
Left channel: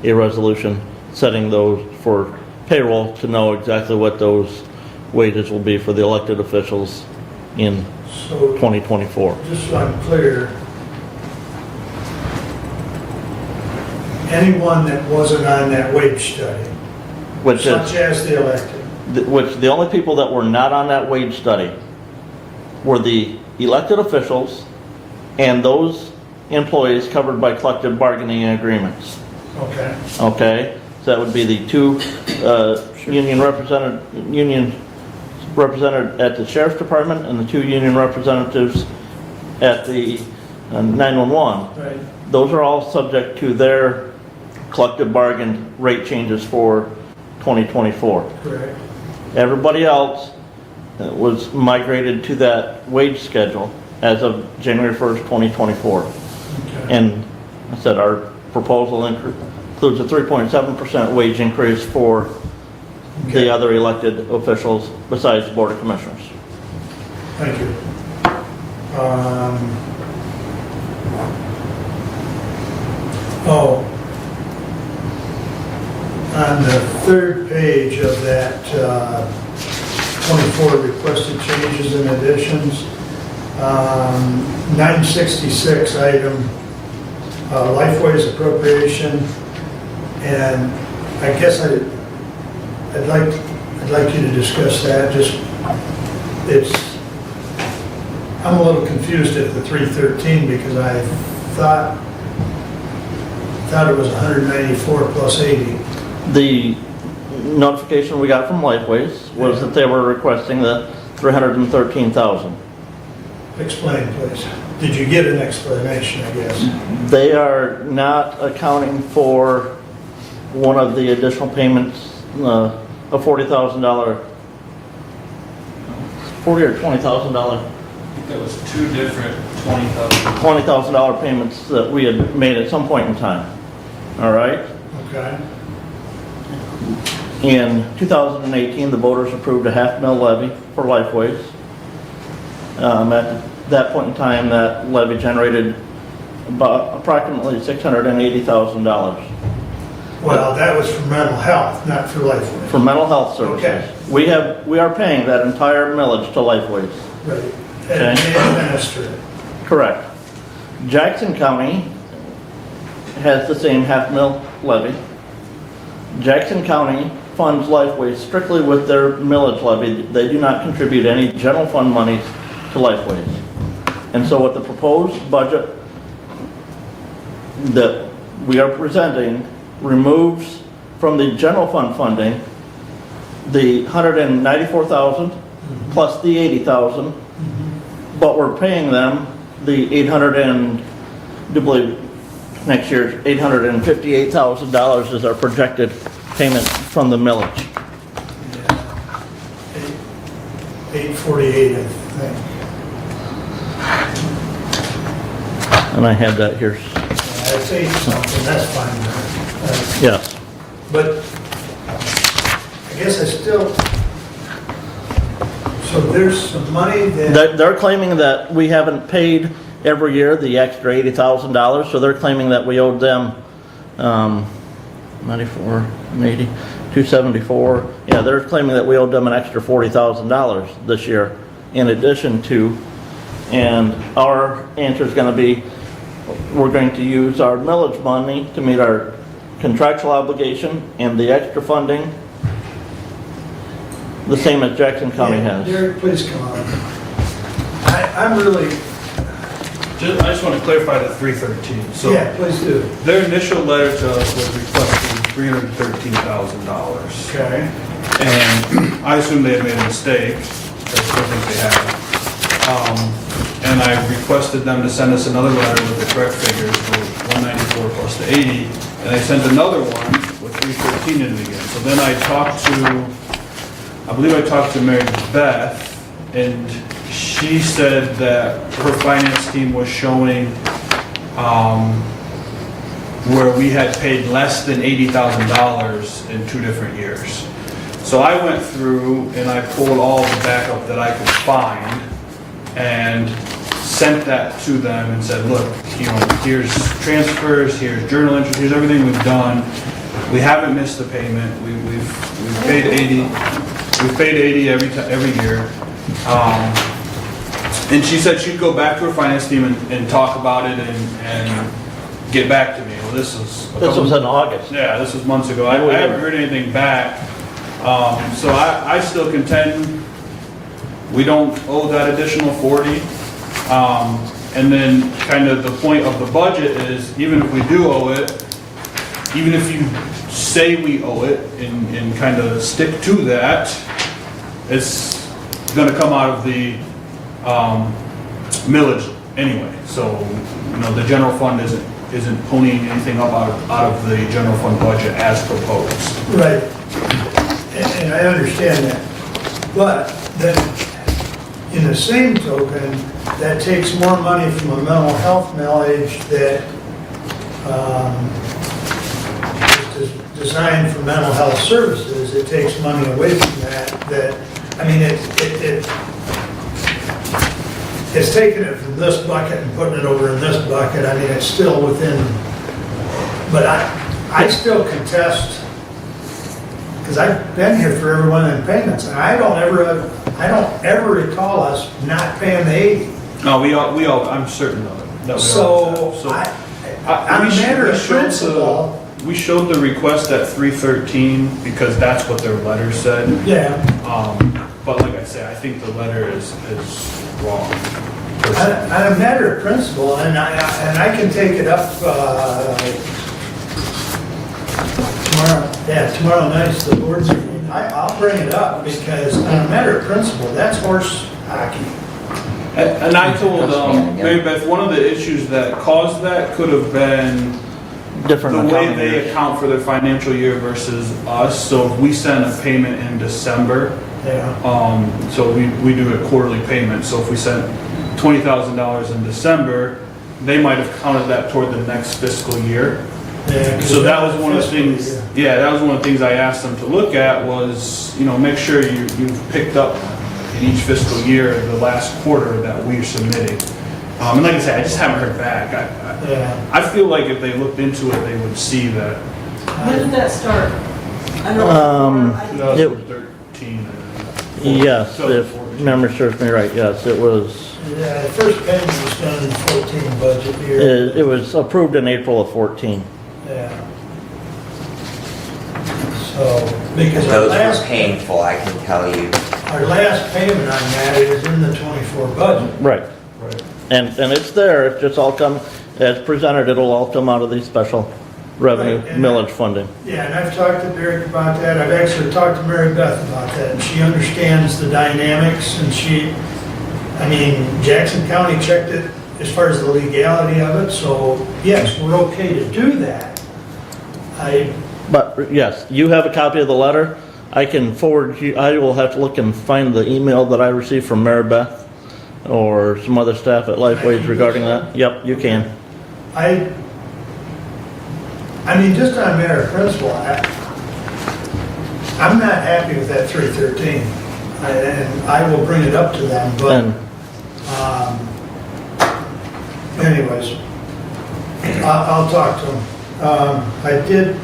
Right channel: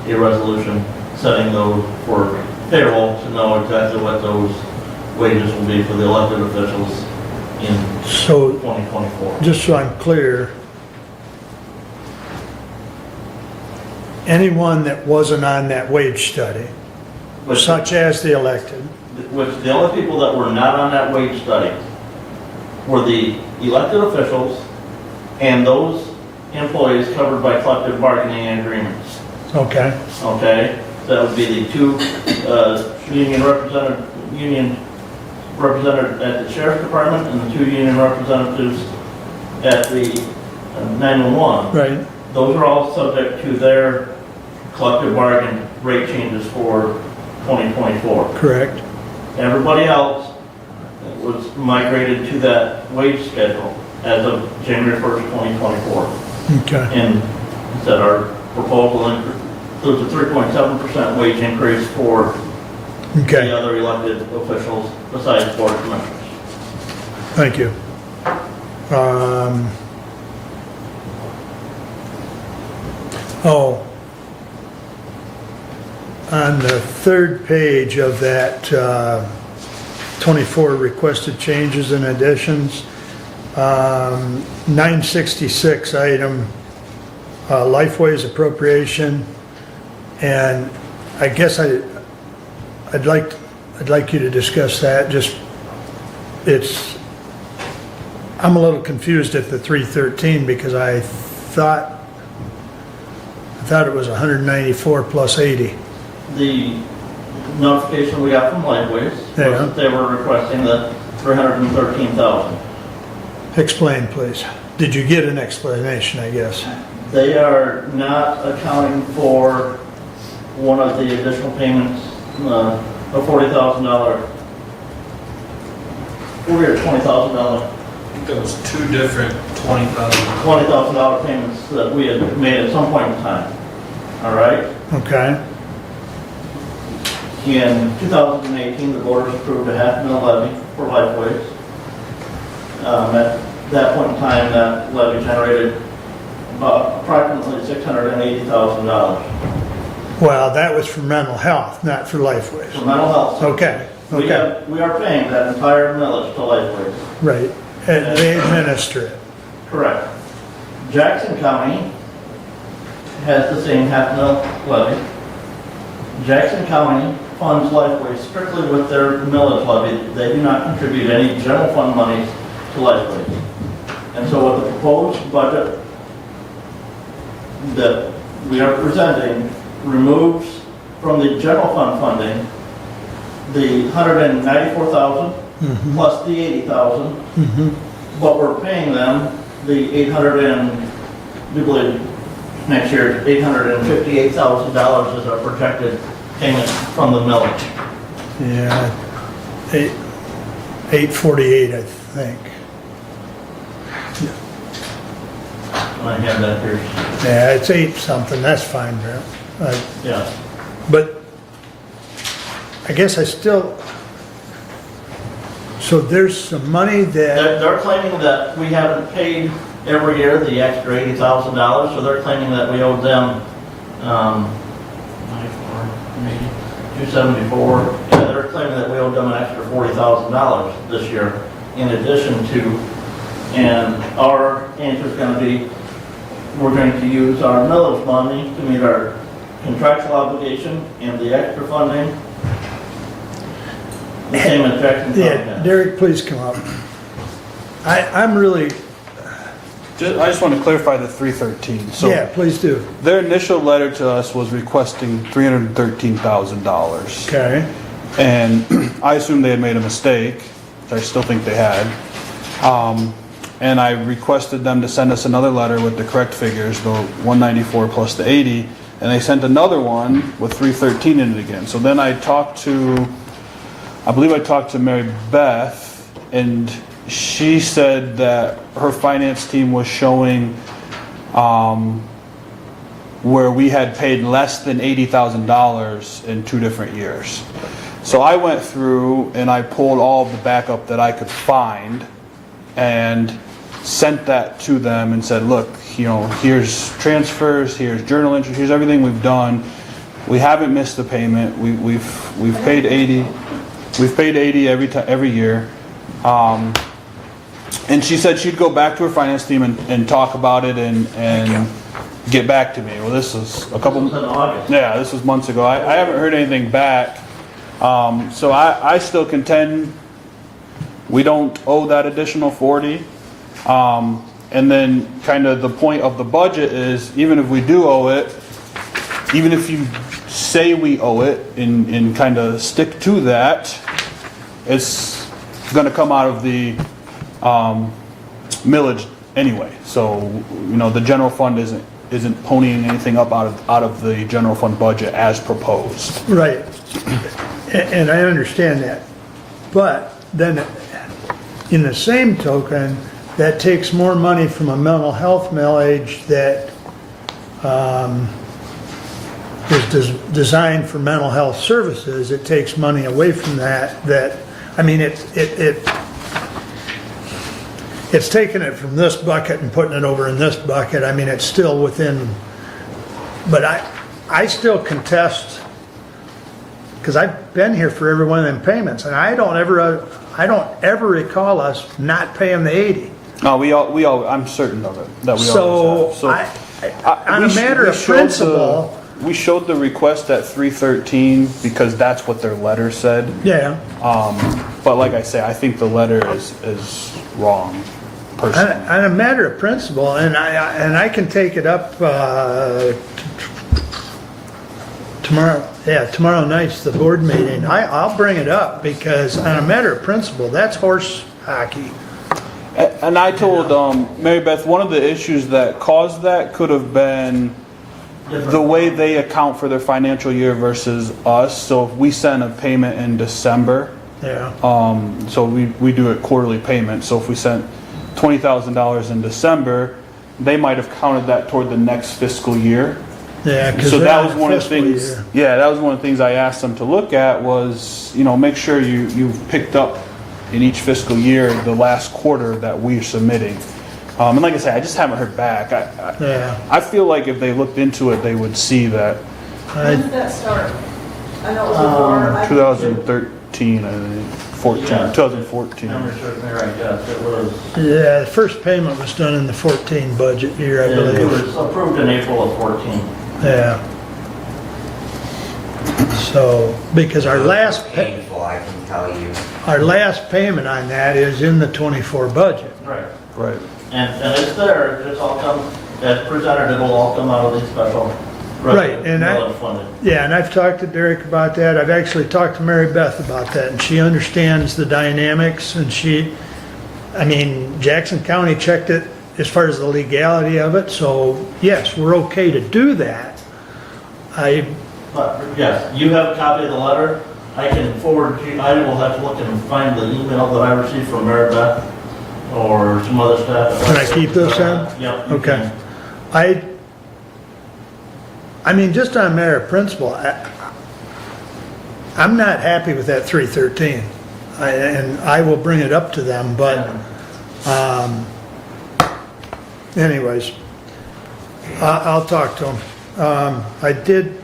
a resolution setting those for payroll to know exactly what those wages will be for the elected officials in 2024. Just so I'm clear, anyone that wasn't on that wage study, such as the elected. Which the only people that were not on that wage study were the elected officials and those employees covered by collective bargaining agreements. Okay. Okay, so that would be the two union represented at the sheriff's department and the 2 union representatives at the 911. Right. Those are all subject to their collective bargain rate changes for 2024. Correct. Everybody else was migrated to that wage schedule as of January 1st, 2024. Okay. And that our proposal includes a 3.7% wage increase for the other elected officials besides the Board of Commissioners. Thank you. On the 3rd page of that 24 requested changes and additions, 966 item, Lifeways appropriation, and I guess I'd like you to discuss that. I'm a little confused at the 313 because I thought it was 194 plus 80. The notification we got from Lifeways was that they were requesting the $313,000. Explain, please. Did you get an explanation, I guess? They are not accounting for one of the additional payments, a $40,000, $40,000 or $20,000. That was 2 different $20,000 payments that we had made at some point in time. All right? Okay. In 2018, the voters approved a $500,000 levy for Lifeways. At that point in time, that levy generated about approximately $680,000. Well, that was for mental health, not for Lifeways. For mental health services. Okay. We are paying that entire millage to Lifeways. Right. And they administer it. Correct. Jackson County has the same $500,000 levy. Jackson County funds Lifeways strictly with their millage levy. They do not contribute any general fund monies to Lifeways. And so with the proposed budget that we are presenting removes from the general fund funding the $194,000 plus the $80,000, but we're paying them the next year $858,000 is our projected payment from the millage. Yeah. 848, I think. And I had that here. Yeah, it's 8 something, that's fine. Yeah. But I guess I still, so there's some money that, They're claiming that we haven't paid every year the extra $80,000, so they're claiming that we owed them 94, 80, 274. Yeah, they're claiming that we owed them an extra $40,000 this year in addition to, and our answer is going to be, we're going to use our millage money to meet our contractual obligation and the extra funding, the same as Jackson County has. Derek, please come up. I'm really, I just want to clarify the 313. So yeah, please do. their initial letter to us was requesting $313,000. Okay. And I assumed they had made a mistake. I still think they had. And I requested them to send us another letter with the correct figures, the 194 plus the 80. And I sent another one with 313 in it again. So then I believe I talked to Mary Beth, and she said that her finance team was showing where we had paid less than $80,000 in 2 different years. So I went through and I pulled all the backup that I could find and sent that to them and said, look, here's transfers, here's journal entries, here's everything we've done. We haven't missed the payment. We've paid 80. We've paid 80 every year. And she said she'd go back to her finance team and talk about it and get back to me. Well, this was in August. Yeah, this was months ago. I haven't heard anything back. So I still contend we don't owe that additional 40. And then kind of the point of the budget is even if we do owe it, even if you say we owe it and kind of stick to that, it's gonna come out of the millage anyway. So, you know, the general fund isn't ponying anything up out of the general fund budget as proposed. Right. And I understand that. But then, in the same token, that takes more money from a mental health millage that is designed for mental health services. It takes money away from that, I mean, it's taking it from this bucket and putting it over in this bucket. I mean, it's still within, but I still contest, because I've been here for every one of them payments, and I don't ever recall us not paying the 80. No, we all, I'm certain of it, that we all have. On a matter of principle. We showed the request at 313 because that's what their letter said. Yeah. But like I say, I think the letter is wrong. On a matter of principle, and I can take it up tomorrow. Yeah, tomorrow night's the board meeting. I'll bring it up because on a matter of principle, that's horse hockey. And I told Mary Beth, one of the issues that caused that could have been the way they account for their financial year versus us. So if we send a payment in December, so we do a quarterly payment. So if we sent $20,000 in December, they might have counted that toward the next fiscal year. Yeah, so that was one of the things. Yeah, that was one of the things I asked them to look at was, you know, make sure you've picked up in each fiscal year the last quarter that we're submitting. And like I said, I just haven't heard back. I feel like if they looked into it, they would see that. When did that start? I know it was 2013, I think. 14, Yeah, 2014. Memory serves me right, yes, it was. Yeah, the first payment was done in the 14 budget year. It was approved in April of 14. Yeah. So, because our Those last. were painful, I can tell you. Our last payment on that is in the 24 budget. Right. Right. And it's there, it's just all come, as presented, it'll all come out of the special revenue Right, and millage funding. Yeah, and I've talked to Derek about that. I've actually talked to Mary Beth about that, and she understands the dynamics, and I mean, Jackson County checked it as far as the legality of it, so yes, we're okay to do that. But yes, you have a copy of the letter. I can forward you, I will have to look and find the email that I received from Mary Beth or some other staff at Can I Lifeway keep this regarding in? that. Yep, you Okay. can. I mean, just on a matter of principle, I'm not happy with that 313, and I will bring it up to them, but, anyways, I'll talk to them. I did,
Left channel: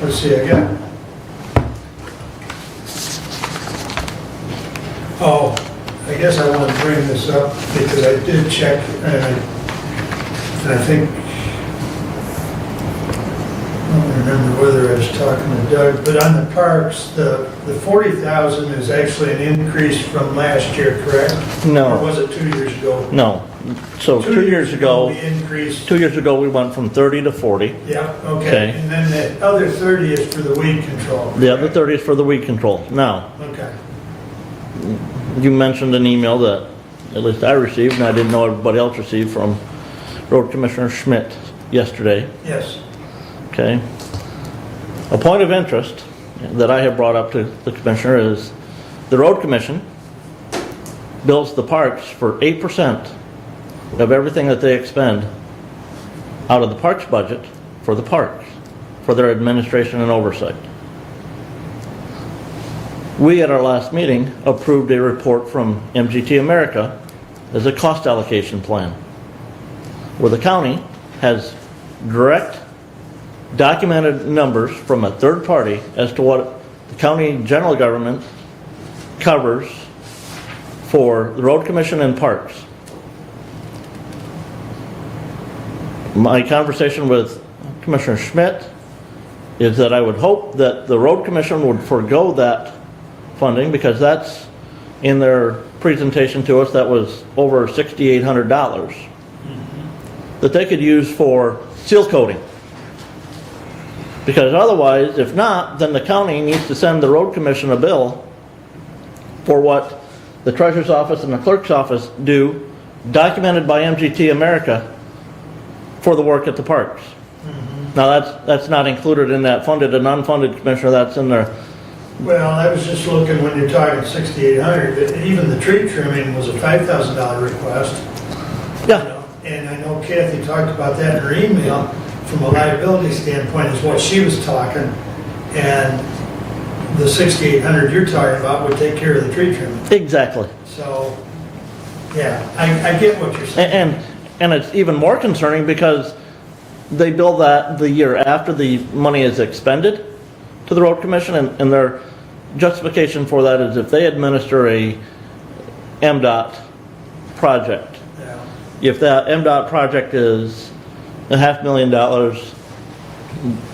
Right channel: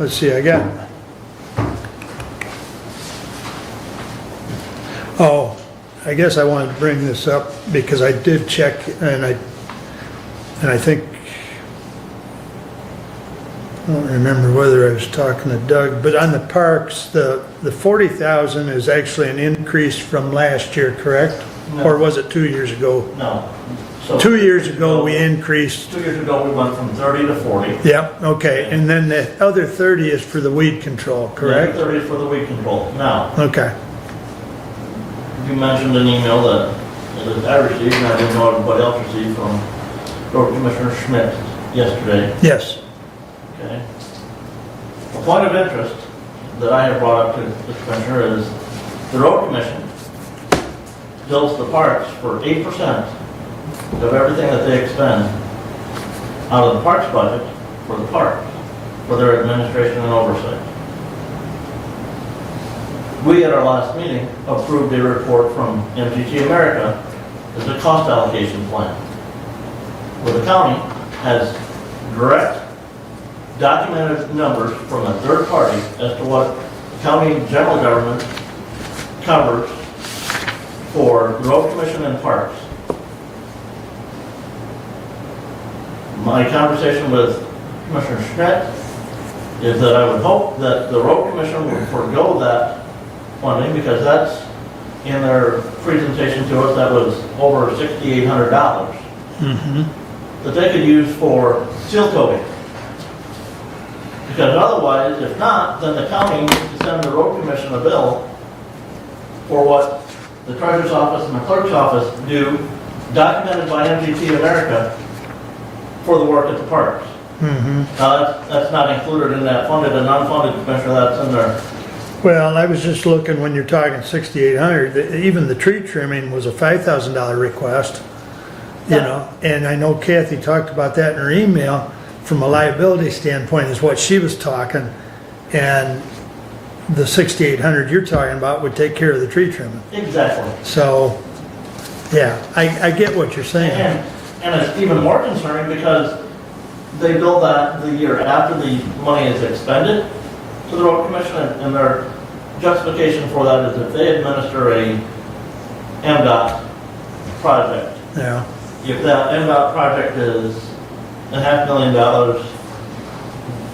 let's see, I got, I guess I wanted to bring this up because I did check, and I think, I don't remember whether I was talking to Doug, but on the parks, the 40,000 is actually an increase from last year, correct? No. Or was it 2 years ago? No. So 2 years ago, we increased. 2 years ago, we went from 30 to 40. Yep, okay. And then the other 30 is for the weed control, The other correct? 30 is for the weed control. Now, Okay. you mentioned an email that at least I received, and I didn't know everybody else received from Road Commissioner Schmidt yesterday. Yes. Okay. A point of interest that I have brought up to the commissioner is the road commission bills the parks for 8% of everything that they expend out of the parks budget for the parks, for their administration and oversight. We, at our last meeting, approved a report from MGT America as a cost allocation plan, where the county has direct documented numbers from a third party as to what county general government covers for the road commission and parks. My conversation with Commissioner Schmidt is that I would hope that the road commission would forego that funding, because that's, in their presentation to us, that was over $6,800 that they could use for seal coating. Because otherwise, if not, then the county needs to send the road commission a bill for what the treasurer's office and the clerk's office do, documented by MGT America, for the work at the parks. Now, that's not included in that funded and unfunded, Commissioner, that's in there. Well, I was just looking, when you're talking 6,800, that even the tree trimming was a $5,000 request. You know, and I know Kathy talked about that in her email, from a liability standpoint is what she was talking, and the 6,800 you're talking about would take care of the tree trimming. Exactly. So, yeah, I get what you're saying. And it's even more concerning because they bill that the year after the money is expended to the road commission, and their justification for that is if they administer a MDOT project. Yeah. If that MDOT project is $500,000,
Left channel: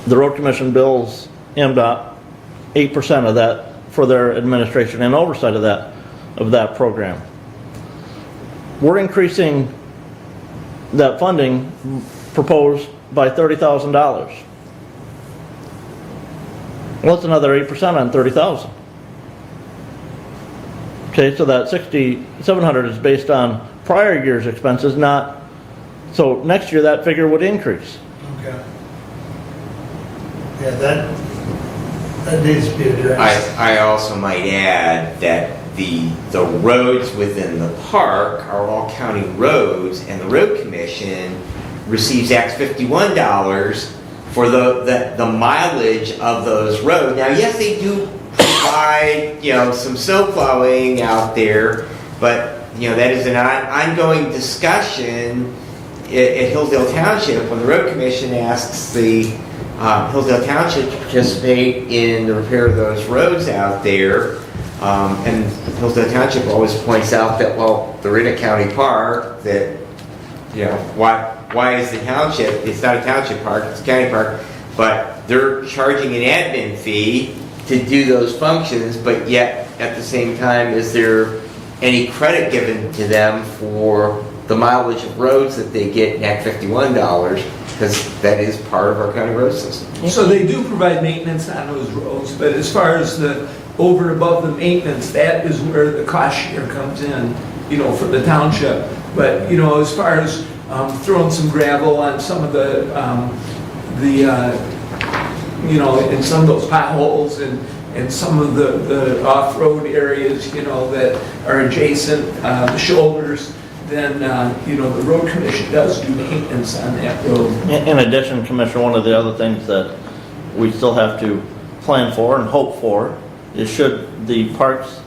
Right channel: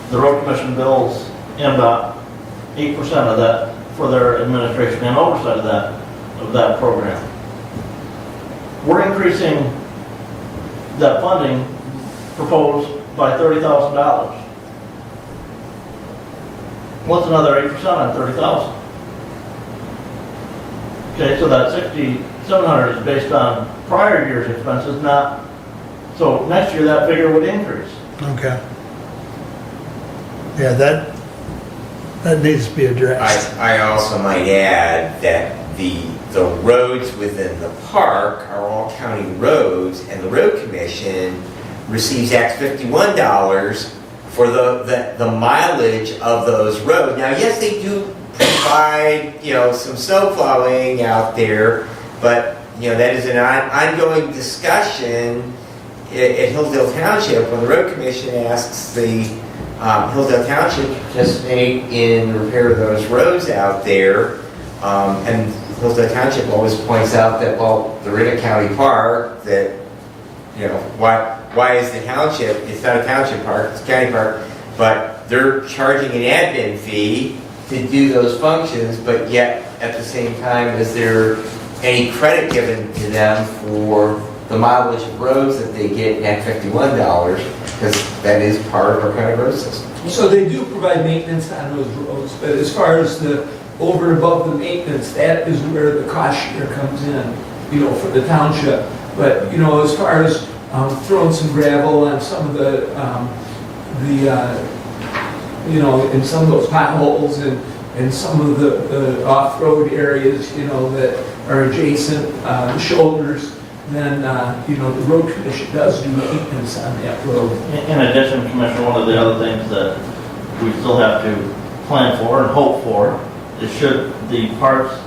the road commission bills MDOT 8% of that for their administration and oversight of that program. We're increasing that funding proposed by $30,000. Well, it's another 8% on 30,000. Okay, so that 6,700 is based on prior year's expenses, not, so next year that figure would increase. Okay. Yeah, that needs to be addressed. I also might add that the roads within the park are all county roads, and the road commission receives Act 51 dollars for the mileage of those roads. Now, yes, they do provide, some snow plowing out there, but, that is an ongoing discussion at Hillsdale Township when the road commission asks the Hillsdale Township to participate in the repair of those roads out there. And Hillsdale Township always points out that, well, they're in a county park, that, why is the township, it's not a township park, it's a county park, but they're charging an admin fee to do those functions, but yet at the same time, is there any credit given to them for the mileage of roads that they get in Act 51 dollars, because that is part of our county road system. So they do provide maintenance on those roads, but as far as the over and above the maintenance, that is where the cost share comes in, for the township. But, as far as throwing some gravel on some of the in some of those potholes and some of the off-road areas, that are adjacent, the shoulders, then, the road commission does do maintenance on that road. In addition, Commissioner, one of the other things that we still have to plan for and hope for is, should the parks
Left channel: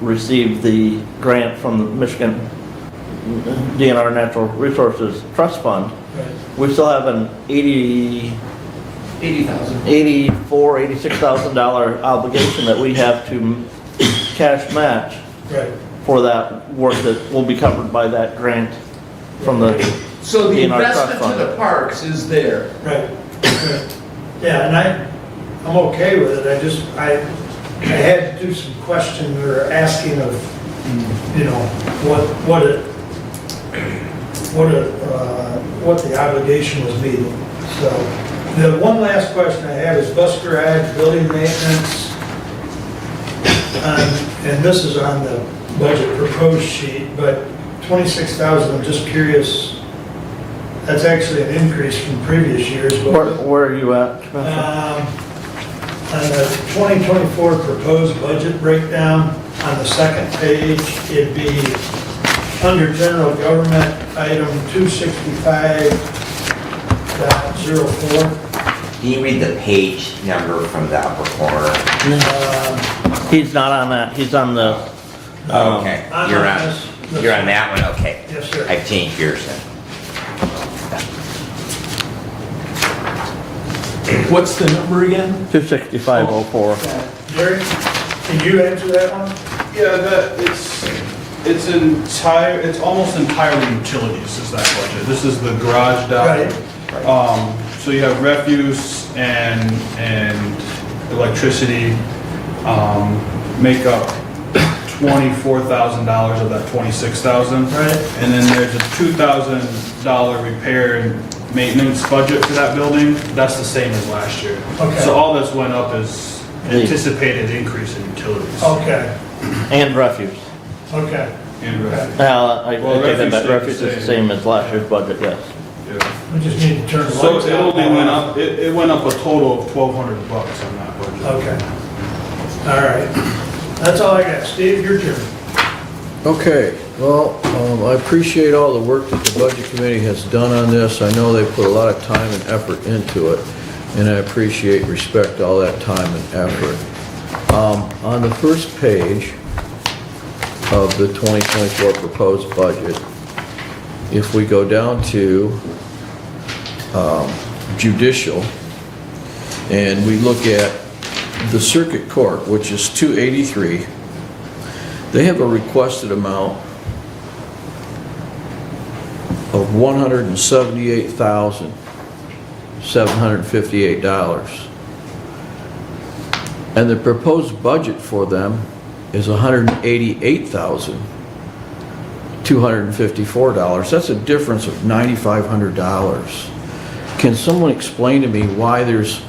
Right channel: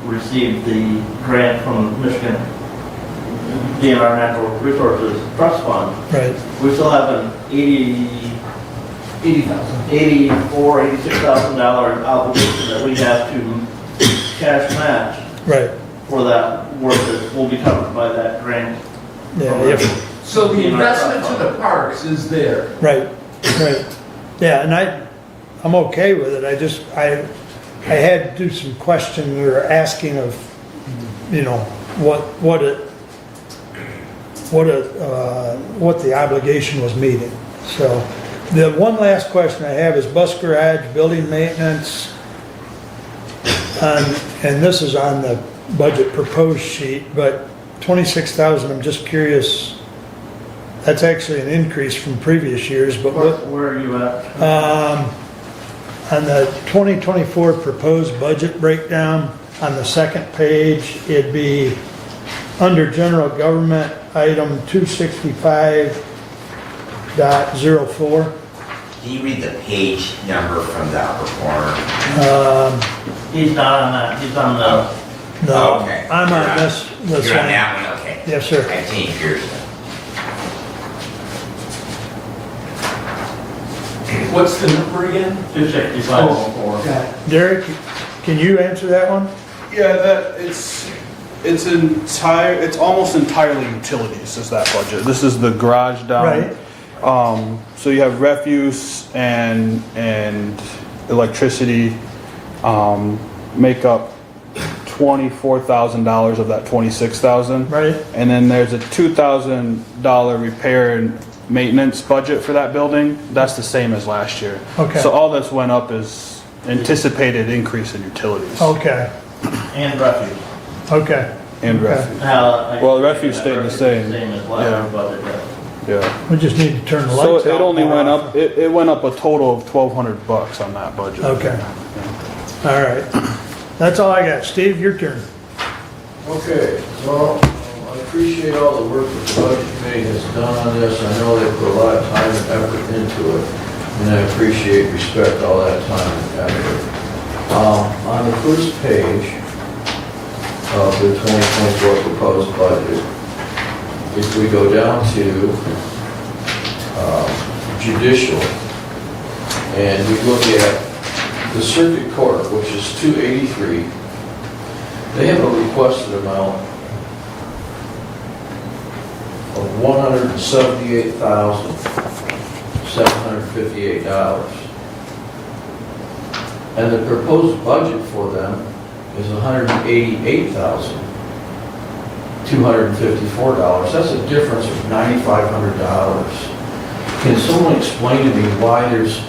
receive the grant from Michigan DNR Natural Resources Trust Fund, Right. we still have an $86,000 obligation that we have to cash match. Right. For that work that will be covered by that grant from the So the DNR Trust investment Fund. to the parks is there. Right. Yeah, and I'm okay with it. I had to do some questioning or asking of, what the obligation was meeting. So the one last question I have is bus garage, building maintenance, and this is on the budget proposed sheet, but 26,000, I'm just curious, that's actually an increase from previous years, but where are you at? on the 2024 proposed budget breakdown, on the second page, it'd be under general government, item 265.04. Can you read the page number from the upper corner? He's not on that, he's on the... No, Oh, okay. I'm You're on on- this You're on one. that one, okay. Yes, sir. I've changed yours then. What's the number again? 265.04. Derek, can you answer that one? Yeah, it's almost entirely utilities is that budget. This is the garage down. Right. So you have refuse and electricity, make up $24,000 of that $26,000. Right. And then there's a $2,000 repair and maintenance budget for that building, that's the same as last year. Okay. So all that's went up is anticipated increase in utilities. Okay, And refuse. okay. And Okay. refuse. I Well, take that refuse back. stayed the Refuse is the same. same as last year's Yeah. budget, yes. Yeah. We just need to turn the So lights it out. only went up, it went up a total of $1,200 on that budget. Okay. All right. That's all I got. Steve, your turn. Okay, well, I appreciate all the work that the budget committee has done on this. I know they put a lot of time and effort into it, and I appreciate, respect all that time and effort. On the first page of the 2024 proposed budget, if we go down to judicial, and we look at the circuit court, which is 283, they have a requested amount of $178,758. And the proposed budget for them is $188,254. That's a difference of $9,500. Can someone explain to me why there's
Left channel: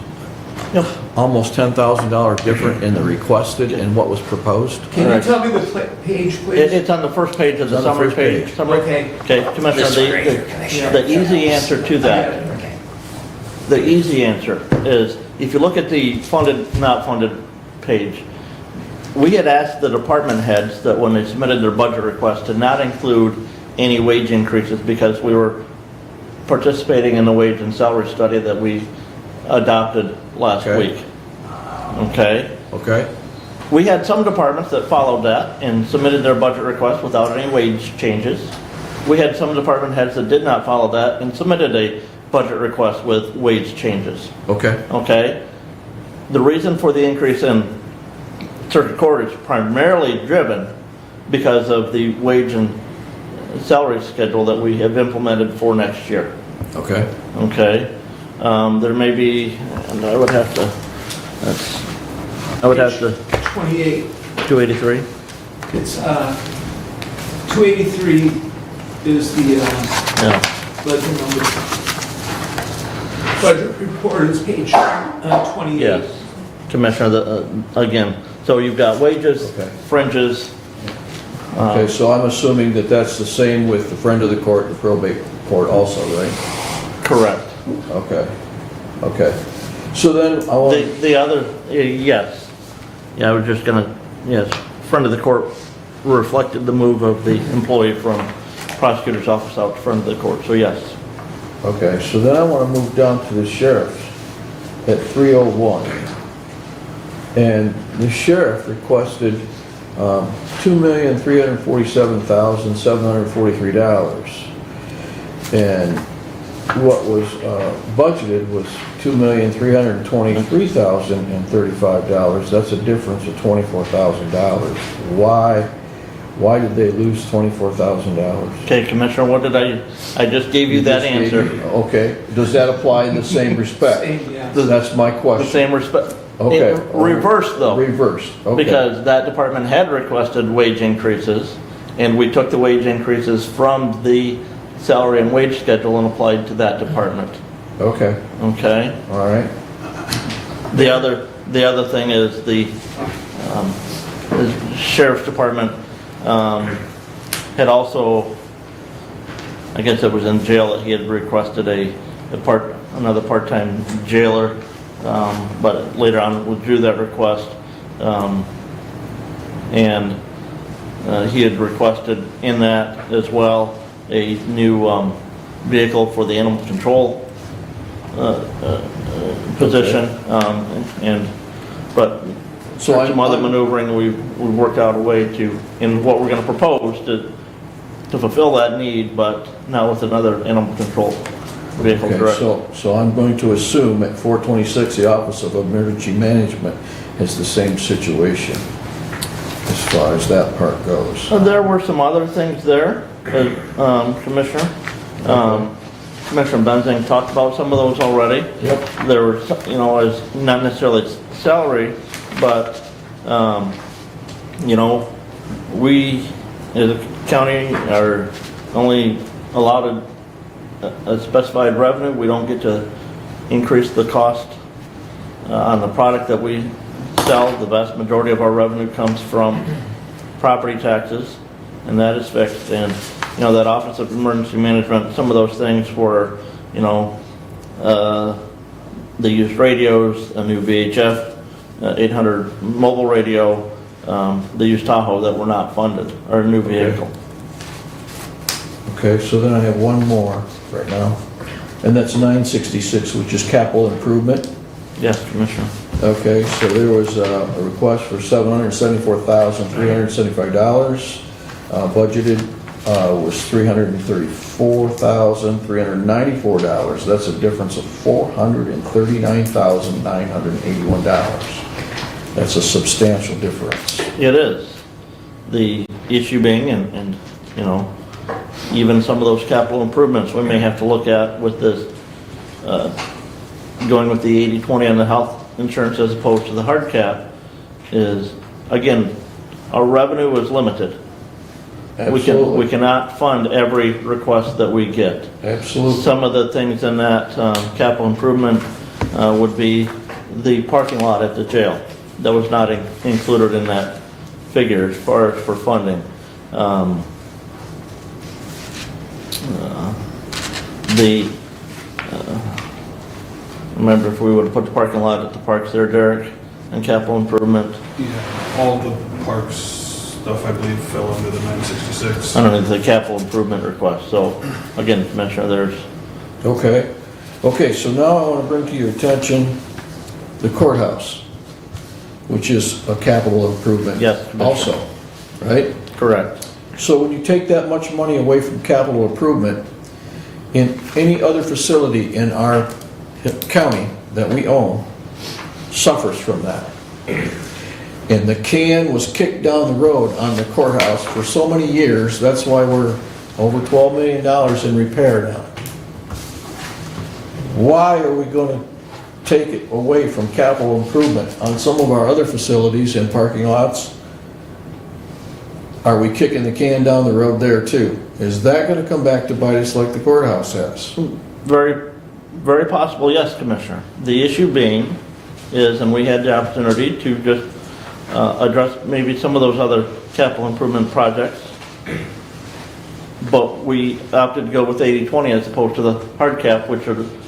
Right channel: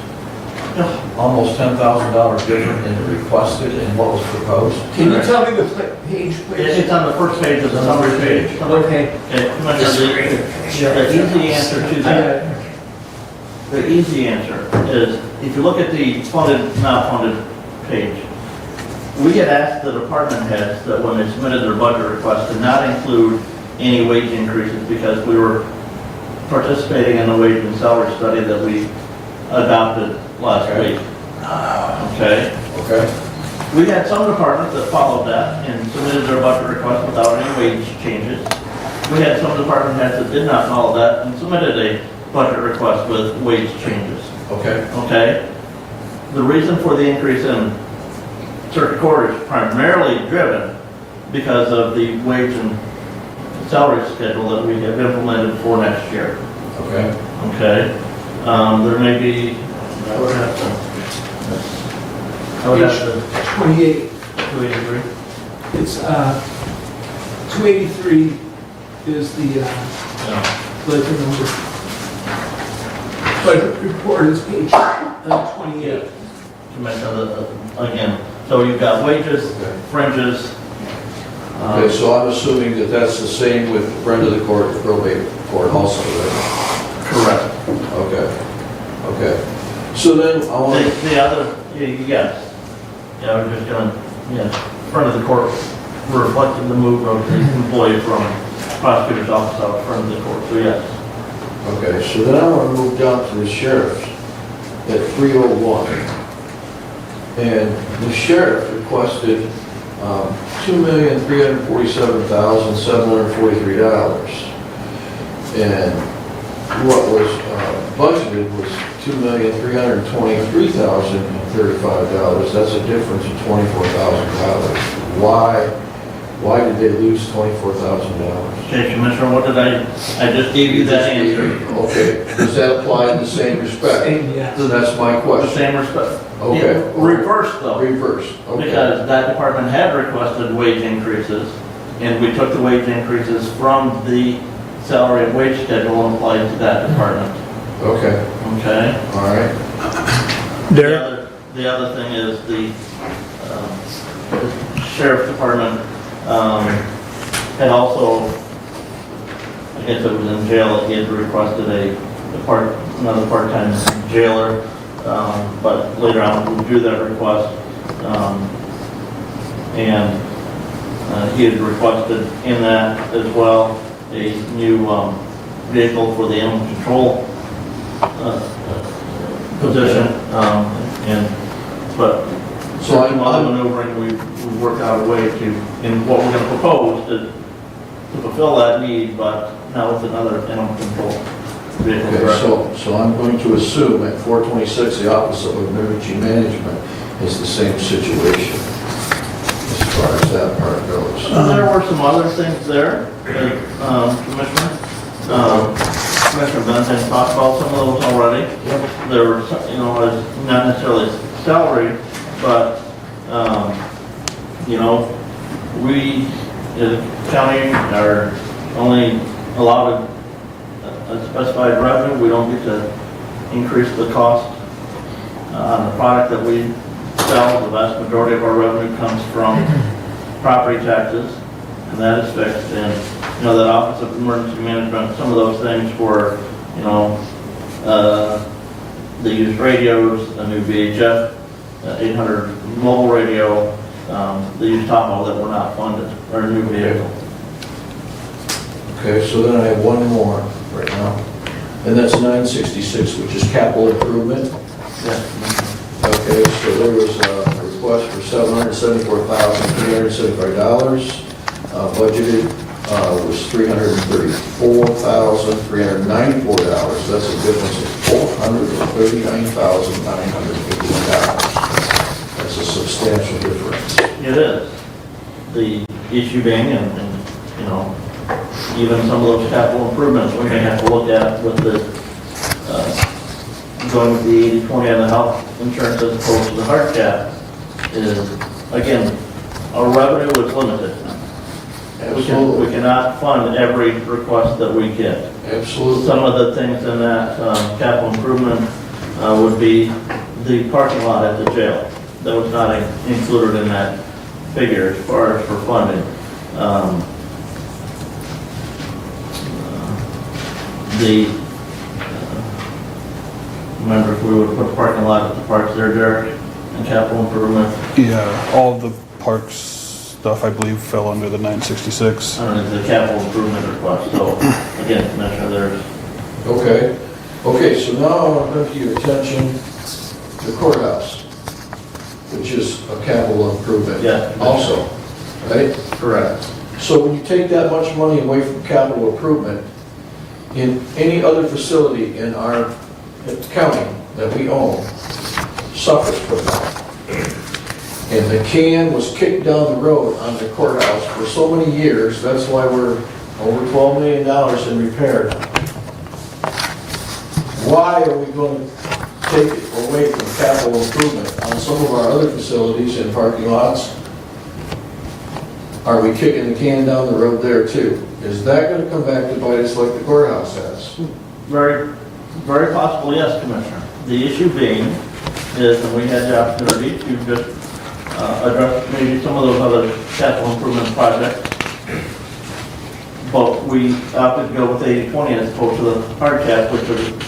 almost $10,000 different in the requested and what was proposed? Can you tell me the page, please? It's on the first page of the summary page. Okay. Okay, Commissioner, the easy answer to that, the easy answer is, if you look at the funded, not funded page, we had asked the department heads that when they submitted their budget request to not include any wage increases because we were participating in the wage and salary study that we adopted last week. Okay? Okay. We had some departments that followed that and submitted their budget request without any wage changes. We had some department heads that did not follow that and submitted a budget request with wage changes. Okay. Okay? The reason for the increase in circuit court is primarily driven because of the wage and salary schedule that we have implemented for next year. Okay. Okay? There may be, I would have to, 28. 283? It's, 283 is the, Yeah. budget number. Budget report is page 28. Yes. Commissioner, again, so you've got wages, fringes. Okay, so I'm assuming that that's the same with the friend of the court, the probate court also, right? Correct. Okay, okay. So then I want The other, yes. Yeah, I was just gonna, yes, front of the court reflected the move of the employee from prosecutor's office out front of the court, so yes. okay, so then I want to move down to the sheriff's at 301. And the sheriff requested $2,347,743. And what was budgeted was $2,323,035. That's a difference of $24,000. Why did they lose $24,000? Okay, Commissioner, what did I just gave you that answer. Okay, does that apply in the same respect? Same, yeah. That's my The question. same respect. Okay. Reverse though. Reverse, okay. Because that department had requested wage increases, and we took the wage increases from the salary and wage schedule and applied it to that department. Okay, Okay? all right. The other thing is the sheriff's department had also, I guess it was in jail, he had requested another part-time jailer, but later on withdrew that request. And he had requested in that as well a new vehicle for the animal control position. But So some other maneuvering, we worked out a way to, in what we're going to propose to fulfill that need, but not with another animal control vehicle. Okay, director. so I'm going to assume at 426, the Office of Emergency Management is the same situation as far as that part goes. There were some other things there, Commissioner. Commissioner Benzan talked about some of those already. Yep. There were, as not necessarily salary, but, we, as a county, are only allotted a specified revenue. We don't get to increase the cost on the product that we sell. The vast majority of our revenue comes from property taxes, and that is fixed. And, you know, that Office of Emergency Management, some of those things were, you know, they used radios, a new VHF, 800 mobile radio, they used Tahoe that were not funded, or a new vehicle. Okay, so then I have one more right now, and that's 966, which is capital improvement. Yes, Commissioner. Okay, so there was a request for $774,375. Budgeted was $334,394. That's a difference of $439,981. That's a substantial difference. It is. The issue being, and you know, even some of those capital improvements we may have to look at with the, going with the 80/20 on the health insurance as opposed to the hard cap, is, again, our revenue is limited. We cannot fund every request that we get. Absolutely. Some of the things in that capital improvement would be the parking lot at the jail. That was not included in that figure as far as for funding. Remember if we would put the parking lot at the parks there, Derek, and capital improvement? Yeah, all the parks stuff, I believe, fell under the 966. Under the capital improvement request. So again, Commissioner, there's. Okay. Okay, so now I want to bring to your attention the courthouse, which is a capital improvement. Yes. Also, right? Correct. So when you take that much money away from capital improvement, in any other facility in our county that we own suffers from that. And the can was kicked down the road on the courthouse for so many years. That's why we're over $12 million in repair now. Why are we going to take it away from capital improvement on some of our other facilities and parking lots? Are we kicking the can down the road there too? Is that going to come back to bite us like the courthouse has? Very, very possible, yes, Commissioner. The issue being is, and we had the opportunity to just address maybe some of those other capital improvement projects, but we opted to go with 80/20 as opposed to the hard cap, which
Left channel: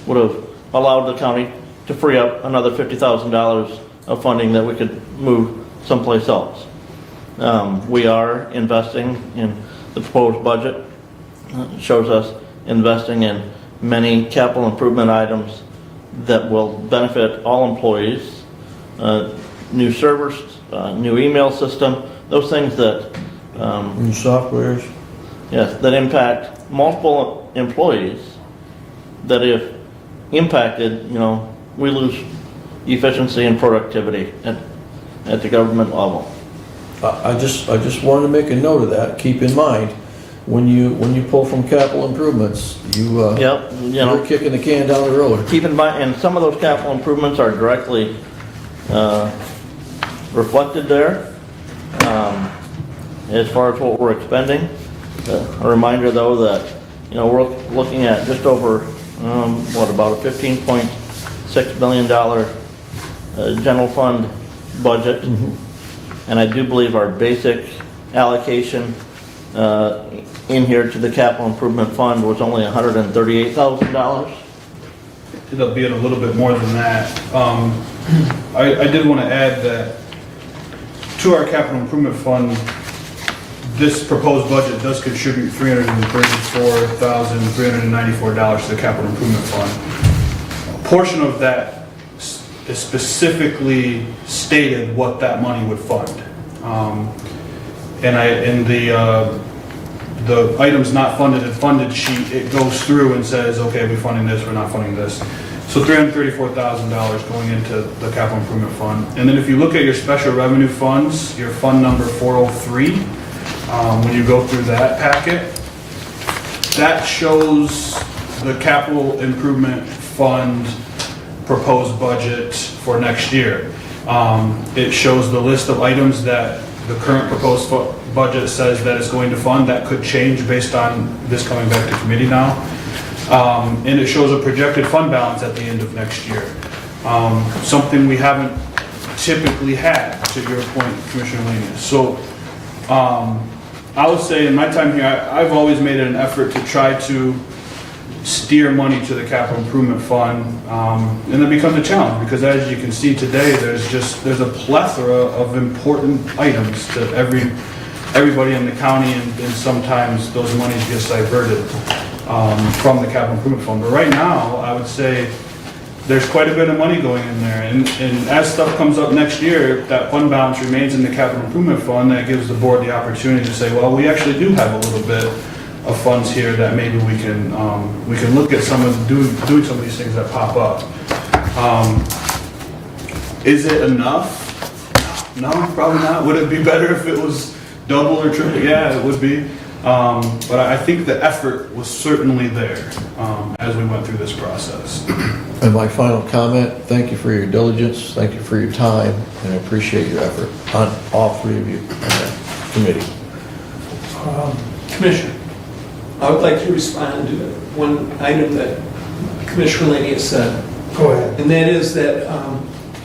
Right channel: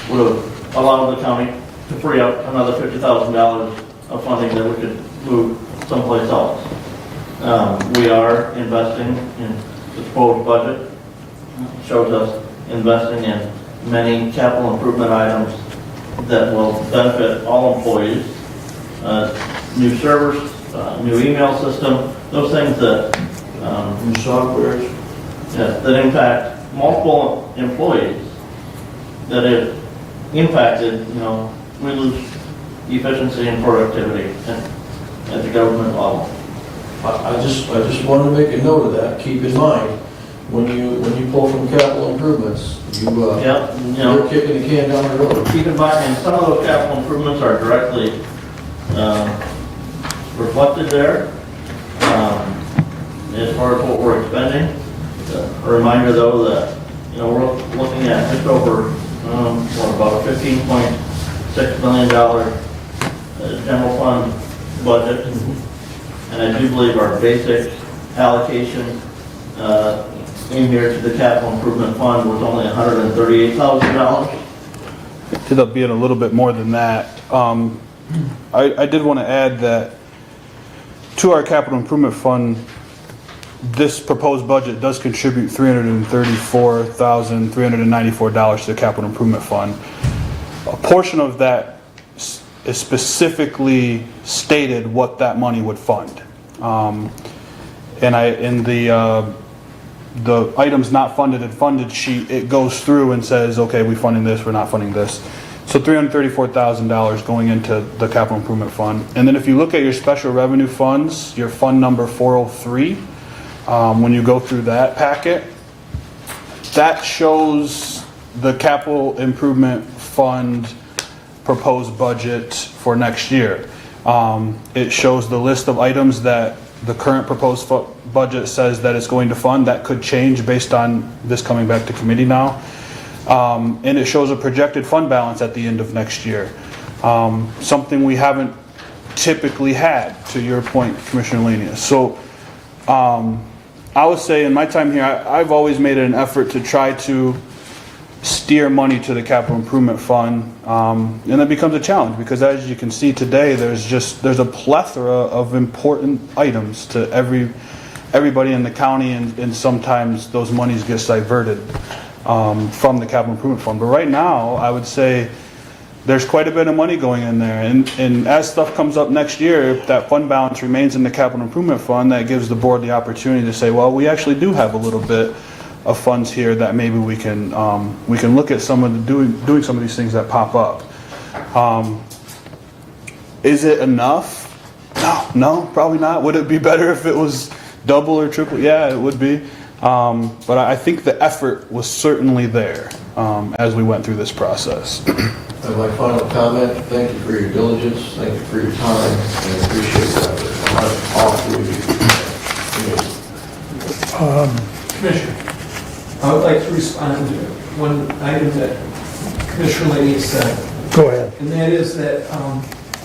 would have allowed the county to free up another $50,000 of funding that we could move someplace else. We are investing in the proposed budget. It shows us investing in many capital improvement items that will benefit all employees. New servers, new email system, those things that... new softwares? Yes, that impact multiple employees, that if impacted, you know, we lose efficiency and productivity at the government level. I just want to make a note of that. Keep in mind, when you pull from capital improvements, you're kicking the can down the road. Keep in mind, and some of those capital improvements are directly reflected there as far as what we're expending. A reminder, though, that we're looking at just over about a $15.6 million general fund budget. And I do believe our basic allocation in here to the capital improvement fund was only $138,000. It ended up being a little bit more than that. I did want to add that to our capital improvement fund, this proposed budget does contribute $334,394 to the capital improvement fund. A portion of that is specifically stated what that money would fund. In the items not funded and funded sheet, it goes through and says, okay, we're funding this, we're not funding this. So $334,000 going into the capital improvement fund. And then if you look at your special revenue funds, your fund number 403, when you go through that packet, that shows the capital improvement fund proposed budget for next year. It shows the list of items that the current proposed budget says that is going to fund. That could change based on this coming back to committee now. And it shows a projected fund balance at the end of next year. Something we haven't typically had, to your point, Commissioner Lanius. So I would say in my time here, I've always made it an effort to try to steer money to the capital improvement fund, and it becomes a challenge because as you can see today, there's a plethora of important items to everybody in the county, and sometimes those monies get diverted from the capital improvement fund. But right now, I would say there's quite a bit of money going in there, and as stuff comes up next year, if that fund balance remains in the capital improvement fund, that gives the board the opportunity to say, well, we actually do have a little bit of funds here that maybe we can look at doing some of these things that pop up. Is it enough? No, probably not. Would it be better if it was double or triple? Yeah, it would be. But I think the effort was certainly there as we went through this process. And my final comment, thank you for your diligence, thank you for your time, and I appreciate your effort on all three committees. Commissioner, I would like to respond to one item that Commissioner Lanius said. Go ahead. And that is that,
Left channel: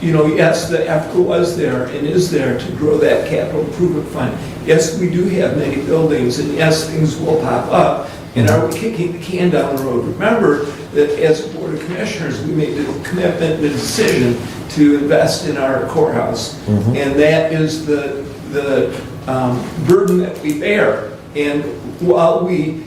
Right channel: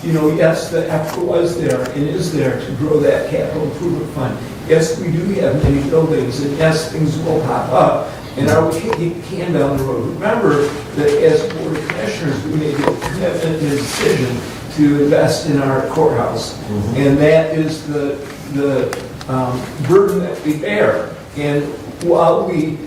yes, the effort was there and is there to grow that capital improvement fund. Yes, we do have many buildings, and yes, things will pop up. And are we kicking the can down the road? Remember that as Board of Commissioners, we made a commitment and a decision to invest in our courthouse. And that is the burden that we bear. And while we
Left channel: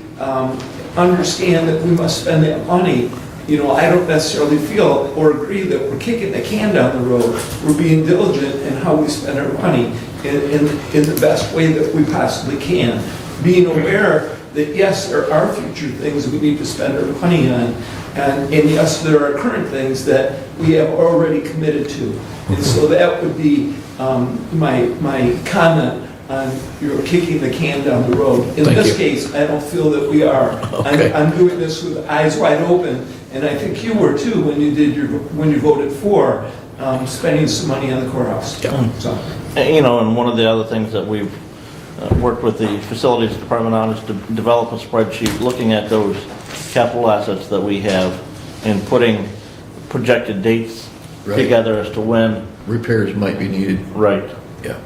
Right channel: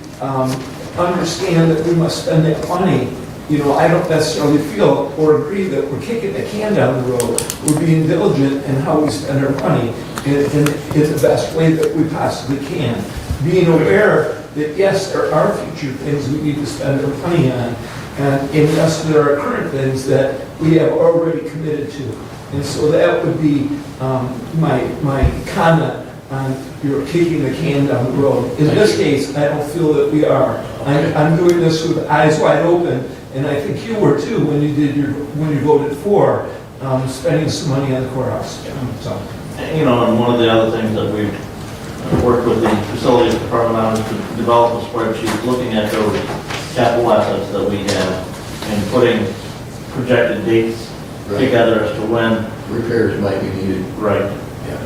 understand that we must spend that money, I don't necessarily feel or agree that we're kicking the can down the road. We're being diligent in how we spend our money in the best way that we possibly can. Being aware that yes, there are future things we need to spend our money on, and yes, there are current things that we have already committed to. And so that would be my comment on you're kicking the can down the road. In this case, I don't feel that we are. I'm doing this with eyes wide open, and I think you were too when you voted for spending some money on the courthouse. So. And one of the other things that we've worked with the facilities department on is to develop a spreadsheet looking at those capital assets that we have and putting projected dates together as to when repairs might be needed. Right. Yeah.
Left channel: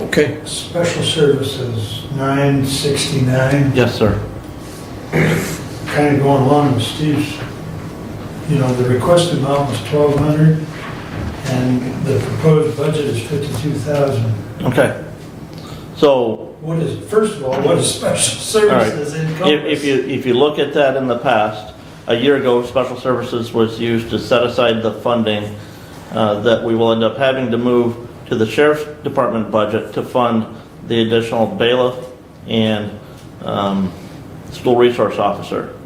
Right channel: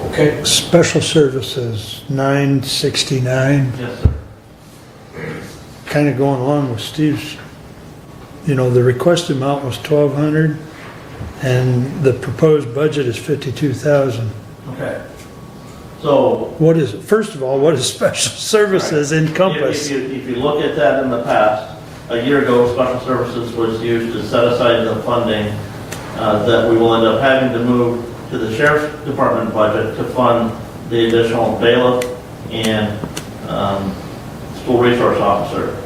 Okay. Special services, 969. Yes, sir. Kind of going along with Steve's, the requested amount was 1,200, and the proposed budget is 52,000. Okay. So first of all, what is special services encompass? If you look at that in the past, a year ago, special services was used to set aside the funding that we will end up having to move to the sheriff's department budget to fund the additional bailiff and school resource officer.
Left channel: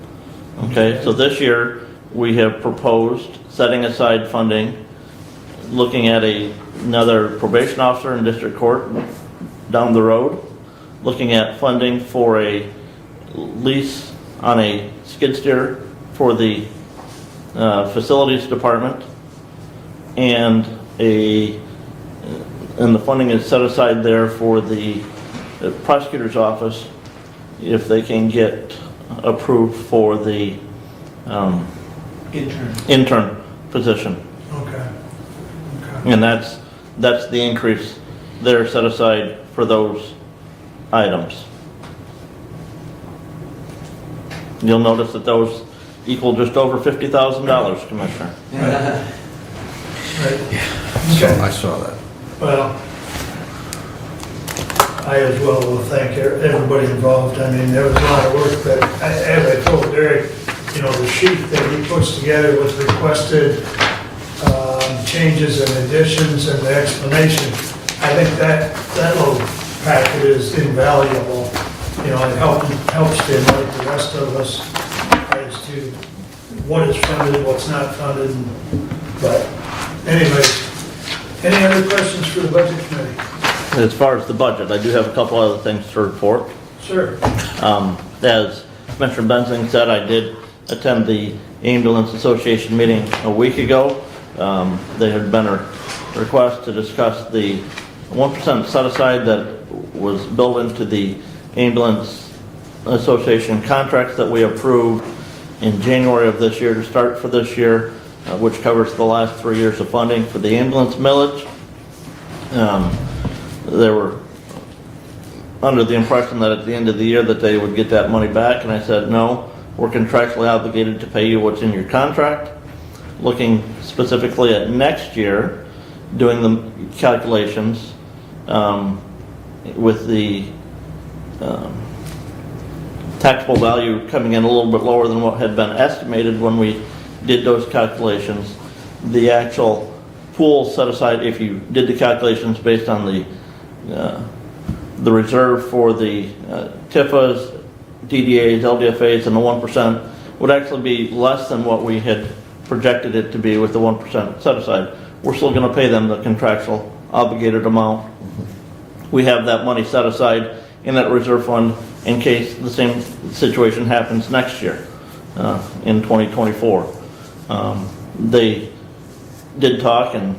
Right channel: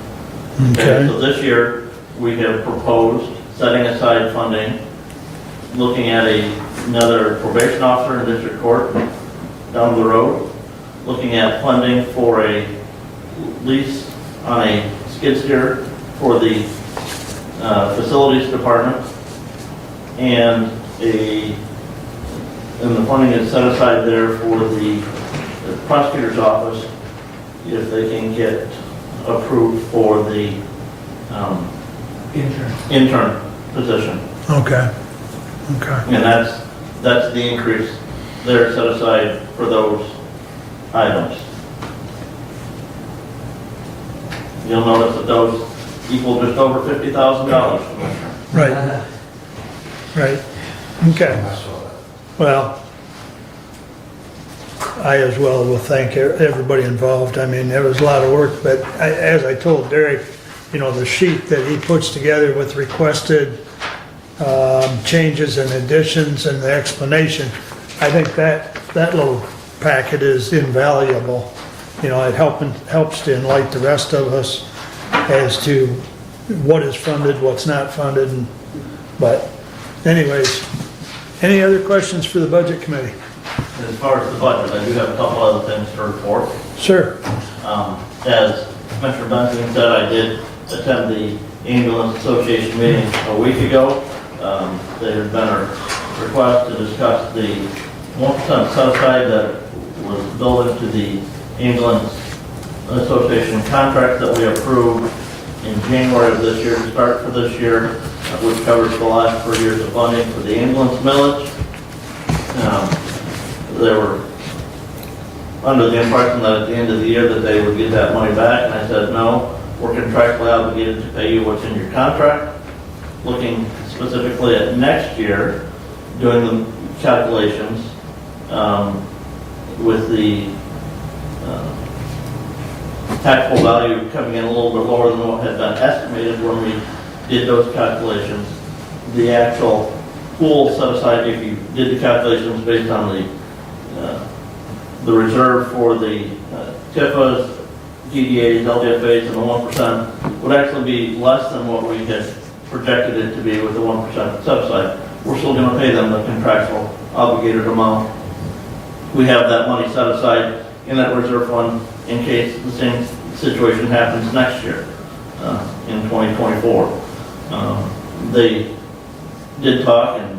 Okay. So this year, we have proposed setting aside funding, looking at another probation officer in district court down the road, looking at funding for a lease on a skid steer for the facilities department, and the funding is set aside there for the prosecutor's office if they can get approved for the intern position. Okay. And that's the increase there set aside for those items. You'll notice that those equal just over $50,000, Commissioner. Right. Right. Okay. I saw that. Well, I as well will thank everybody involved. I mean, there was a lot of work, but as I told Derek, the sheet that he puts together with requested changes and additions and the explanation, I think that little packet is invaluable. It helps to enlighten the rest of us as to what is funded, what's not funded. But anyways, any other questions for the Budget Committee? As far as the budget, I do have a couple other things to report. Sure. As Commissioner Benzing said, I did attend the Ambulance Association meeting a week ago. There had been a request to discuss the 1% set aside that was built into the ambulance Association contract that we approved in January of this year to start for this year, which covers the last 4 years of funding for the ambulance millage. They were under the impression that at the end of the year that they would get that money back, and I said, no, we're contractually obligated to pay you what's in your contract. Looking specifically at next year, doing the calculations with the taxable value coming in a little bit lower than what had been estimated when we did those calculations. The actual pool set aside, if you did the calculations based on the reserve for the TIFAs, DDAs, LDFAs, and the 1%, would actually be less than what we had projected it to be with the 1% set aside. We're still going to pay them the contractual obligated amount. We have that money set aside in that reserve fund in case the same situation happens next year, in 2024. They did talk, and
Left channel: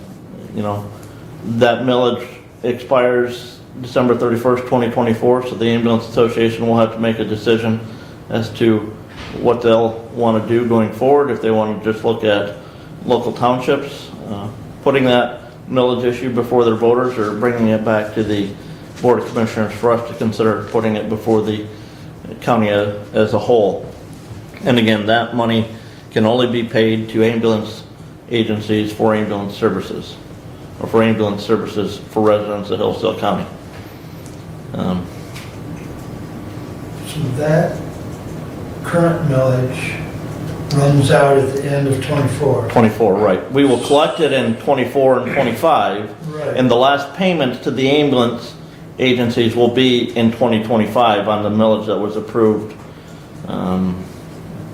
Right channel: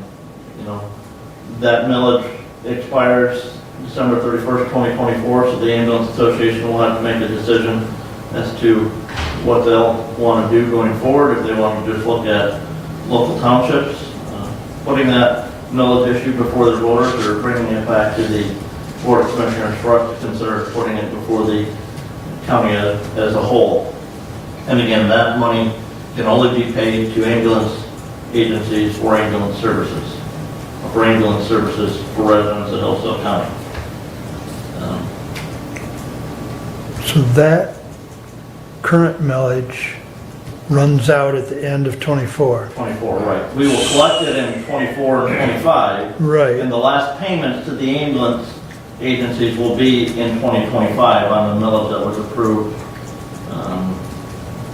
that millage expires December 31st, 2024, so the Ambulance Association will have to make a decision as to what they'll want to do going forward, if they want to just look at local townships, putting that millage issue before their voters, or bringing it back to the Board of Commissioners for us to consider putting it before the county as a whole. And again, that money can only be paid to ambulance agencies for ambulance services, or for ambulance services for residents of Hillsdale County. So that current millage runs out at the end of 24. 24, right. We will collect it in 24 and 25. Right. And the last payment to the ambulance agencies will be in 2025 on the millage that was approved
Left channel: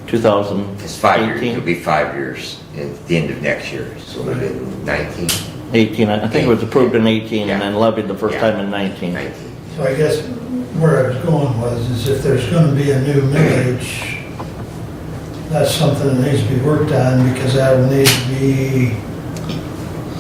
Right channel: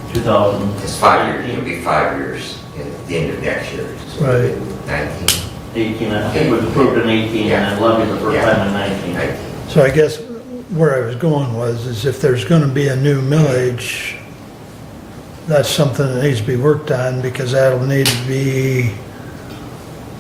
2018. It's 5 years, it'll be 5 years at the end of next year. So Right. 19. 18, I think it was approved in 18 and then levied the first time in 19. So I guess where I was going is if there's going to be a new millage, that's something that needs to be worked on, because that will need to be...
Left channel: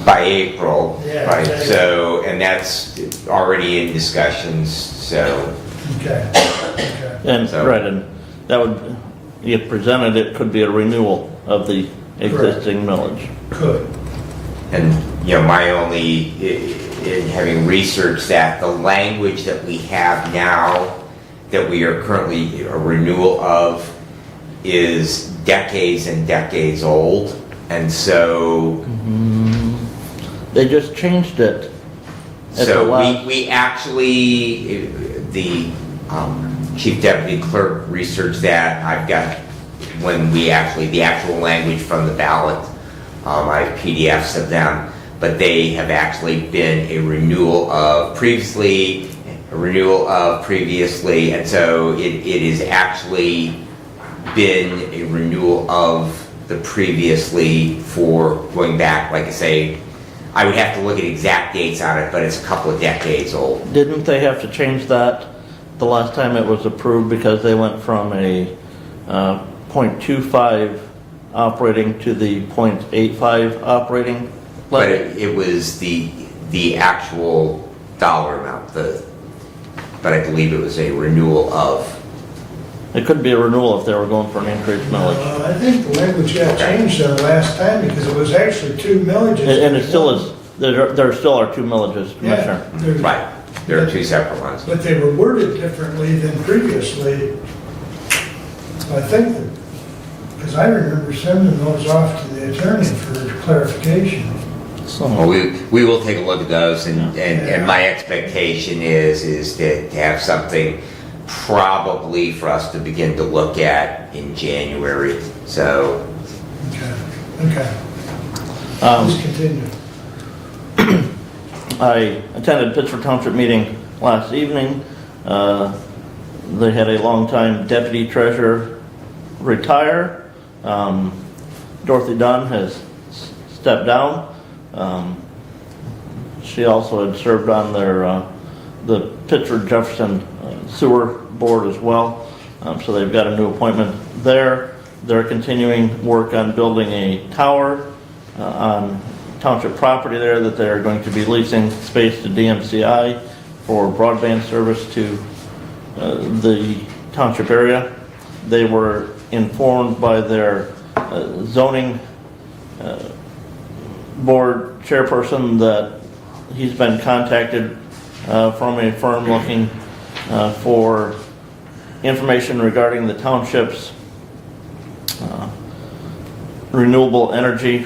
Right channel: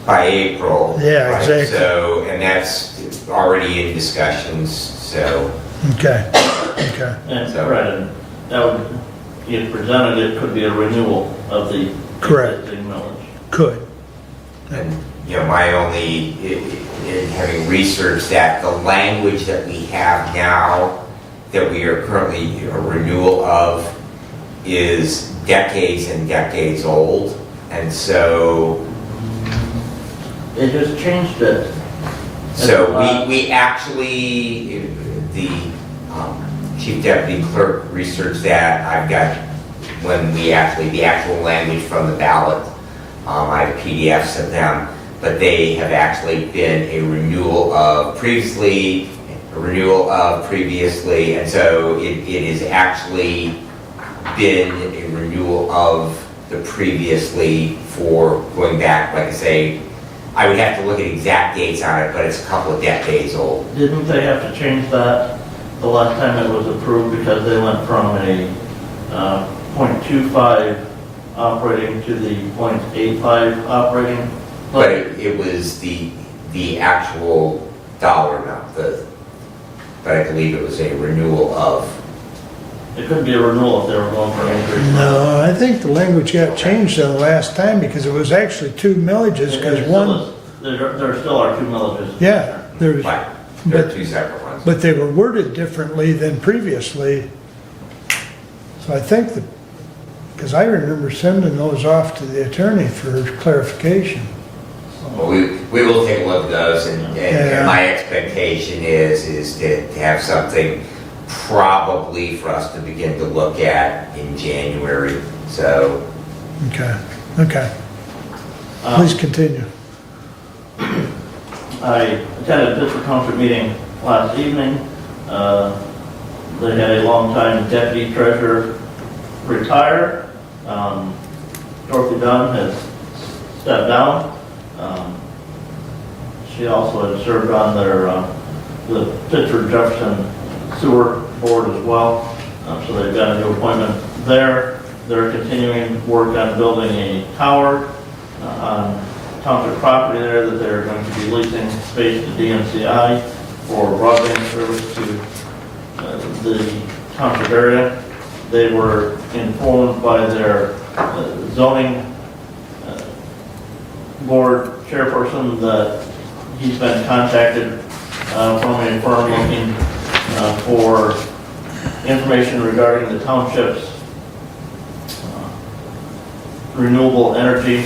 By April. Yeah, right? exactly. So, and that's already in discussions, so. Okay. Okay. And, right, and that would, if presented, it could be a renewal of the existing millage. Could. And, my only, in having researched that, the language that we have now, that we are currently a renewal of, is decades and decades old. And so... They just changed it. So we actually, the chief deputy clerk researched that. I've got, the actual language from the ballot, I have PDFs of them, but they have actually been a renewal of previously, and so it is actually been a renewal of the previously for going back, like I say, I would have to look at exact dates on it, but it's a couple of decades old. Didn't they have to change that the last time it was approved, because they went from a .25 operating to the .85 operating? But it was the actual dollar amount, but I believe it was a renewal of. It couldn't be a renewal if they were going for an increase. No, I think the language got changed the last time, because it was actually 2 millages. And it still is, there still are 2 millages. Yeah. Right, there are 2 separate ones. But they were worded differently than previously. So I think, because I remember sending those off to the attorney for clarification. Well, we will take a look at those, and my expectation is to have something probably for us to begin to look at in January, so. Okay, okay. Please continue. I attended a Pittsburgh Township meeting last evening. They had a longtime deputy treasurer retire. Dorothy Dunn has stepped down. She also had served on the Pittsburgh Jefferson Sewer Board as well. So they've got a new appointment there. They're continuing work on building a tower on township property there that they're going to be leasing space to DMCI for broadband service to the township area. They were informed by their zoning board chairperson that he's been contacted from a firm looking for information regarding the township's renewable energy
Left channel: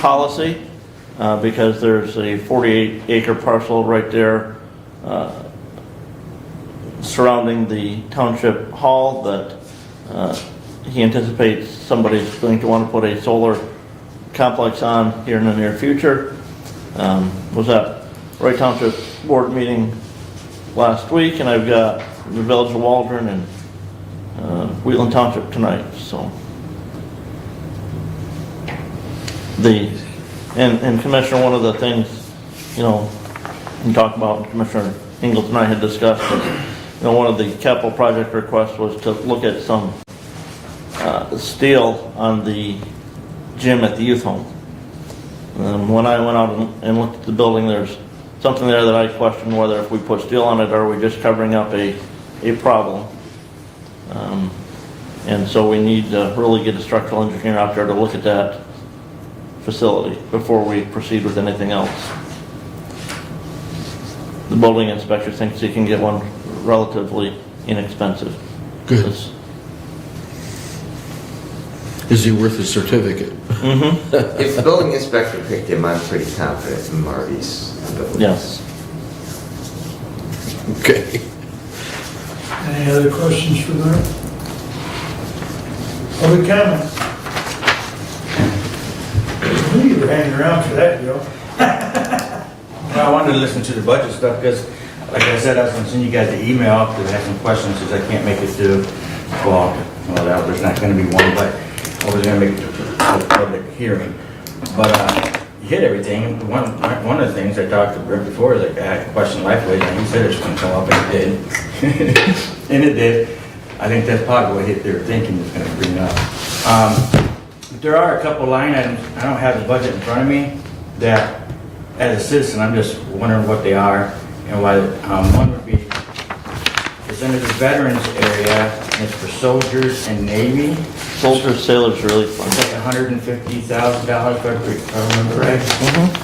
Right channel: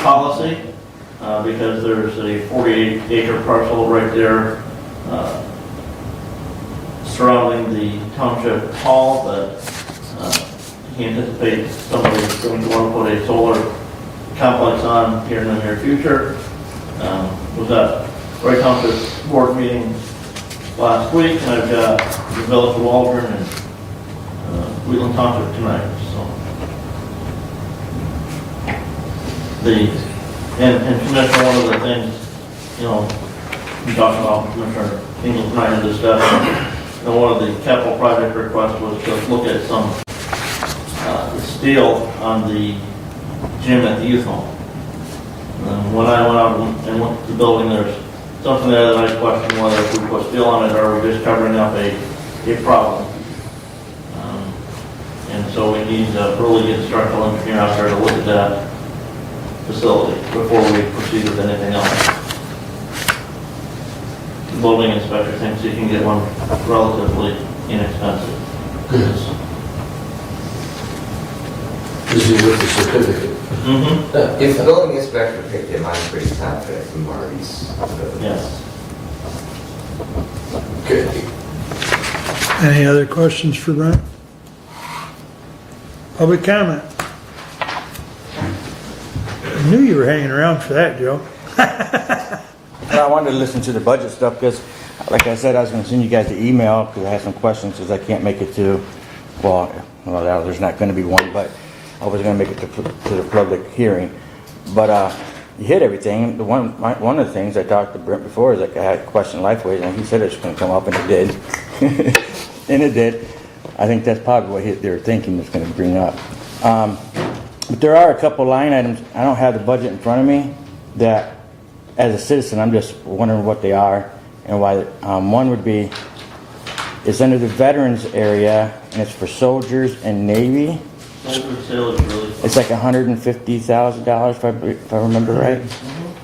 policy, because there's a 48-acre parcel right there surrounding the township hall that he anticipates somebody's going to want to put a solar complex on here in the near future. Was at Wright Township Board meeting last week, and I've got the Village of Waldron and Wheatland Township tonight, so. And Commissioner, one of the things, you know, I'm talking about, Commissioner Ingles and I had discussed, you know, one of the capital project requests was to look at some steel on the gym at the youth home. And when I went out and looked at the building, there's something there that I question whether if we put steel on it, or are we just covering up a problem? And so we need to really get a structural engineer out there to look at that facility before we proceed with anything else. The building inspector thinks he can get one relatively inexpensive. Good. Because you work the certificate. If the building inspector picked him, I'm pretty confident in Marty's. Yes. Okay. Any other questions for Brent? Public comment? I knew you were hanging around for that, Joe. Well, I wanted to listen to the budget stuff because, like I said, I was going to send you guys the email because I have some questions because I can't make it to, well, there's not going to be one, but I was going to make it to the public hearing. But you hit everything. One of the things I talked to Brent before is like I had a question Lifeways, and he said it was going to come up, and it did. And it did. I think that's probably what hit their thinking is going to bring up. But there are a couple line items. I don't have the budget in front of me that, as a citizen, I'm just wondering what they are and why. One would be, it's under the veterans area, and it's for soldiers and Navy. Soldiers, sailors, really. It's like $150,000 if I remember right.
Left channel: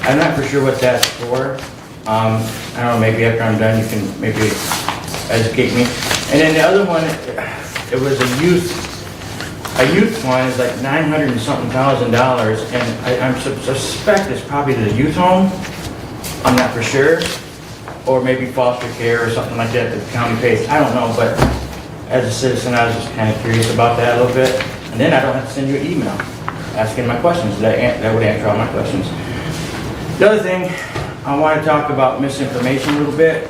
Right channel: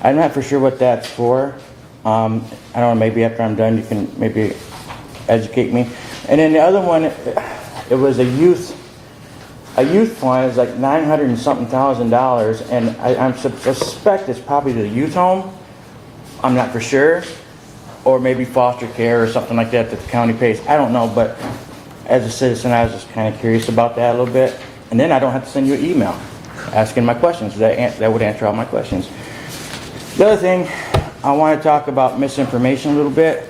I'm not for sure what that's for. I don't know, maybe after I'm done you can maybe educate me. And then the other one, it was a youth one, is like $900 and something thousand, and I suspect it's probably the youth home. I'm not for sure. Or maybe foster care or something like that the county pays. I don't know, but as a citizen, I was just kind of curious about that a little bit. And then I don't have to send you an email asking my questions. That would answer all my questions. The other thing, I want to talk about misinformation a little bit,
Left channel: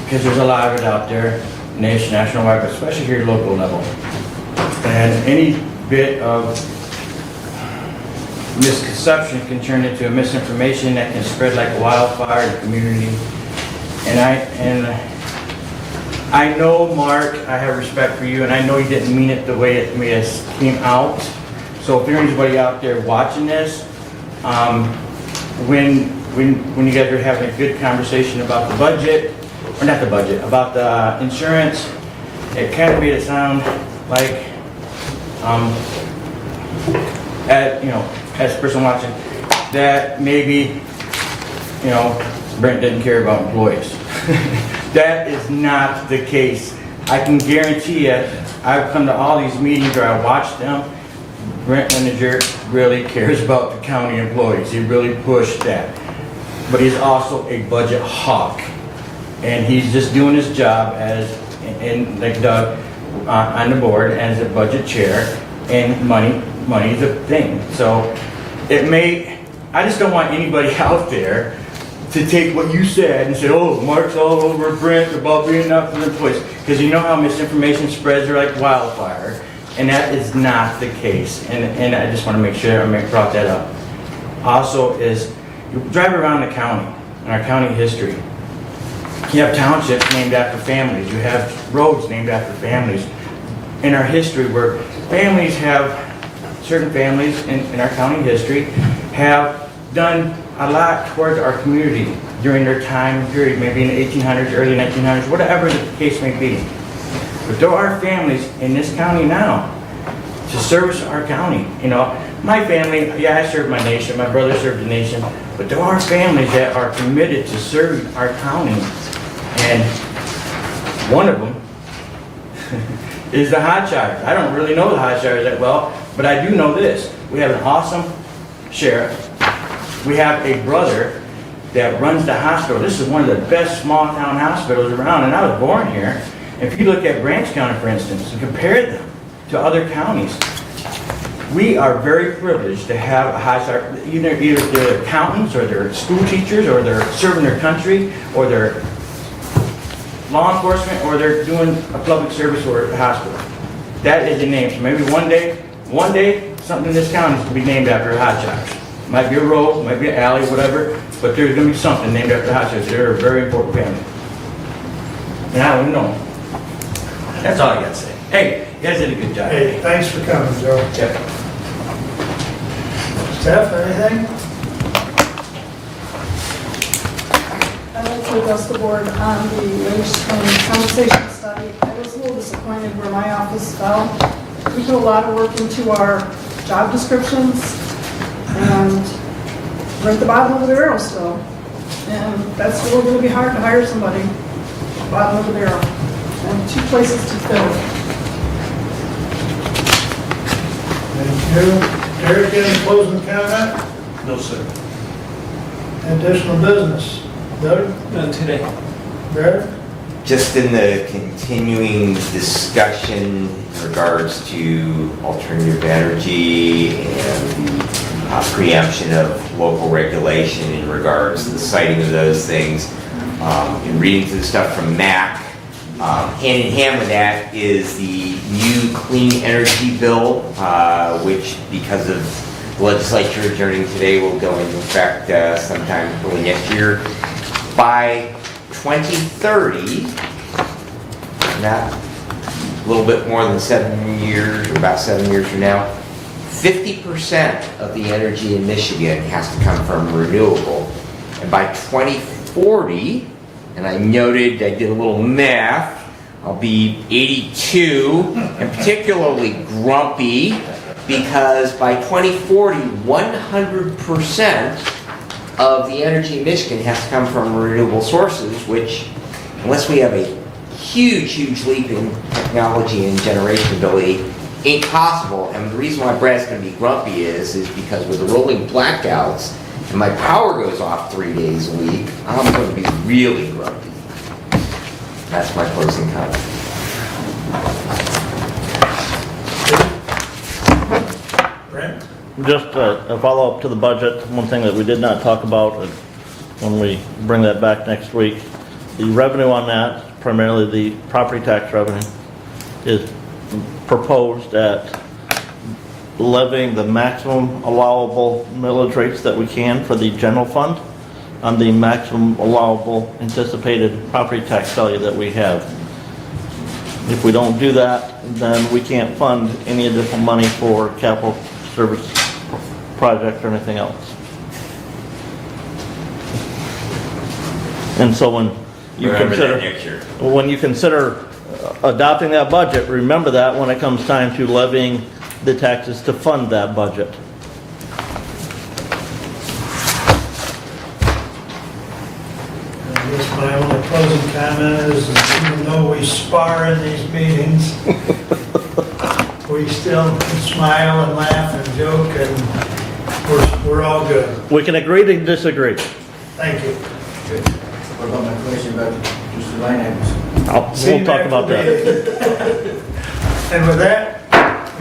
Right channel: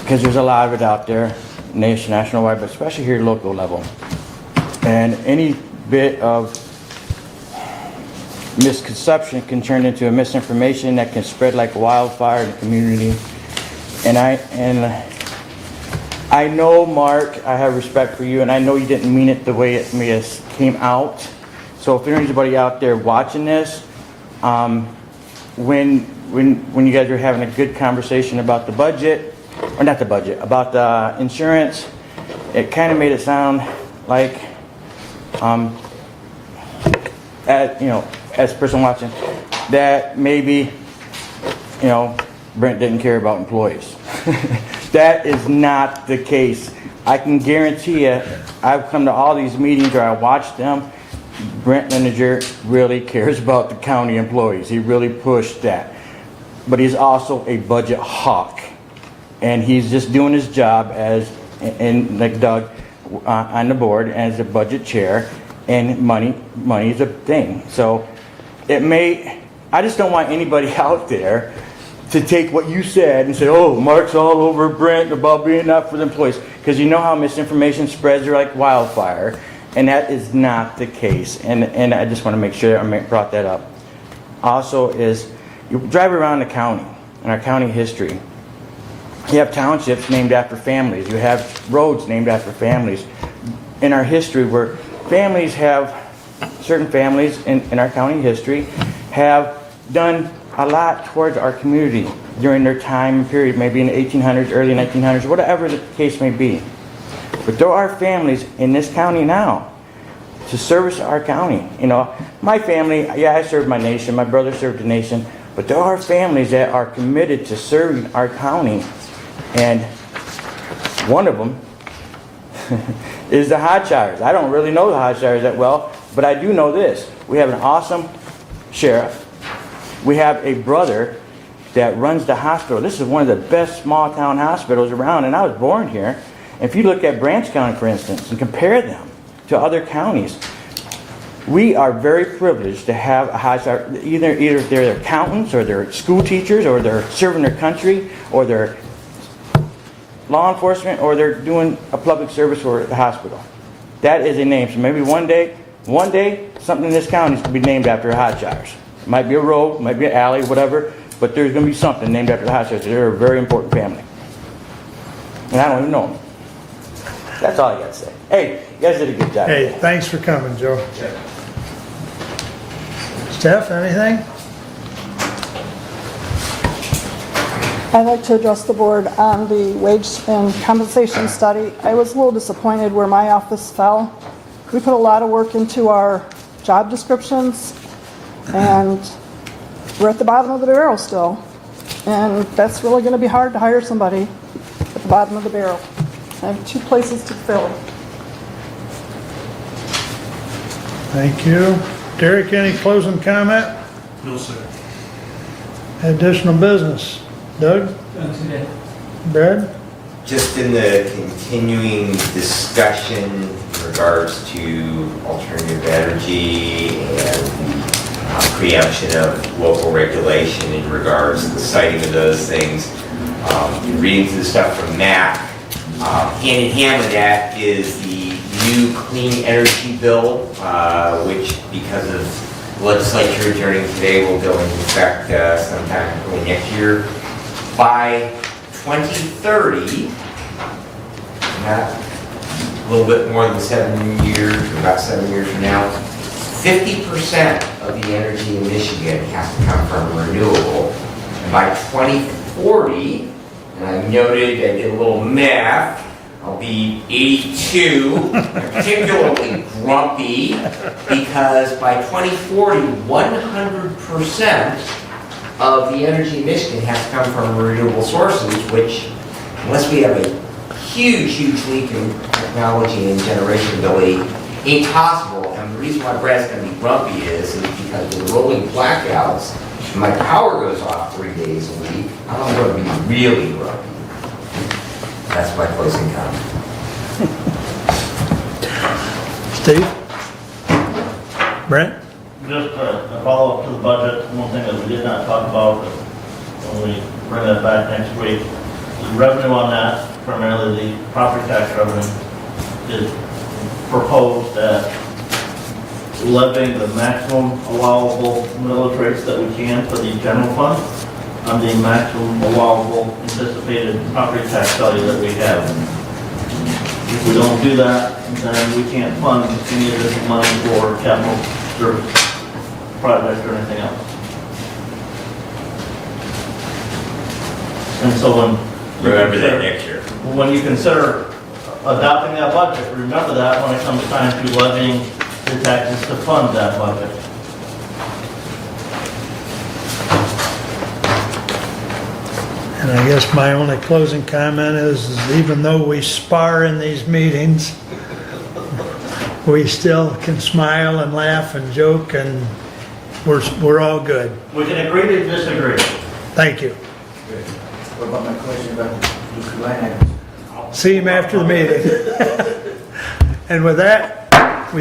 because there's a lot of it out there, nationwide, but especially here at local level. And any bit of misconception can turn into a misinformation that can spread like a wildfire in the community. And I know, Mark, I have respect for you, and I know you didn't mean it the way it came out. So if there's anybody out there watching this, when you guys are having a good conversation about the budget, or not the budget, about the insurance, it kind of made it sound like, as a person watching, that maybe, Brent didn't care about employees. That is not the case. I can guarantee you, I've come to all these meetings or I watch them, Brent Manager really cares about the county employees. He really pushed that. But he's also a budget hawk. And he's just doing his job as, and like Doug, on the board as a budget chair, and money's a thing. So I just don't want anybody out there to take what you said and say, oh, Mark's all over Brent about being out for the employees. Because you know how misinformation spreads like wildfire, and that is not the case. And I just want to make sure I brought that up. Also is, you drive around the county, in our county history, you have townships named after families. You have roads named after families. In our history, where certain families in our county history have done a lot towards our community. during their time period, maybe in the 1800s, early 1900s, whatever the case may be. But there are families in this county now to service our county. You know, my family, yeah, I served my nation, my brother served the nation, but there are families that are committed to serving our county. And one of them is the Hodgshires. I don't really know the Hodgshires that well, but I do know this. We have an awesome sheriff. We have a brother that runs the hospital. This is one of the best small town hospitals around, and I was born here. If you look at Branch County, for instance, and compare them to other counties, we are very privileged to have a Hodgshire, either they're accountants, or they're school teachers, or they're serving their country, or they're law enforcement, or they're doing a public service for the hospital. That is a name. So maybe one day, something in this county will be named after a Hodgshire. Might be a road, might be an alley, whatever, but there's going to be something named after Hodgshire. They're a very important family. And I don't even know them. That's all I got to say. Hey, you guys did a good job. Hey, thanks for coming, Joe. Yeah. Steph, anything? I'd like to address the board on the wage and compensation study. I was a little disappointed where my office fell. We put a lot of work into our job descriptions, and we're at the bottom of the barrel still. And that's really going to be hard to hire somebody at the bottom of the barrel. And 2 places to fill. Thank you. Derek, any closing comment? No, sir. Additional business? Doug? None today. Brad? Just in the continuing discussion in regards to alternative energy and the preemption of local regulation in regards to the citing of those things, in reading through the stuff from MAC, hand in hand with that is the new clean energy bill, which because of legislature adjourning today will go into effect sometime early next year. By 2030, not a little bit more than 7 years, or about 7 years from now, 50% of the energy in Michigan has to come from renewable. And by 2040, and I noted, I did a little math, I'll be 82 and particularly grumpy because by 2040, 100% of the energy in Michigan has to come from renewable sources, which, unless we have a huge, huge leap in technology and generation ability, ain't possible. And the reason why Brad's going to be grumpy is because with the rolling blackouts, when my power goes off 3 days a week, I'm going to be really grumpy. That's my closing comment. Brent? Just a follow-up to the budget, one thing that we did not talk about when we bring that back next week, the revenue on that, primarily the property tax revenue, is proposed at levying the maximum allowable millage rates that we can for the general fund on the maximum allowable anticipated property tax value that we have. If we don't do that, then we can't fund any additional money for capital service project or anything else. And so when you consider adopting that budget, remember that when it comes time to levying the taxes to fund that budget. And I guess my only closing comment is even though we spar in these meetings, we still can smile and laugh and joke, and we're all good. We can agree to disagree. Thank you. What about my question about Mr. line items? See him after the meeting. And with that,